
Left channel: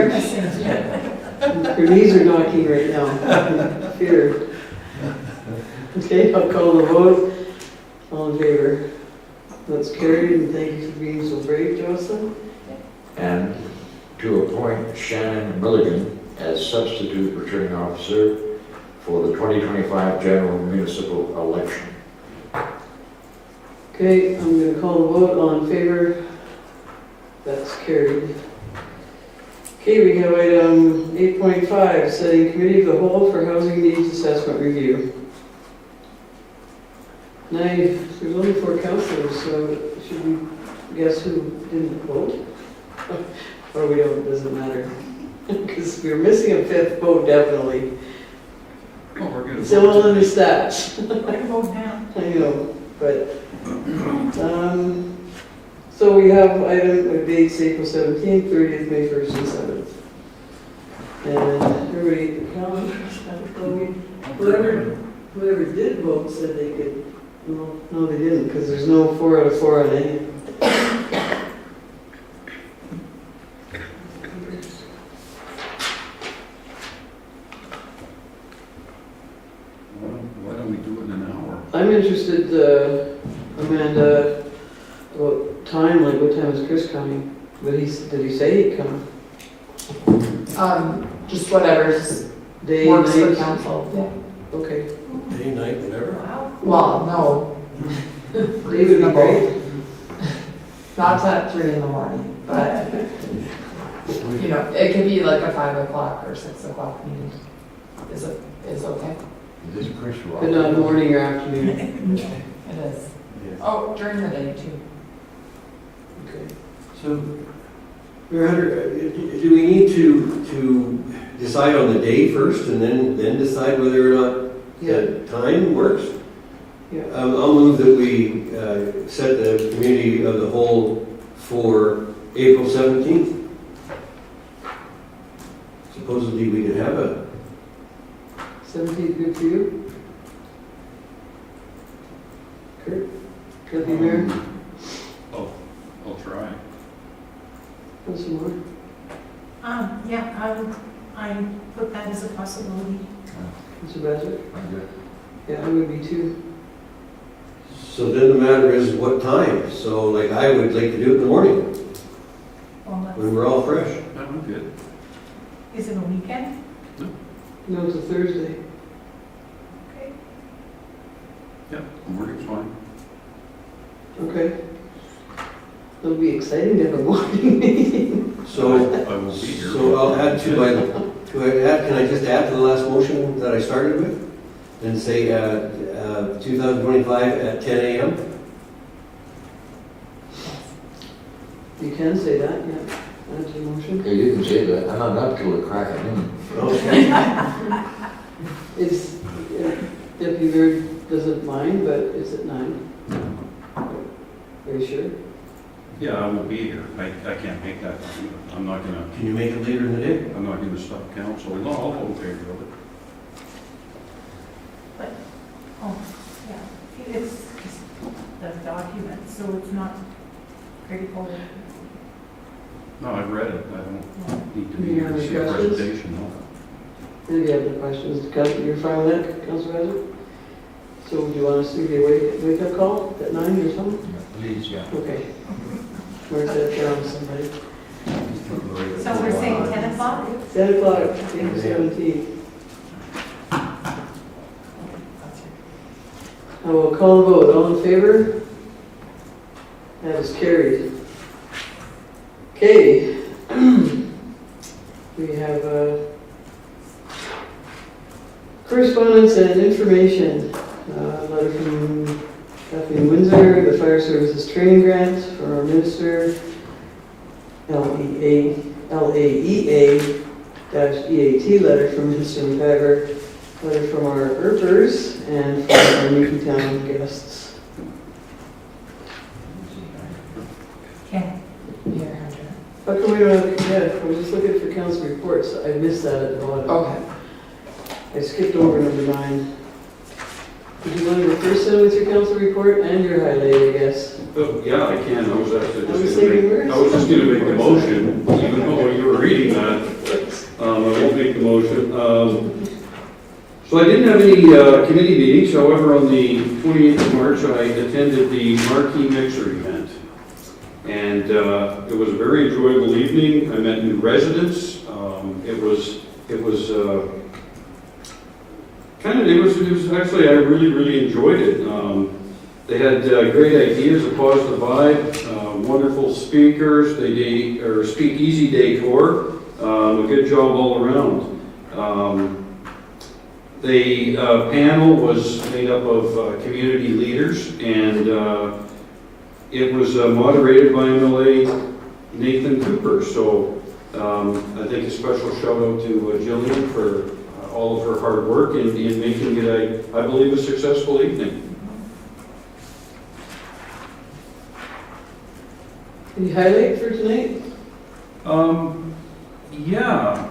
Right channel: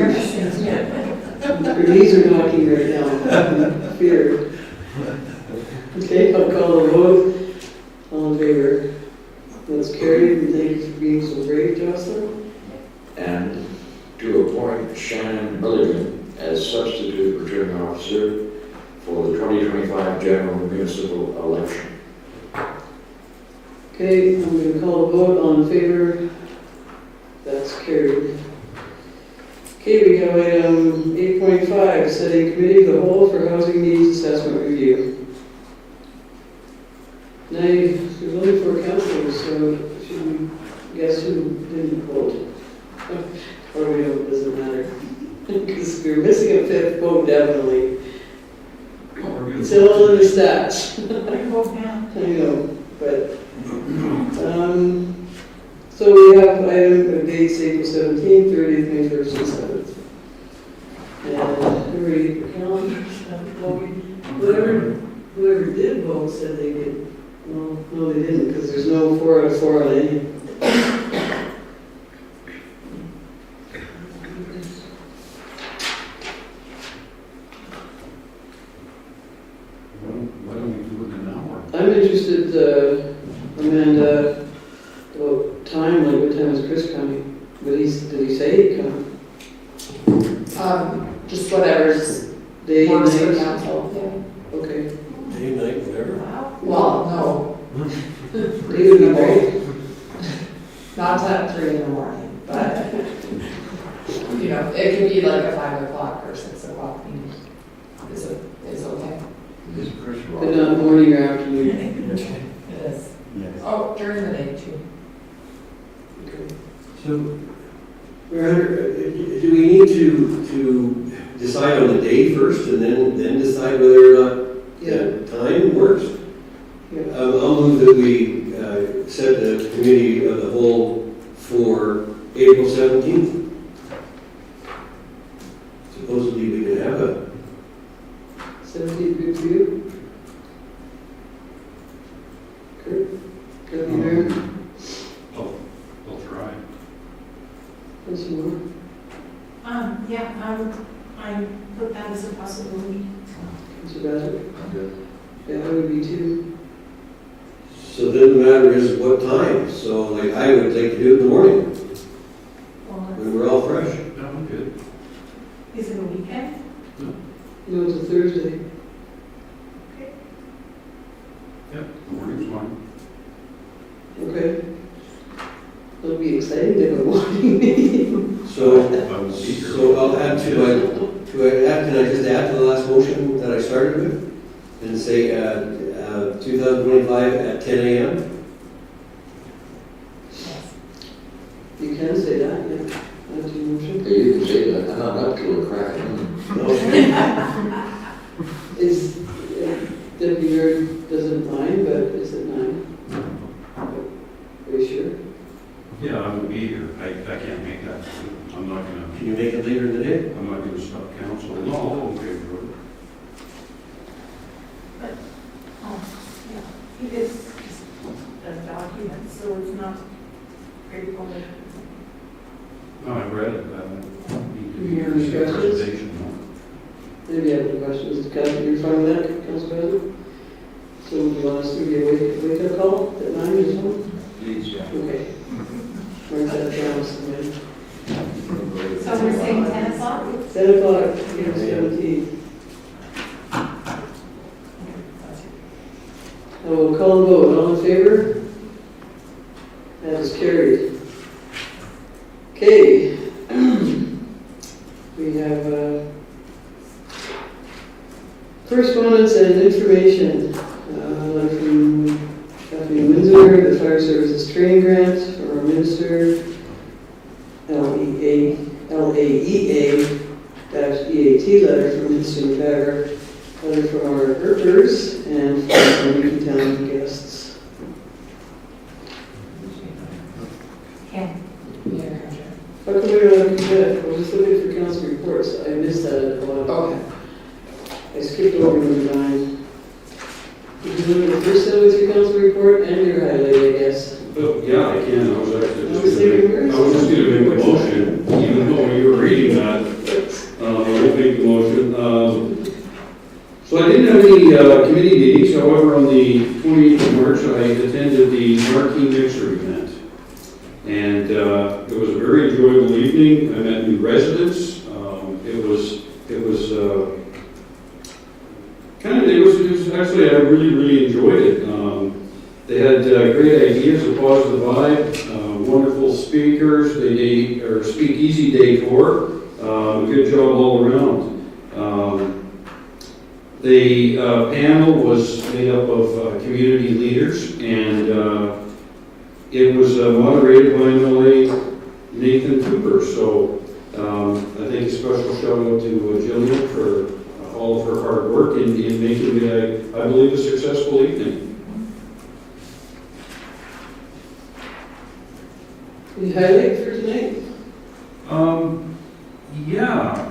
are knocking right now. Fear. Okay, I'll call the vote. All in favor? That's carried, and thank you for being so brave, Jocelyn. And to appoint Shannon Milligan as substitute returning officer for the 2025 general municipal election. Okay, I'm going to call the vote. All in favor? That's carried. Okay, we have item 8.5, setting committee of the whole for housing needs assessment review. Now, there's only 4 councilors, so should we guess who didn't vote? Or we don't, it doesn't matter. Because we're missing a 5th vote, definitely. It's all in the stats. I vote now. I know, but, so we have item with dates April 17th, 30th, May 1st, and 7th. And everybody, whoever did vote said they could. No, they didn't, because there's no 4 out of 4 on any. Why don't we do it in an hour? I'm interested, Amanda, what time, like what time is Chris coming? Did he say he'd come? Just whatever's Day, works for night? council. Okay. Day, night, whatever. Well, no, Day would be great. not at 3 in the morning, but, you know, it could be like a 5 o'clock o'clock meeting is okay. This Chris Rock. But not morning or afternoon. It is. Oh, during the day too. Okay. So, Mayor Hunter, do we need to decide on the day first and then decide whether or not the time works? Yeah. I'll move that we set the committee of the whole for April 17th. Supposedly we could have a 17th, good for you? Kurt? Deputy Mayor? I'll try. Once more? Yeah, I put that as a possibility. Mr. Bassett? I'm good. Yeah, I would be too. So then the matter is what time? So like I would like to do it in the morning Well, when we're all fresh. Yeah, I'm good. is it a weekend? No, it's a Thursday. Yep, morning's fine. Okay. It'll be exciting to have a morning meeting. So, I will be here. so I'll add can I just add to the last motion that I started with? And say 2025 at 10 a.m.? You can say that, yeah. That's your motion. Yeah, you can say that. I'm not up till the crack of dawn. Is, Deputy Mayor doesn't mind, but is it 9? Are you sure? Yeah, I will be here. I can't make that. I'm not gonna, Can you make it later in the day? I'm not gonna stop council. No, I'll okay for it. Oh, yeah. It's the document, so it's not straightforward. No, I read it. I don't need to be You here have to any see a questions? presentation. No. Maybe you have any questions? Council, you're fine with that, Council President? So do you want us to give you a wake-up call at 9 or something? Please, yeah. Okay. Where's that from, somebody? So we're saying 10 o'clock? 10 o'clock, April 17th. I will call the vote. All in favor? That is carried. Okay. We have correspondence and information. Letter from Kathleen Windsor, the Fire Services Training Grant for our Minister, LAEA-EAT letter from Minister McGregor, letter from our IRPers, and from our Newtown guests. Okay. Yeah. How come we don't have a cadet? I was just looking for council reports. I missed that at the bottom. Okay. I skipped over number 9. Did you want to go first then with your council report and your highlight, I guess? Oh, yeah, I can. I was actually I was just saying gonna words. I was just gonna make a motion, even though you were reading that. I won't make the motion. So I didn't have any committee meetings. However, on the 28th of March, I attended the Marquee Mixer event. And it was a very enjoyable evening. I met new residents. It was actually, I really enjoyed it. They had great ideas, a positive vibe, wonderful speakers. They did or speakeasy decor, a good job all around. The panel was made up of community leaders, and it was moderated by MLA Nathan Cooper. So I think a special shout out to Jillian for all of her hard work in making it, I believe, a successful evening. Any highlight for tonight? Yeah,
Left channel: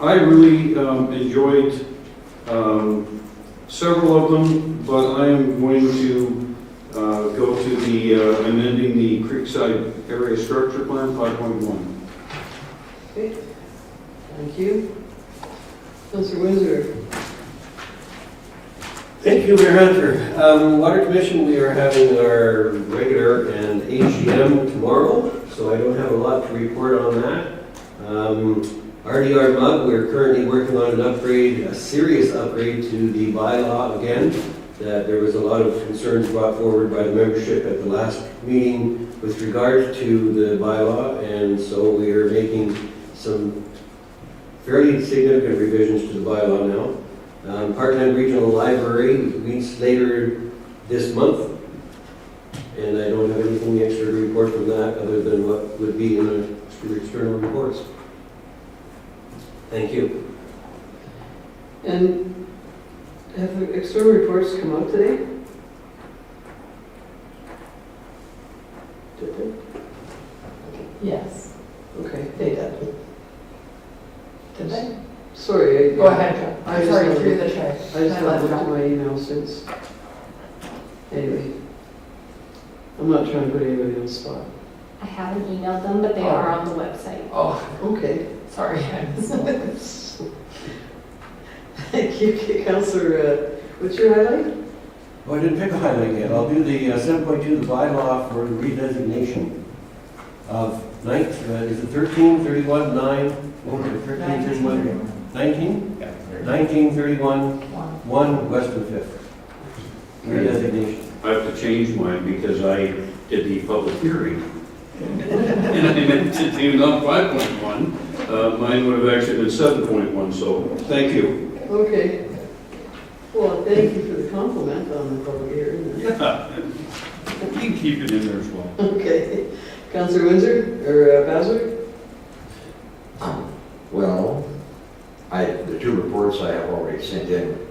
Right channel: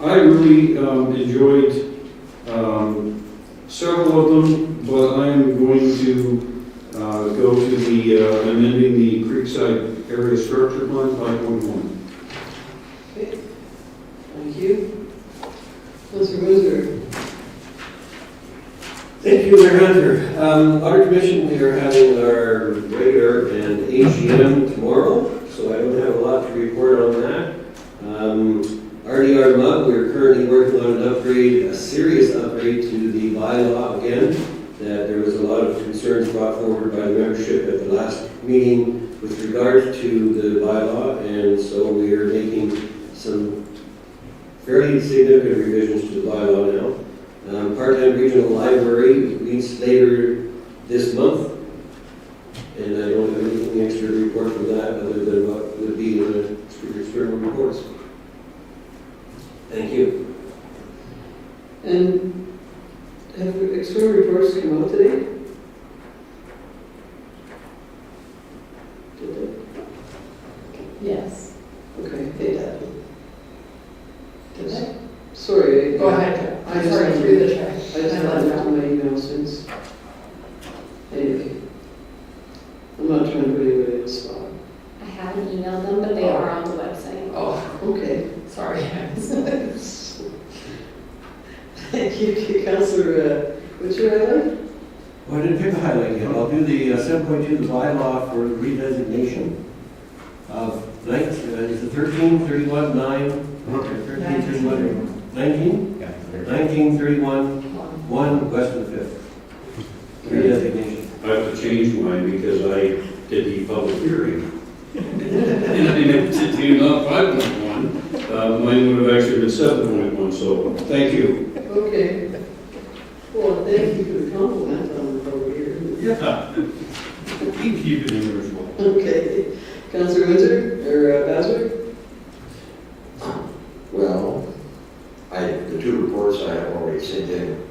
I really enjoyed several of them, but I am going to go to the amending the Creekside Area Structure Plan 5.1. Okay. Thank you. Councilor Windsor. Thank you, Mayor Hunter. Water Commission, we are having our regular and AGM tomorrow, so I don't have a lot to report on that. RDR Mug, we're currently working on an upgrade, a serious upgrade to the bylaw again. That there was a lot of concerns brought forward by the membership at the last meeting with regards to the bylaw, and so we are making some fairly significant revisions to the bylaw now. Part-time regional library meets later this month, and I don't have anything extra to report from that other than what would be in the external reports. Thank you. And have the external reports come out today? Did they? Yes, Okay. they did. Did they? Sorry. Go ahead. I Sorry, just through the chair. I just haven't looked at my email since. Anyway. I'm not trying to put anybody on the spot. I haven't emailed them, but they are on the website. Oh, Okay. sorry. Thank you, Councillor, what's your highlight? Oh, I didn't pick a highlight yet. I'll do the 7.2, the bylaw for redesignation of is it 13, 31, 9, 13, 31, 19? 19, 31, 1, West and 5th. Redesignation. I have to change mine because I did the public hearing. And it did not 5.1. Mine would have actually been 7.1, so thank you. Okay. Well, thank you for the compliment on the public hearing. Yeah. You can keep it in there as well. Okay. Councillor Windsor, or Baswick? Well, the two reports I have already sent in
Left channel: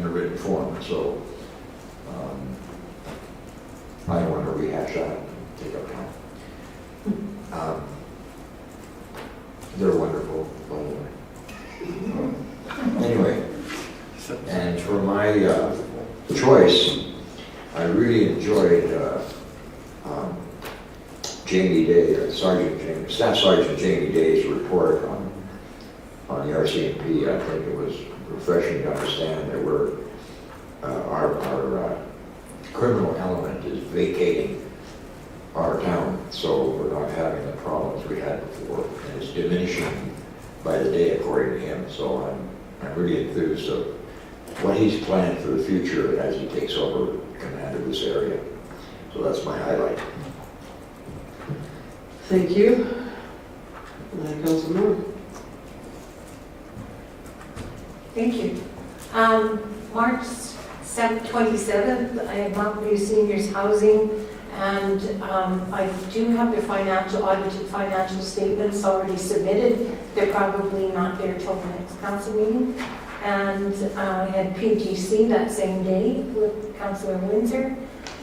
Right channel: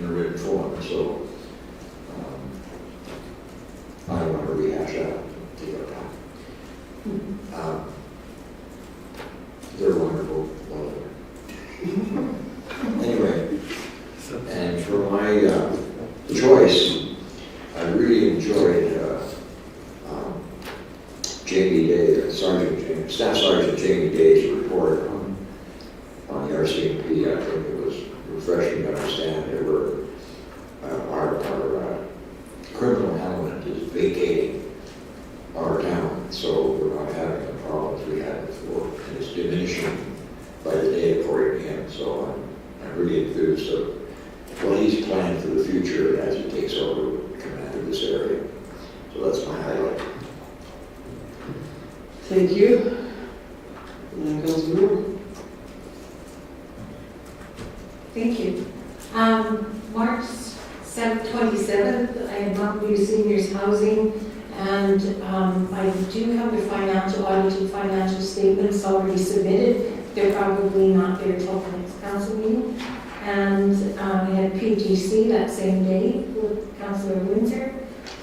a written form, so I don't want to rehash that. Take our time. They're wonderful, by the way. Anyway, and for my choice, I really enjoyed Jamie Day, Staff Sergeant Jamie Day's report on the RCMP. I think it was refreshing to understand that our criminal element is vacating our town, so we're not having the problems we had before, and it's diminishing by the day according to him. So I'm really enthused of what he's planning for the future as he takes over command of this area. So that's my highlight. Thank you. Councillor Moore. Thank you. March 27th, I had Mount View Seniors Housing, and I do have the audited financial statements already submitted. They're probably not there till the next council meeting. And I had PGC that same day with Councillor Windsor.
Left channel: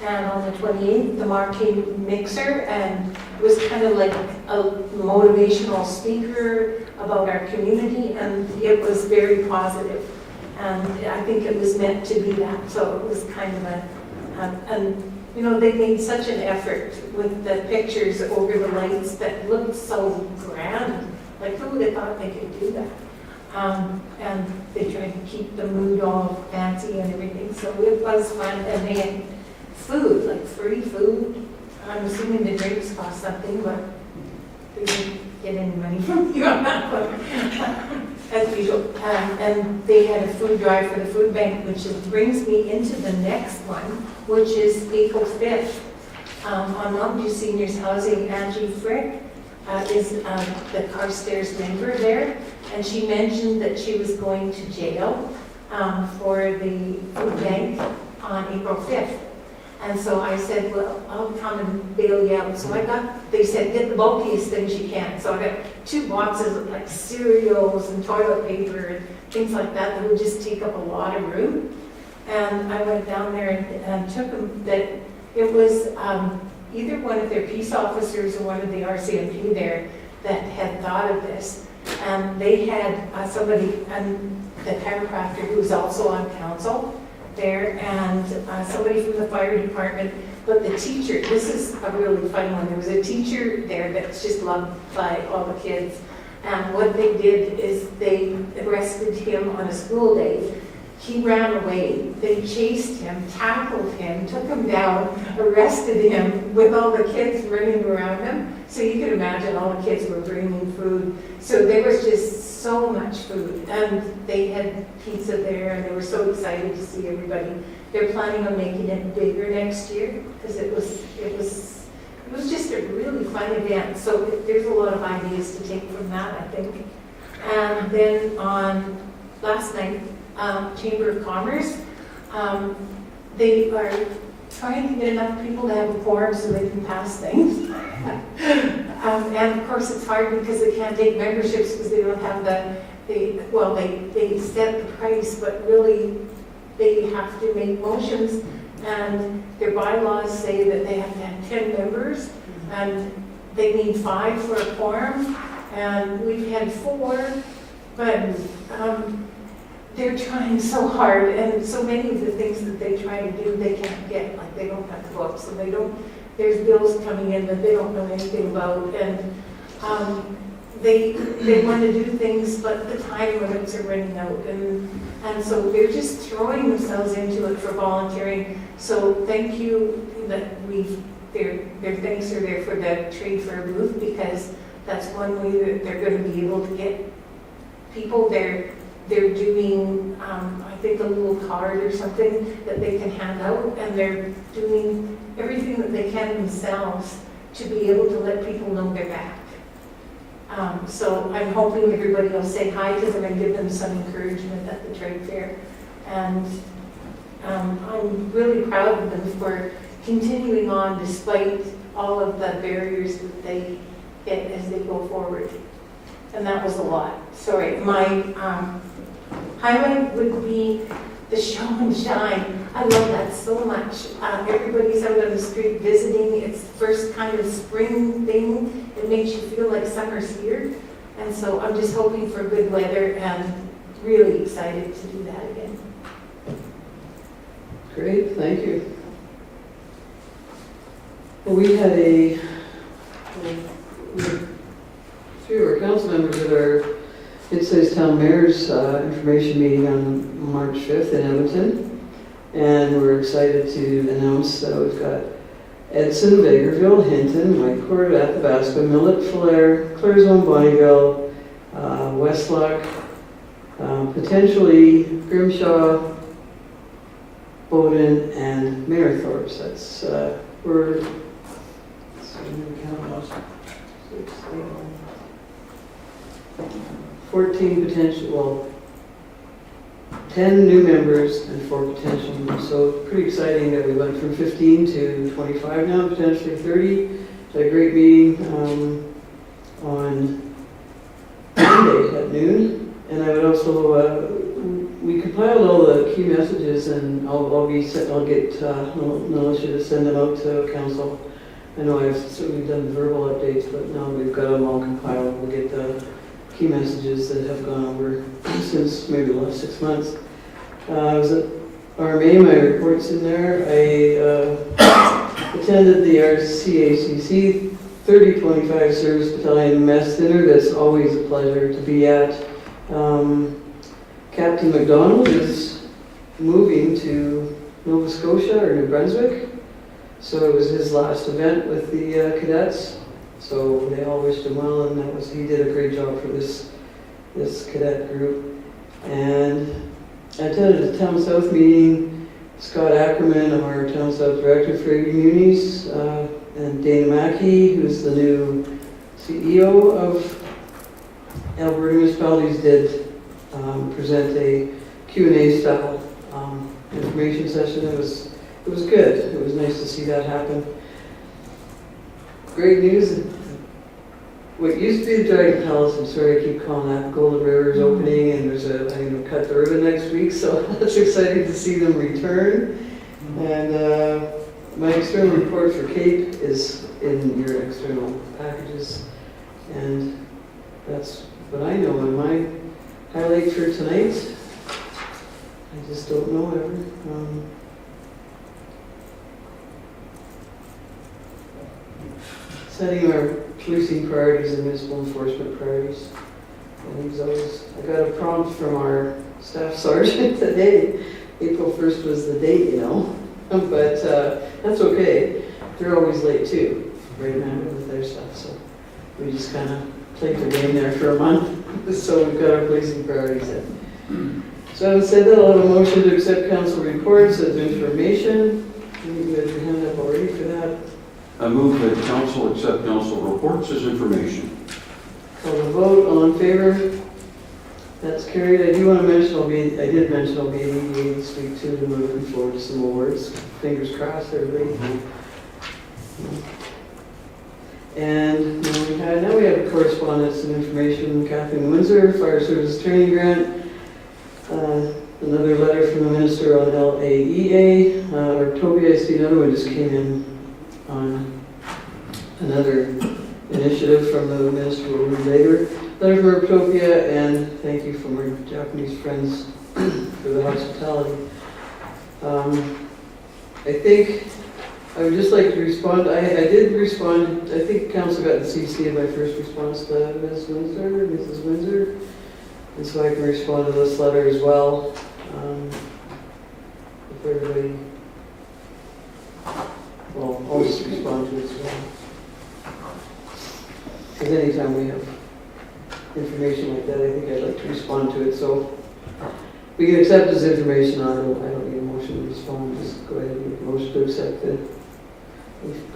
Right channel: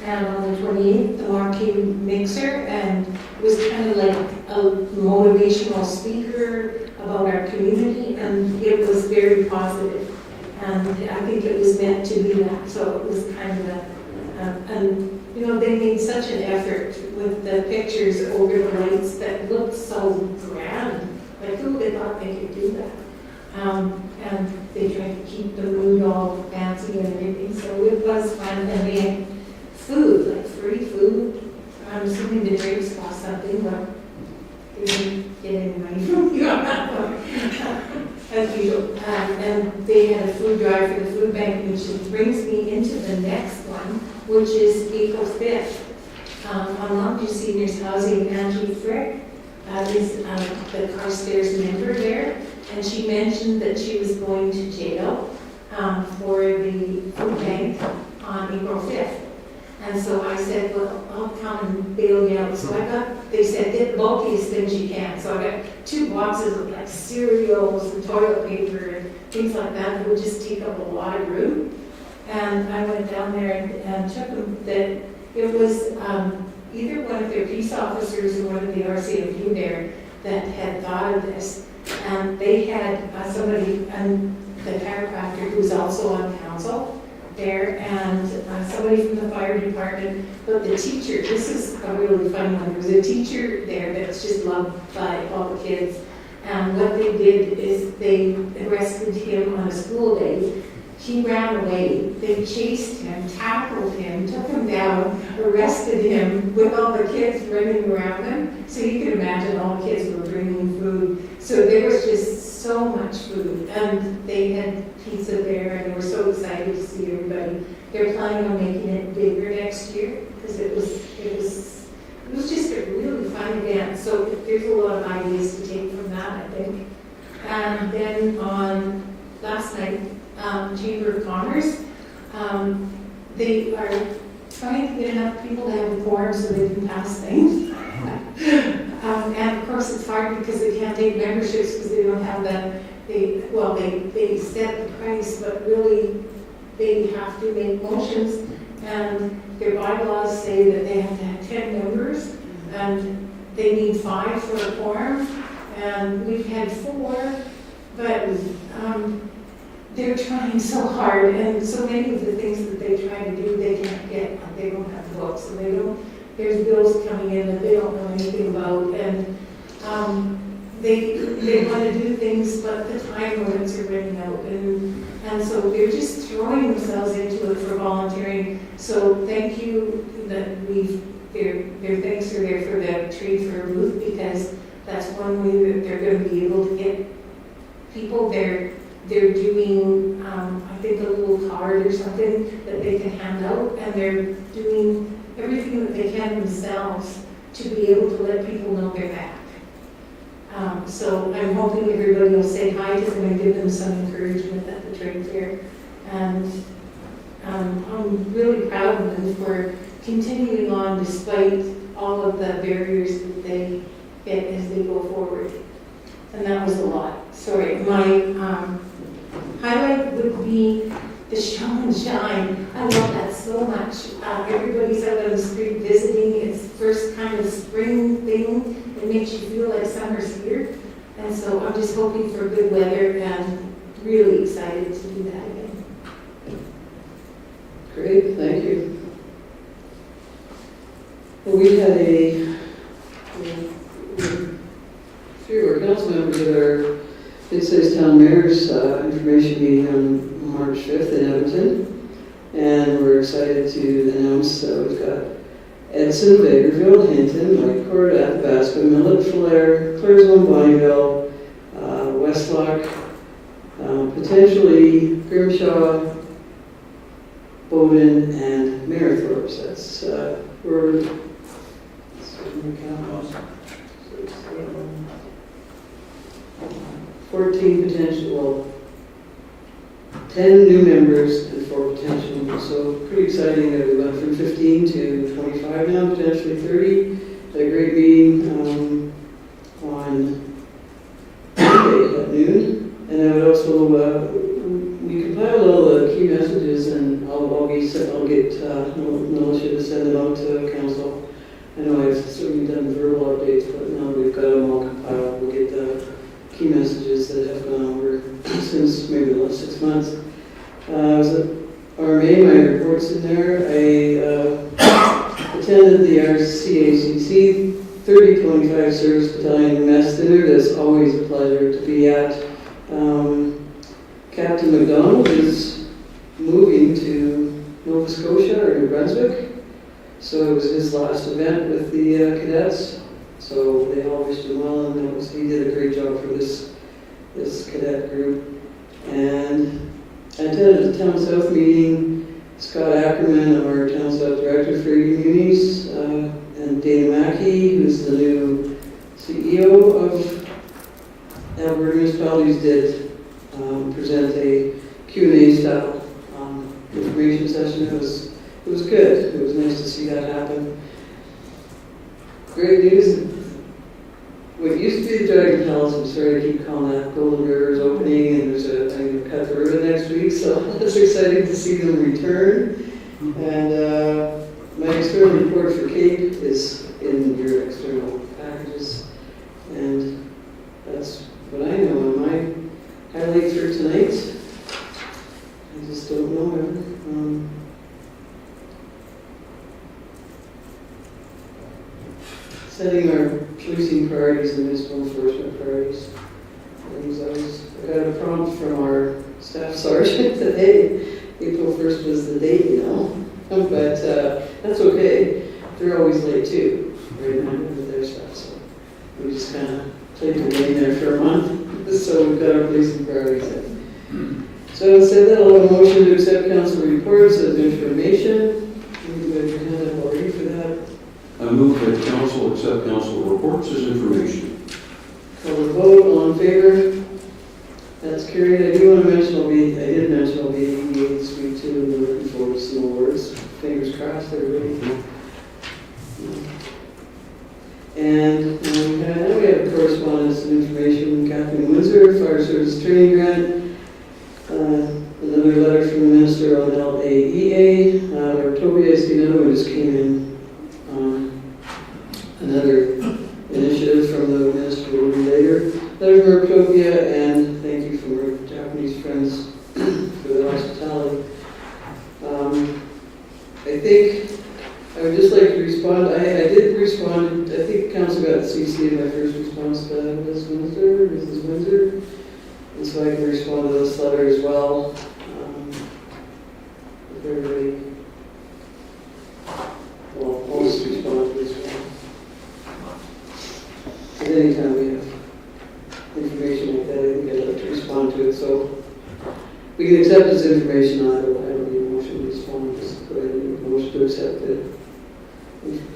And on the 28th, the Marquee Mixer, and it was kind of like a motivational speaker about our community, and it was very positive. And I think it was meant to be that, so it was kind of you know, they made such an effort with the pictures over the lights that looked so grand. Like, who would have thought they could do that? And they tried to keep the mood all fancy and everything, so it was fun. And they had food, like free food. I'm assuming the drinks cost something, but they didn't get any money from you on that one, as usual. And they had a food drive for the food bank, which brings me into the next one, which is April 5th. On Mount View Seniors Housing, Angie Frick is the Carstairs member there, and she mentioned that she was going to jail for the food bank on April 5th. And so I said, well, I'll come and bail you out. So they said, get the bulkiest things you can. So I got 2 boxes of like cereals and toilet paper and things like that would just take up a lot of room. And I went down there and took them, that it was either one of their peace officers or one of the RCMP there that had thought of this. And they had somebody, the chiropractor who's also on council, there, and somebody from the fire department, but the teacher, this is a really fun one, there was a teacher there that's just loved by all the kids, and what they did is they arrested him on a school day. He ran away, they chased him, tackled him, took him down, arrested him with all the kids running around him. So you can imagine all the kids were bringing food. So there was just so much food, and they had pizza there, and they were so excited to see everybody. They're planning on making it bigger next year, because it was just a really fun event. So there's a lot of ideas to take from that, I think. And then on last night, Chamber of Commerce, they are trying to get enough people to have a quorum so they can pass things. And of course, it's hard because they can't take memberships because they don't have they set the price, but really they have to make motions, and their bylaws say that they have to have 10 members, and they need 5 for a quorum, and we've had 4, but they're trying so hard, and so many of the things that they try to do, they can't get, like they don't have the votes, so there's bills coming in that they don't know anything about, and they want to do things, but the time limits are running out, and so they're just throwing themselves into it for volunteering. So thank you that their thanks are there for the Trade Fair booth, because that's one way that they're going to be able to get people. They're doing, I think, a little card or something that they can hand out, and they're doing everything that they can themselves to be able to let people know they're back. So I'm hoping everybody will say hi to them and give them some encouragement at the trade fair. And I'm really proud of them for continuing on despite all of the barriers that they get as they go forward. And that was a lot. Sorry, my highlight would be the show and shine. I love that so much. Everybody's out on the street visiting. It's the first kind of spring thing. It makes you feel like summer's here. And so I'm just hoping for good weather and really excited to do that again. Great, thank you. Well, we had a few of our council members at our Mid-Sized Town Mayor's information meeting on March 5th in Edmonton, and we're excited to announce that we've got Edson, Bakerville, Hinton, Whitecourt, Athabasca, Millet, Falher, Claresholm, Bonnyville, Westlock, potentially Grimshaw, Bowden, and Mayorthorpe. That's we're 14 potential, well, 10 new members and 4 potential. So pretty exciting that we went from 15 to 25 now, potentially 30. Had a great meeting on Monday at noon. And I would also, we compiled all the key messages, and I'll get Militia to send them out to council. I know I've certainly done verbal updates, but now we've got them all compiled. We'll get the key messages that have gone over since maybe the last 6 months. RMA, my report's in there. I attended the RCACC 3025 Service Battalion Mess Dinner. That's always a pleasure to be at. Captain McDonald is moving to Nova Scotia or New Brunswick, so it was his last event with the cadets. So they all wished him well, and he did a great job for this cadet group. And I attended a Town South meeting. Scott Ackerman, our Town South Director for Communities, and Dana Mackey, who's the new CEO of Alberta Municipalities, did present a Q&A style information session. It was good. It was nice to see that happen. Great news. What used to be the Dragon Palace, I'm sorry I keep calling that, Golden River is opening, and there's I'm going to cut the ribbon next week, so it's exciting to see them return. And my external report for Cape is in your external packages, and that's what I know. And my highlight for tonight, I just don't know ever. Setting our policing priorities and municipal enforcement priorities. And I got a prompt from our staff sergeant that, hey, April 1st was the date, you know. But that's okay. They're always late too, right now with their stuff. So we just kind of played the game there for a month. So we've got our policing priorities in. So I said that I'll have a motion to accept council reports as information. You got your hand up already for that. I move that council accept council reports as information. Call the vote, all in favor? That's carried. I do want to mention, I did mention I'll be at EDA this week too, and I'm looking forward to some awards. Fingers crossed, everybody. And now we have correspondence and information. Kathleen Windsor, Fire Service Training Grant. Another letter from the Minister on LAEA. Artopia, I see another one just came in on another initiative from the Minister of Women and Labor. Letter from Artopia, and thank you from our Japanese friends for the hospitality. I think I would just like to respond. I did respond. I think Council got CC in my first response to Mrs. Windsor, and so I can respond to this letter as well. If everybody, well, I'll just respond to this one. And anytime we have information like that, I think I'd like to respond to it. So we can accept this information. I don't need a motion to respond. Just go ahead and make a motion to accept the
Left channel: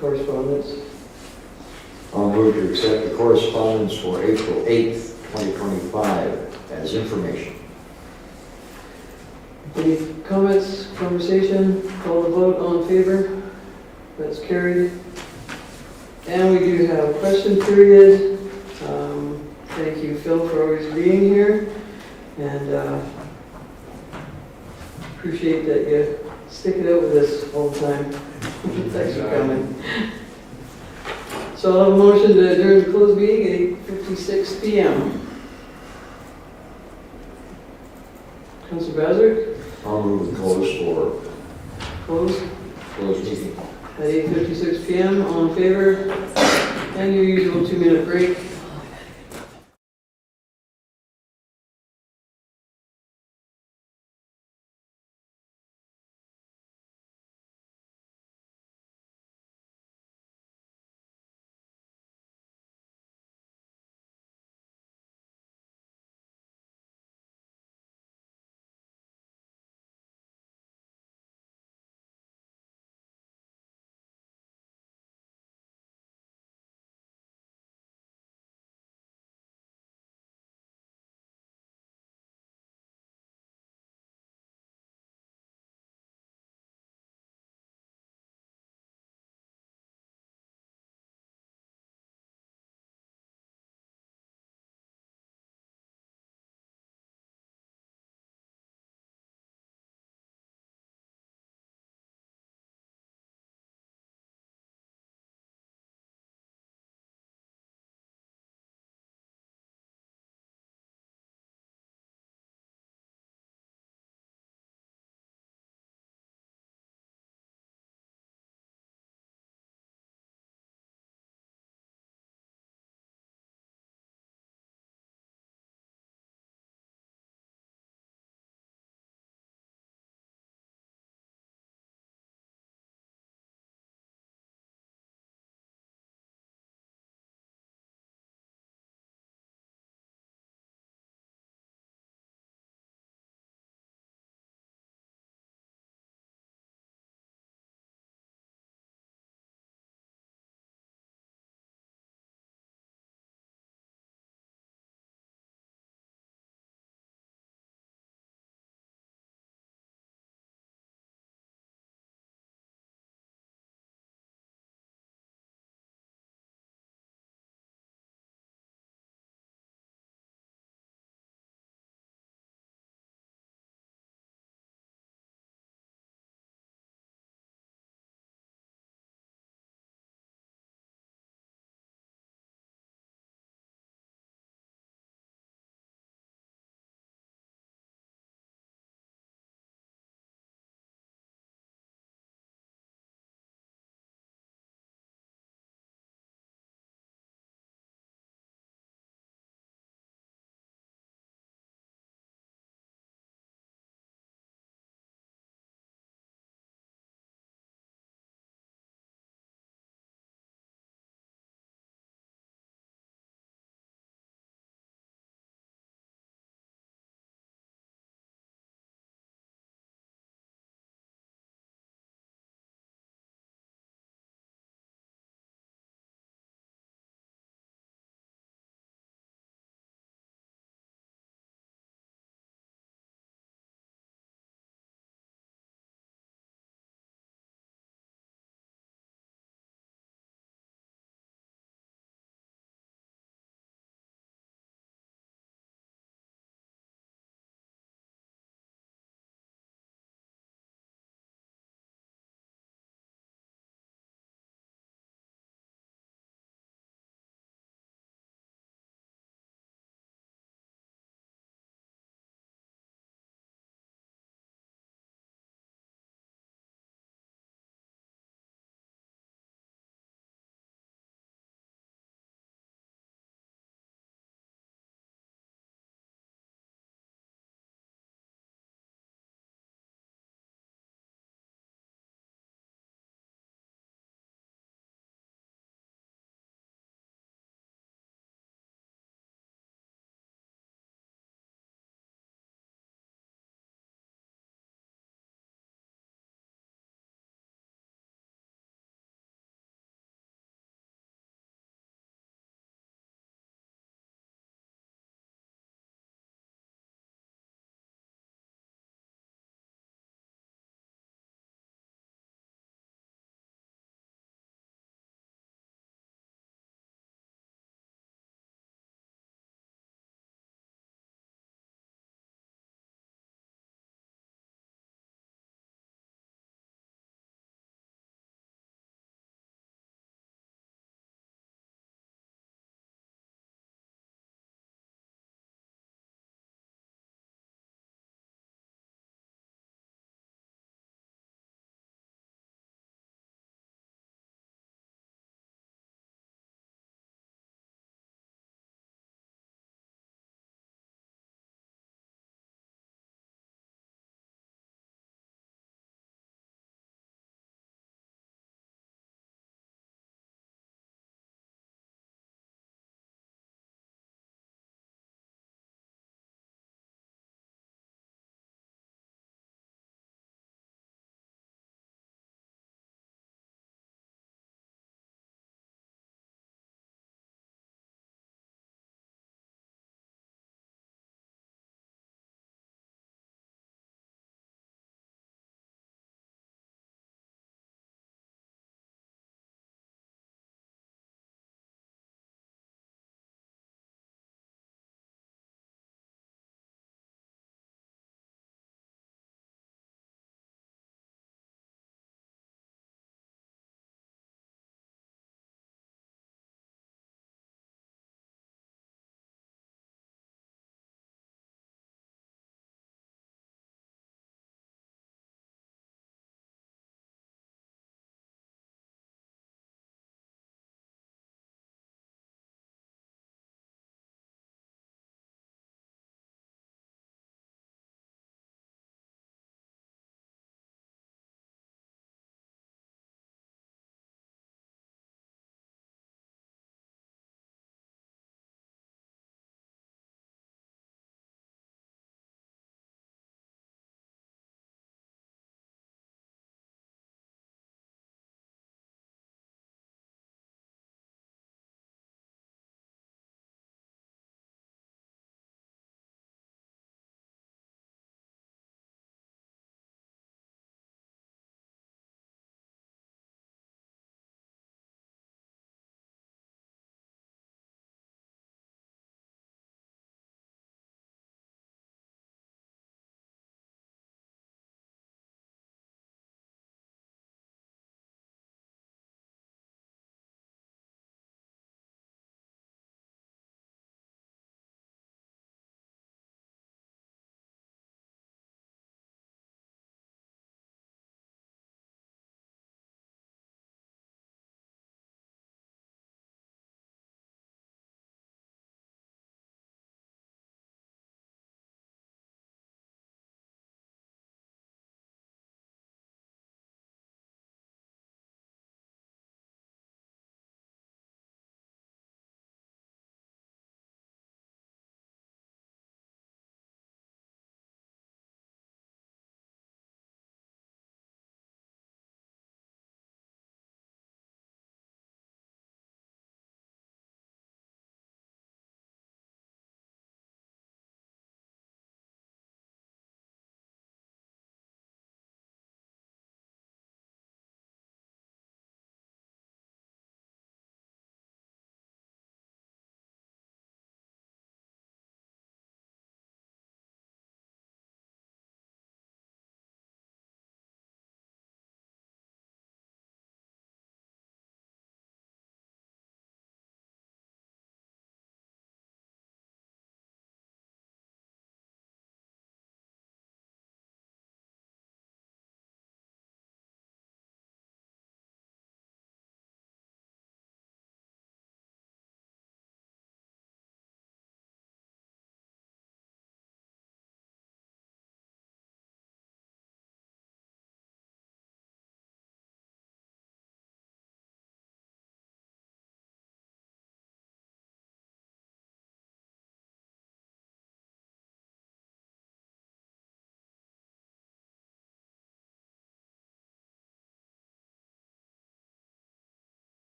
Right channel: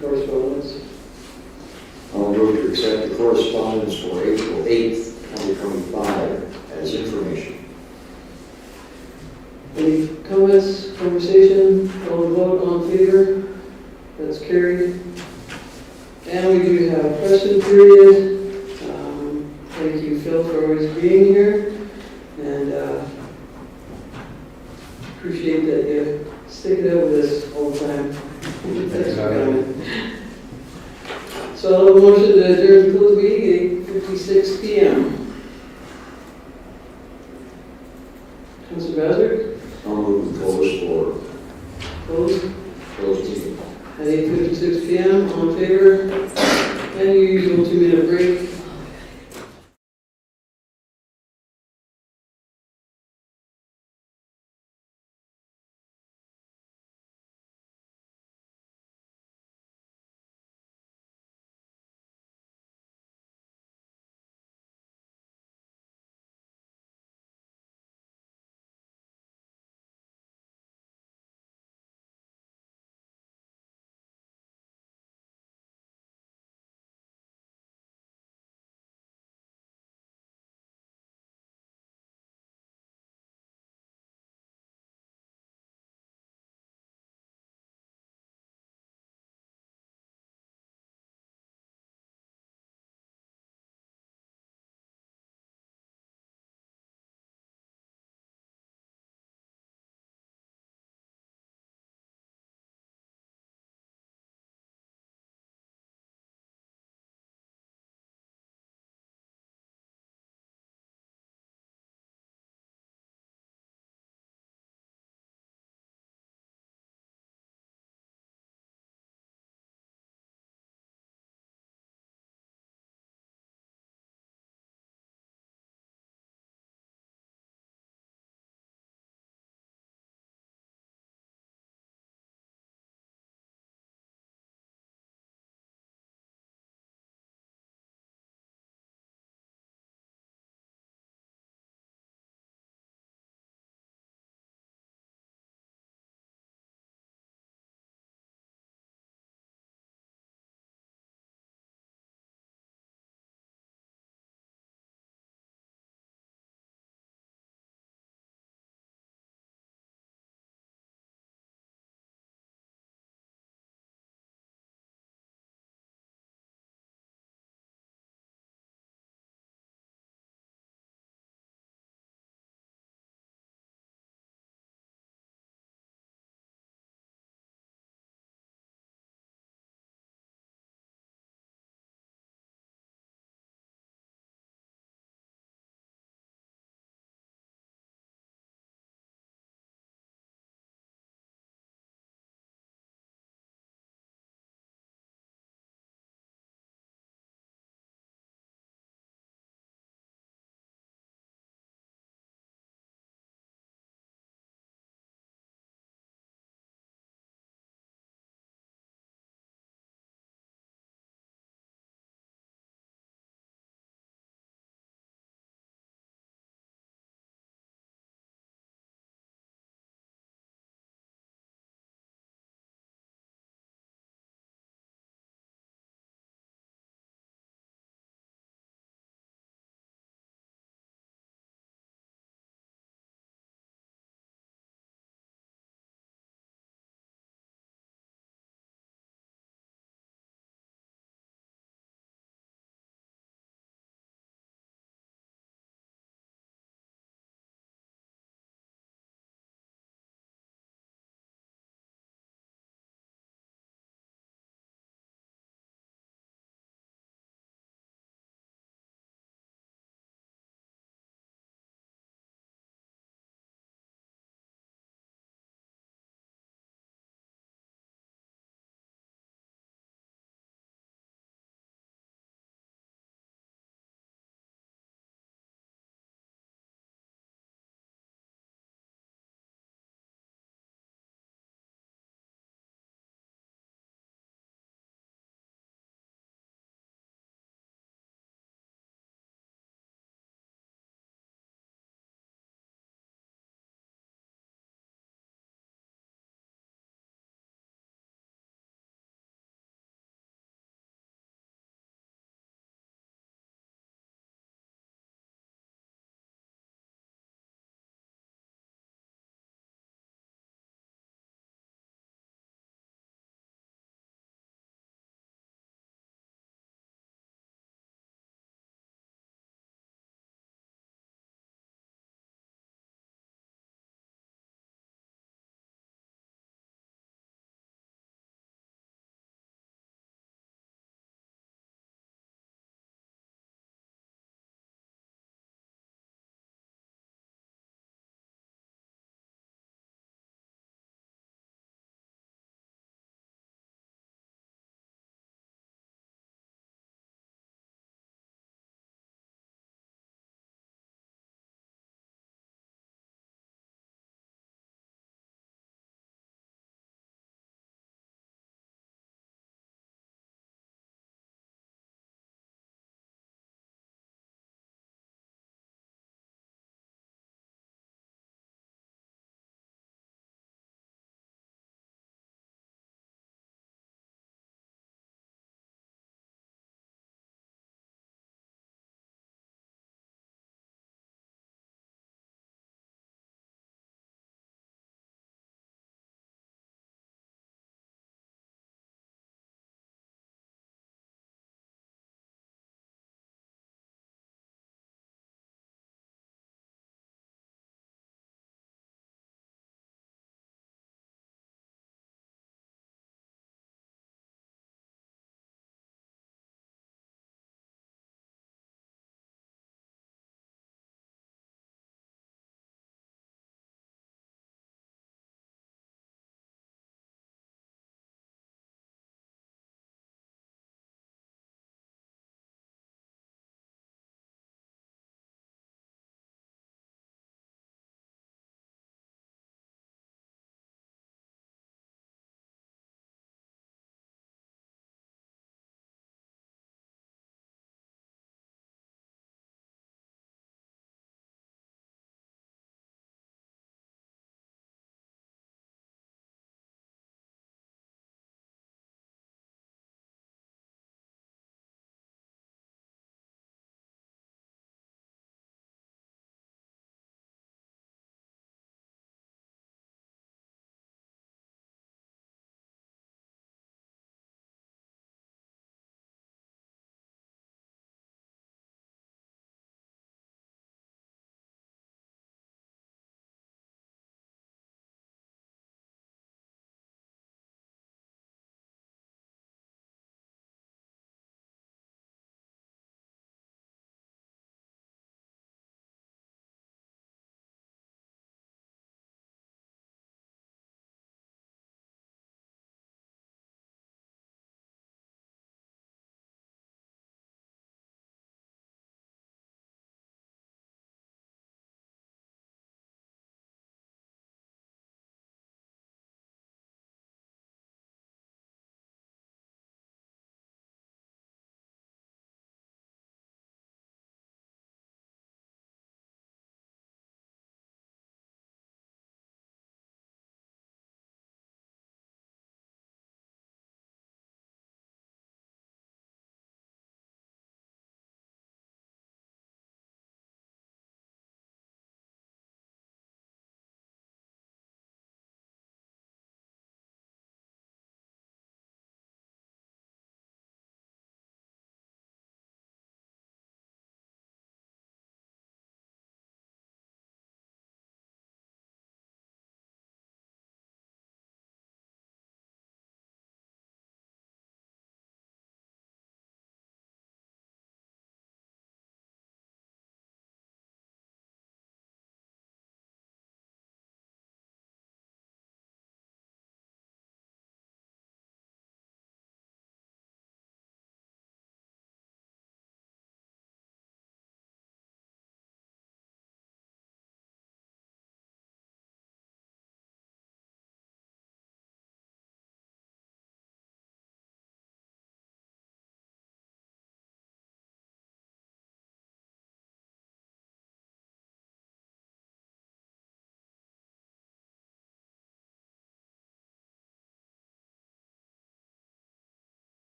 correspondence. I'll move to accept the correspondence for April 8th, 2025 as information. Any comments, conversation, call the vote, all in favor? That's carried. And we do have a question period. Thank you, Phil, for always being here. And appreciate that you stick it out with us all the time. Thanks for coming. So I'll have a motion to adjourn the closed meeting at 8:56 p.m. Councilor Bowser? I'll move the close for Closed closed meeting. at 8:56 p.m. All in favor? And your usual 2-minute break.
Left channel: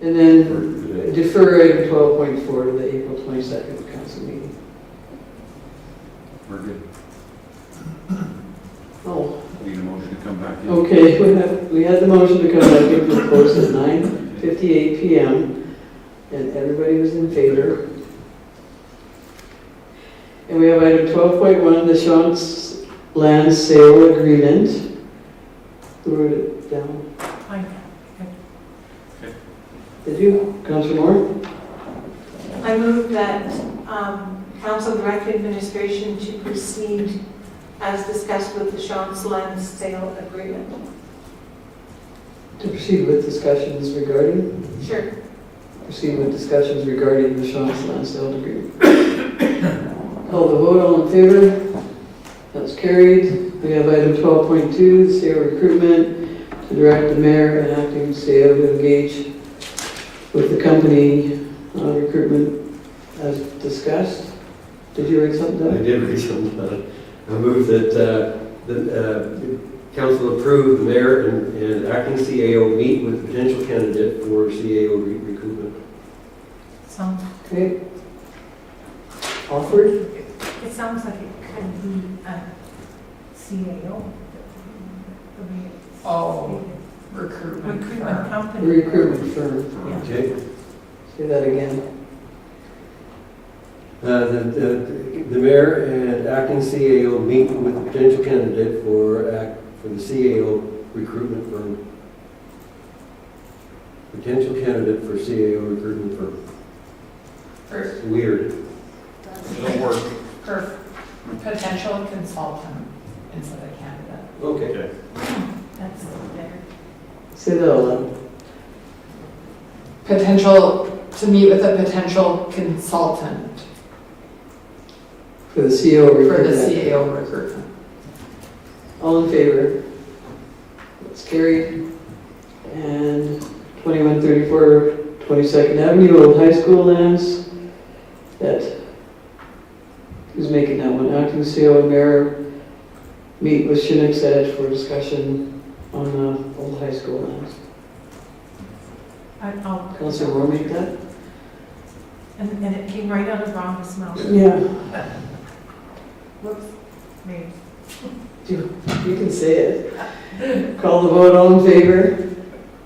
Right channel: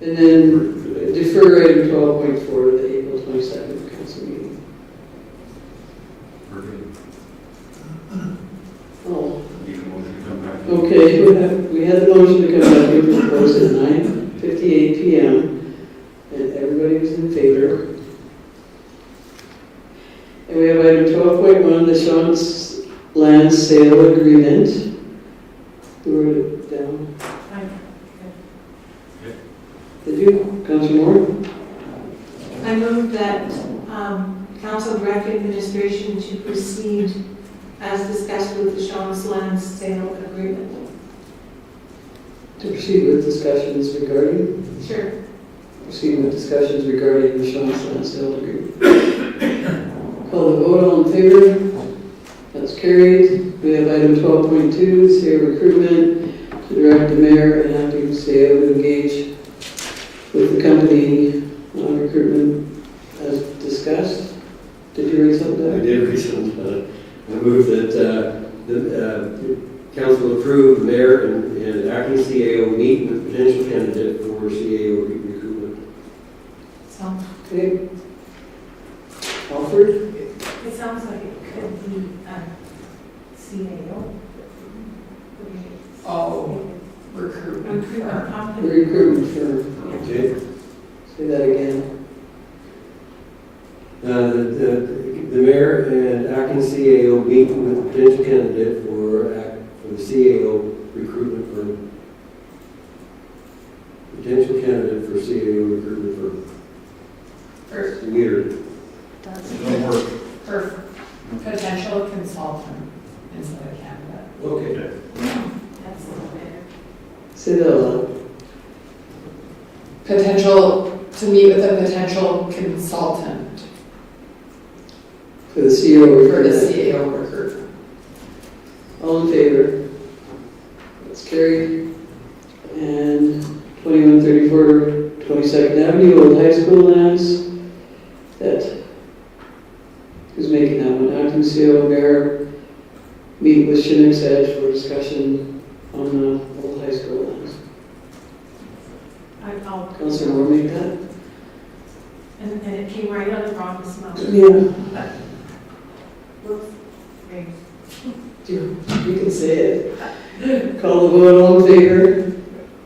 And then defer item 12.4 to the April 22nd council meeting. We're good. Oh, Need a motion to come back in? okay, we had the motion to come back into the close at 9:58 p.m. and everybody was in favor. And we have item 12.1, the Sean's land sale agreement. We were down. Did you, Councilor Moore? I move that council direct administration to proceed as discussed with the Sean's land sale agreement. To proceed with discussions regarding? Sure. Proceed with discussions regarding the Sean's land sale agreement. Call the vote, all in favor? That's carried. We have item 12.2, sale recruitment, to direct the mayor and acting CEO to engage with the company on recruitment as discussed. Did you read something I there? did read some. I move that the council approve the mayor and acting CAO meet with potential candidate for CAO recruitment. So Okay. Offered? it sounds like it could be a CAO. Oh, recruitment Recruitment firm. company. Recruitment firm. Okay. Say that again. The mayor and acting CAO meet with potential candidate for the CAO recruitment firm. Potential candidate for CAO recruitment firm. For, Weird. Don't work. for potential consultant instead of candidate. Okay. That's better. Say that aloud. Potential, to meet with a potential consultant For the CEO for the recruitment. CAO recruitment. All in favor? That's carried. And 2134 22nd Avenue, Old High School lands. Who's making that one? Acting CEO and Mayor meet with Chinook's Edge for discussion on the Old High School lands. I'll. Councilor Moore make that? And it came right out of Ron's mouth. Yeah. Whoops. Maybe. You can say it. Call the vote, all in favor?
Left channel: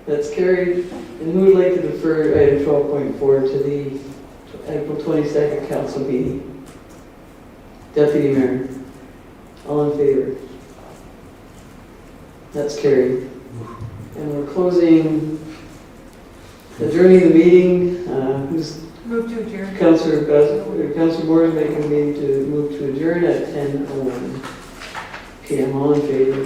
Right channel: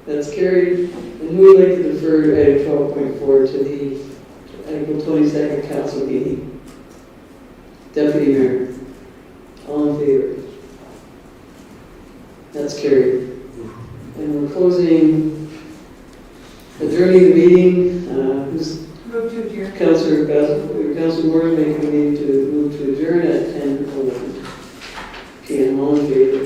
That's carried. And who would like to defer item 12.4 to the April 22nd council meeting? Deputy Mayor. All in favor? That's carried. And we're closing, adjourning the meeting. Who's Move to adjourn. Councilor Moore is making a meeting to move to adjourn at 10:11 p.m. All in favor?